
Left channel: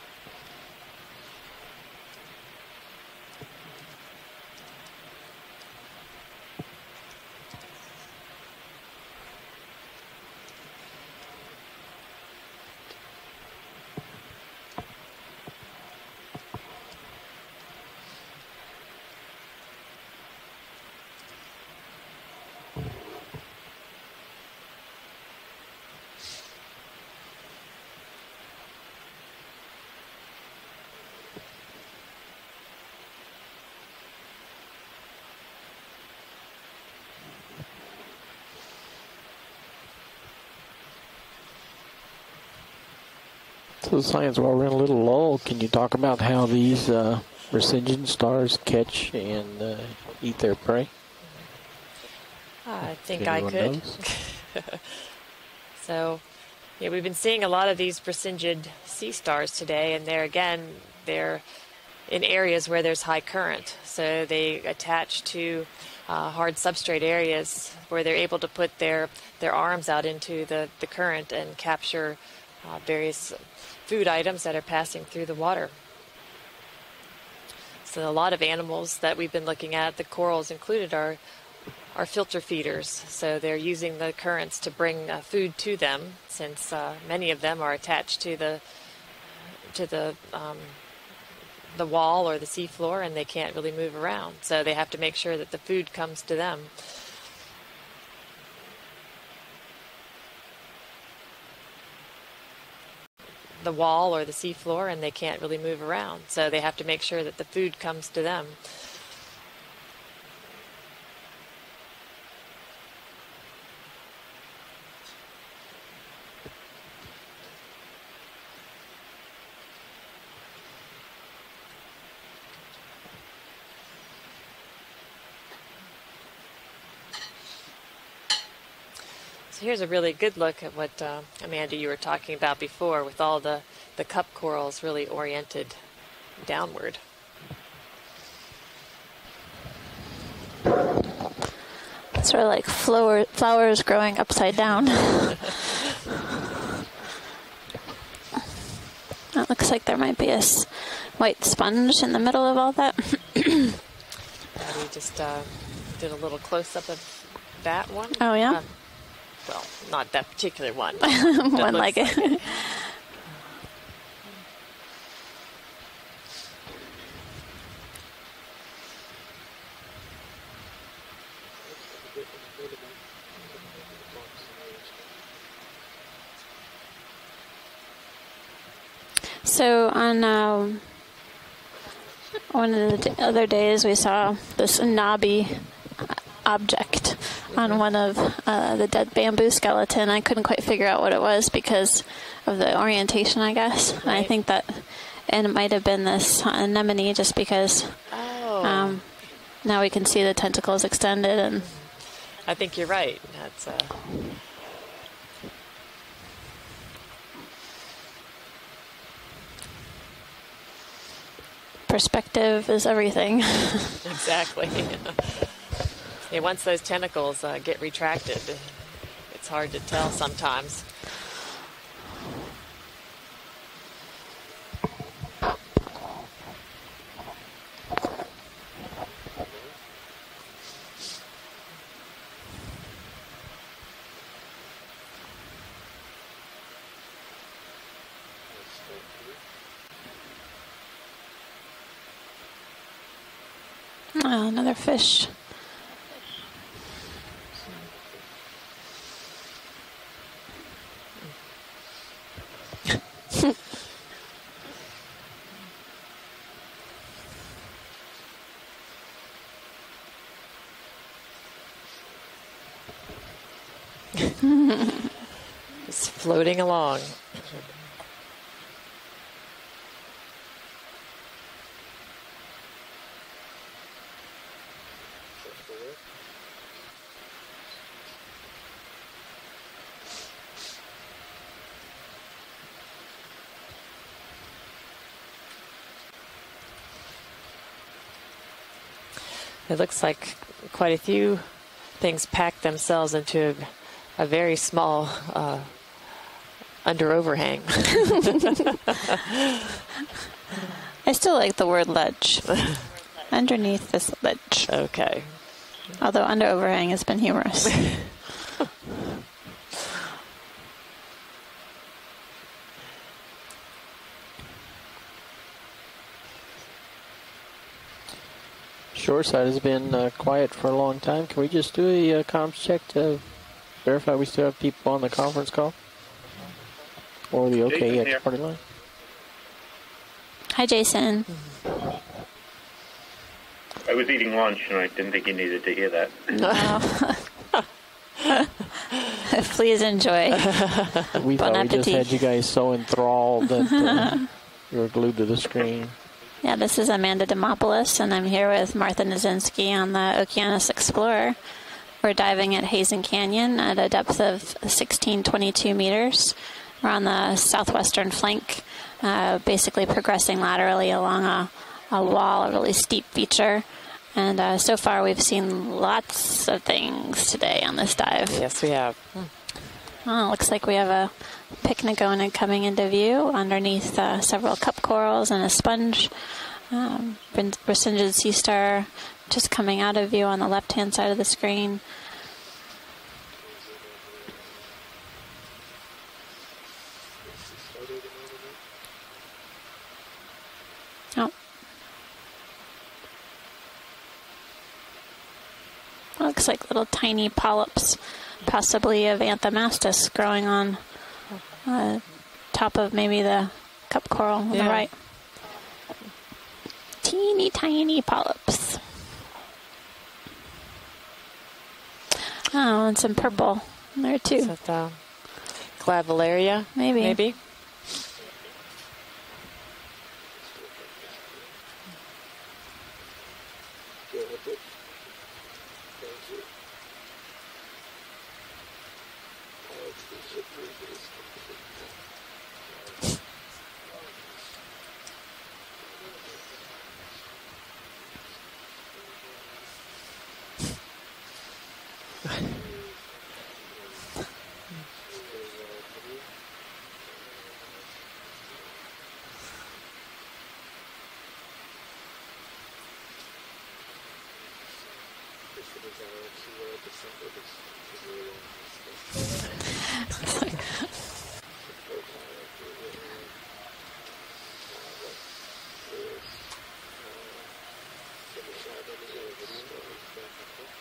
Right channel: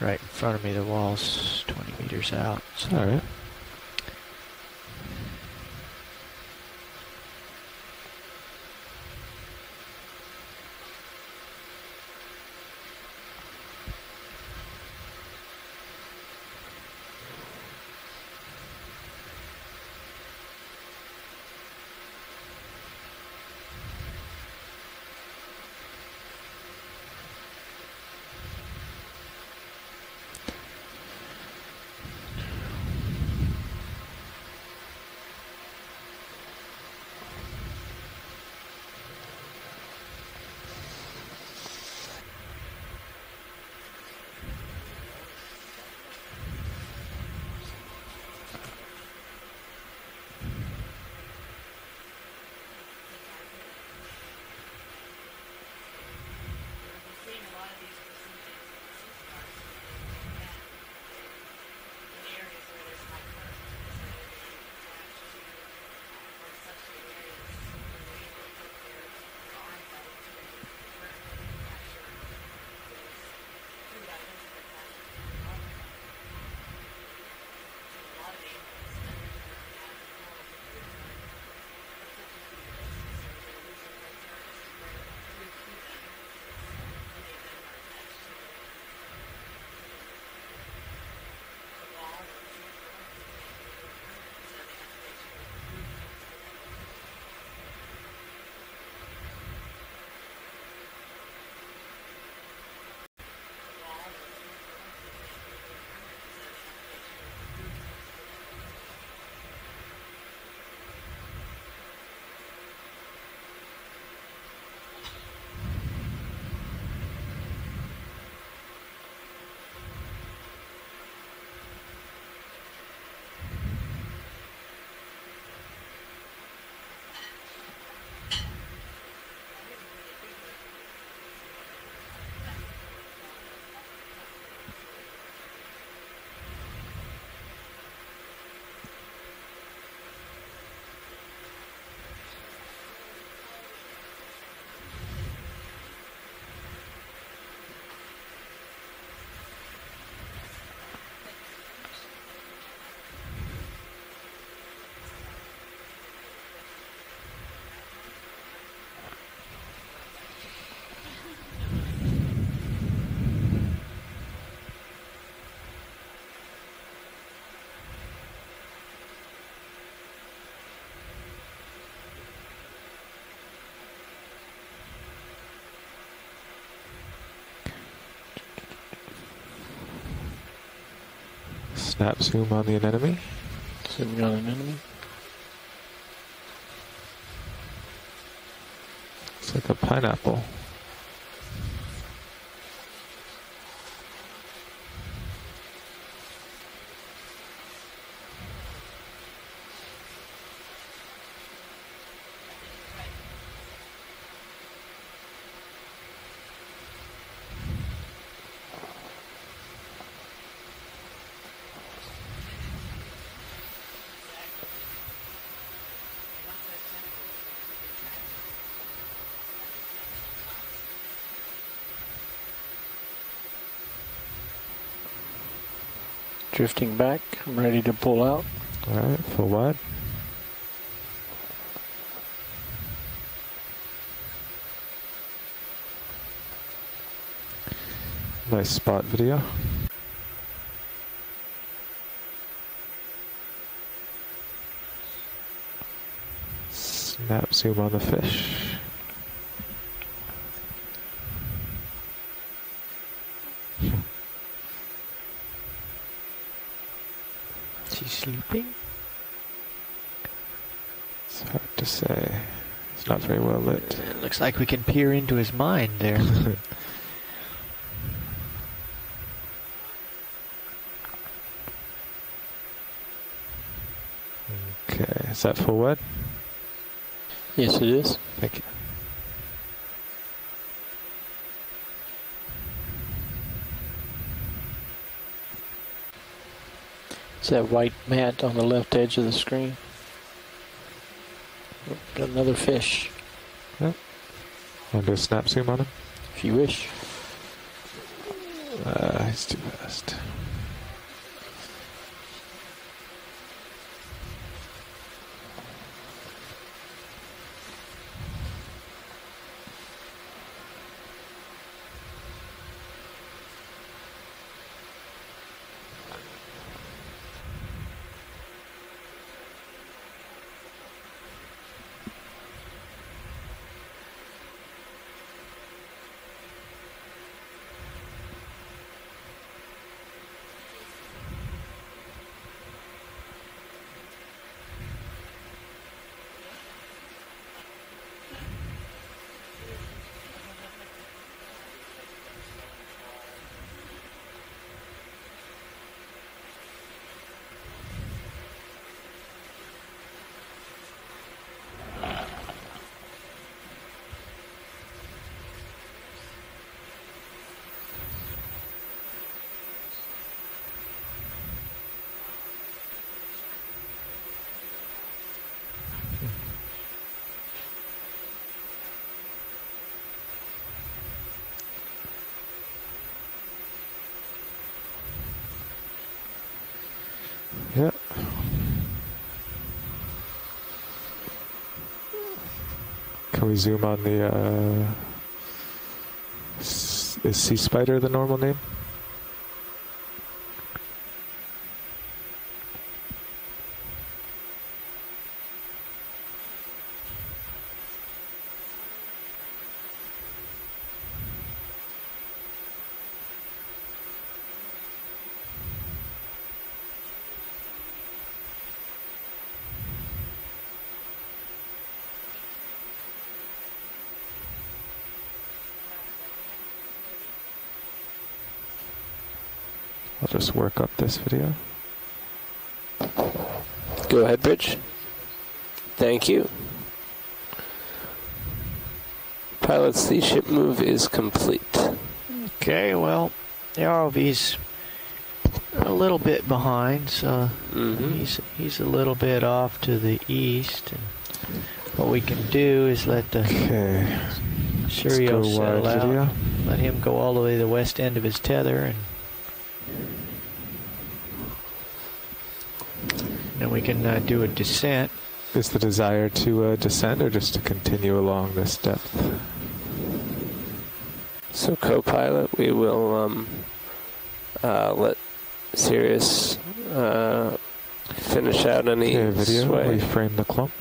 right in front of me. The wall's 20 meters out. So. All right. So science, while we're in a little lull, can you talk about how these Heezen stars catch and eat their prey? I think I could. So, yeah, we've been seeing a lot of these Heezen sea stars today, and they're in areas where there's high current. So they attach to hard substrate areas where they're able to put their arms out into the current and capture various food items that are passing through the water. So a lot of animals that we've been looking at, the corals included, are filter feeders. So they're using the currents to bring food to them, since many of them are attached to the wall or the seafloor, and they can't really move around. So they have to make sure that the food comes to them. The wall or the seafloor, and they can't really move around. So they have to make sure that the food comes to them. Here's a really good look at what, Amanda, you were talking about before, with all the cup corals really oriented downward. It's sort of like flowers growing upside down. It looks like there might be a white sponge in the middle of all that. We just did a little close-up of that one. Oh, yeah? Well, not that particular one. One like it. So on snap zoom one on of the other days, we saw this knobby object on one of the dead bamboo skeleton. I couldn't quite figure out what it was because of the orientation, I guess. And I think that it might have been this anemone, just because now we can see the tentacles extended. And I think you're right. That's perspective is everything. Exactly. Yeah, once those tentacles get retracted, it's hard to tell sometimes. Drifting back. I'm ready to pull out. All right, full wide. Nice spot video. Oh, another fish. Snap zoom on the fish. She's sleeping? It's hard to say. It's not very well lit. Looks like we can peer into his mind there. Floating along. Okay, is that full wide? Yes, it is. Thank you. It's that white mat on the left edge of the screen. It looks like quite a few things pack themselves into a very small snap zoom on them? If you wish. Under overhang. I still like the word ledge. Underneath this ledge. Okay. Although under overhang has been humorous. Shoreside has been quiet for a long time. Can we just do a comms check to verify we still have people on the conference call? Or the OKEX party line? Hi, Jason. I was eating lunch, and I didn't think you needed to hear that. No. Please enjoy. We Bon thought we just appetit. had you guys so enthralled that you were glued to the screen. Yeah, this is Amanda Demopoulos, and I'm here with Martha Nazinski on the Okeanos Explorer. We're diving at Heezen Canyon at a depth of 1622 meters. We're on the southwestern flank, basically progressing laterally along a wall, a really steep feature. And so far we've seen lots of things today on this dive. Yes, we have. Oh, looks like we have a Pycnogonid coming into view underneath several cup corals and a sponge. Rescinded sea star just coming out of view on the left-hand side of the screen. Can we zoom on the... is sea spider the normal name? Oh. Looks like little tiny polyps, possibly of Anthomastus, growing on top of maybe the cup coral on the right. Teeny tiny polyps. Oh, and some purple in there too. Is that Clavularia? Maybe. I'll just work up this video. Go ahead, Bridge. Thank you. Pilots, the ship move is complete. Okay, well, the ROV's a little bit behind, so he's a little bit off to the east. And what we can do is let the Curio settle out. Video. Let him go all the way to the west end of his tether, and then we can do a descent. is the desire to descend or just to continue along this depth? So, co-pilot, we will let Sirius finish out any video. sway. Reframe the clump.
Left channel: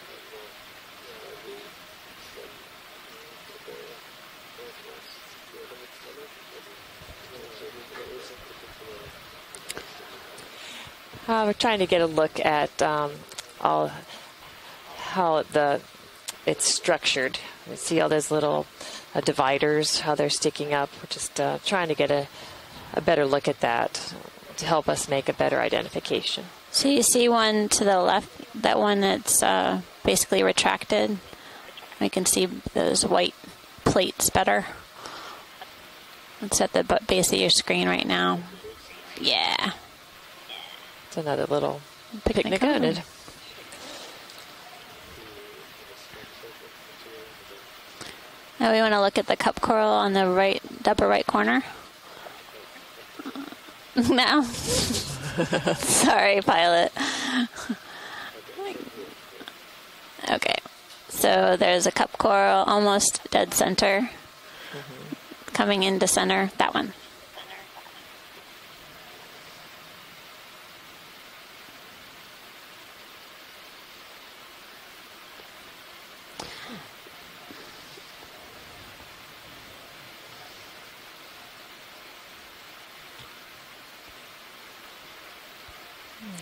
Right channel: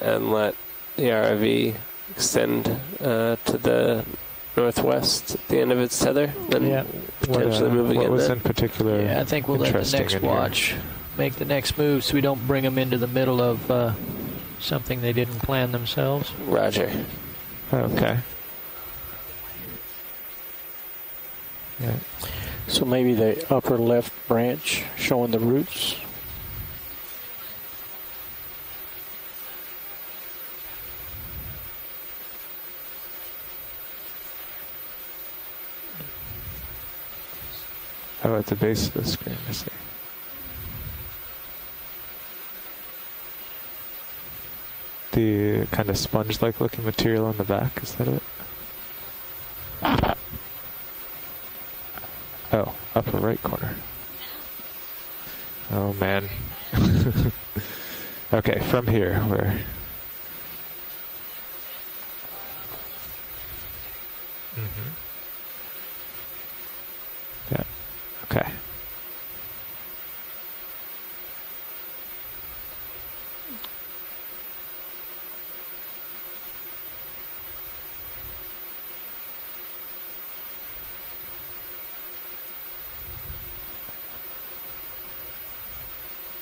And let the ROV extend to the northwest at the end of its tether, then potentially move again. What was in particular? Yeah, I think we'll let the next watch make the next trying to move get a so we don't look bring at, them into the middle of something they didn't plan themselves. It's structured. See all those little dividers, how they're sticking up. We're just trying to get a better look at that left branch to help us showing make a the better roots. identification. So you see one to the left, that one that's basically retracted. We can see those white plates better. It's at the base of your screen right now. Oh, at the base of the screen. Yeah. It's another little picnic unit. The kind of sponge-like looking material on the back, is that it? Now we want to look at the cup coral on the upper right corner. Oh, upper right corner. No. Sorry, pilot. Okay, from here, where? Okay. So there's a cup coral almost dead center. Coming into center, that one. Yeah. Okay.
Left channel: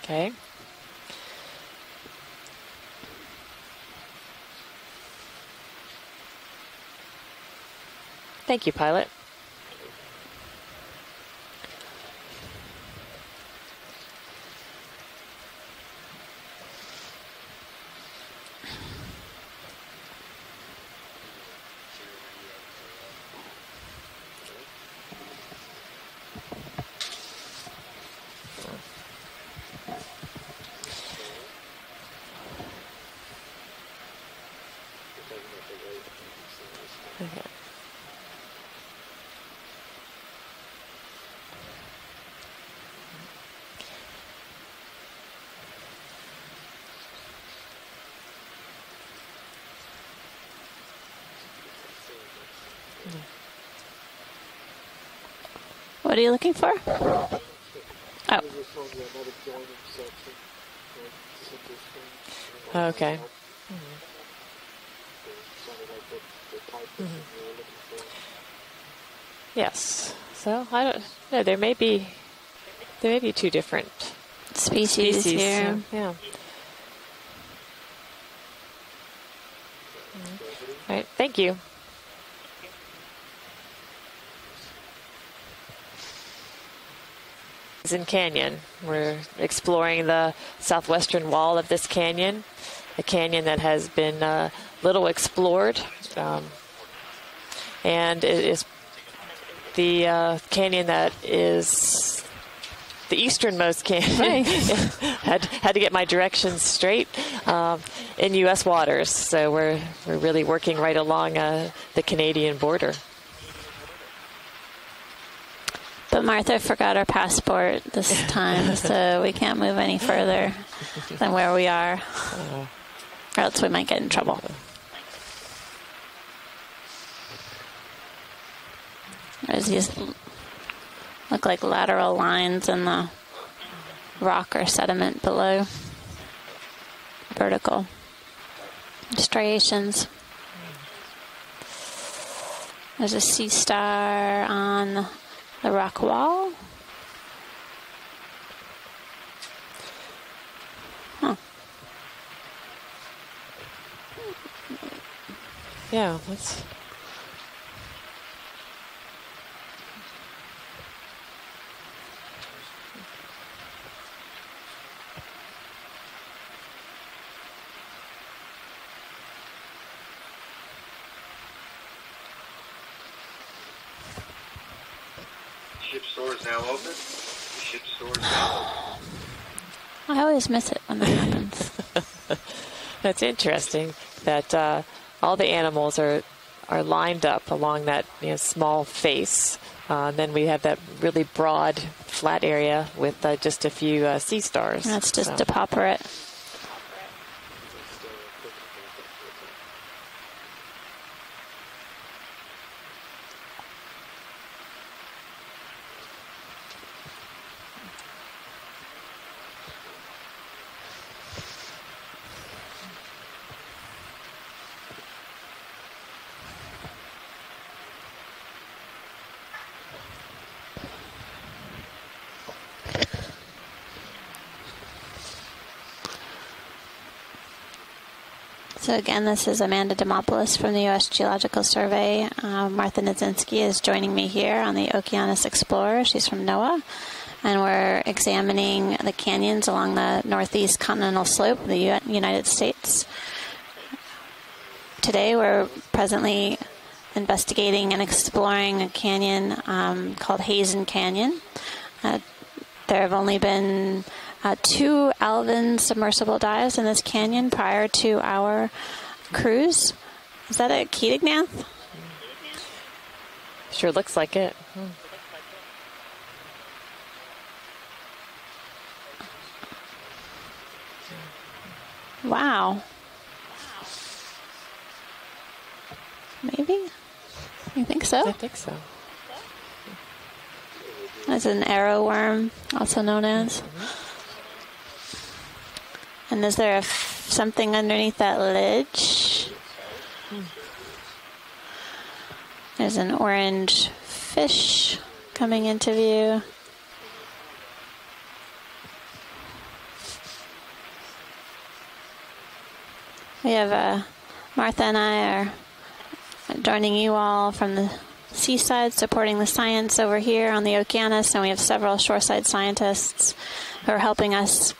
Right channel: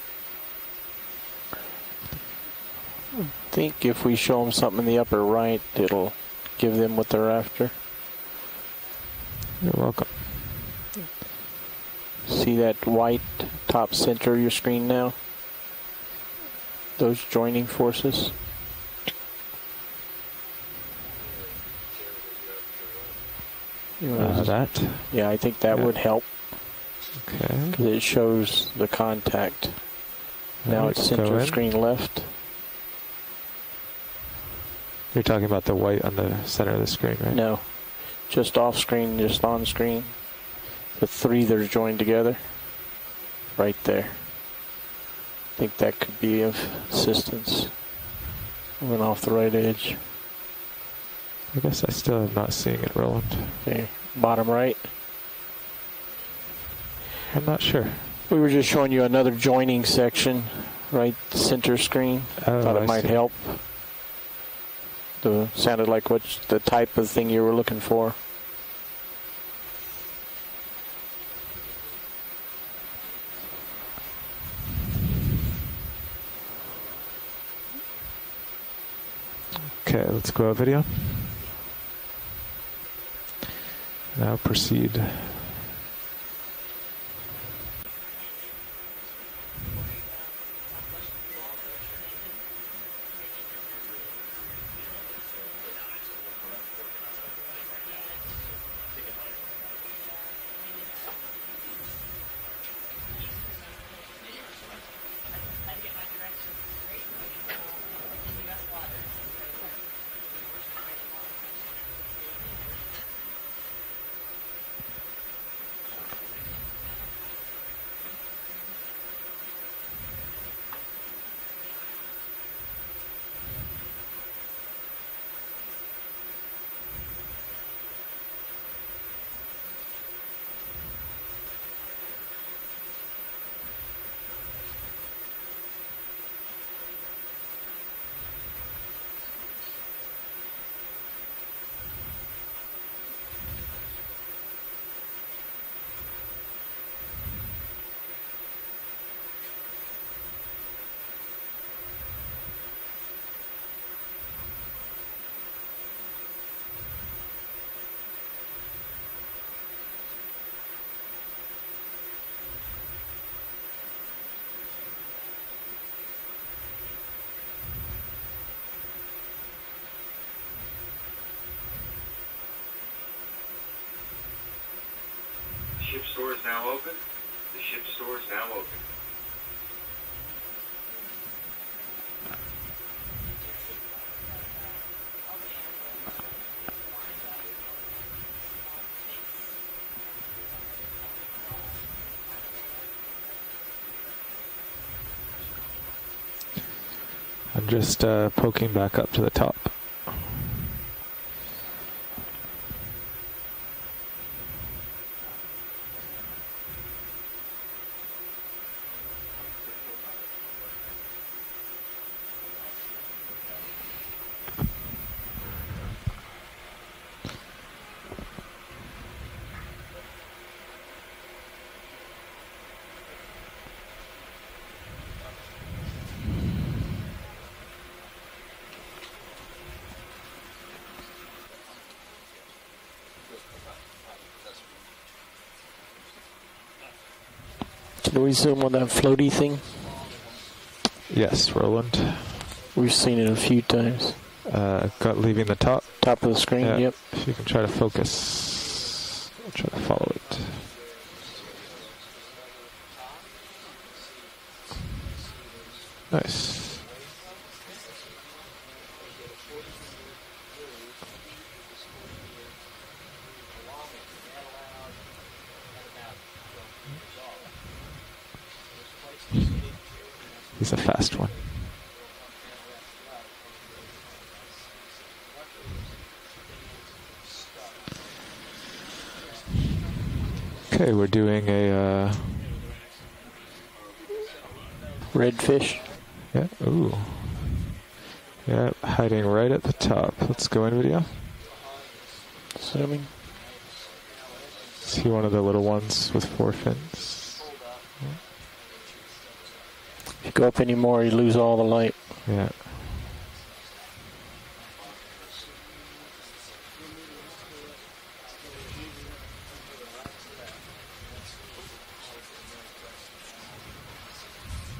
Okay. I think if we show them something in the upper right, it'll give them what they're after. Thank you, pilot. You're welcome. See that white top center of your screen now? Those joining forces? That? Yeah, I think that would help. Okay. Because it shows the contact. Now it's center screen left. You're talking about the white on the center of the screen, right? No. Just off screen, just on screen. The three that are joined together. Right there. I think that could be of assistance. I went off the right edge. I guess I still am not seeing it, Roland. Okay. Bottom right. What are you looking for? I'm not sure. We were just showing you another joining section, right center screen. Thought it might help. Sounded like what's the type of thing you were looking for. Yes. So I don't know. There may be two different species here. Yeah. Okay, let's go video. All right. Thank you. Now proceed. Heezen Canyon. We're exploring the southwestern wall of this canyon, a canyon that has been little explored, and it is the canyon that is the easternmost canyon. had to get my directions straight in U.S. waters, so we're really working right along the Canadian border. But Martha forgot her passport this time, so we can't move any further than where we are, or else we might get in trouble. There's these look like lateral lines in the rock or sediment below. Vertical striations. There's a sea star on the rock wall. Huh. Yeah, that's... Ship store is now open. The ship store is now open. I always miss it when that happens. That's interesting that all the animals are lined up along that small face. Then we have that really broad flat area with just a few sea stars. That's just to popper it. I'm just poking back up to the top. So again, this is Amanda Demopoulos from the U.S. Geological Survey. Martha Nizinski is joining me here on the Okeanos Explorer. She's from NOAA. And we're examining the canyons along the northeast continental slope of the United States. We've seen it a few times. Today we're presently investigating and exploring a canyon called Heezen Canyon. There have only been 2 Alvin submersible dives in this canyon prior to our cruise. Is that a Keatingnath? Sure looks like it. He's a fast one. Wow. Maybe? You think so? I think so. Okay, we're doing as an arrow worm, also known as. Redfish. And is there something underneath that lid? Hiding right at the top. Let's go in video. There's an orange fish one of the coming little into ones view. with 4 fins. If you go up anymore, you lose all the light. Yeah. We have Martha and I are joining you all from the seaside, supporting the science over here on the Okeanos, and we have several shoreside scientists who are helping us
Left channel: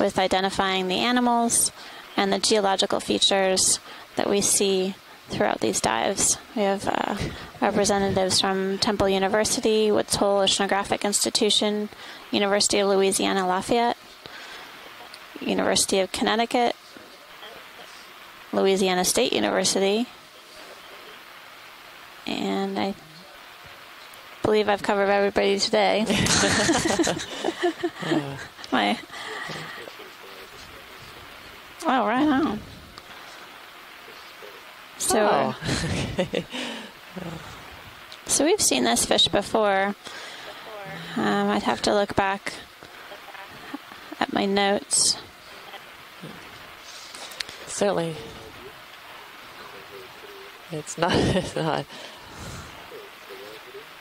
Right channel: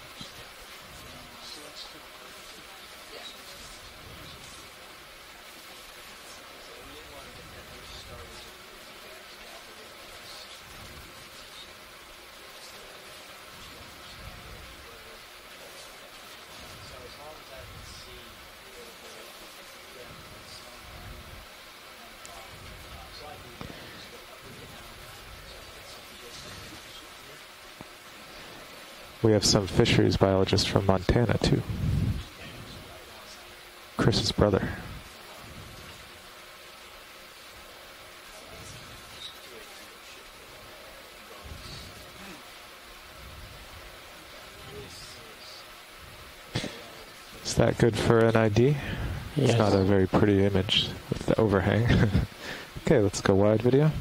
with identifying the animals and the geological features that we see throughout these dives. We have representatives from Temple University, Woods Hole Oceanographic Institution, University of Louisiana Lafayette, University of Connecticut, Louisiana State University, and I believe I've covered everybody today. We have some fisheries biologists from Montana, too. Oh, right on. Chris's brother. So, so we've seen this fish before. I'd have to look back at my notes. Is that good for an ID? Yeah. It's not a very pretty image. It's not. The overhang. Okay, let's go wide video.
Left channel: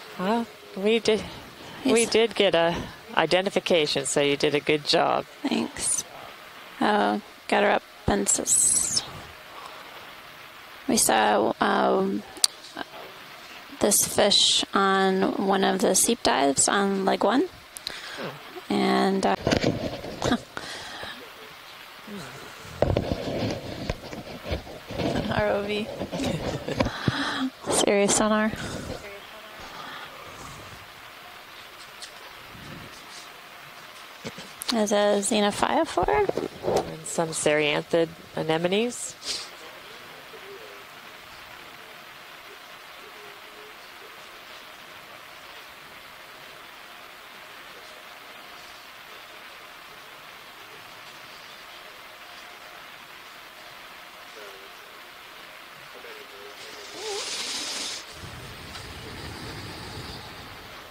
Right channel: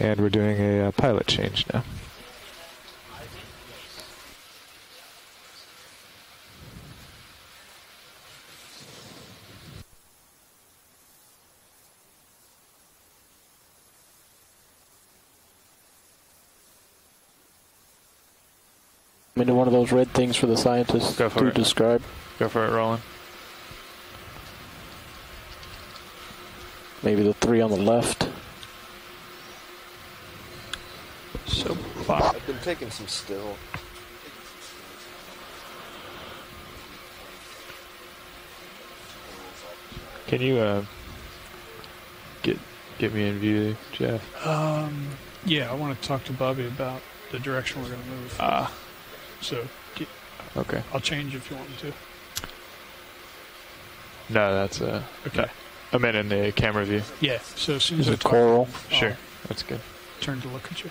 And we're doing a pilot change now. We did get a identification, so you did a good job. Thanks. Got her up and we saw this fish on one of the seep dives on leg 1. And one of those red things for the scientists to describe. Go for it, Roland. ROV. Maybe the 3 on the Stereo left. sonar. So I've been taking some still. As a xenophyophore. And some Cereanthid anemones. Can you get me in view, Jeff? Yeah, I want to talk to Bobby about the direction we're going to move. So, okay. I'll change if you want me to. No, that's okay. I meant in the camera view. Yeah. So as soon as I talk, coral. Sure, that's good. Turn to look at you.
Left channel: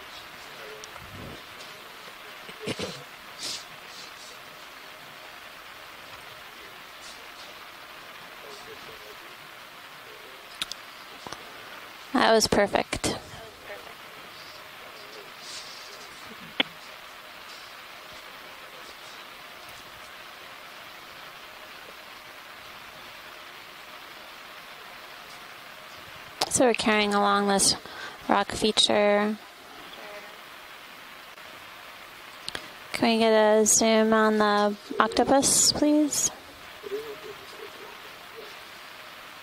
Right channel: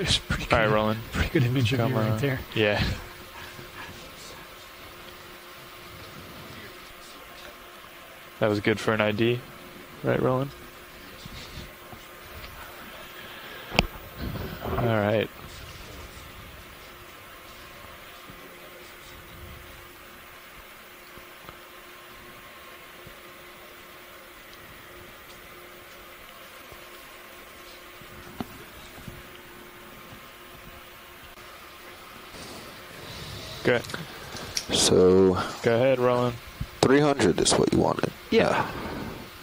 It's pretty good. All right, Roland. Pretty good image of you right there. Yeah. That was good for an ID, right, Roland? That was perfect. All right. So we're carrying along this rock feature. Can we get a zoom on the octopus, Go ahead, please? Roland. 300 is what you wanted. Yeah.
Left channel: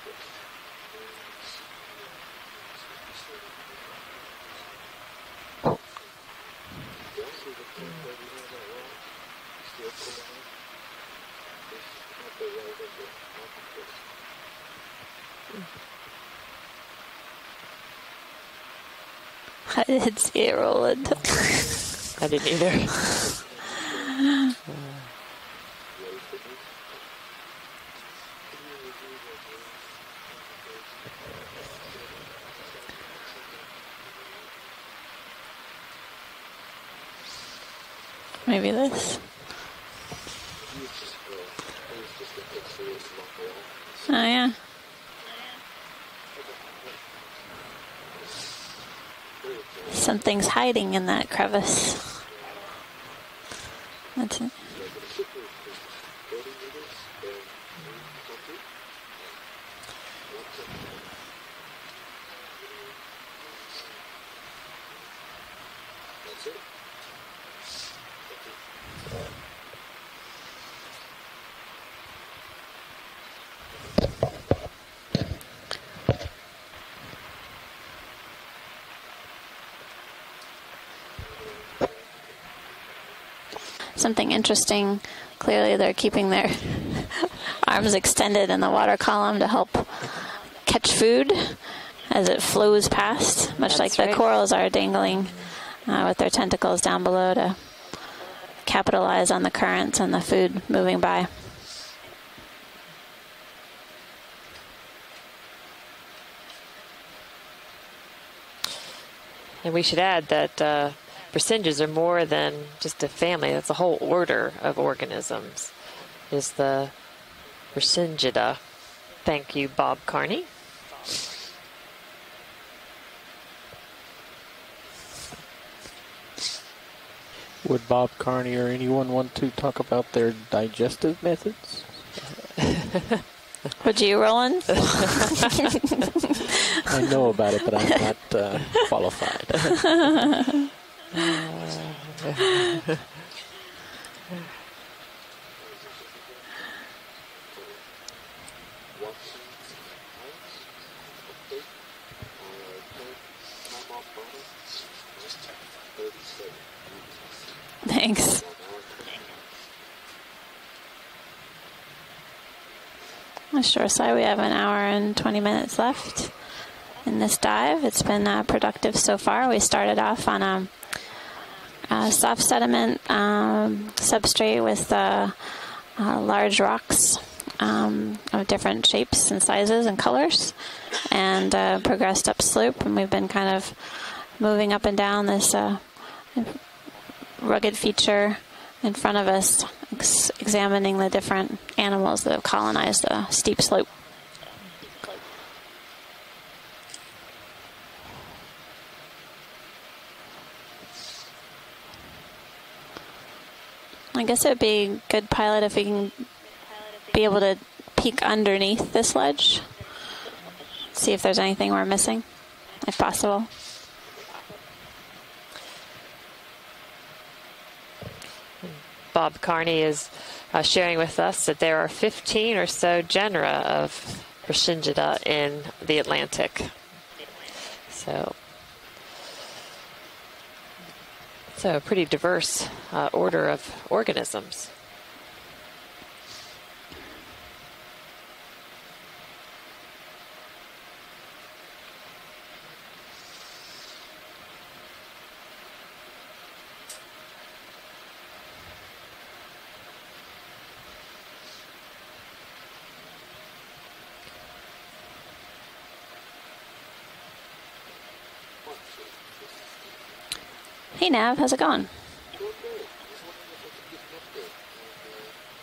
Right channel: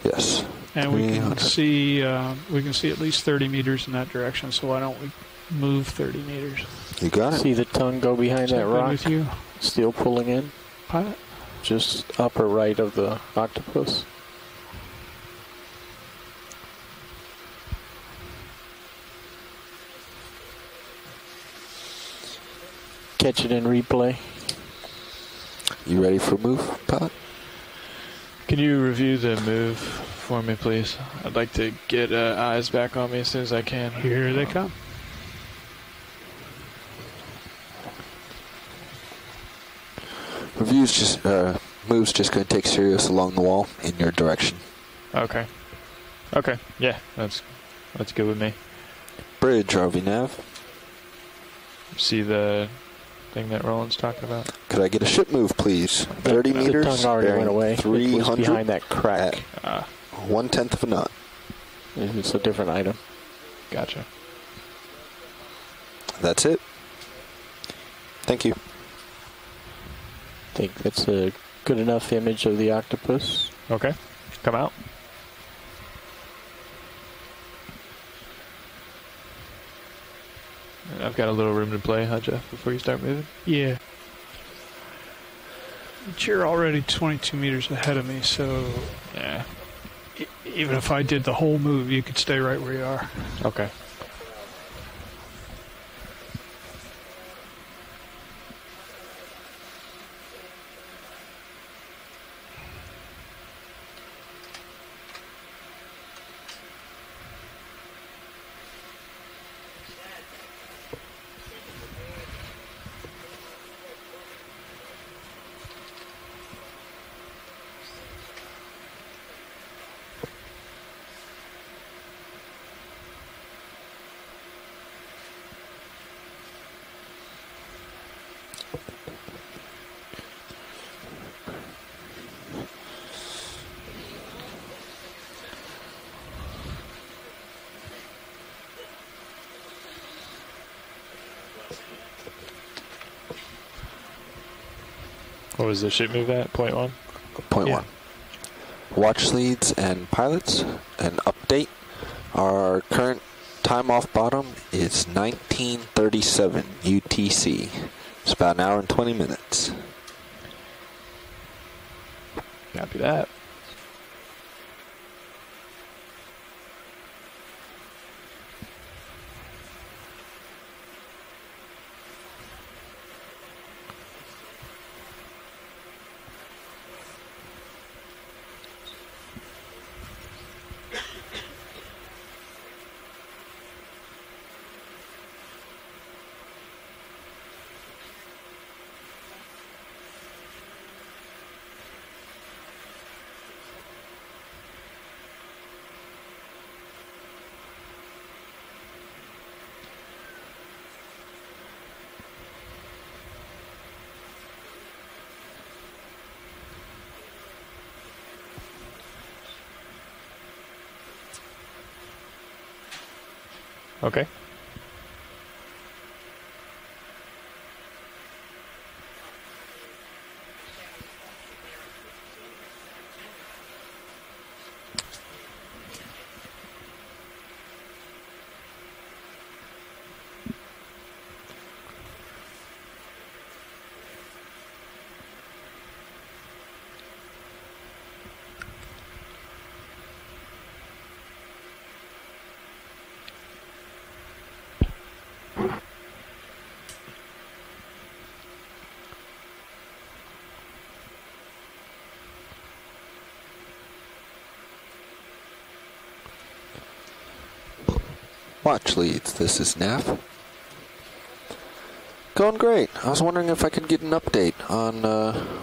Yes. And we can see at least 30 meters in that direction. So why don't we move 30 meters? You got it. See the tongue go behind that rock? With you? Still pulling in? Pilot? Just upper right of the octopus. I didn't see it rolling. I didn't either. Catch it in replay. You ready for move, Pat? Can you review the move for me, please? I'd like to get eyes back on me as soon as I can. Here they come. Maybe this. Review's just move's just going to take Sirius along the wall in your direction. Yeah. Okay. Okay. Yeah, that's good with me. Bridge, RV nav. Something's hiding in that crevice. See the thing that Roland's talking about? Could I get a ship move, please? 30 meters. The tongue already went away. 300 It was behind that crack. 1/10 of a knot. It's a different item. Gotcha. That's it. Thank you. I think that's a good enough image of the octopus. Okay. Come out. I've got a little room to play, huh, Jeff, before you start moving? Yeah. Something interesting. Clearly, they're keeping their already 22 meters arms extended in the water column to help even catch if I food did the whole move, you could as stay it right flows where you are. past, Okay. much like the corals are dangling with their tentacles down below to capitalize on the currents and the food moving by. And we should add that Brasinges are more than just a family. That's a whole order of organisms. Is the Brasingida. Thank you, Bob Carney. Would Bob Carney or anyone want to talk about their digestive methods? Would you, Roland? I know about it, but I'm not qualified. What was the ship move at? Point one? Point one. Watch leads and pilots, an update. Our current time off bottom is 1937 UTC. Thanks. It's about an hour and 20 minutes. Copy that. On shore side, we have an hour and 20 minutes left in this dive. It's been productive so far. We started off on a soft sediment substrate with large rocks of different shapes and sizes and colors, and progressed upslope, and we've been kind of moving up and down this rugged feature in front of us, examining the different animals that have colonized the steep slope. I guess it would be a good pilot if we can be able to peek underneath this ledge, see if there's anything we're missing, if possible. Okay. Bob Carney is sharing with us that there are 15 or so genera of Brasingida in the Atlantic. So a pretty diverse order of organisms. Watch leads, this is Nav. Hey Nav, how's it going? Going great. I was wondering if I could get an update on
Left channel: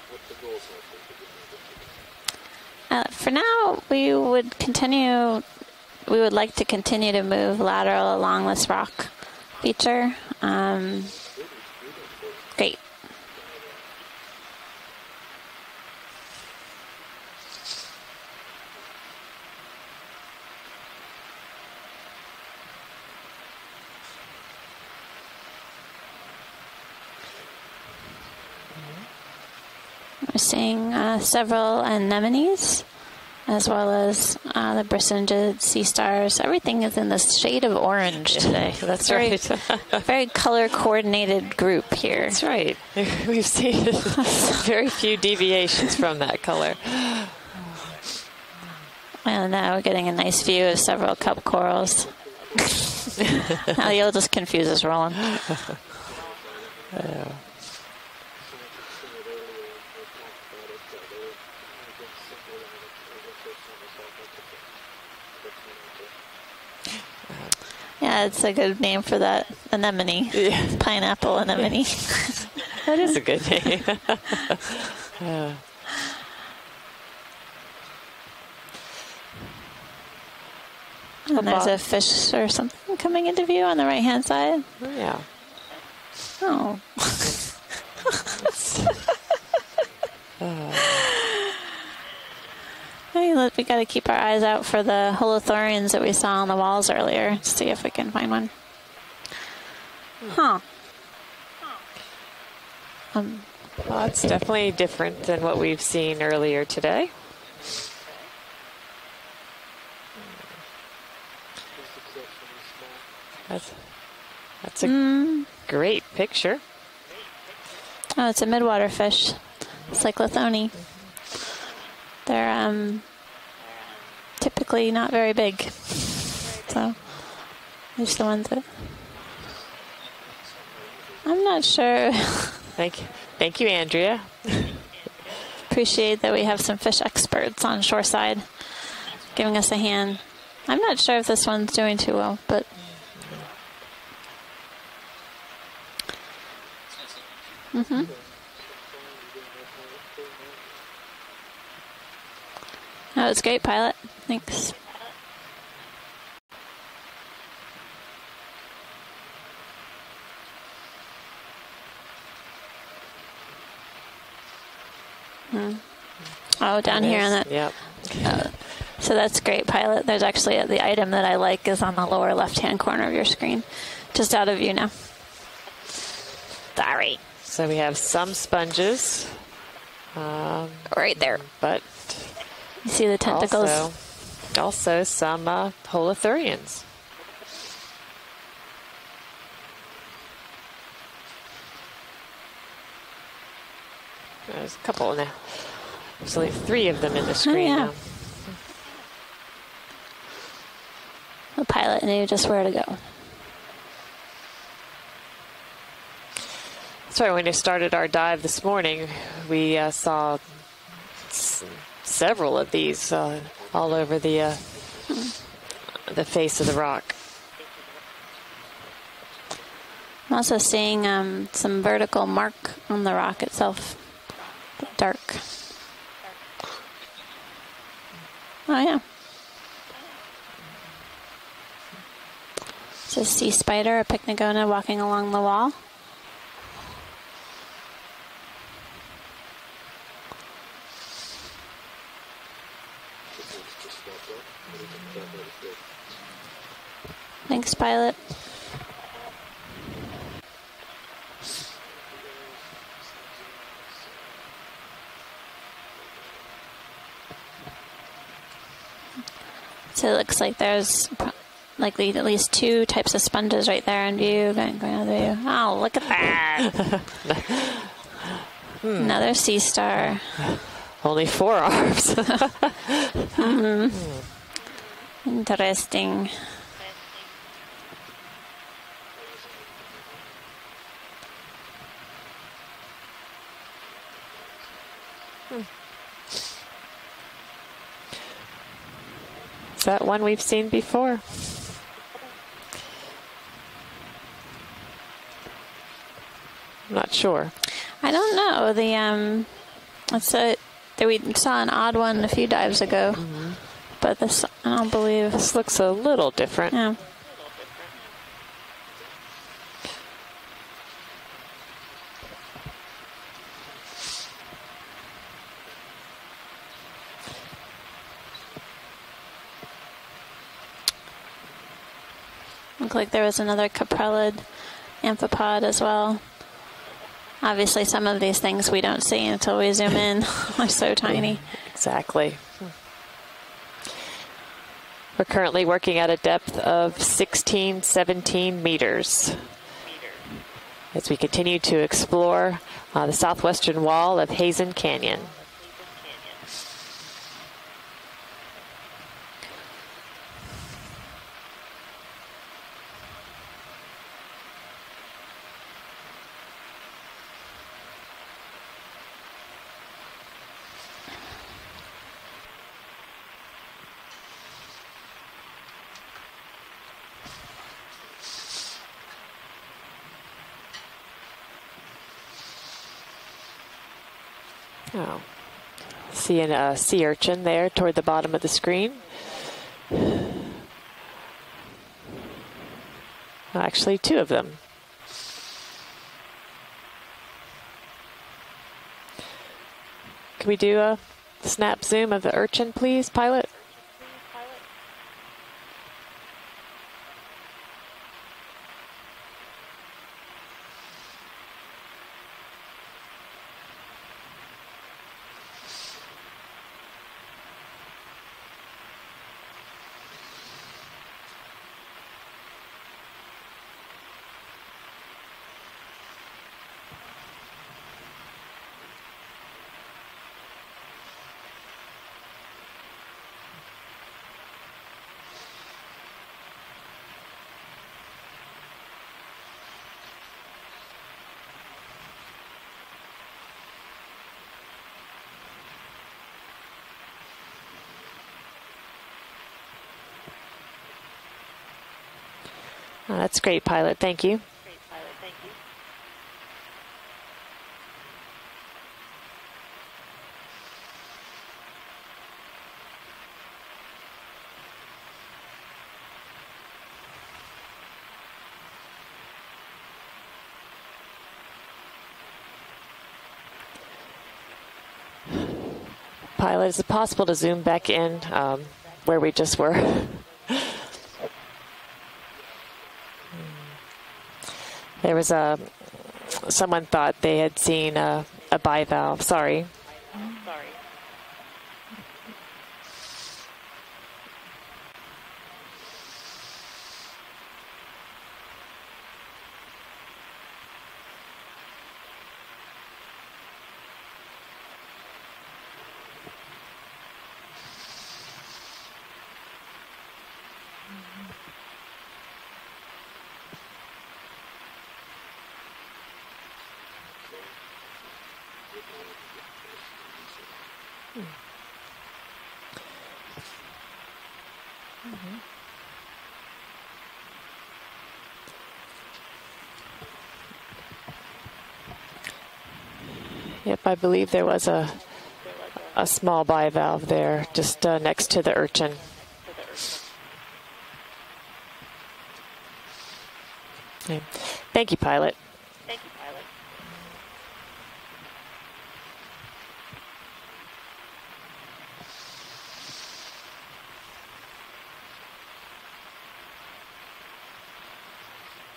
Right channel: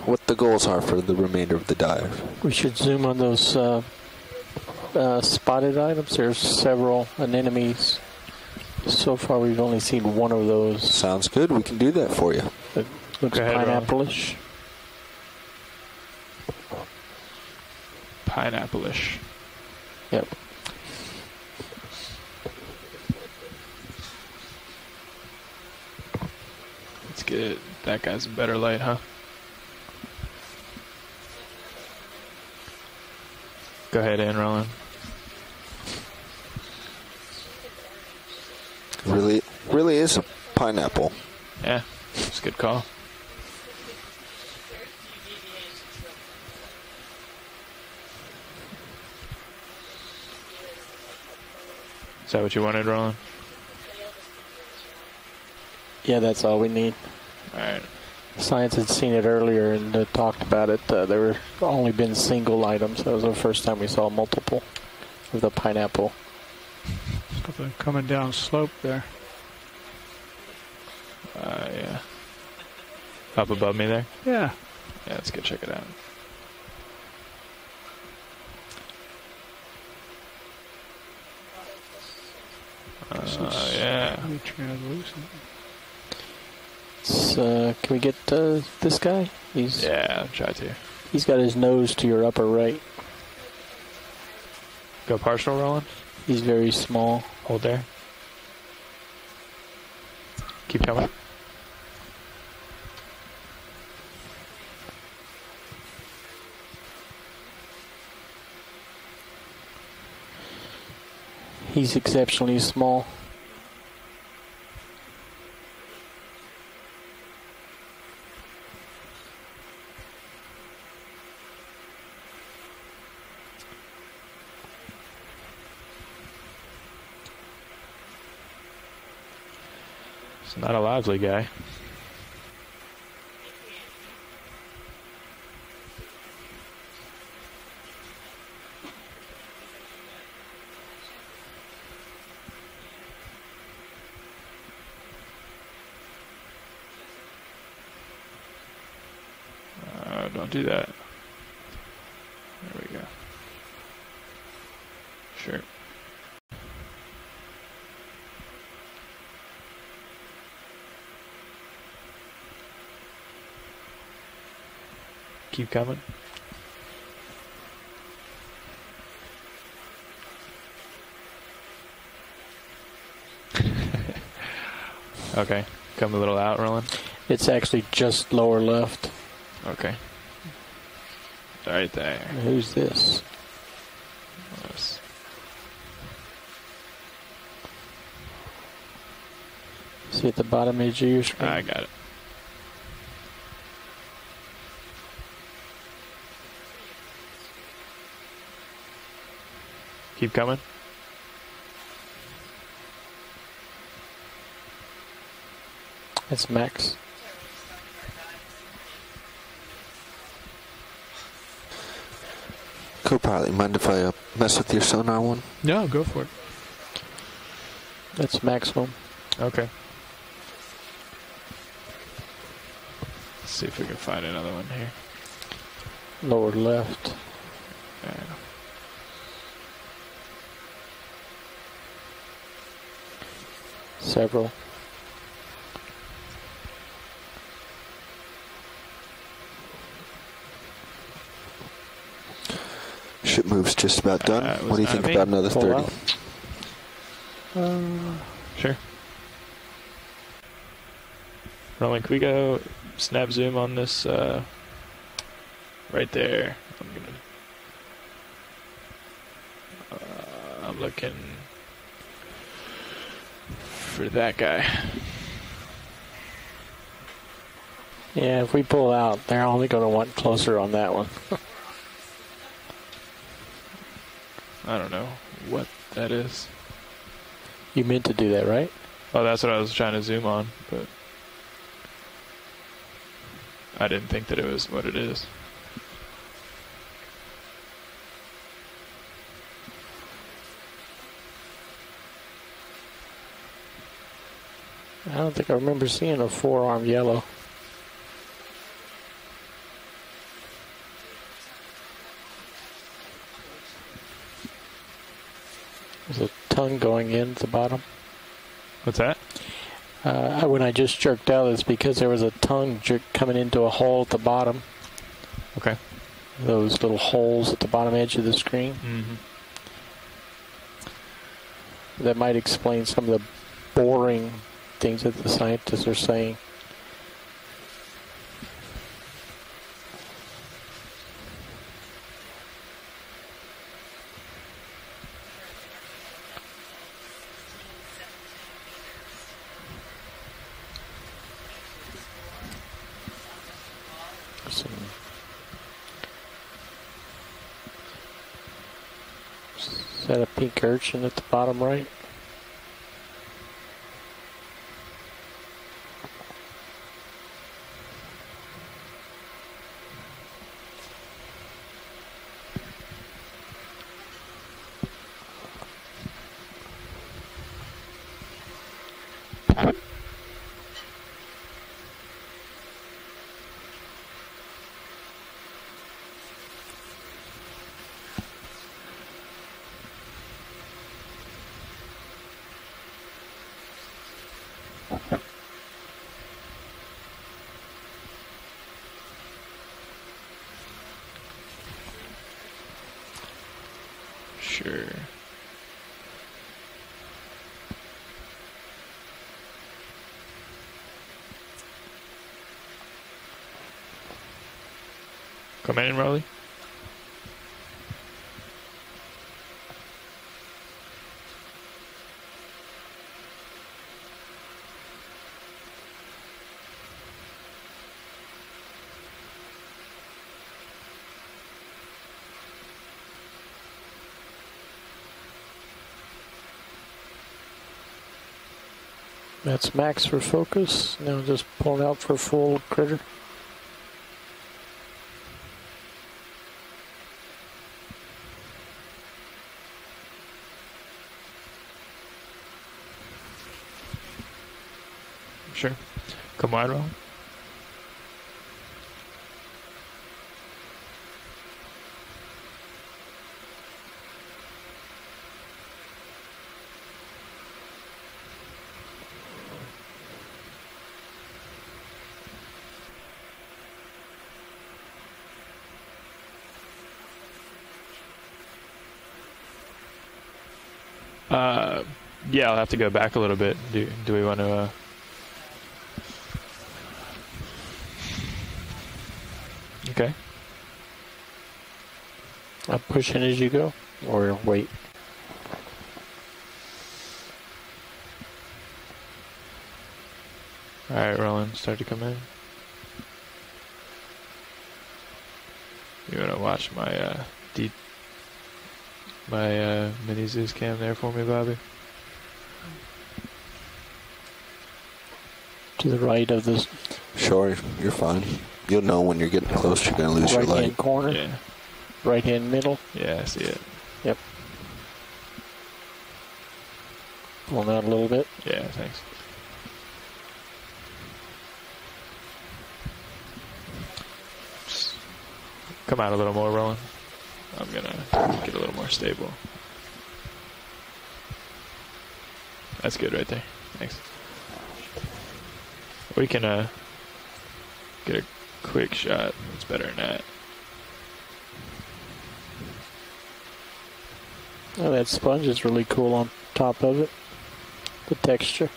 what the goals are for the remainder of the dive. We should zoom on For those now, we would continue. spotted items. We would like to Several continue to move anemones. lateral along this rock. So far, we've only feature. seen one of those. Sounds good. We can do that for you. Great. It looks pineapple-ish. Pineapple-ish. Yep. Let's get that guy's a better light, huh? We're seeing several anemones, as well Go as ahead, Anne, the Brasingid sea stars. Everything is in this shade of orange today. That's Really- right. really is very a color-coordinated group here. That's right. We've seen very few deviations from that color. And now we're getting a nice view of several cup corals. Is that what you wanted, Roland? Now you'll just confuse us, Roland. Yeah, that's all we need. All right. Science had seen it earlier and talked about it. There were only been single items. That was the first time we saw multiple of the pineapple. Yeah, it's a good name for that anemone. Yeah. Pineapple anemone. That is a good Up name. above me there? Yeah. Let's go check it out. And there's a fish or something coming into view on the right-hand side. Yeah. Oh. Can we get this guy? Yeah, I'm trying to. He's got his nose to your upper right. Hey, we got to keep our eyes out for the holothurians that we saw He's on the very walls small. earlier. See Okay. if we can find one. Huh. Keep coming. Well, it's definitely different than what we've seen earlier today. He's exceptionally small. That's a great picture. Oh, it's a midwater fish. Cyclothone. They're typically not very big. So, just the ones that... It's not a lively guy. I'm not sure. Thank you, Andrea. Appreciate that we have some fish experts on shoreside giving us a hand. I'm not sure if this one's doing too well, but... Don't do that. There we go. Oh, it's great, pilot. Thanks. Sure. Keep coming. Oh, down here on that. Yep. So that's great, pilot. There's actually the item that I like is on the lower left-hand corner of your screen. Just out of view now. Okay. Come a little out, Roland. Sorry. It's So actually we have just some lower sponges. Okay. Right there. Right there. left. Who's You this? see the tentacles? Also some holothurians. See at the bottom edge of your screen? I got it. There's a couple now. There's only 3 of them in the screen yeah. now. Keep coming. The pilot knew just where to go. That's Max. Sorry, when we started our dive this morning, we saw several of these Could probably mind if all over I the mess with your sonar one? No, go for the it. face of the rock. That's Max one. Okay. I'm also seeing some vertical mark on the rock See if itself. we can find another one here. Dark. Lower left. Oh, yeah. It's a sea spider, a picnicona walking along the wall. Ship move's just about done. What do you think me. about another Pull 30? out. Thanks, pilot. Sure. Roland, can we go snap zoom on this right there? So it looks like there's likely at least 2 types of sponges right there in That view. guy. Oh, look at that. Yeah, if we pull out, Another now sea we go star. one closer on that one. Only 4 arms. Mm-hmm. I don't know. Interesting. You meant to do that, right? Oh, that's what I was trying to zoom on, but I didn't think that it was what it is. Is that one we've seen before? I don't think I remember seeing a 4-arm yellow. Not sure. I don't know. We saw an odd one a few dives ago, but this I don't believe. This looks a little different. Tongue going in at the bottom. What's that? When I just jerked out, it's because there was a tongue coming into a hole at the bottom. Okay. Those little holes at the bottom edge of the screen. That might explain Looks some like of there the was another boring capellid things that the amphipod as scientists were well. saying. Obviously, some of these things we don't see until we zoom in. They're so tiny. Exactly. We're currently working at a depth of 16, 17 meters as we continue to explore the southwestern wall of Heezen Canyon. Is that a pink urchin at the bottom right? Oh. Seeing a sea urchin there toward the bottom of the screen. Actually, two of them. Can we do a snap zoom of the urchin, please, pilot? Sure. Come in, Raleigh. That's max for focus. Now just pull out for full critter. Oh, that's great, pilot. Thank you. Sure. Come wide, Raleigh. Pilot, is it possible to zoom back in where we just were? Yeah, I'll have to go back a little bit. Do we want to? There was someone thought they had seen a bivalve. Sorry. Okay. I'm pushing as you go, or wait. All right, Roland, start to come in. You want to watch my mini Zeus cam there for me, Bobby? To the right of this. Sure, you're fine. You'll know when you're getting close, you're going to lose your light. Right-hand corner? Yeah. Right-hand middle? Yeah, I see it. Yep. Pulling out a little bit. Yeah, thanks. Yep, I believe there was a small bivalve there, just next to the urchin. Stable. That's good right there. Thanks. Yeah. Thank you, pilot. We can get a quick shot. It's better than that. Oh, that sponge is really cool on top of it. The texture.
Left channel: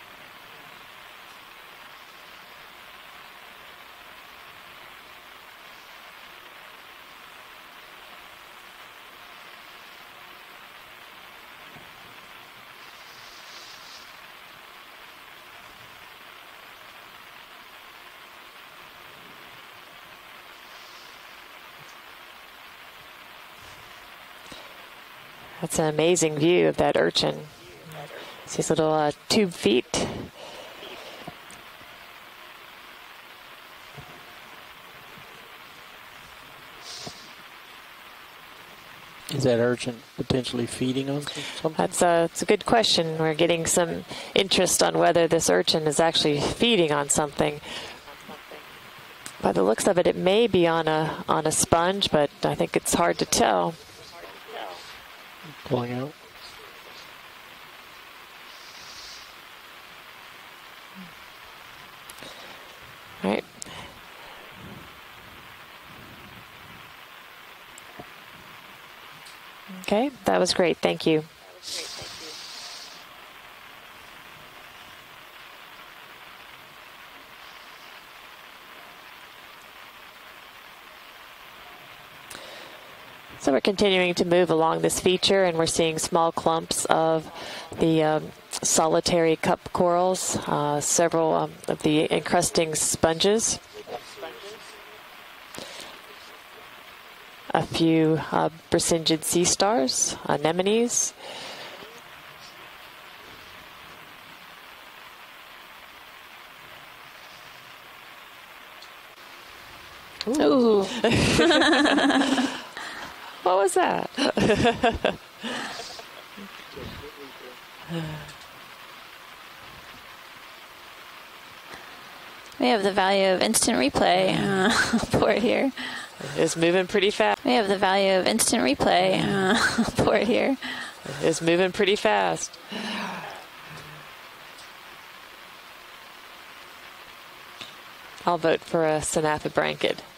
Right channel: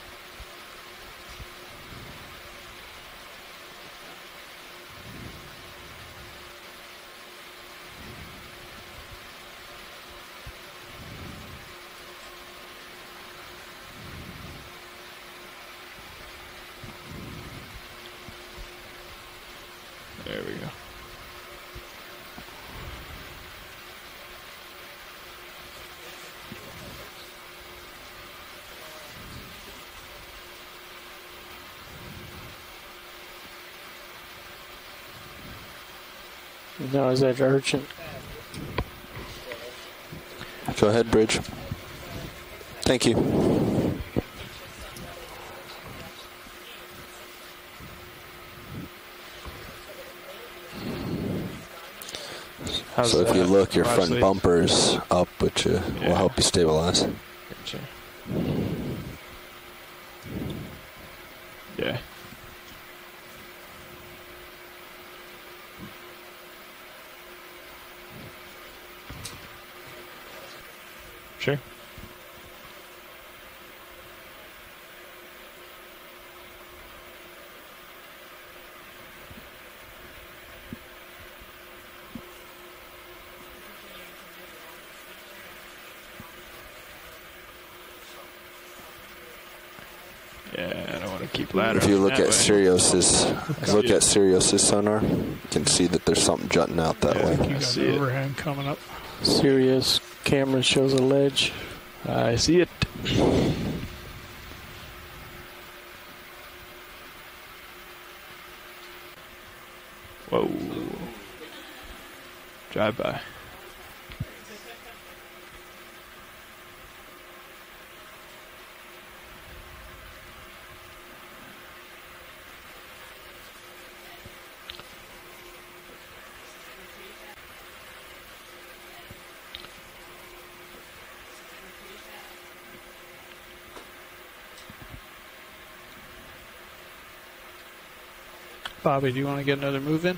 There we go. That's an amazing view of that urchin. It's his little tube feet. Now, is that urchin? Is that urchin potentially feeding? Go ahead, Bridge. That's a good question. Thank you. We're getting some interest on whether this urchin is actually feeding on something. By the looks of it, it may be on a sponge, but I think it's hard to if tell. you look, your front bumper's up, which will help you stabilize. Yeah. All right. Okay, that was great. Thank you. Sure. So we're continuing to move along this feature, and we're seeing small clumps of the solitary cup corals, several if you look at encrusting sponges. Sirius's sonar, you can see that there's something jutting out that way. A few Brisingid sea stars, Camera shows anemones. a ledge. I see it. Ooh. Drive by. What was that? We have the value of instant replay port here. It's moving pretty fast. We have the value of instant replay port here. It's moving pretty fast. I'll vote for Bobby, do you want to Sanatha get another Blanket. move in?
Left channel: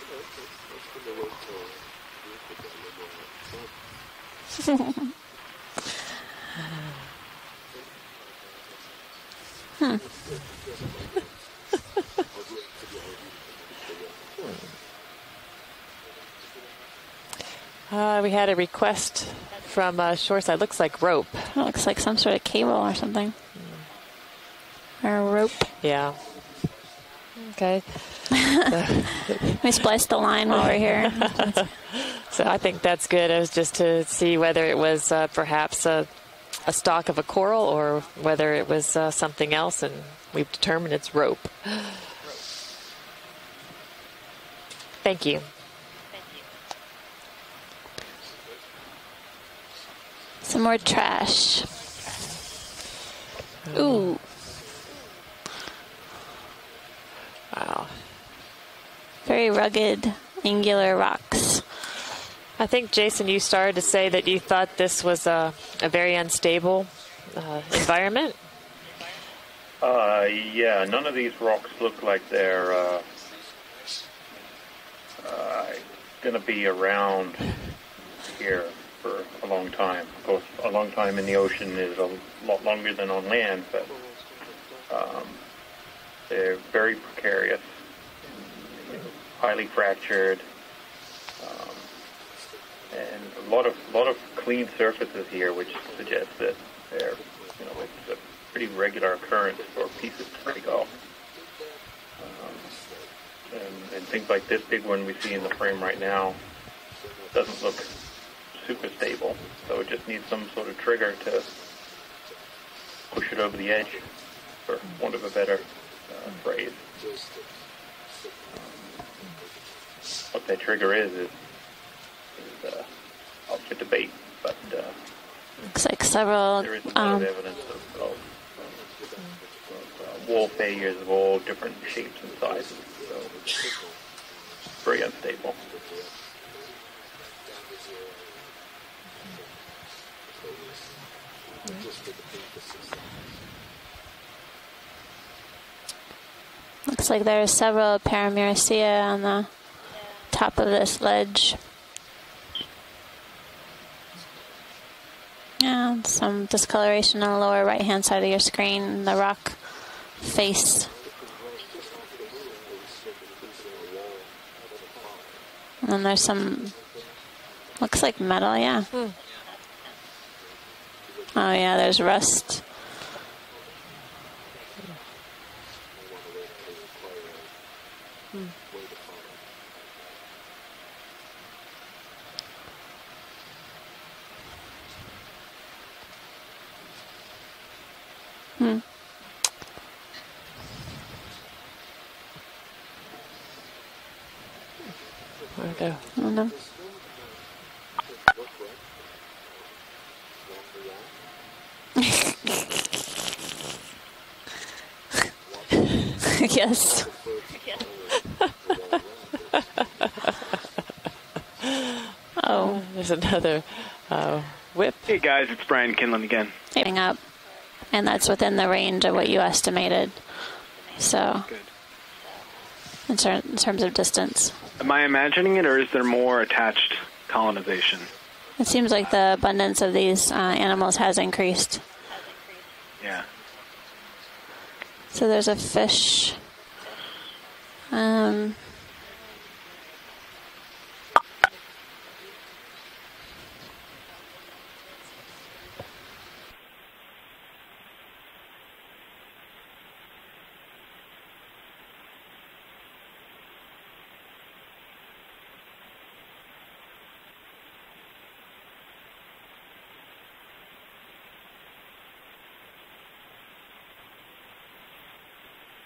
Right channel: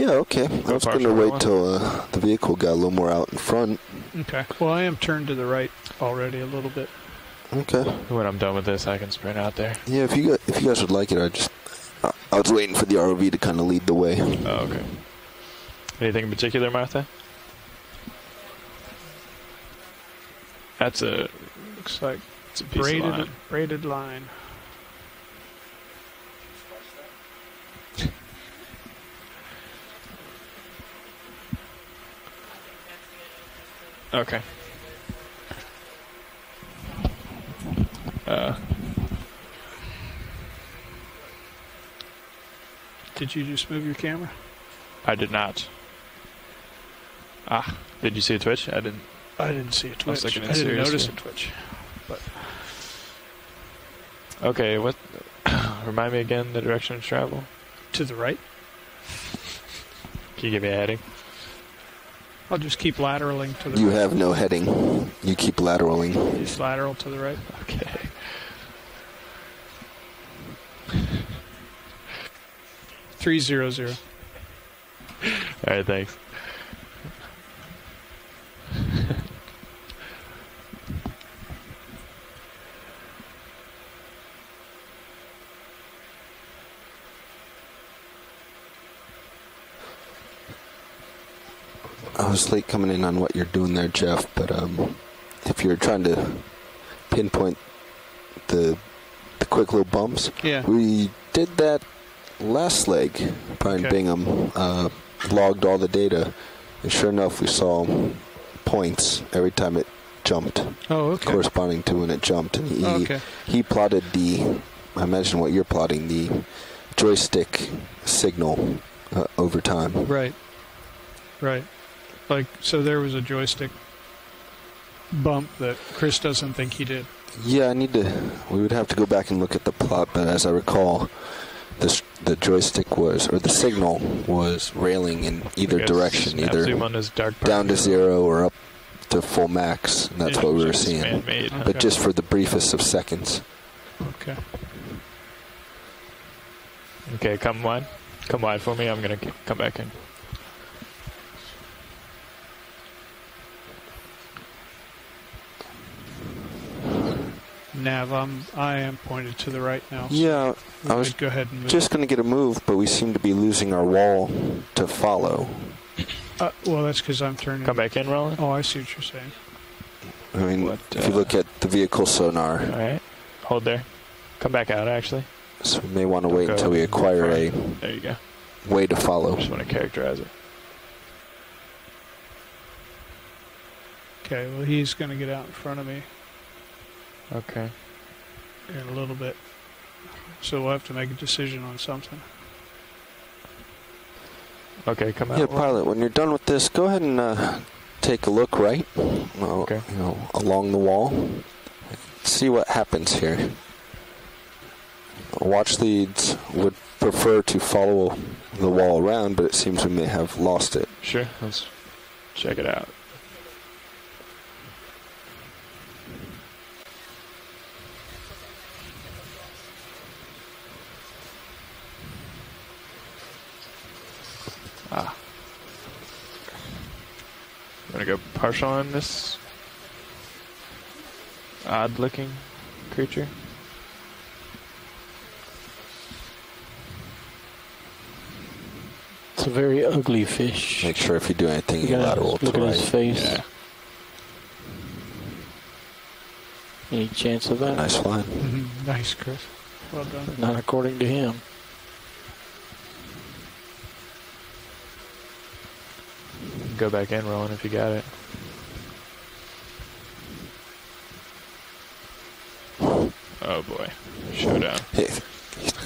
Yeah, okay. I was going to wait till the vehicle got a little more out in front. Okay. Well, I am turned to the right already a little bit. Okay. When I'm done with this, I can sprint out there. Yeah, if you guys would like it, I was waiting for the ROV to kind of lead the way. Oh, okay. Anything in particular, Martha? We had a request from Shoreside. Looks like rope. It looks like some sort of cable or something. Braided line. Or a rope. Yeah. Okay. We spliced the line while we're here. So I think that's good. It was just to see whether it was perhaps a stalk of a coral or whether it was something else, and we've determined it's rope. Did you just move your camera? I did not. Ah, did you see a twitch? I didn't see a twitch. Some more trash. Ooh. Okay, what? Remind me again the direction of travel. Wow. To the right. Very rugged, angular rocks. I think, Jason, you started to say that you thought this was a very unstable environment. Yeah, none of these rocks look like they're 300. All right, thanks. Going to be around here for a long time. Of course, a long time in the ocean is a lot longer than on land, but they're very precarious, highly fractured. I was late coming in on what you're doing there, Jeff, but if you're trying to pinpoint the quick little bumps, we did that last leg. Brian Bingham logged all the data, and sure enough, we saw points every time it jumped, corresponding to when it jumped. And he plotted I imagine what you're plotting, the joystick signal over time. Right. What that trigger is right. Like, so there was a joystick bump that like Chris doesn't think he did. Yeah, we would have to go back and look at the plot, but as I recall, the joystick or the signal was railing in either direction, either down to 0 or up to full max, and that's what we were seeing. But just for the briefest of seconds. Okay. Looks like there are several Paramecium on the top of this ledge. Yeah, some discoloration on the lower right-hand side of your screen. The rock to the right now. Face. I was just going to get a move, but we seem to be losing our wall to follow. And then there's some... well, that's because I'm turning... Looks like metal, yeah. I mean, if you look at the vehicle sonar... All right. Hold there. Come back out, actually. So we may want to wait until we acquire there you go. Way to follow. Just want to characterize it. Okay, well, he's going to get out in front of me. Okay. In a little bit. So we'll have to make a decision on something. Okay, come out. Yeah, pilot, when you're done with this, go ahead and take a look right, along the wall. See what happens here. Watch leads prefer to follow the wall around, but it seems we may have lost it. Sure. Let's check it out. There's another whip. Hey guys, it's Brian Kinlan again. Getting up, and that's within the range of what you estimated. So, in terms of distance. Am I imagining it, or is there more attached colonization? Go partial. It seems like the abundance of these animals has increased. Odd-looking creature. Yeah. So there's a fish. It's a very ugly fish. Make sure if you do anything, you lateral to look the at right. his face. Yeah. Any chance of that? Nice line. Nice, Chris. Well done. Not according to him. Go back in, Rowan, if you got it. Oh boy, showdown. Hey,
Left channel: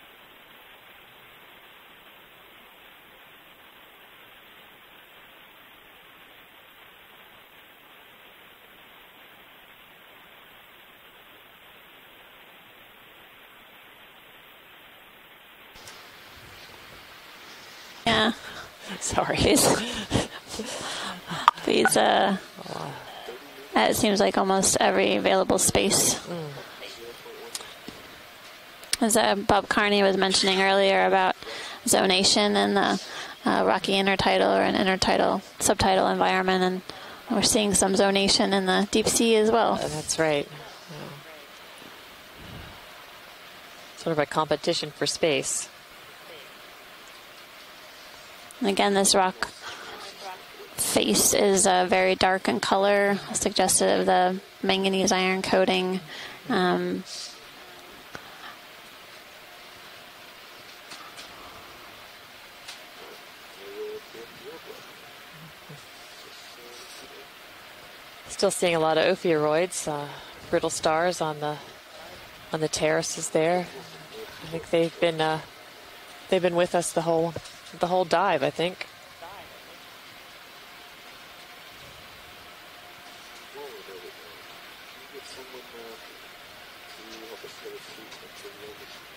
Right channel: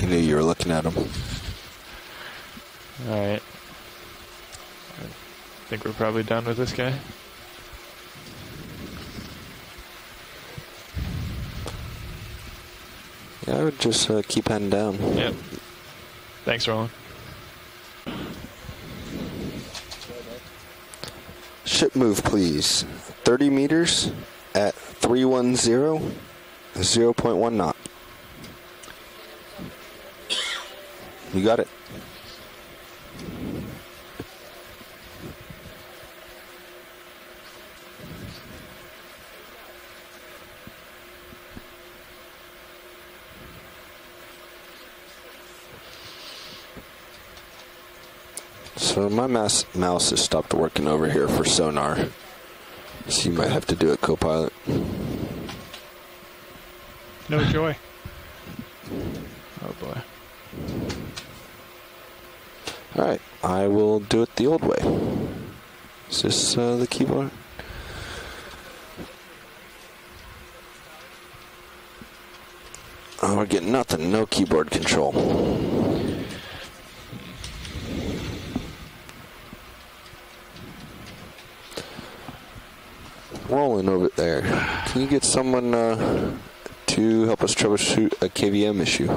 he knew you were looking at him. All right. I think we're probably done with this guy. Yeah, I would just keep heading down. Yep. Thanks, Roland. Yeah. Sorry. Ship move, please. 30 meters. That seems like almost every available space. 0.1 knot. As Bob Carney was mentioning earlier about You got it. zonation in the rocky intertidal or an intertidal subtidal environment, and we're seeing some zonation in the deep sea as well. That's right. Sort of a competition for space. And again, so this my rock mouse has stopped working over here face for is sonar. very dark in color, So you might have to do suggestive a of the co-pilot. manganese iron coating. No joy. Oh boy. All right, I will do it the old way. Is this the keyboard? Still seeing a lot of ophiuroids, brittle stars on the terraces Oh, there. we're getting nothing. No keyboard control. They've been with us the whole dive, I think. Rolling over there. Can you get someone to help us troubleshoot a KVM issue?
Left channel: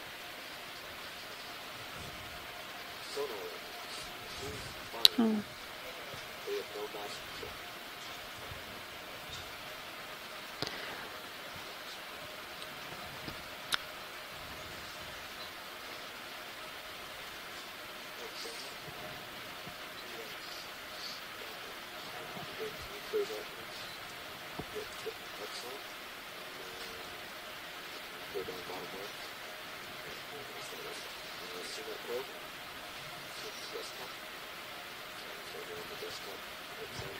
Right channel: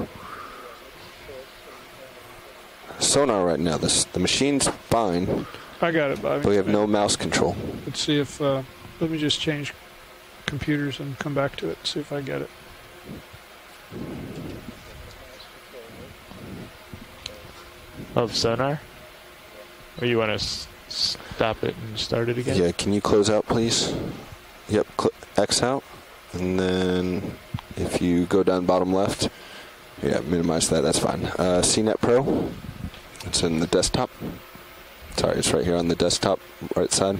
Sonar right now. The machine's fine. I got it, Bobby. But we have no mouse control. Let's see if, let me just change computers and come back to it, see if I get it. Of sonar? Or you want to stop it and start it again? Yeah, can you close out, please? Yep, X out. And then if you go down bottom left, yeah, minimize that, that's fine. CNET Pro, it's in the desktop. Sorry, it's right here on the desktop, right side.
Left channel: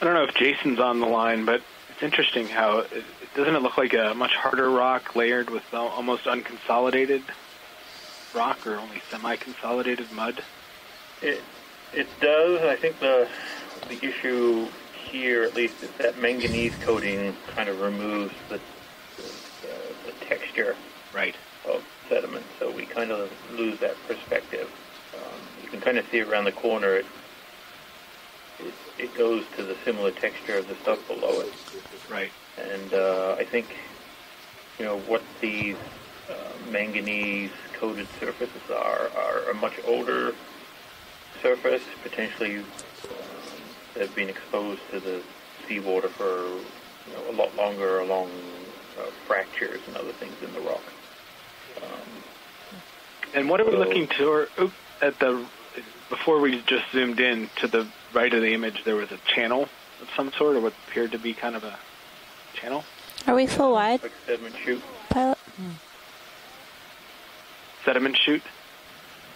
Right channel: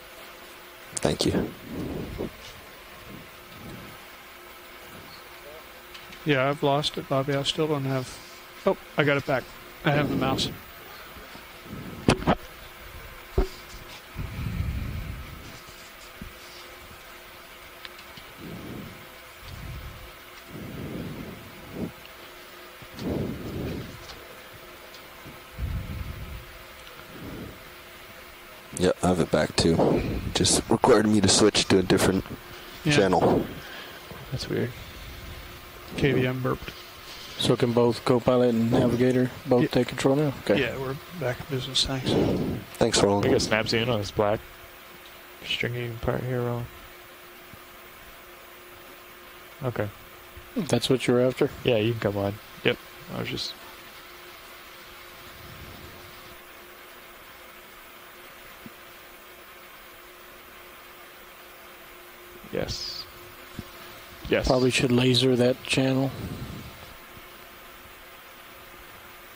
I don't know if Jason's on the line, but it's interesting how doesn't it look like a much harder rock layered with almost I've lost it, unconsolidated Bobby. I still don't have. rock? Oh, I got it back. I have the mouse. It does. I think the issue here, at least, is that manganese coating kind of removes the texture of sediment, so we kind of lose that perspective. You can kind of see around the corner. Yeah, I have it back too. Just required me to switch to a different channel. I think that's weird. You know what these KVM burp. Manganese. So can both co-pilot and navigator both take control? Okay. Yeah, we're back to business. Thanks, Roland. I guess snaps in on this black. Exposed to the seawater for a lot longer along fractures and other things in the rock. That's what you're after? Yeah, you can come on. Yep. And what are we looking to? At the before we just zoomed in to the right of the image, there was a channel of some sort, or what appeared to be kind of a channel. Are we full wide? Yes. Probably should laser that channel. Sediment chute.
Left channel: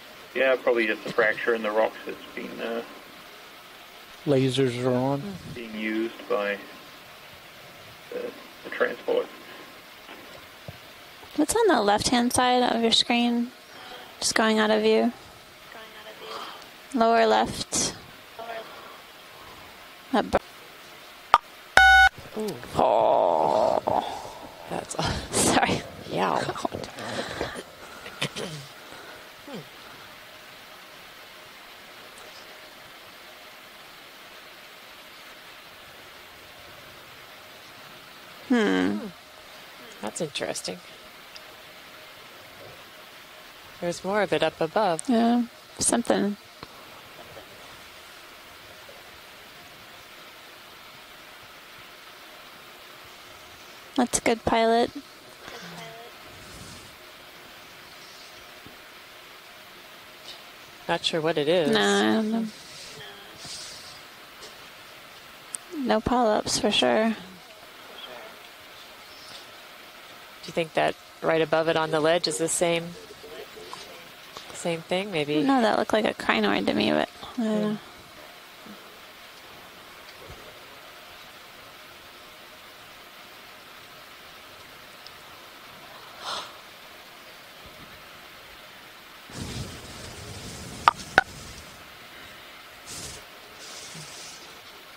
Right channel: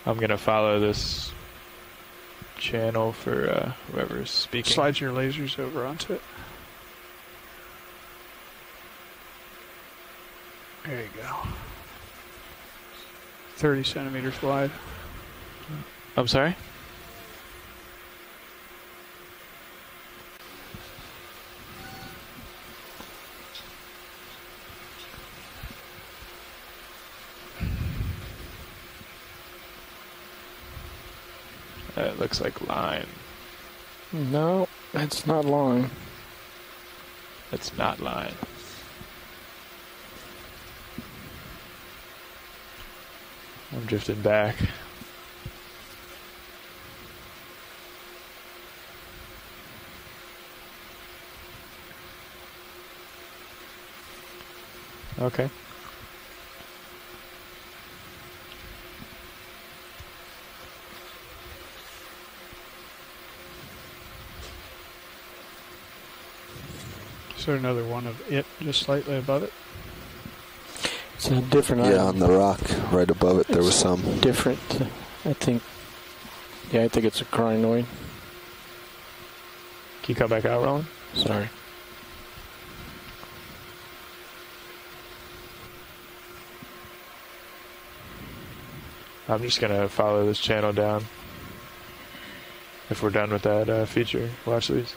I'm going to Yeah, follow probably this is a fracture in the rocks that's being channel for whoever's Lasers, slide your on. lasers over onto used it. by the transport. There you go. What's on the left-hand side of your screen? 30 centimeters Just going wide. out of view. I'm sorry? Lower left. Oh. That's sorry. Yeah. It looks like line. No, that's not line. It's not line. That's interesting. I'm There's drifted more of it back. up above. Yeah, something. That's a good pilot. Okay. Not sure what it is. No. No polyps for sure. Is there another one of it just slightly above it? you think that right above it on the ledge on the is rock, the same? right above it, there was some different. Same thing, maybe. No, that looked like a crinoid to me. I think it's a crinoid. Can you come back out, Roland? Sorry. I'm just going to follow this channel down. If we're done with that feature, watch these.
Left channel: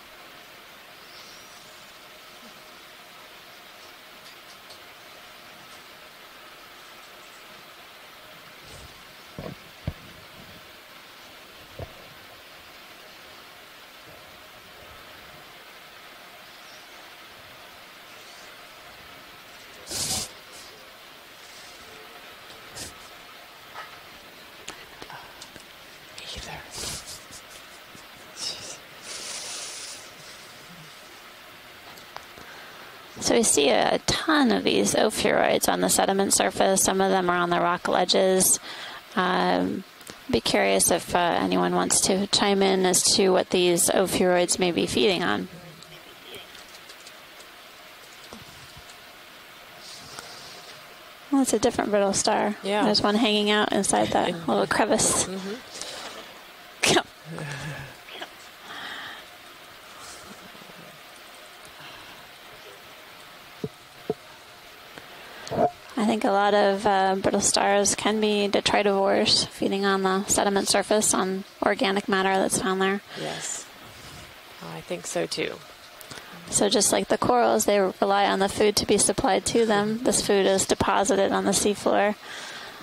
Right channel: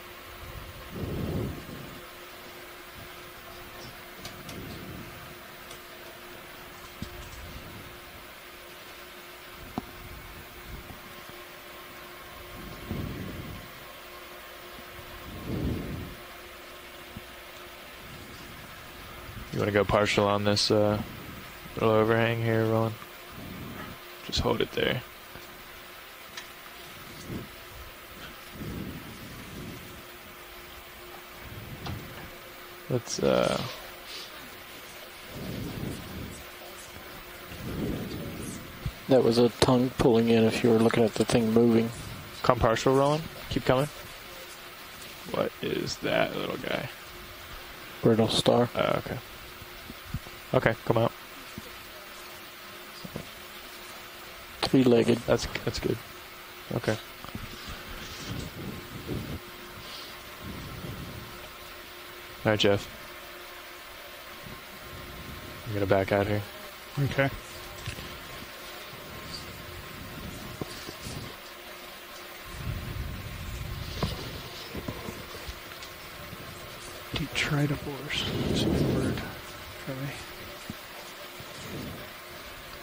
You want to go partial on this little overhang here, Roland? Just hold it there. So we see a ton of these ophiuroids on the sediment surface. Some of them are on the rock ledges. There was a tongue pulling in. Be curious if anyone wants to chime in as to what these ophiuroids may be feeding on. What is that little guy? Brittle star. Oh, okay. Okay, come out. Well, it's a different brittle star. Yeah. There's one hanging out inside that little crevice. That's good. Okay. All right, Jeff. I'm gonna back I think out a here. lot of brittle stars can be detritivores, feeding on the sediment surface on organic matter that's found there. Yes. I think so too. So just like the corals, they rely on the food to be supplied to them. This food is deposited on the seafloor.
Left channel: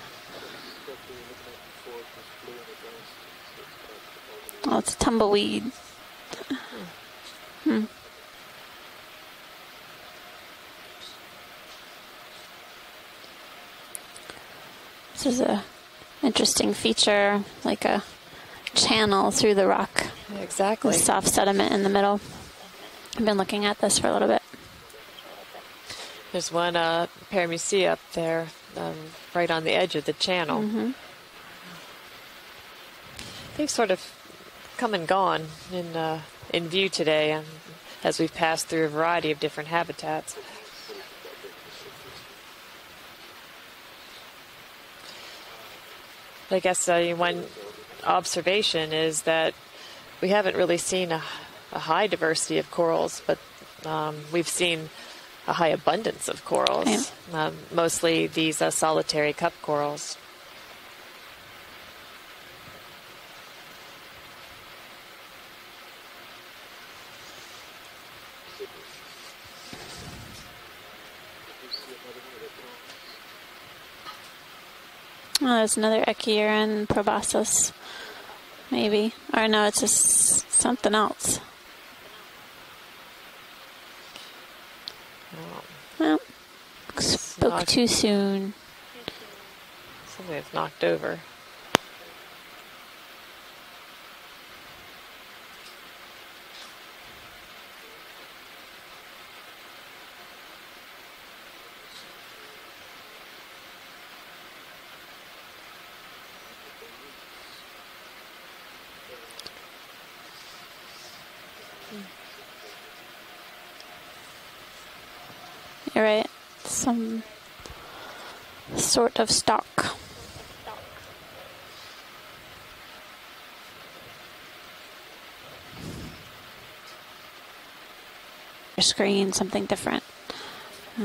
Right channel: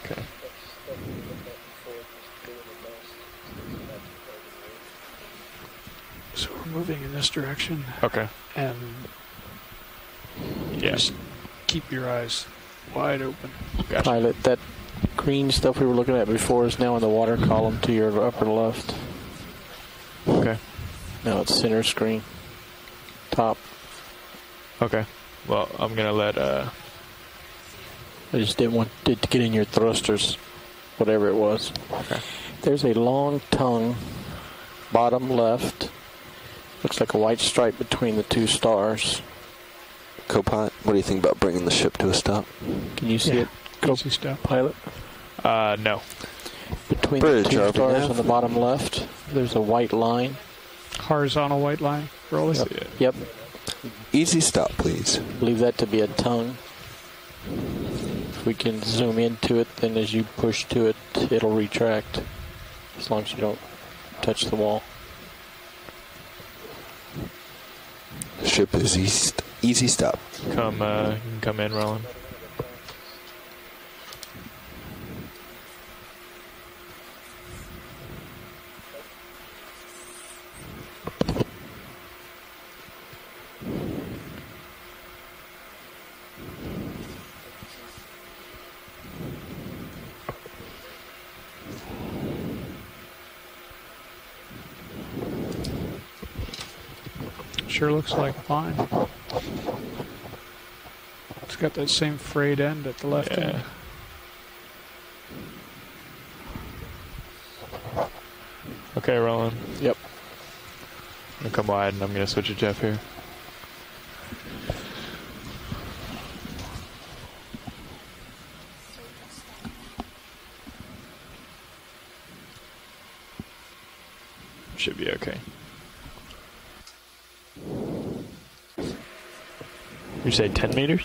Okay. Well, it's tumbleweed. So we're moving in this direction. Okay. And just keep your eyes wide open. Gotcha. Pilot, that green stuff we were looking at before is now in the water column like to your upper left. Channel through the rock. Okay. Exactly. With soft sediment in the middle. I've been looking at this for a little bit. Okay. Well, I'm going to let... There's one paramusia up there. I just didn't want it to get right in on your the edge of the thrusters, channel. whatever it was. Okay. There's a long tongue. Sort of come and bottom gone left. in view Looks today. like a white stripe between as the we two pass through a stars. variety of different habitats. Copilot, what do you think about bringing the ship to a stop? Can you see it, Pilot? No. I guess one observation is that there's a white line. we haven't really seen horizontal white a high line. diversity of corals, but Easy we've stop, seen please. a high that to be a abundance of tongue. corals. Mostly If we these can solitary zoom into cup it, corals. then as you push to it, it'll retract, as long as you don't touch the wall. The ship is easy stop. You can come in, Roland. Oh, there's another Echeuron proboscis. Maybe. Or no, it's just something else. Well, spoke too soon. Something that's knocked over. Sure looks like fine. It's got that same frayed end at the left end. Okay, Roland. Yep. I'm going to come wide, and I'm going to switch to Jeff here. You're right. Some sort of stalk. Should be okay. Screen, something different. You say 10 meters? I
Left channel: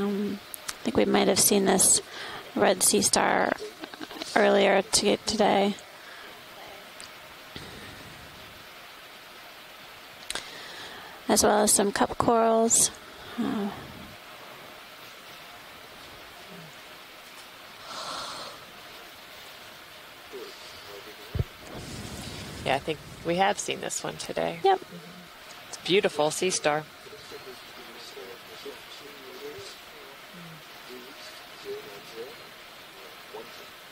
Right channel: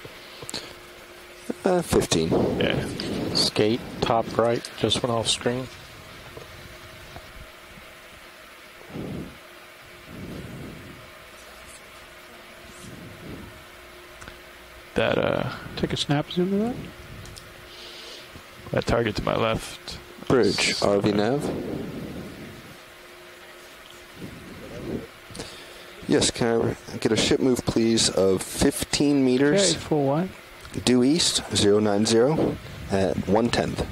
think we might have seen this 15. red sea star Skate, top earlier right, just went off today. As well as some cup corals. Take a snap zoom of that. That target to my left. Bridge, RV nav. Yeah, I think we have seen this one today. Yep. It's beautiful Yes, sea star. Get a ship move, please, of 15 meters. Okay, full wide. Due east, 090 at 1/10.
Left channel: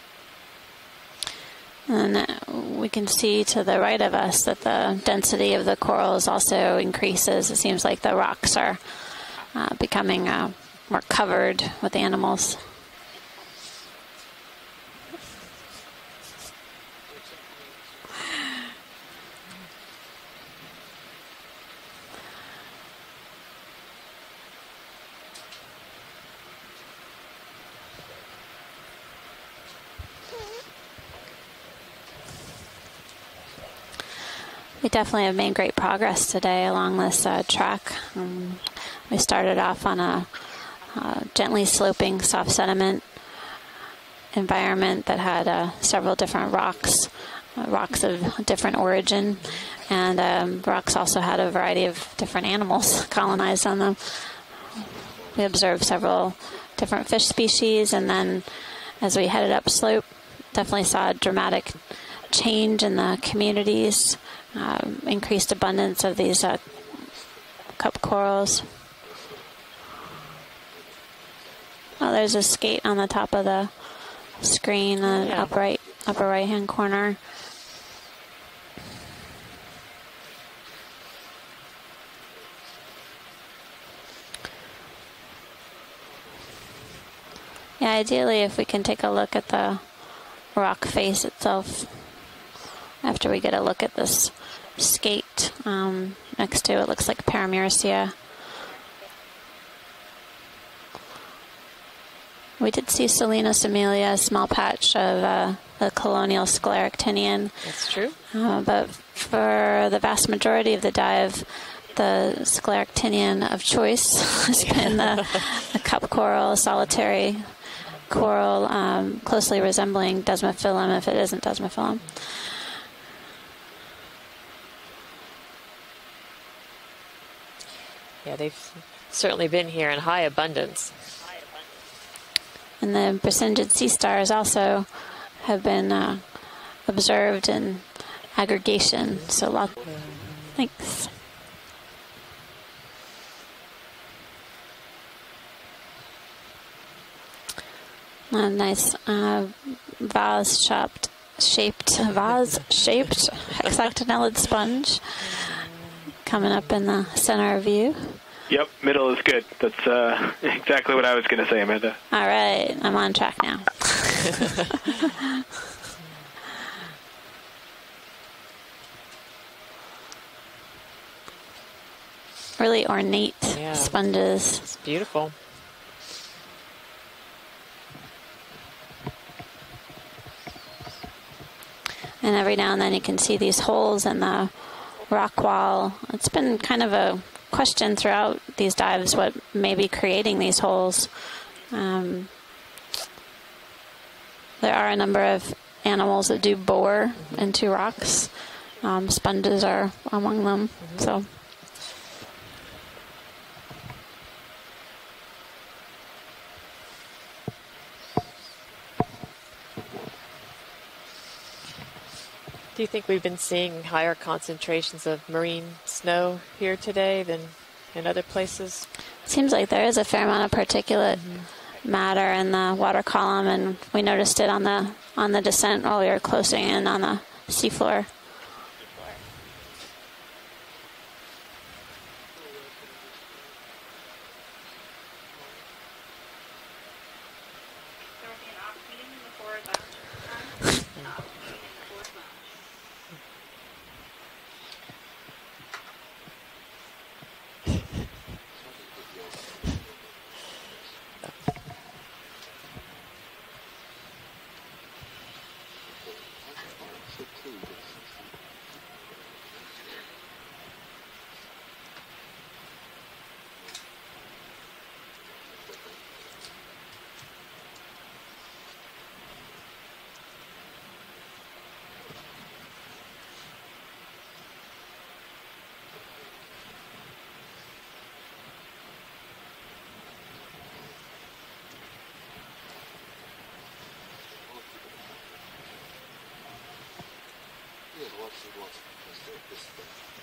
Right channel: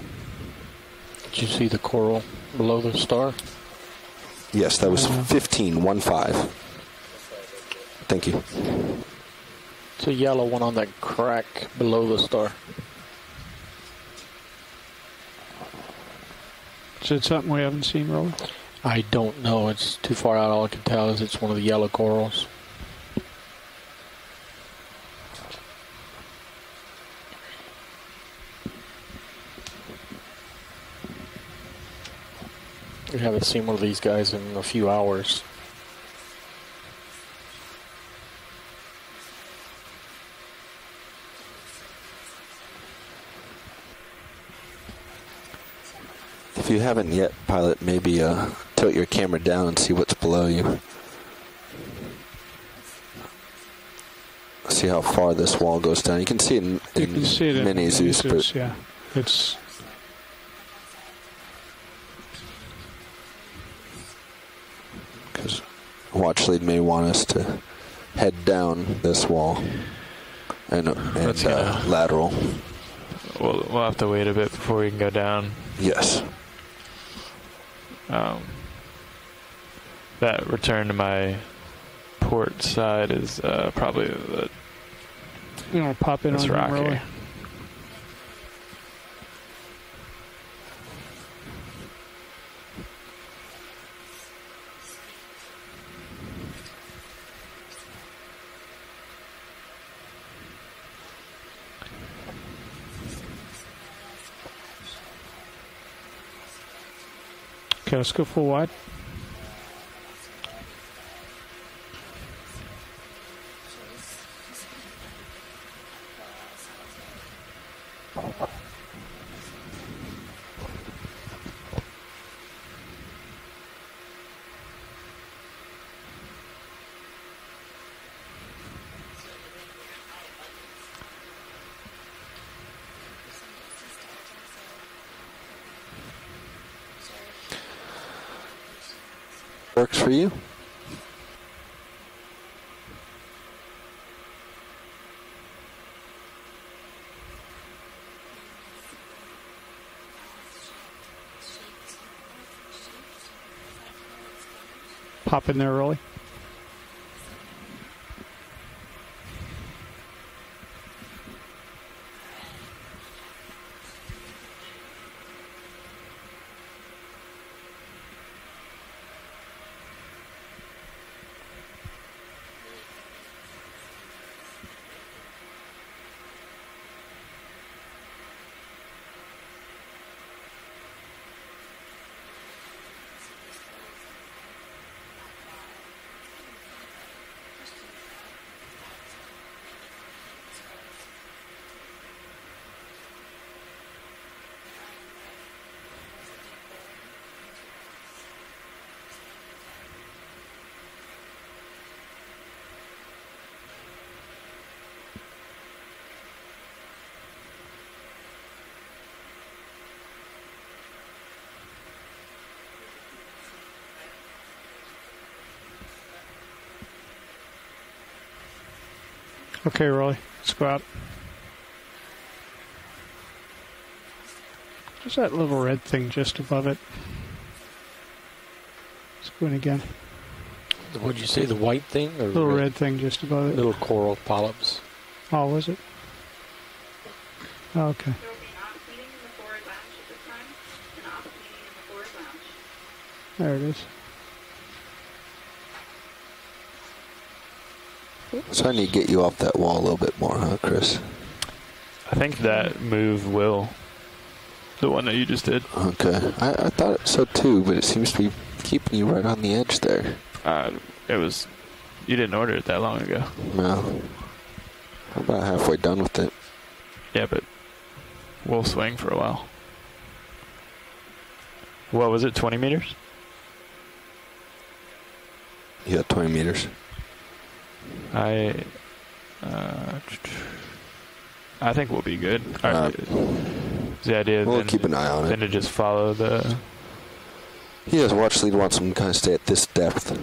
Did you see the coral below We the can star? see to the right of us that Yes, the that was density of the 15, corals 1-5. also increases. It seems like the Thank you. rocks are becoming yellow one on that more crack covered with below the animals. star. Is it something we haven't seen, really? I don't know. It's too far out. All I can tell is it's one of the yellow corals. We haven't seen one of these guys in a few We hours. definitely have made great progress today along this track. We started off on a gently sloping soft sediment environment that had several different rocks. If you haven't yet, pilot, rocks maybe of different tilt origin, your camera down and see what's below you. Rocks also had a variety of different animals colonized on them. See how far this wall goes down. You can see it in different fish species, and then as we headed up slope, definitely saw a dramatic change in the communities, increased abundance of these Watchlid may want us to cup corals. head down this wall and lateral. There's a skate on the top of the we'll have to wait a bit before we screen can go on the down. upper right-hand corner. That return to my port side is probably the. You want to pop in on rock really? here. Yeah, ideally, if we can take a look at the rock face itself after we get a look at this skate next to it, looks like Paramuricea. We did see Salinas Amelia, a small patch of the colonial scleractinian. But for the vast majority of the dive, the scleractinian of choice has been the cup coral, a solitary coral closely resembling Desmophyllum if it isn't Desmophyllum. Yeah, they've certainly been here in high abundance. And the Brisingid sea stars also have been observed in aggregation. So lots works for you. Thanks. A nice vase-shaped hexactinellid sponge. Pop in there, Rolly. Coming up in the center of view. Yep, middle is good. That's exactly what I was going to say, Amanda. All right, I'm on track now. Really ornate sponges. It's beautiful. And every now and then you can see these holes in the rock wall. It's been kind of a question throughout these dives what may be creating these holes. There are a number of animals that do bore into rocks. Sponges are among them. So. Do you think we've been seeing higher concentrations of marine snow here today than in other places? Seems like there is a fair amount of particulate matter in the water column, and we noticed it on the descent while we were closing in on the seafloor. Spoon again. What did you say? The white thing, or little red thing just above it? Little coral polyps. Oh, was it? Oh, okay. There it is. So I need to get you off that wall a little bit more, huh, Chris? I think that move will. The one that you just did. Okay. I thought so too, but it seems to be keeping you right on the edge there. It was. You didn't order it that long ago. No. I'm about halfway done with it. Yeah, but we'll swing for a while. What was it, 20 meters? Yeah, 20 meters. I think we'll be good. The idea we'll keep an eye on it. Then to just follow the. He has watch lead wants him to kind of stay at this depth.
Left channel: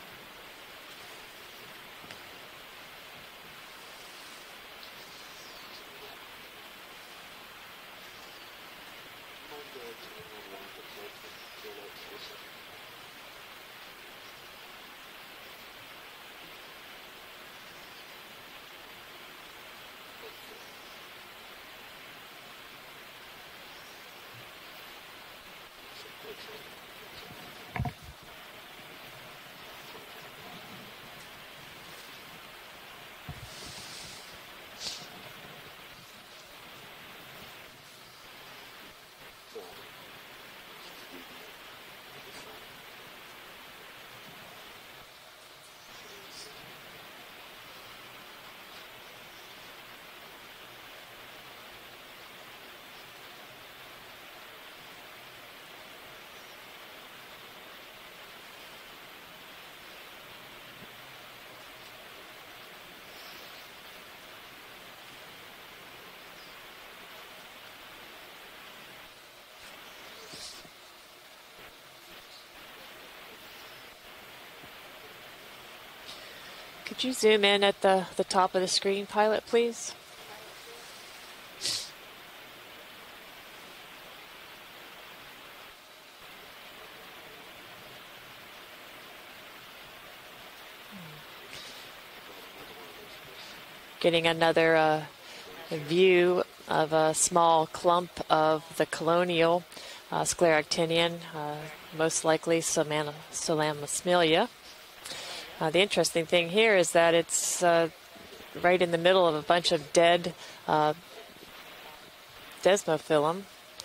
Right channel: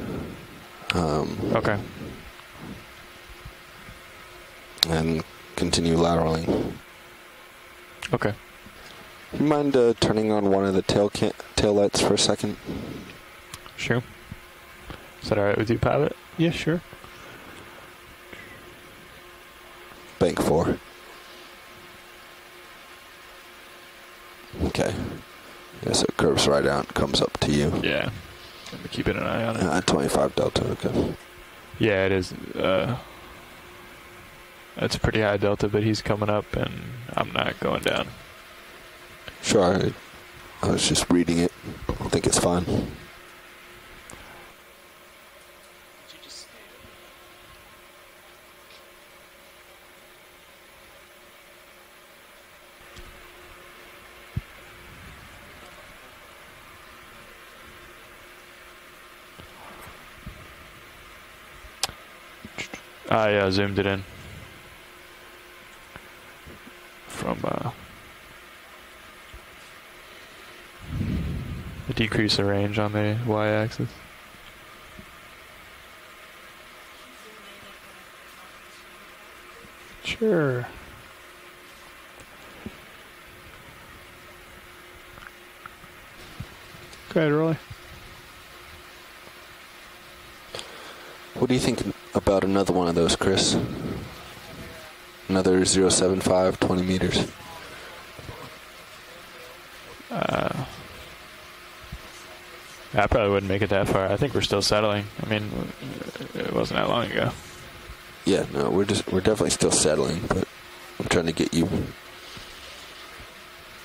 Okay. And continue laterally. Okay. You mind turning on one of the tail lights for a second? Sure. Is that all right with you, pilot? Yeah, sure. Bank 4. Okay. Yes, it curves right out and comes up to you. Yeah. I'm keeping an eye on it. 25 delta, okay. Yeah, it is. It's pretty high delta, but he's coming up, and I'm not going down. Sure. I was just reading it. I think it's fine. I zoomed it in from decrease the range on the y-axis. Could you zoom in at the top of the screen, Pilot, please? Sure. Go ahead, Roy. What do you think about another one of those, Chris? Getting another 075, 20 view of meters. a small clump of the colonial scleractinian, most likely some. I probably wouldn't make it that far. I think we're still settling. I mean, the interesting thing here is that it's yeah, no, right we're in the just, middle we're of a definitely bunch still of settling, dead but I'm trying to get you desmophyllum.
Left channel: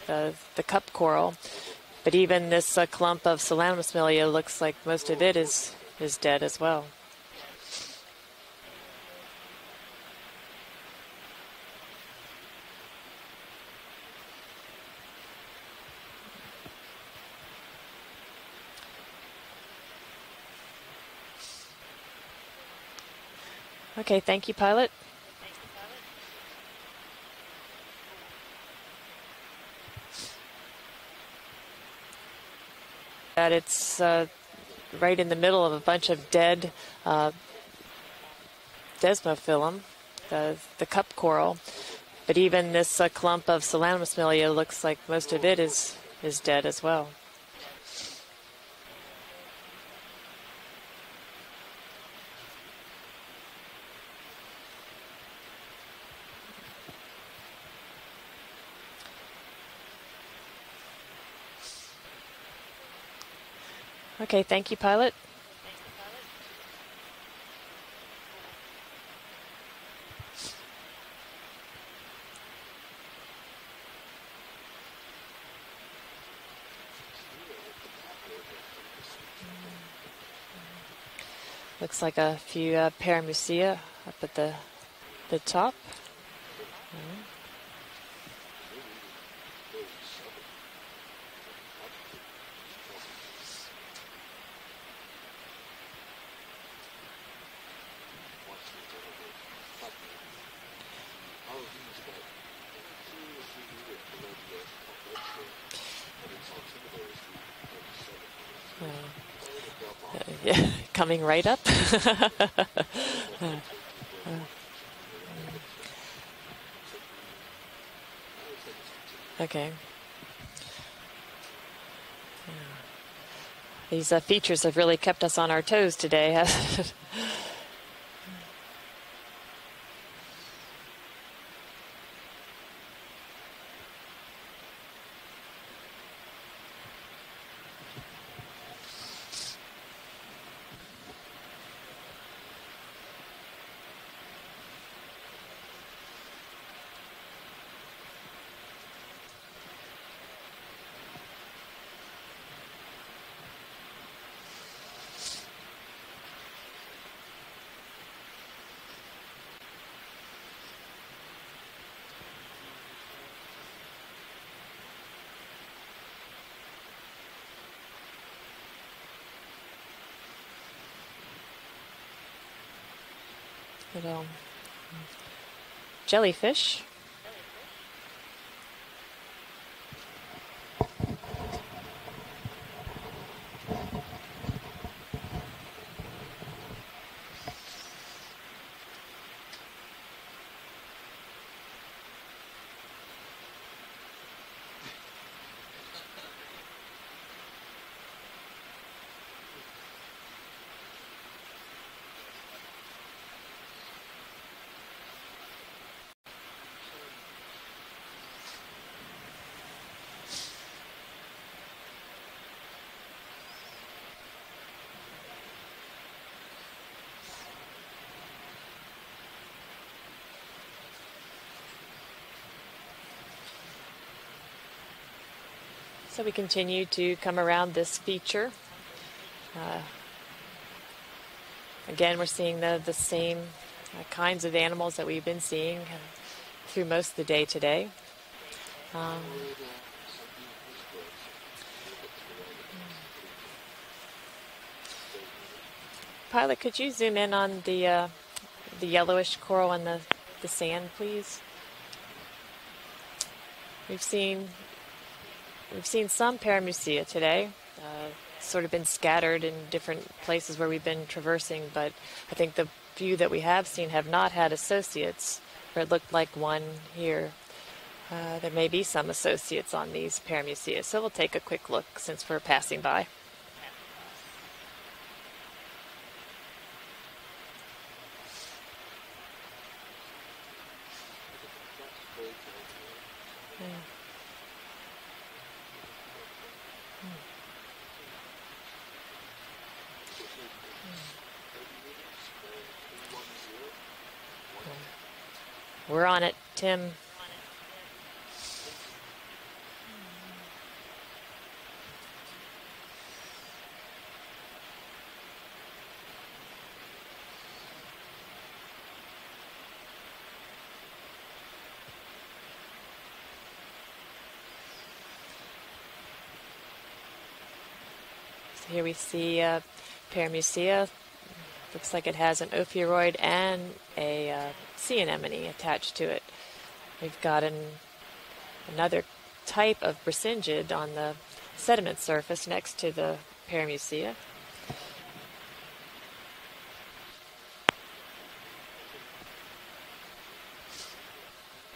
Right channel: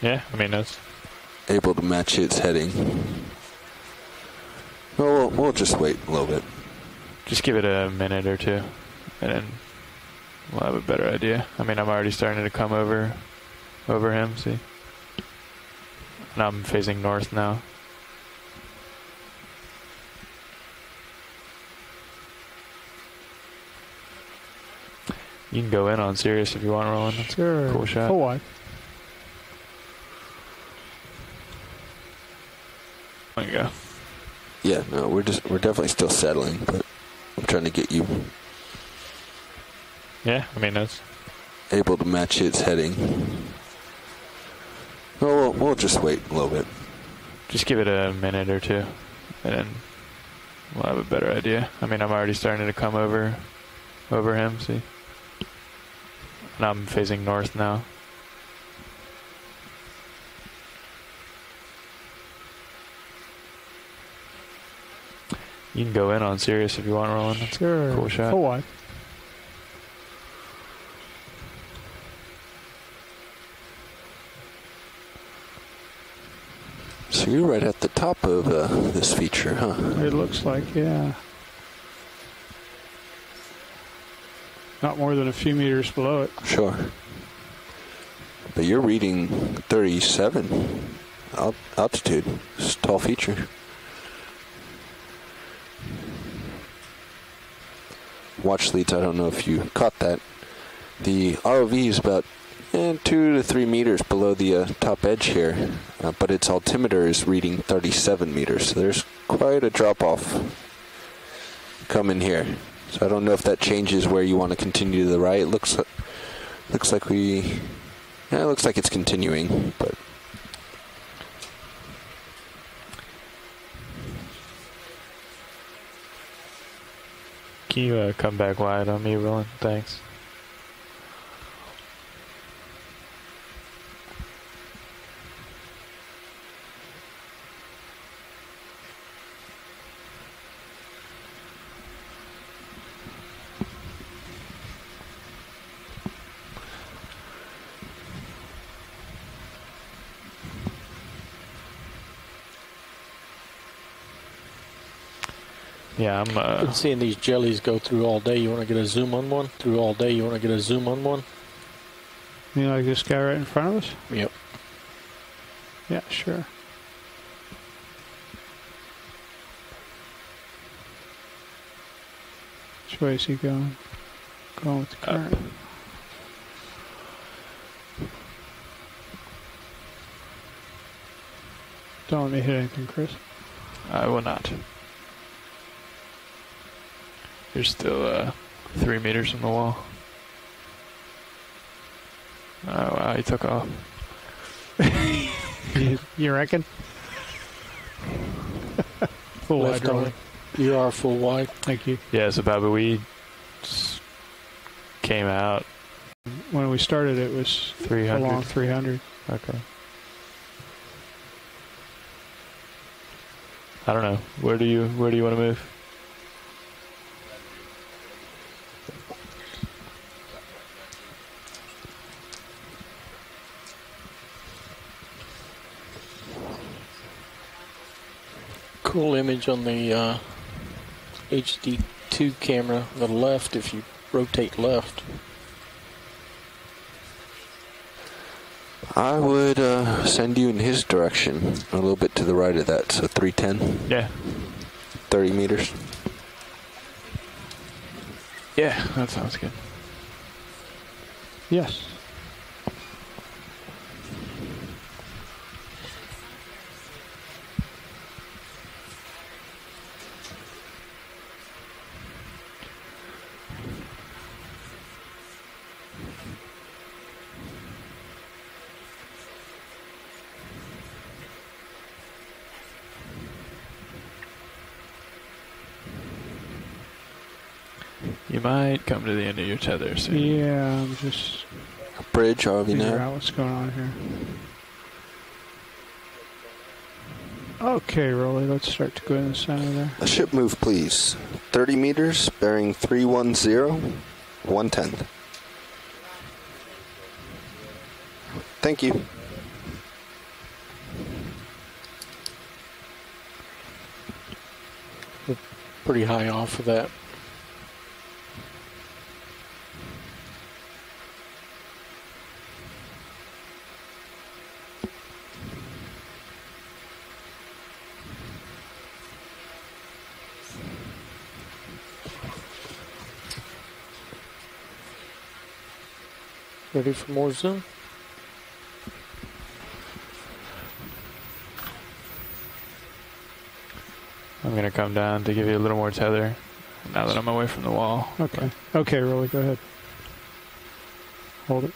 Yeah, I mean, the cup coral. able to match but its even heading. this clump of Solanasmilia looks like most Oh, of it we'll is, just wait a is little dead bit. as well. Just give it a minute or two, and then we'll have a better idea. I mean, I'm already starting to come over him, see? And I'm facing north now. Okay, thank you, Pilot. You can go in on Sirius if you want, Roland. That's Sure. a cool shot. Full wide. That it's yeah, no, right we're, in just, the middle we're of a definitely bunch still of settling, dead but I'm trying to get you desmophyllum. Yeah, I mean, the that's cup coral. able to match but its even heading. this clump of Solanasmilia looks like most Oh, of it we'll is, just wait a is little dead bit. as well. Just give it a minute or two, and then we'll have a better idea. I mean, I'm already starting to come over him, see? And I'm facing north now. Okay, thank you, Pilot. You can go in on Sirius if you want, Roland. That's Sure. a cool shot. Full wide. So you're right at the top of this feature, huh? It looks like, yeah. Looks like a few paramusia up at the Not more than a the few top. meters below it. Sure. But you're reading 37 altitude. It's a tall feature. Watch leads, I don't know if you caught that. The ROV is about 2 to 3 meters below the top edge here, but its altimeter is reading 37 meters. So there's quite a drop off. Yeah, coming right up. Coming here. So I don't know if that changes where you want to continue to the right. It looks like it looks like it's continuing, okay. But These features have really kept us on our toes today. Can you come back wide on me, Roland? Thanks. Yeah, I've been seeing these jellies go through all day. You want to get a zoom on one? Through all day, you want to get a zoom on one? You know, like this guy right in front of us? Yep. Yeah, sure. Which way is he going? Going with the current. Jellyfish. Don't let me hit anything, Chris. I will not. There's still 3 meters from the wall. Oh wow, he took off. You reckon? Full wide, Left on. Rolling. You are full wide. Thank you. Yeah, so Baba, we came out. When we started, it was 300. along 300. Okay. I don't know. Where do you want to move? So we continue to come around this feature. Cool image on the HD2 camera on the left if you kinds rotate of animals left. that we've been seeing through most of the day today. I would send you in his direction, a little bit to the right of that, so 310. Yeah. 30 meters. Pilot, could you zoom in on the yellowish coral in the sand, please? Yes. We've seen some paramusia today. Sort of been scattered in different places where we've been traversing, but I think the few that we have seen have not had associates, or it looked like one here. There may be some associates on these paramusia, so we'll take a quick look since we're passing by. You might come to the end of your tether soon. Yeah, I'm just bridge, figure out what's going on here. Okay, Rolly, let's start to go in the center there. A ship move, please. 30 meters, bearing 310, 110. We're on it, Tim. Thank you. We're pretty high off of that. Here we see paramusia. Looks like it has an ophiuroid and a sea anemone attached to it. Ready for more zoom? Another type of bracingid on the sediment surface next to the paramusia. I'm going to come down to give you a little more tether now that I'm away from the wall. Okay. Okay, Rolly, go ahead. Hold it.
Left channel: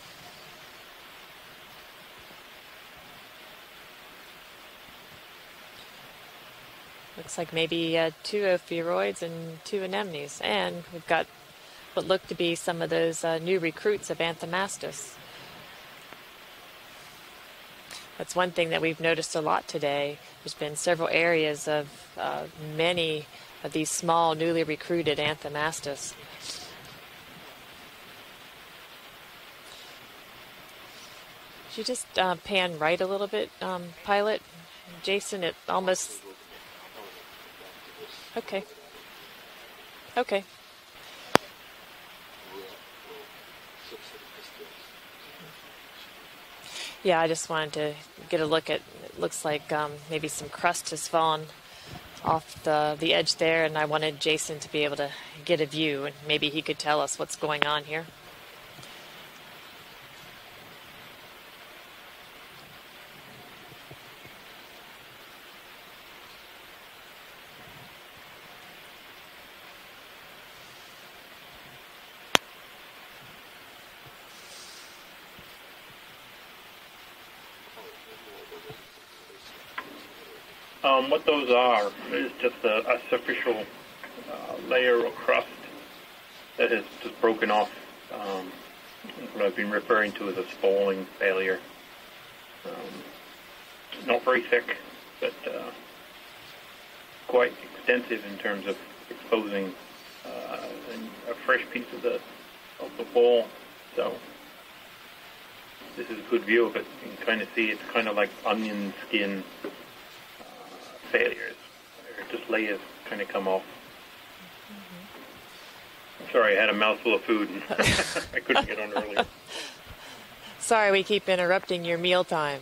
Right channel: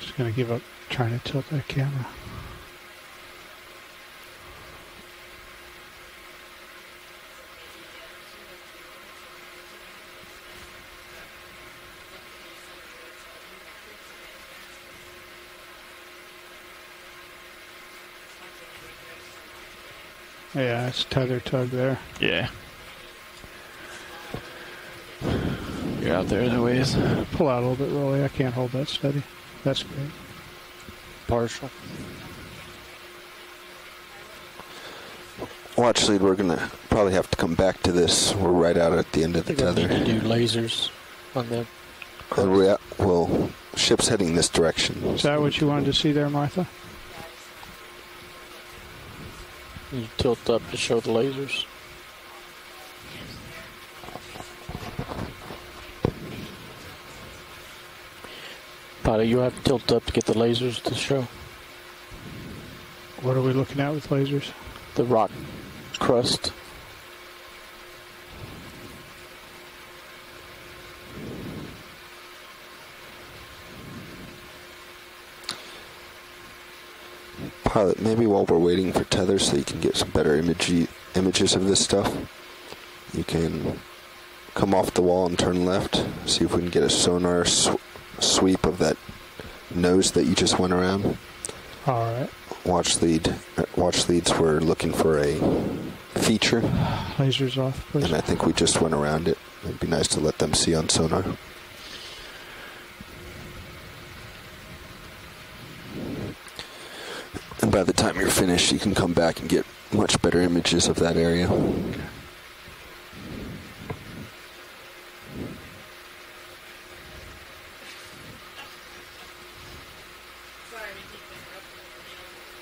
Just going to give up trying to tilt that camera. Looks like maybe 2 ophiuroids and 2 anemones. And we've got what look to be some of those new recruits of Anthomastus. That's one thing that we've noticed a lot today. There's been several areas of many of these small, newly recruited Anthomastus. You're out there as a ways. Pull out a little bit, Rolly. I can't hold that steady. That's great. Partial. Could you just pan right a little bit, Pilot? Jason, it Well, actually, we're going to probably have to come back to this. We're right out at the end of the tether. We do lasers on the... Well, ship's heading this direction. Is that what you wanted to see there, Martha? Yeah, I just wanted to get a look at, looks like maybe tilt some up to crust show has the fallen lasers. off the edge there, and I wanted Jason to be able to get a view, and maybe he could tell us what's going on here. Pilot, you have to tilt up to get the lasers to show. What are we looking at with lasers? The rock crust. Pilot, maybe while we're waiting for tether so you can get some better images of this stuff, you can come off the wall and turn left, see if we can get a sonar sweep of that nose that you just went around. All right. Watch leads, we're looking for a feature. Lasers off. And I think we just went around it. It'd be nice to let them see on sonar. A fresh piece of the bowl, so this is a good view of it. Kind of see And by the time you're finished, you can come back and get much better images of that area. Just layers kind of come off. Sorry, I had a mouthful of food. I couldn't get on earlier. Sorry, we keep interrupting your mealtime.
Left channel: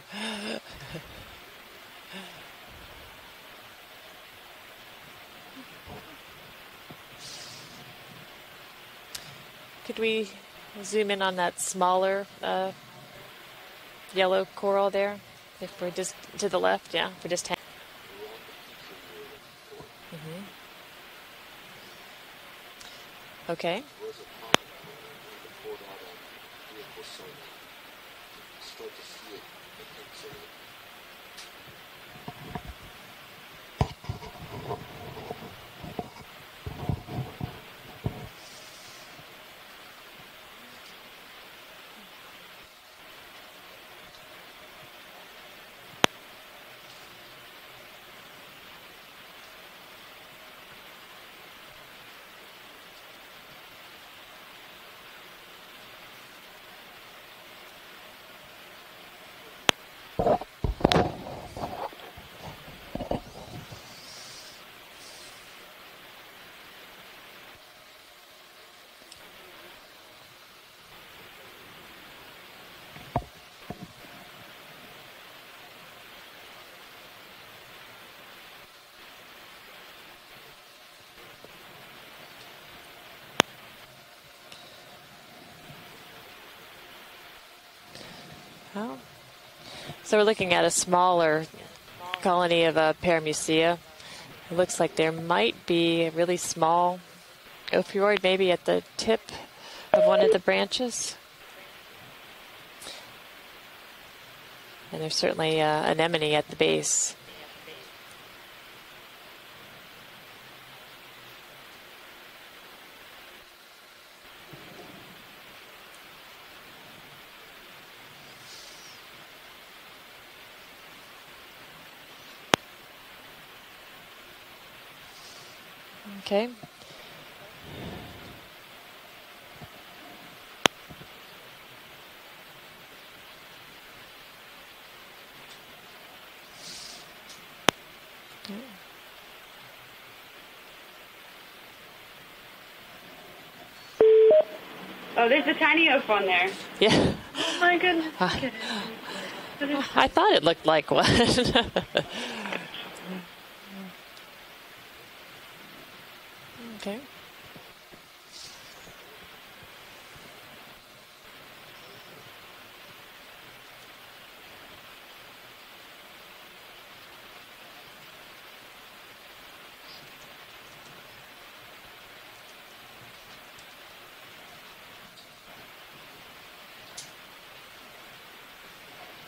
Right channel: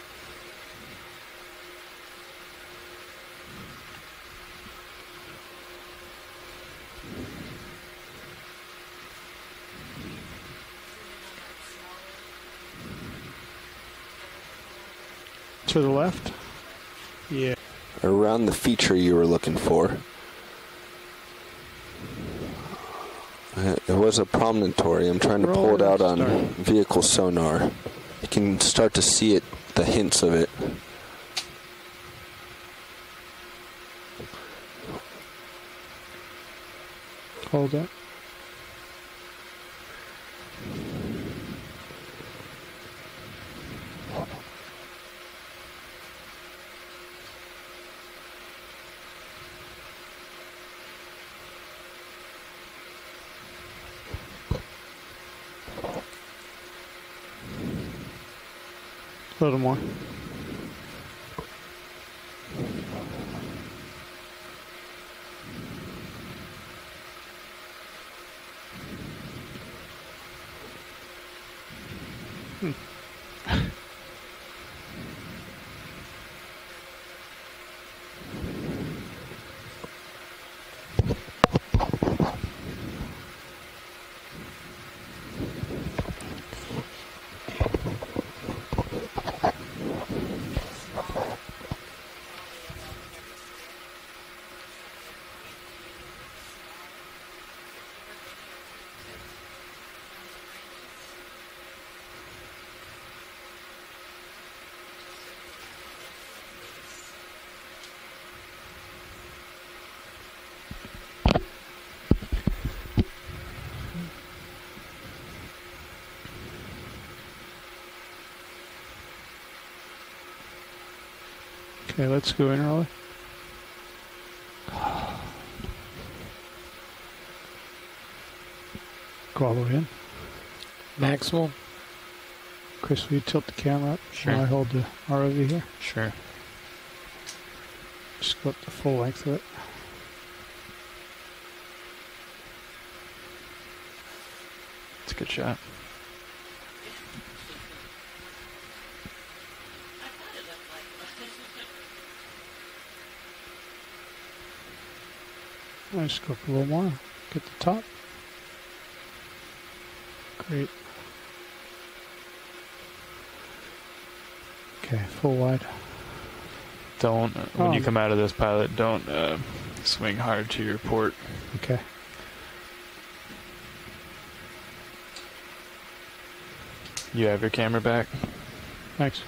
Could we zoom in on that smaller yellow coral there? To the left? To the left, yeah. For just Around the feature you were looking for. Okay. There was a promontory. I'm trying to pull it out on vehicle sonar. You can start to see it, the hints of it. Hold up. A little more. So we're looking at a smaller colony of Paramucea. It looks like there might be a really small ophiuroid maybe at the tip of one of the branches. And there's certainly anemone at the base. Okay, let's go in early. Okay. Go all the way in. Maximal. Chris, will you tilt the camera up? Sure. While I hold the ROV here. Sure. Just go up the full length of it. Oh, there's a tiny oaf on there. Yeah. Oh my goodness. I thought it looked like one. Let's go up a little more. Okay. Get the top. Great. Okay, full wide. Don't, when you come out of this pilot, don't swing hard to your port. Okay. You have your camera back? Thanks.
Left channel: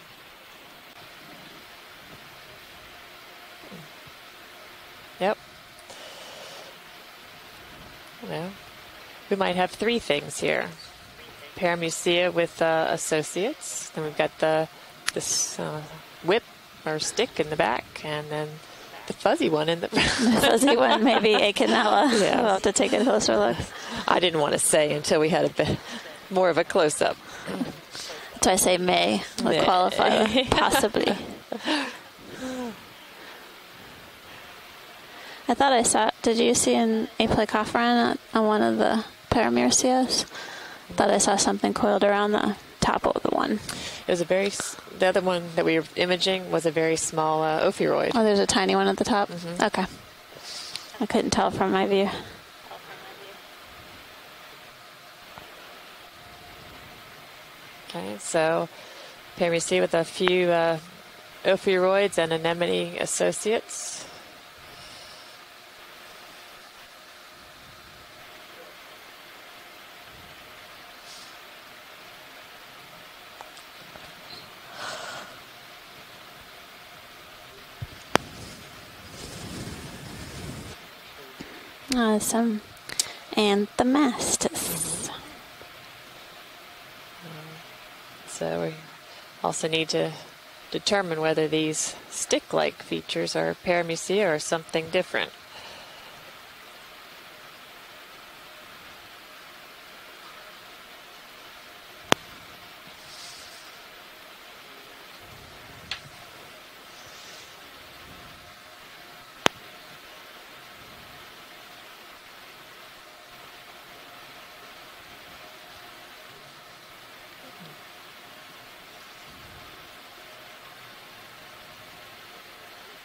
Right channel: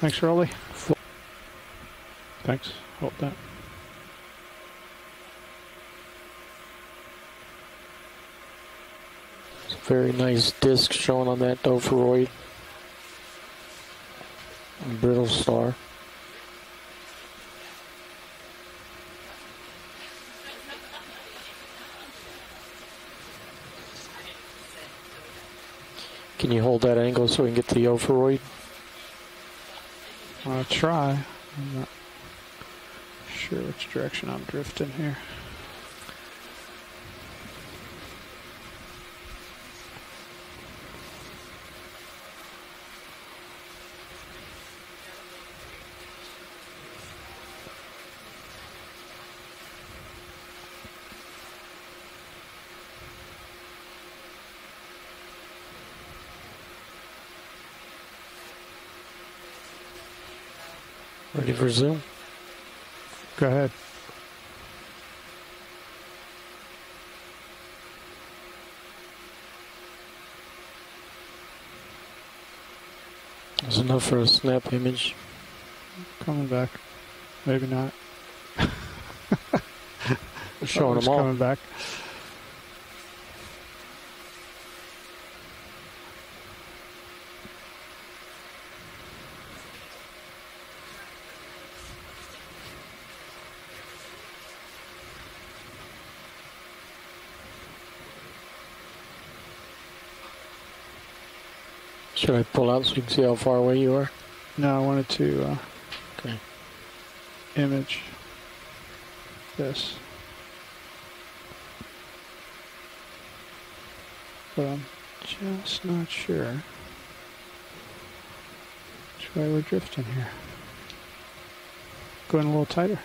Thanks, Rolly. Thanks. Hold that. Yep. Yeah. We might have three Very things nice here. disc showing on that Paramucea with associates. Then we've got the brittle this, star. whip or stick in the back, and then the fuzzy one in the The fuzzy one, maybe Acanella. Yeah. We'll have to take a closer look. I didn't want to say until we had a bit more Can of you a hold that close-up. angle so we can get the ophiuroid? So I say may would Yeah. qualify, possibly. Sure, which direction I'm drifting here. I thought I saw. Did you see an aplecophoran on one of the Paramuceas? Thought I saw something coiled around the top of the one. It was a very. The other one that we were imaging was a very small ophiuroid. Oh, there's a tiny one at the top. Mm-hmm. Okay. I couldn't tell from my view. Okay, so Paramucea with a few ophiuroids and anemone associates. There's enough for a snap image. Coming back. Maybe not. Showing them all. Coming back. Awesome. And the mastus. So we also need to determine whether these stick-like features are Paramucea or something different. Should I pull out so you can see how far away you are? No, I wanted to image this. But I'm just not sure which way we're drifting here. Going a little tighter.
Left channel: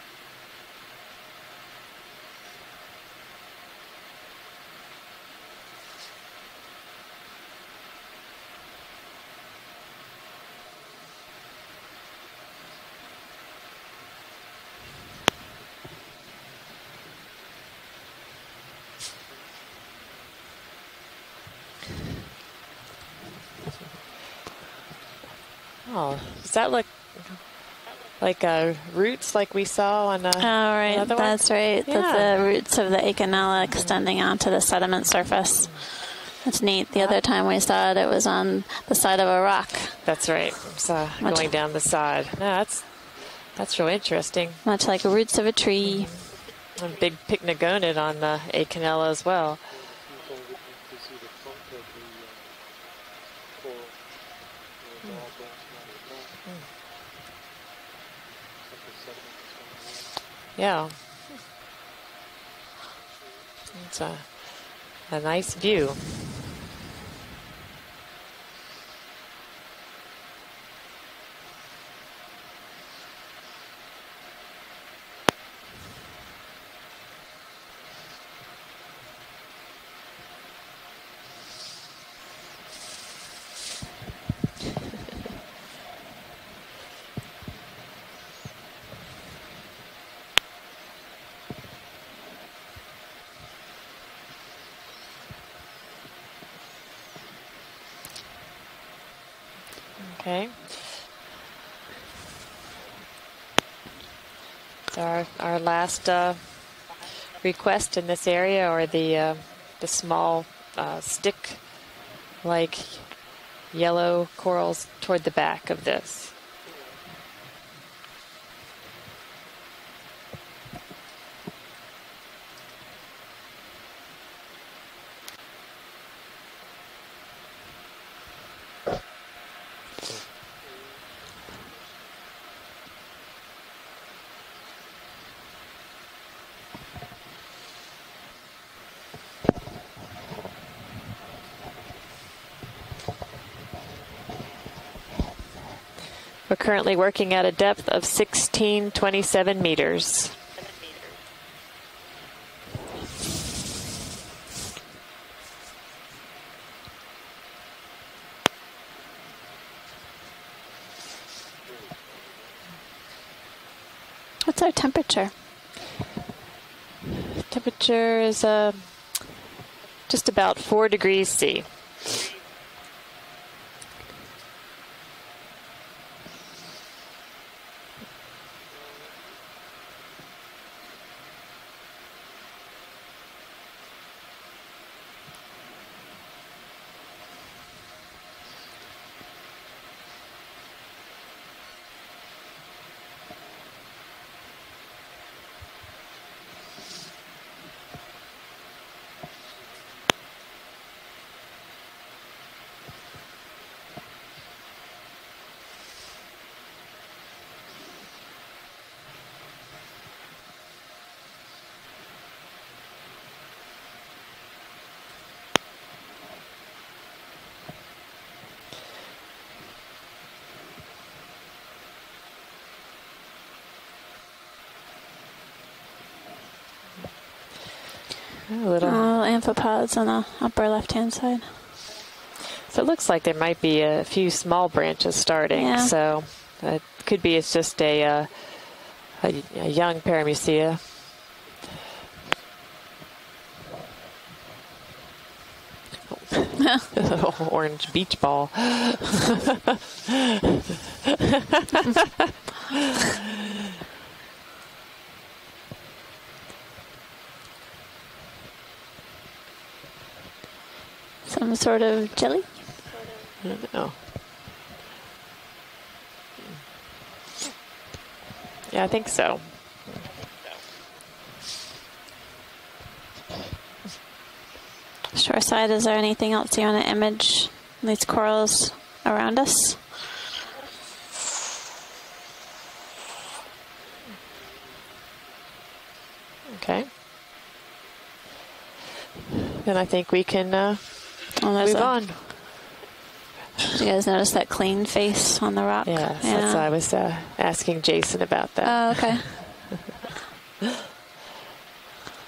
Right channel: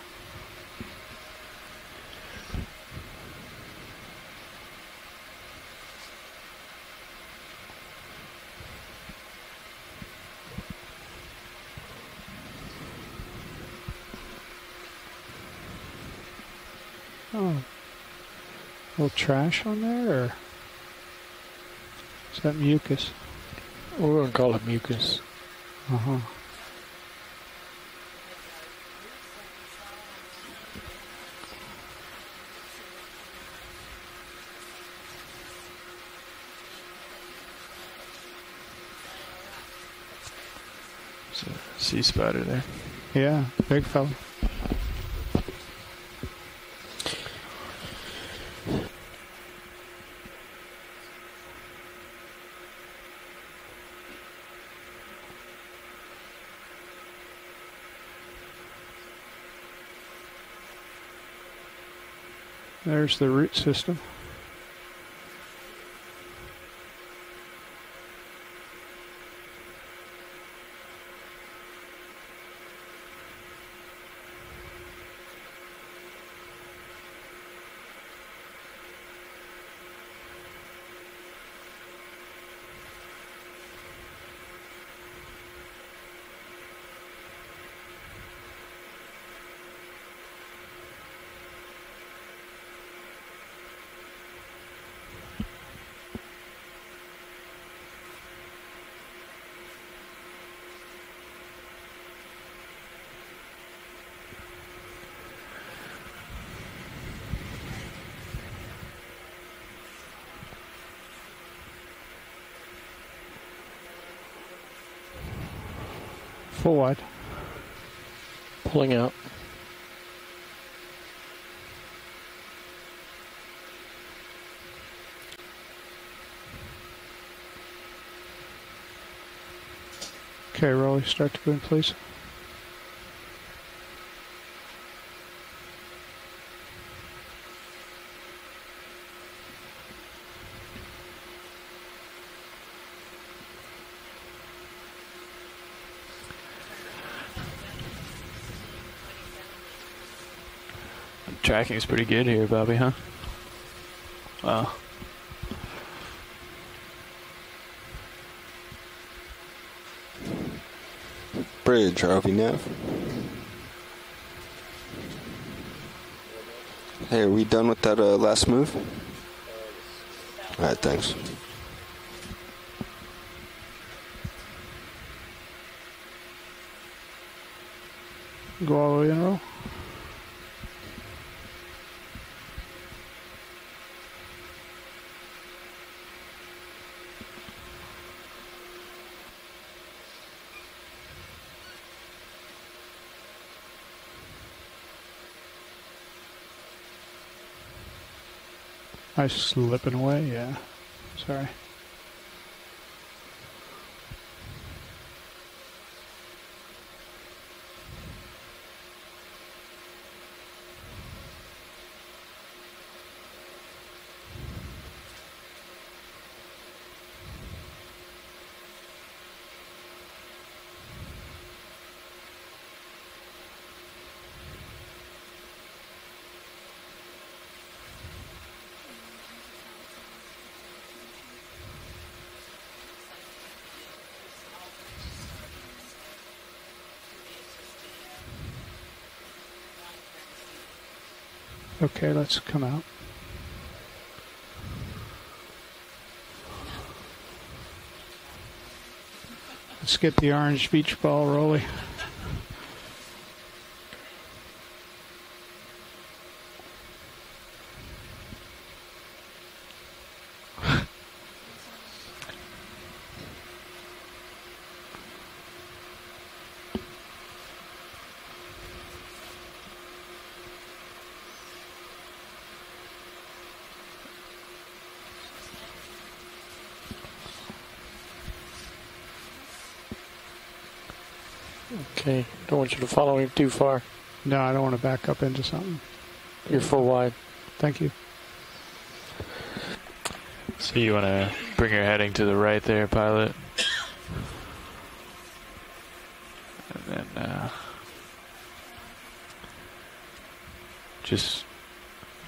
Oh, a little trash on there, or is that mucus? We're going to call it mucus. Oh, does that look like roots like we saw on the Oh, right. other one? That's right. Yeah. The roots of the Acanella extending onto the sediment surface. That's neat. The other time we saw it, it was on the side of a rock. That's right. So going down the side. No, that's big real fella. interesting. Much like the roots of a tree. A big pycnogonid on the Acanella as well. Yeah. There's the root system. It's a nice view. Okay. So our last request in this area are the small stick-like yellow corals toward the back of this. Full wide. Pulling out. Okay, Rolly, start to go in place. We're currently working at a depth of 1627 meters. Tracking is pretty good here, Bobby, huh? Wow. Bridge, RV nav. What's our temperature? Hey, are we done with that last move? Just about 4 degrees C. Go all the way in a row. I slipping away, yeah. Sorry. Little amphipods on the upper left-hand side. So it looks like there might be a few small branches starting. Yeah. So it could be it's just a young paramucea. Okay, let's come out. Orange beach ball. Let's get the orange beach ball rolling. Some sort of jelly? I don't know. Yeah, I think so. Shore side, is there anything else you want to image these corals around us? Okay, don't want you to follow him too far. No, I don't want to back up into something. You're full wide. Thank you. And I think we can... so you want to bring your heading to the right there, pilot? Did you guys notice that clean face on the rock? Yes, that's why I was asking Jason about that. Oh, okay. Just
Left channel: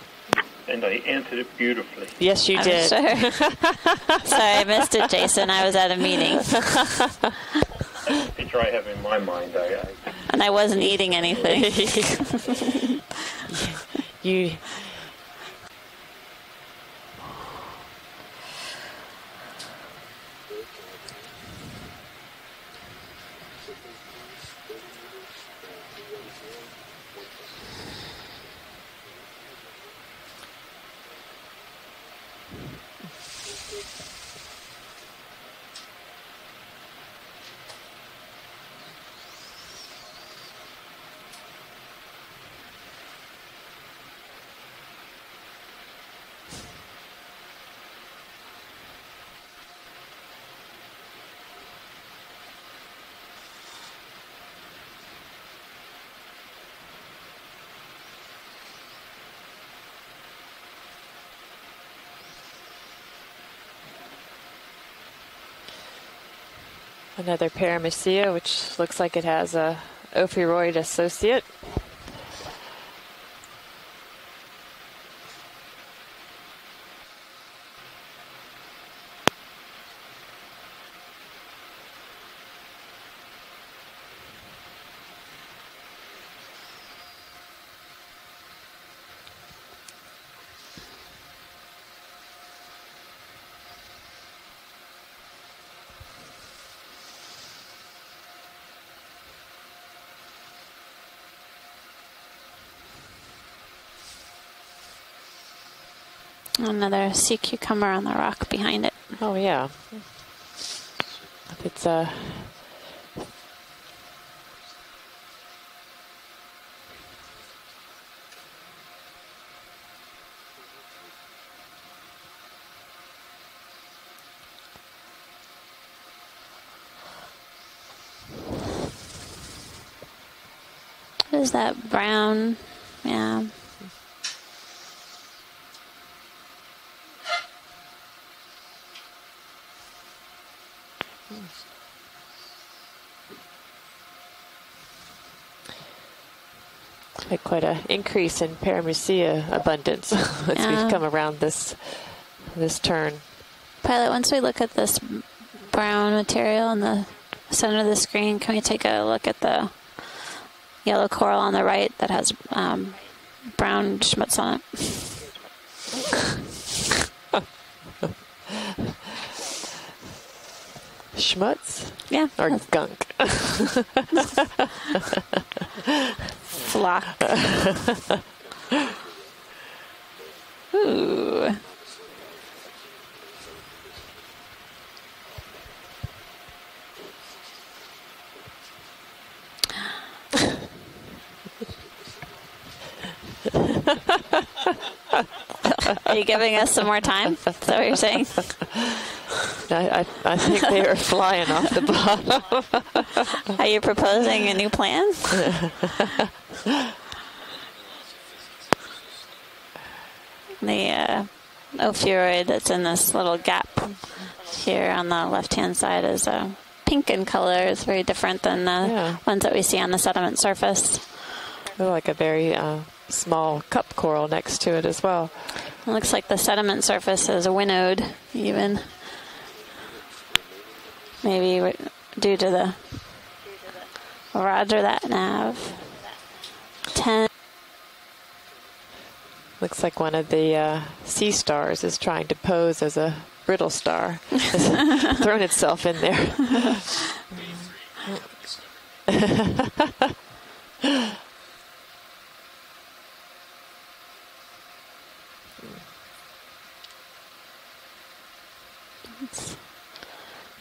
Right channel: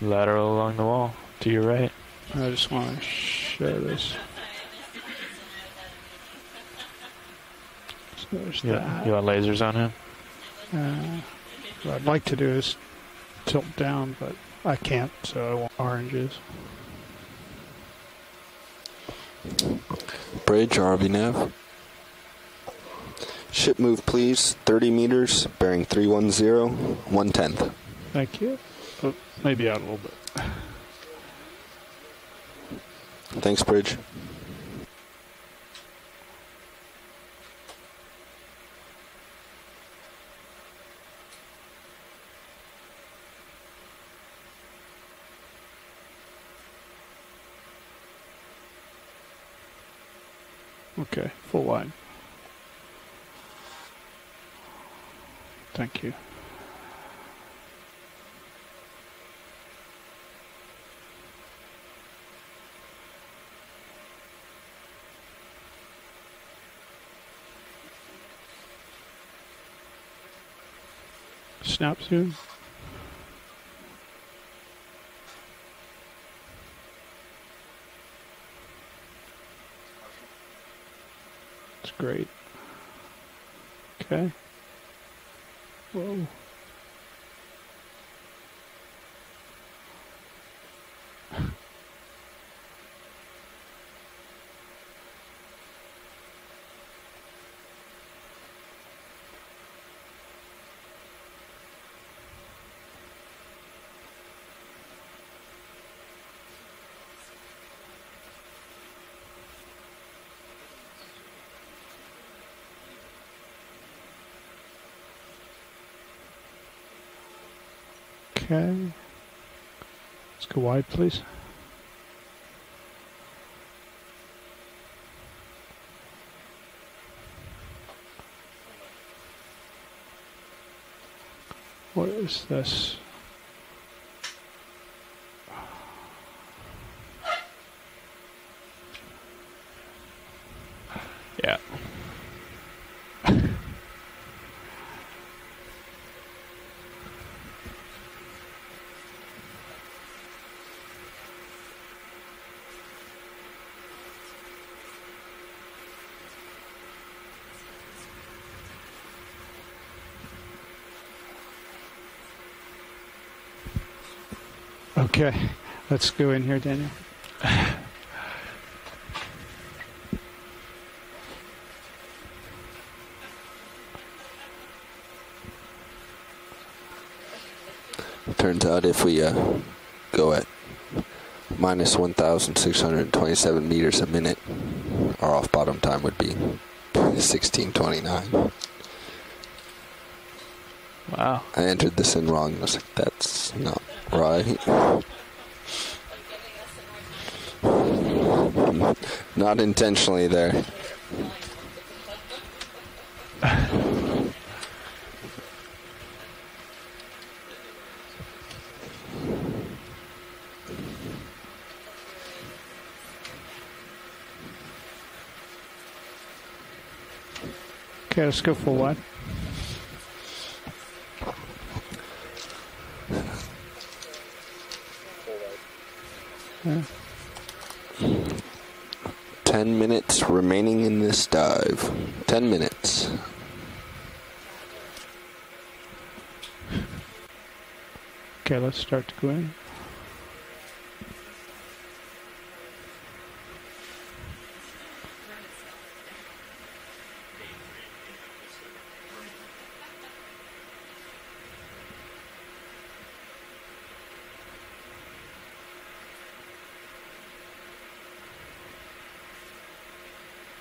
lateral along the wall to your right. Yes, you did. Sorry, I missed it, Jason. I was at a meeting. You got lasers on him? And I wasn't eating anything. I'd like to do this tilt down, but I can't, so I want oranges. Bridge, RV nav. Ship move, please. 30 meters, bearing 310, 1/10. Thank you. Oh, maybe out a little bit. Thanks, Bridge. Okay, full wide. Thank you. Another Paramecium, which looks like it has a ophiuroid associate. Snap through. That's great. Okay. Whoa. Another sea cucumber on the rock behind it. Oh yeah. It's a Okay. Let's go wide, please. What is that brown? What is this? Yeah. Yeah. like quite an increase in Paramecium abundance as we've come around this turn. Pilot, once we look at this brown material in the center of the screen, can we take a look at the yellow coral on the right that has brown schmutz on it? Okay. Let's go in here, Danny. Schmutz? Yeah. Or gunk? Flock. Turns out if we go at minus 1,627 meters a minute, our off-bottom time would be 16:29. Wow. I entered this in wrong. I was like, that's not right. Are you giving us some more time? Is that what you're saying? Not intentionally I there. think they were flying off the bottom. Are you proposing a new plan? The ophiuroid that's in this little gap here on the left-hand side is pink in color. It's very different than the ones that we see on the sediment surface. Like a very small cup coral next to it as well. It looks like the sediment surface is winnowed even. 10 minutes remaining in this dive. 10 minutes. Roger that, Nav. 10. Okay, let's start to go in. Looks like one of the sea stars is trying to pose as a brittle star. It's thrown itself in there.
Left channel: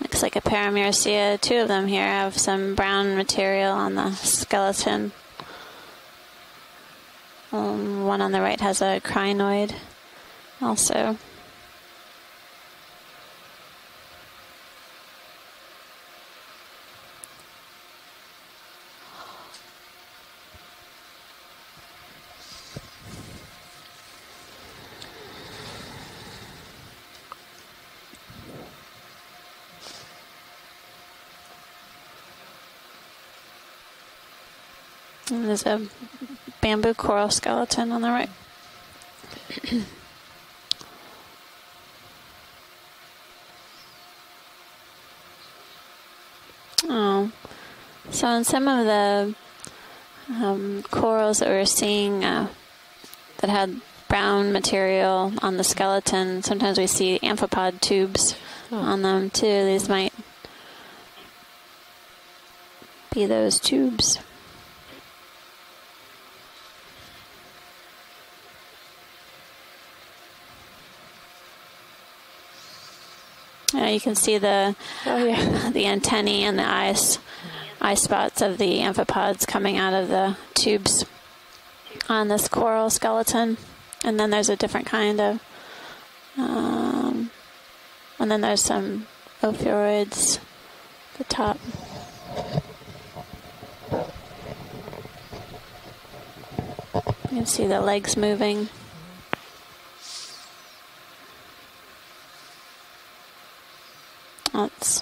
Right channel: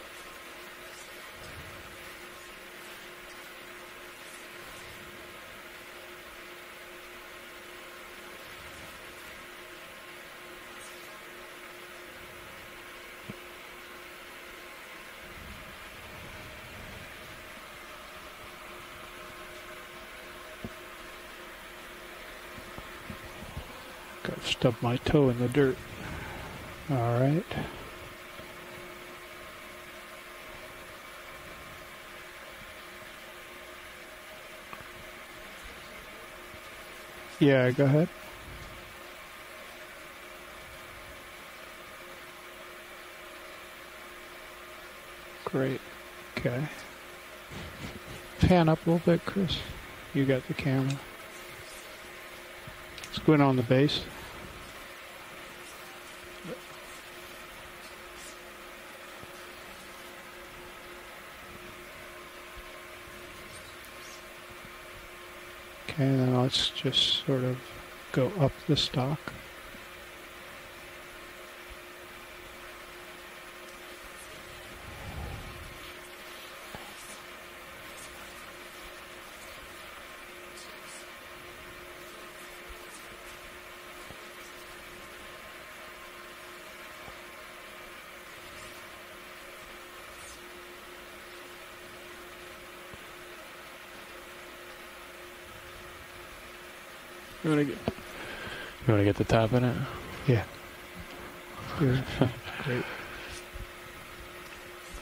Looks like a Paramecium. Two of them here have some brown material on the skeleton. One on the right has a crinoid also. Got to stub my toe in the dirt. All right. And there's a bamboo coral skeleton on the right. Great. Okay. Oh. So in some of the you got the camera. corals that we're seeing that had brown material on the skeleton, sometimes we see amphipod tubes on them too. These might be those tubes. Okay, then let's just sort of go up the stalk. You can see the the antennae and the eye spots of the amphipods coming out of the tubes on this coral skeleton. And then there's a different kind of, and then there's some ophiuroids at the top. You can see the legs moving. You want to get the top in it? Yeah. Great. Let's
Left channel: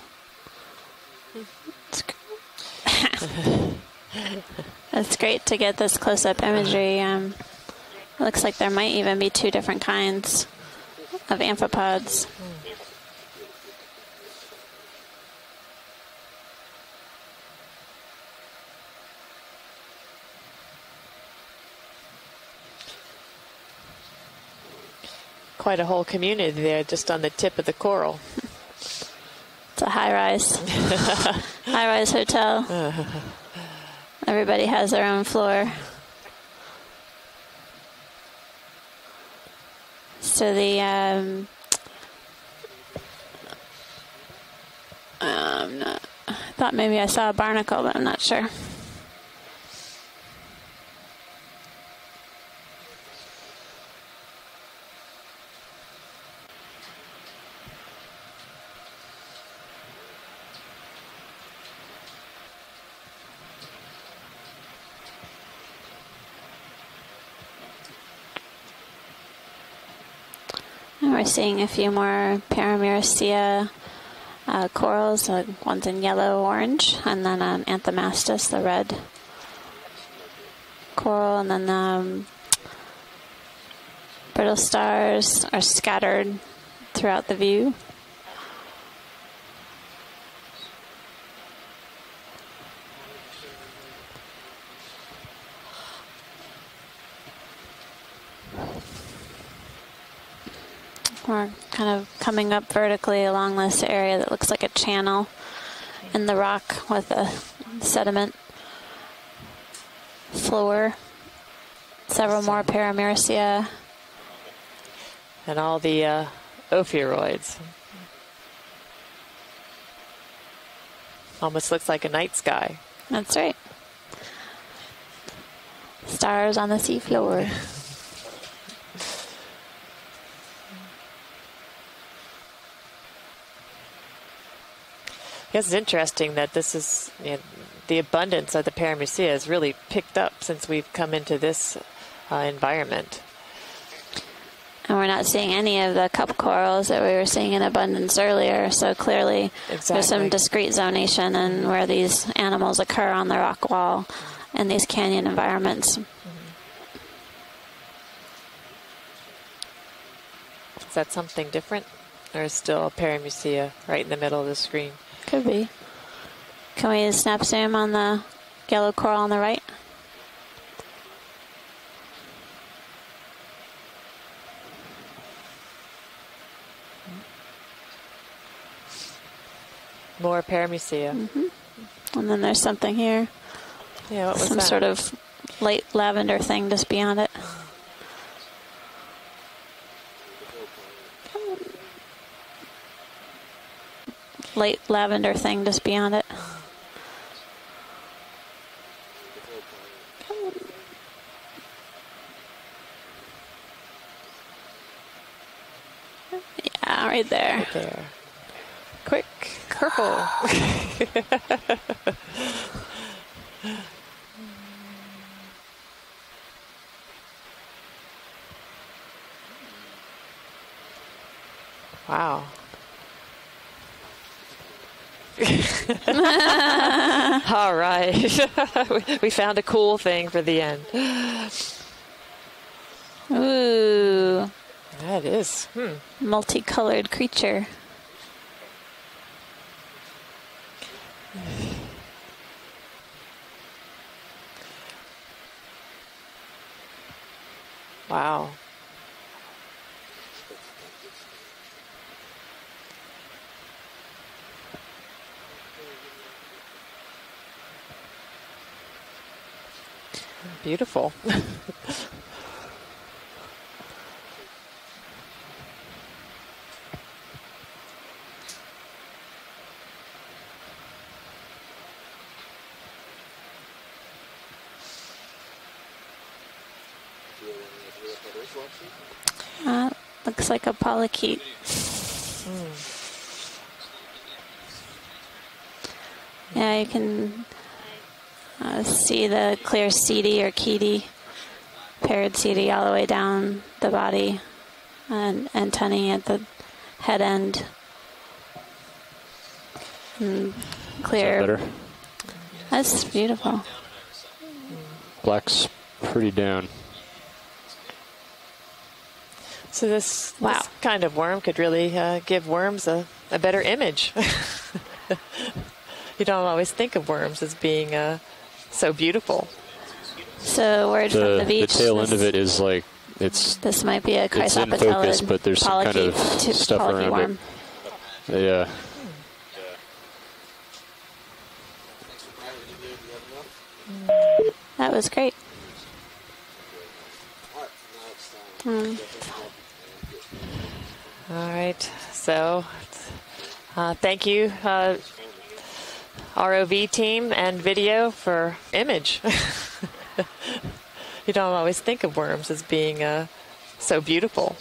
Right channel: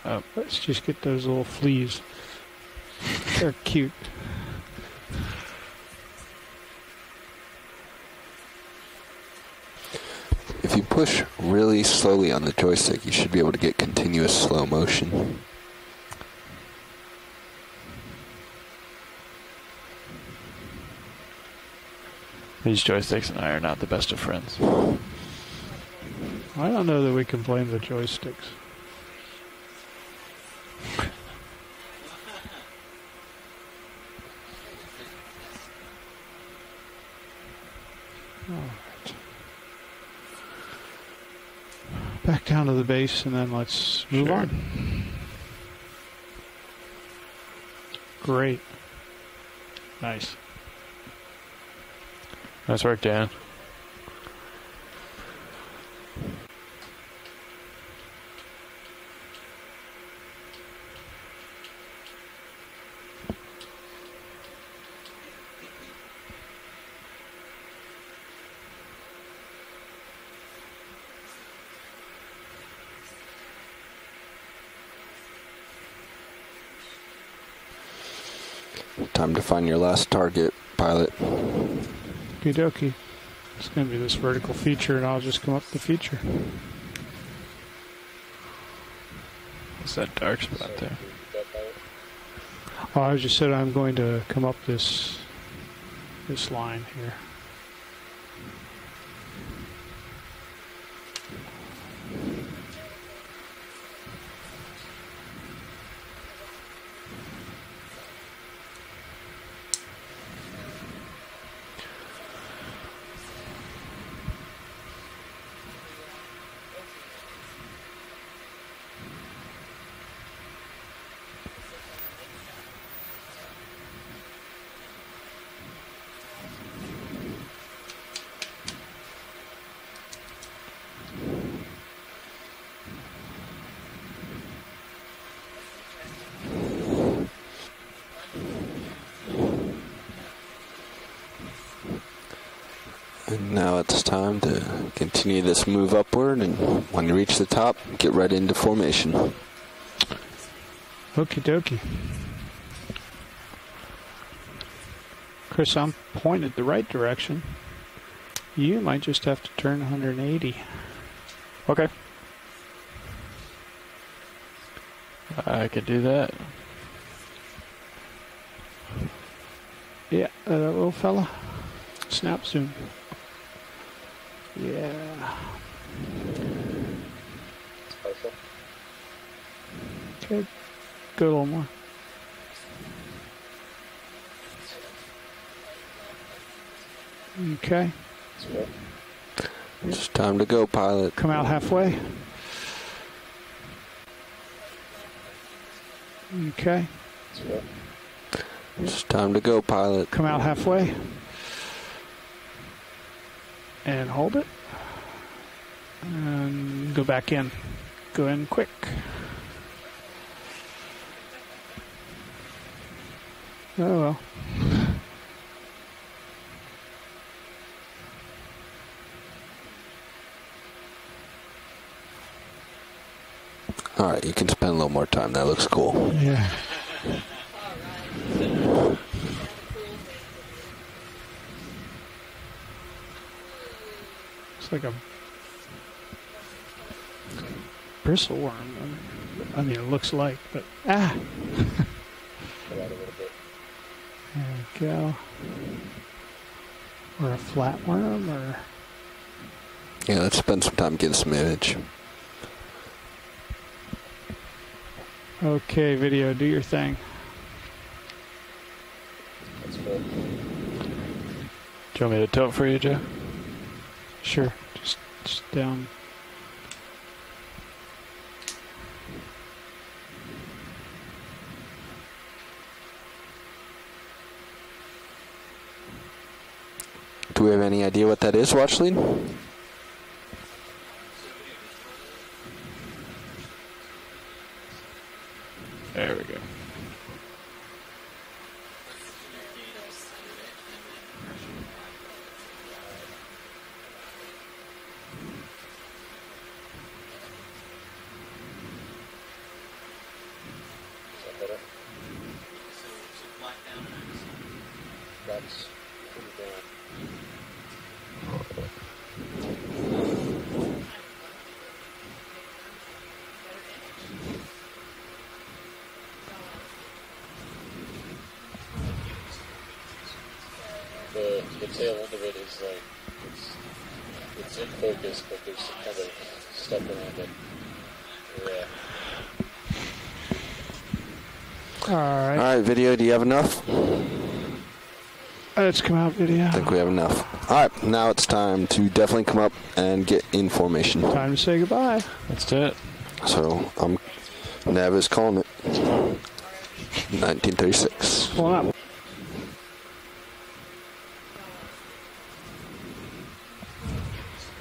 just get those little fleas. They're cute. It's great to get this close-up imagery. Looks like there might even be two different kinds. If you push of really amphipods. slowly on the joystick, you should be able to get continuous slow motion. These joysticks and I are not the best of friends. Quite a whole community there just on the tip of the coral. It's a high-rise. High-rise hotel. Everybody has their own floor. So the back down to the base, and then let's move on. I thought maybe I saw a barnacle, but I'm not sure. Great. Nice. Nice work, Dan. And we're seeing a few more Paramyricea corals. One's in yellow, orange, and then Anthomastus, the red. Time to find your last target, pilot. Coral, and then Okie it's going to be this vertical brittle feature. stars are scattered throughout the view. What's that dark spot there? Oh, I just said I'm going to come up this line here. We're kind of coming up vertically along this area that looks like a channel in the rock with a sediment floor. Several more Paramyricea. And all the ophiuroids. Almost looks like a night sky. That's right. Stars on the seafloor. I guess it's interesting that this is, the abundance of the Paramyricea has really picked up since we've come into this environment. And now it's time to And we're not seeing any of the cup corals that we were seeing in abundance earlier, so clearly there's some discrete zonation and where these animals occur on the rock wall in these canyon environments. I'm pointed the right direction. You might just have to turn 180. Is that something different? Okay. There's still a Paramyricea right in the middle of the screen. Could be. I could do that. Can we snap zoom on the yellow coral on the right? Yeah, that little fella. Snap zoom. Yeah. More Paramyricea. Go a little more. And then there's something here. Yeah, what was Some that? sort of light lavender thing just beyond it. Okay. It's time to go, pilot. Come out halfway. Light lavender thing just beyond it. Okay. It's time to go, pilot. Come out halfway. And hold it. And Yeah, go right back in. there. Go in quick. Quick. Purple. Oh, well. Wow. All right, you can spend a little more time. That looks cool. All right. We found a cool thing for the end. Ooh. It's like a That is. Multicolored creature. bristleworm. I mean, it looks like, but ah. There we go. Or a flatworm. Wow. Yeah, let's spend some time getting some image. Okay, video, do your thing. Beautiful. Do you want me to tilt for you, Joe? Sure. Just down. Do we have any idea what that is, Watchlead? Looks like a polychaete. There we go. Yeah, you can see the clear seedy or keety paired CD all the way down the body and antennae at the head end. And clear. Is that better? That's beautiful. Black's pretty down. So this kind of worm could really give worms a better image. You don't always think of worms as being so beautiful. So word from the beach. The tail end of it is like this might be a it's in focus, but there's some kind of stuff around worm. it. Yeah. All right. All right, video, do you have enough? That was great. Let's come out, video. I think we have enough. All right, now it's time to definitely come up and get in formation. Time to say goodbye. So, thank you, Never's calling it. ROV team and video for image. You don't always think of worms as being so beautiful.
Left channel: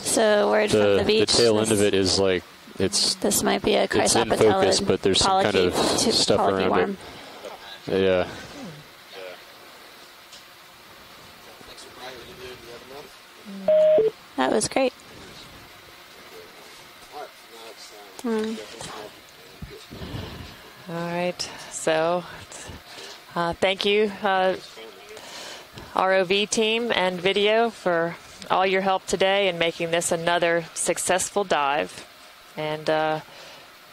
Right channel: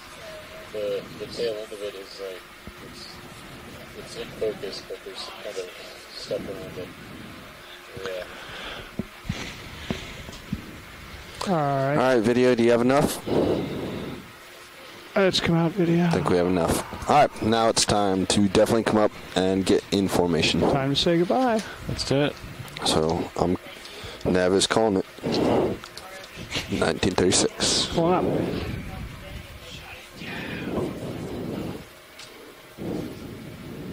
So word from the beach. The tail end of it is like this might be a it's in focus, but there's some kind of stuff around it. Yeah. All right. All right, video, do you have enough? That was great. Let's come out, video. I think we have enough. All right, now it's time to definitely come up and get in formation. Time to say goodbye. So, thank you, Never's calling it. ROV team and video for all your help today in making this another successful dive. And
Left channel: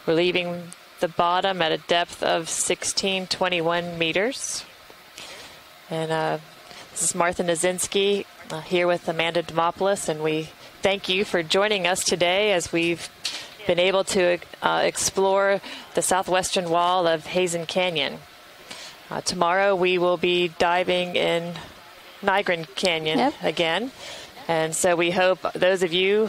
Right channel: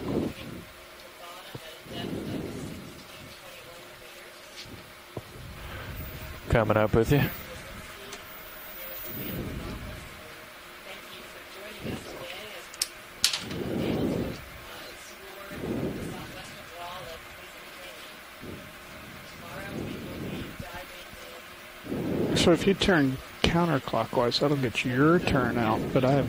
we're leaving the bottom at a depth of 1621 meters. And coming up with Martha Nazinski here with Amanda Demopoulos, and we thank you for joining us today as we've been able to explore the southwestern wall of Heezen Canyon. Tomorrow we will be diving in Nygren Canyon again, and so we hope those of you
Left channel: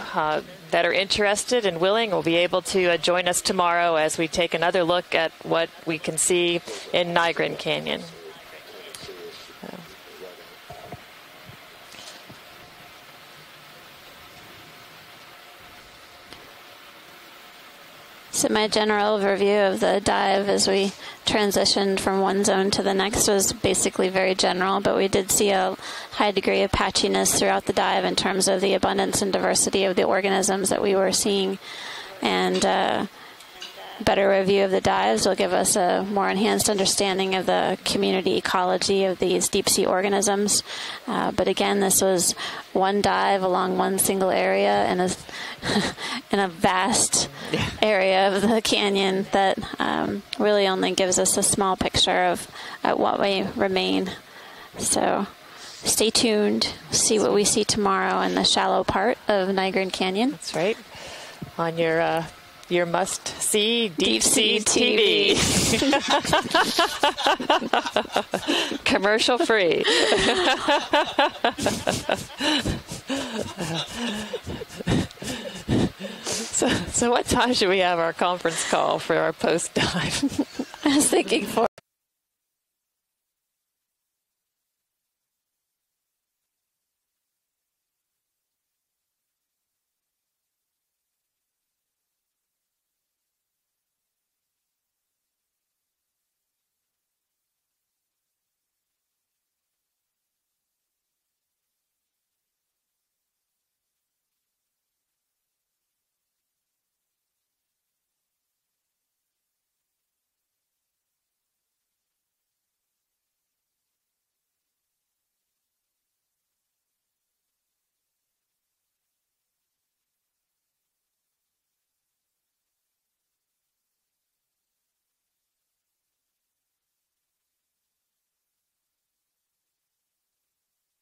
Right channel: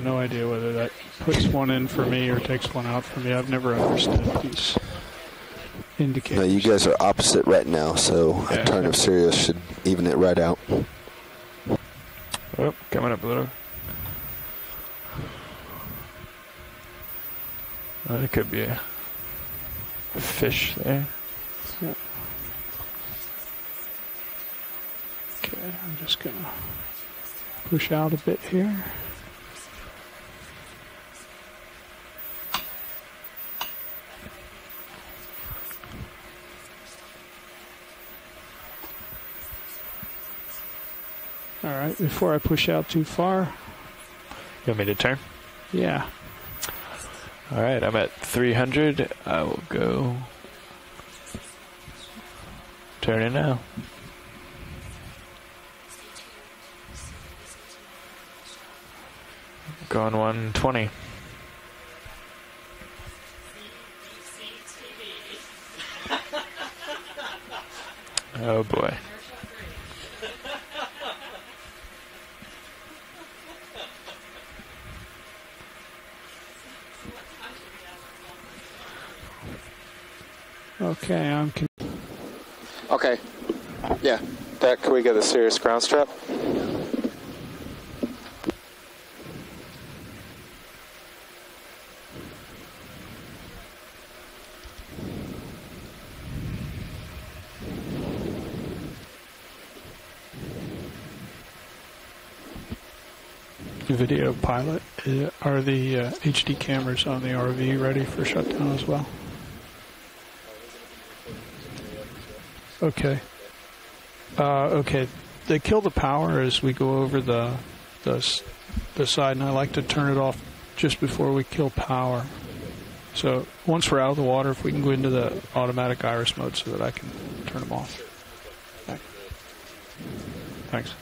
that are interested and willing will be able to join us tomorrow as we take another look at what we can see you guys are in opposite Nygren right Canyon. now, so a turn of Sirius should even it right out. Oh, coming up a little. So my general overview of the dive as we transitioned from one zone to the next was basically very general, but we did see a high degree of patchiness throughout the dive in terms of the abundance and diversity of the organisms that we were seeing. And better review of the dives will give us a more enhanced understanding of the community ecology of these deep sea organisms. But again, this was one dive along one single area in a vast area of the canyon that really only gives us a small picture of what may remain. So stay tuned, see what we see tomorrow in the shallow part of Nygren Canyon. 120. On your must-see Deep Sea TV. Oh boy. Commercial free. So what time should we have our conference call for our post-dive? I was thinking for... Okay. Yeah. Deck, can we get a serious ground strap? Video pilot, are the HD cameras on the RV ready for shutdown as well? Okay. Okay. They kill the power as we go over the side, and I like to turn it off just before we kill power. So once we're out of the water, if we can go into the automatic iris mode so that I can turn them off. Thanks.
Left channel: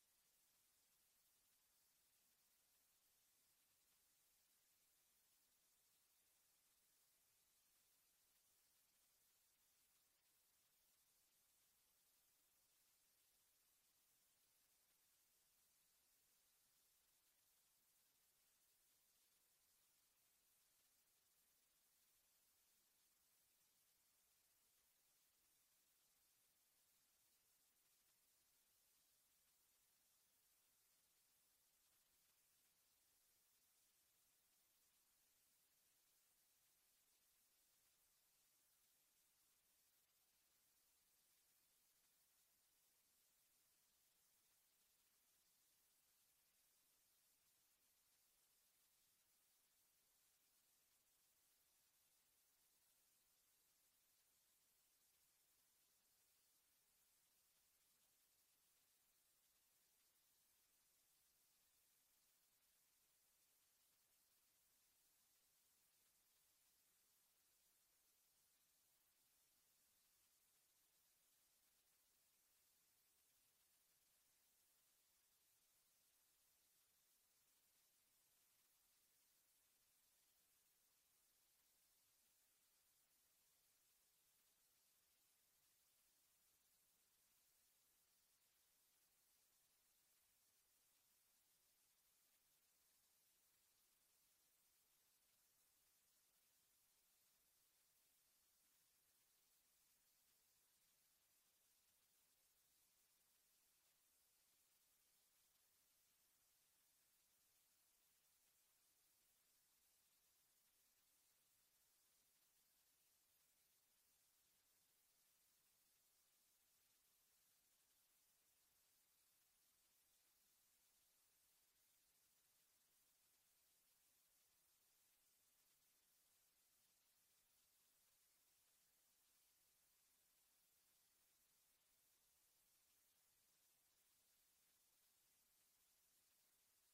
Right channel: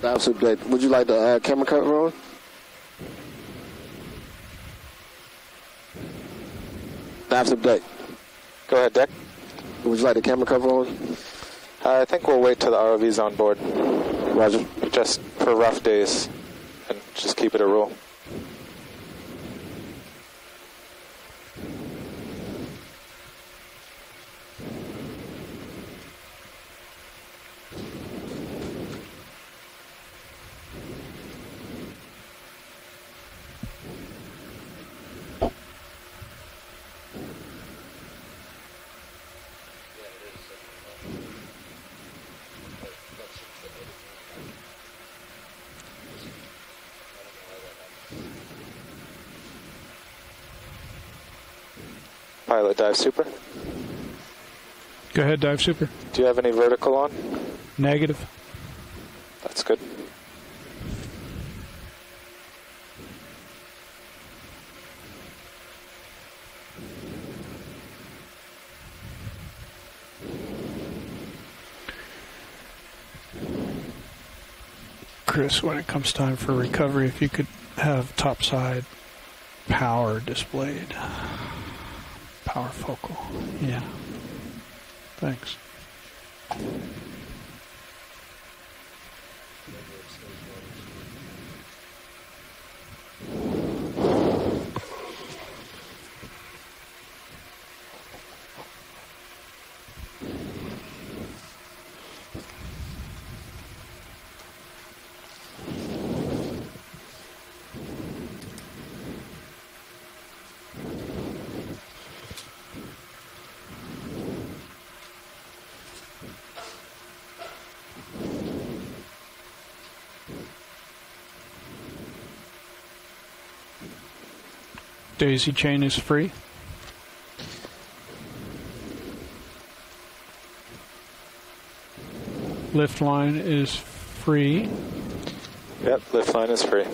Absolutely. Would you like the camera cover on? Absolutely. Go ahead, Deck. Would you like the camera cover on? I think we'll wait till the ROV's on board. Roger. Just for rough days. happen. Just keep it a rule. Pilot, dive super. Go ahead, dive super. Do you have any vertical on? Negative. That's good. Chris, when it comes time for recovery, if you could have topside power displayed. Power focal. Yeah. Thanks. Daisy chain is free. Lift line is free. Yep, lift line is free.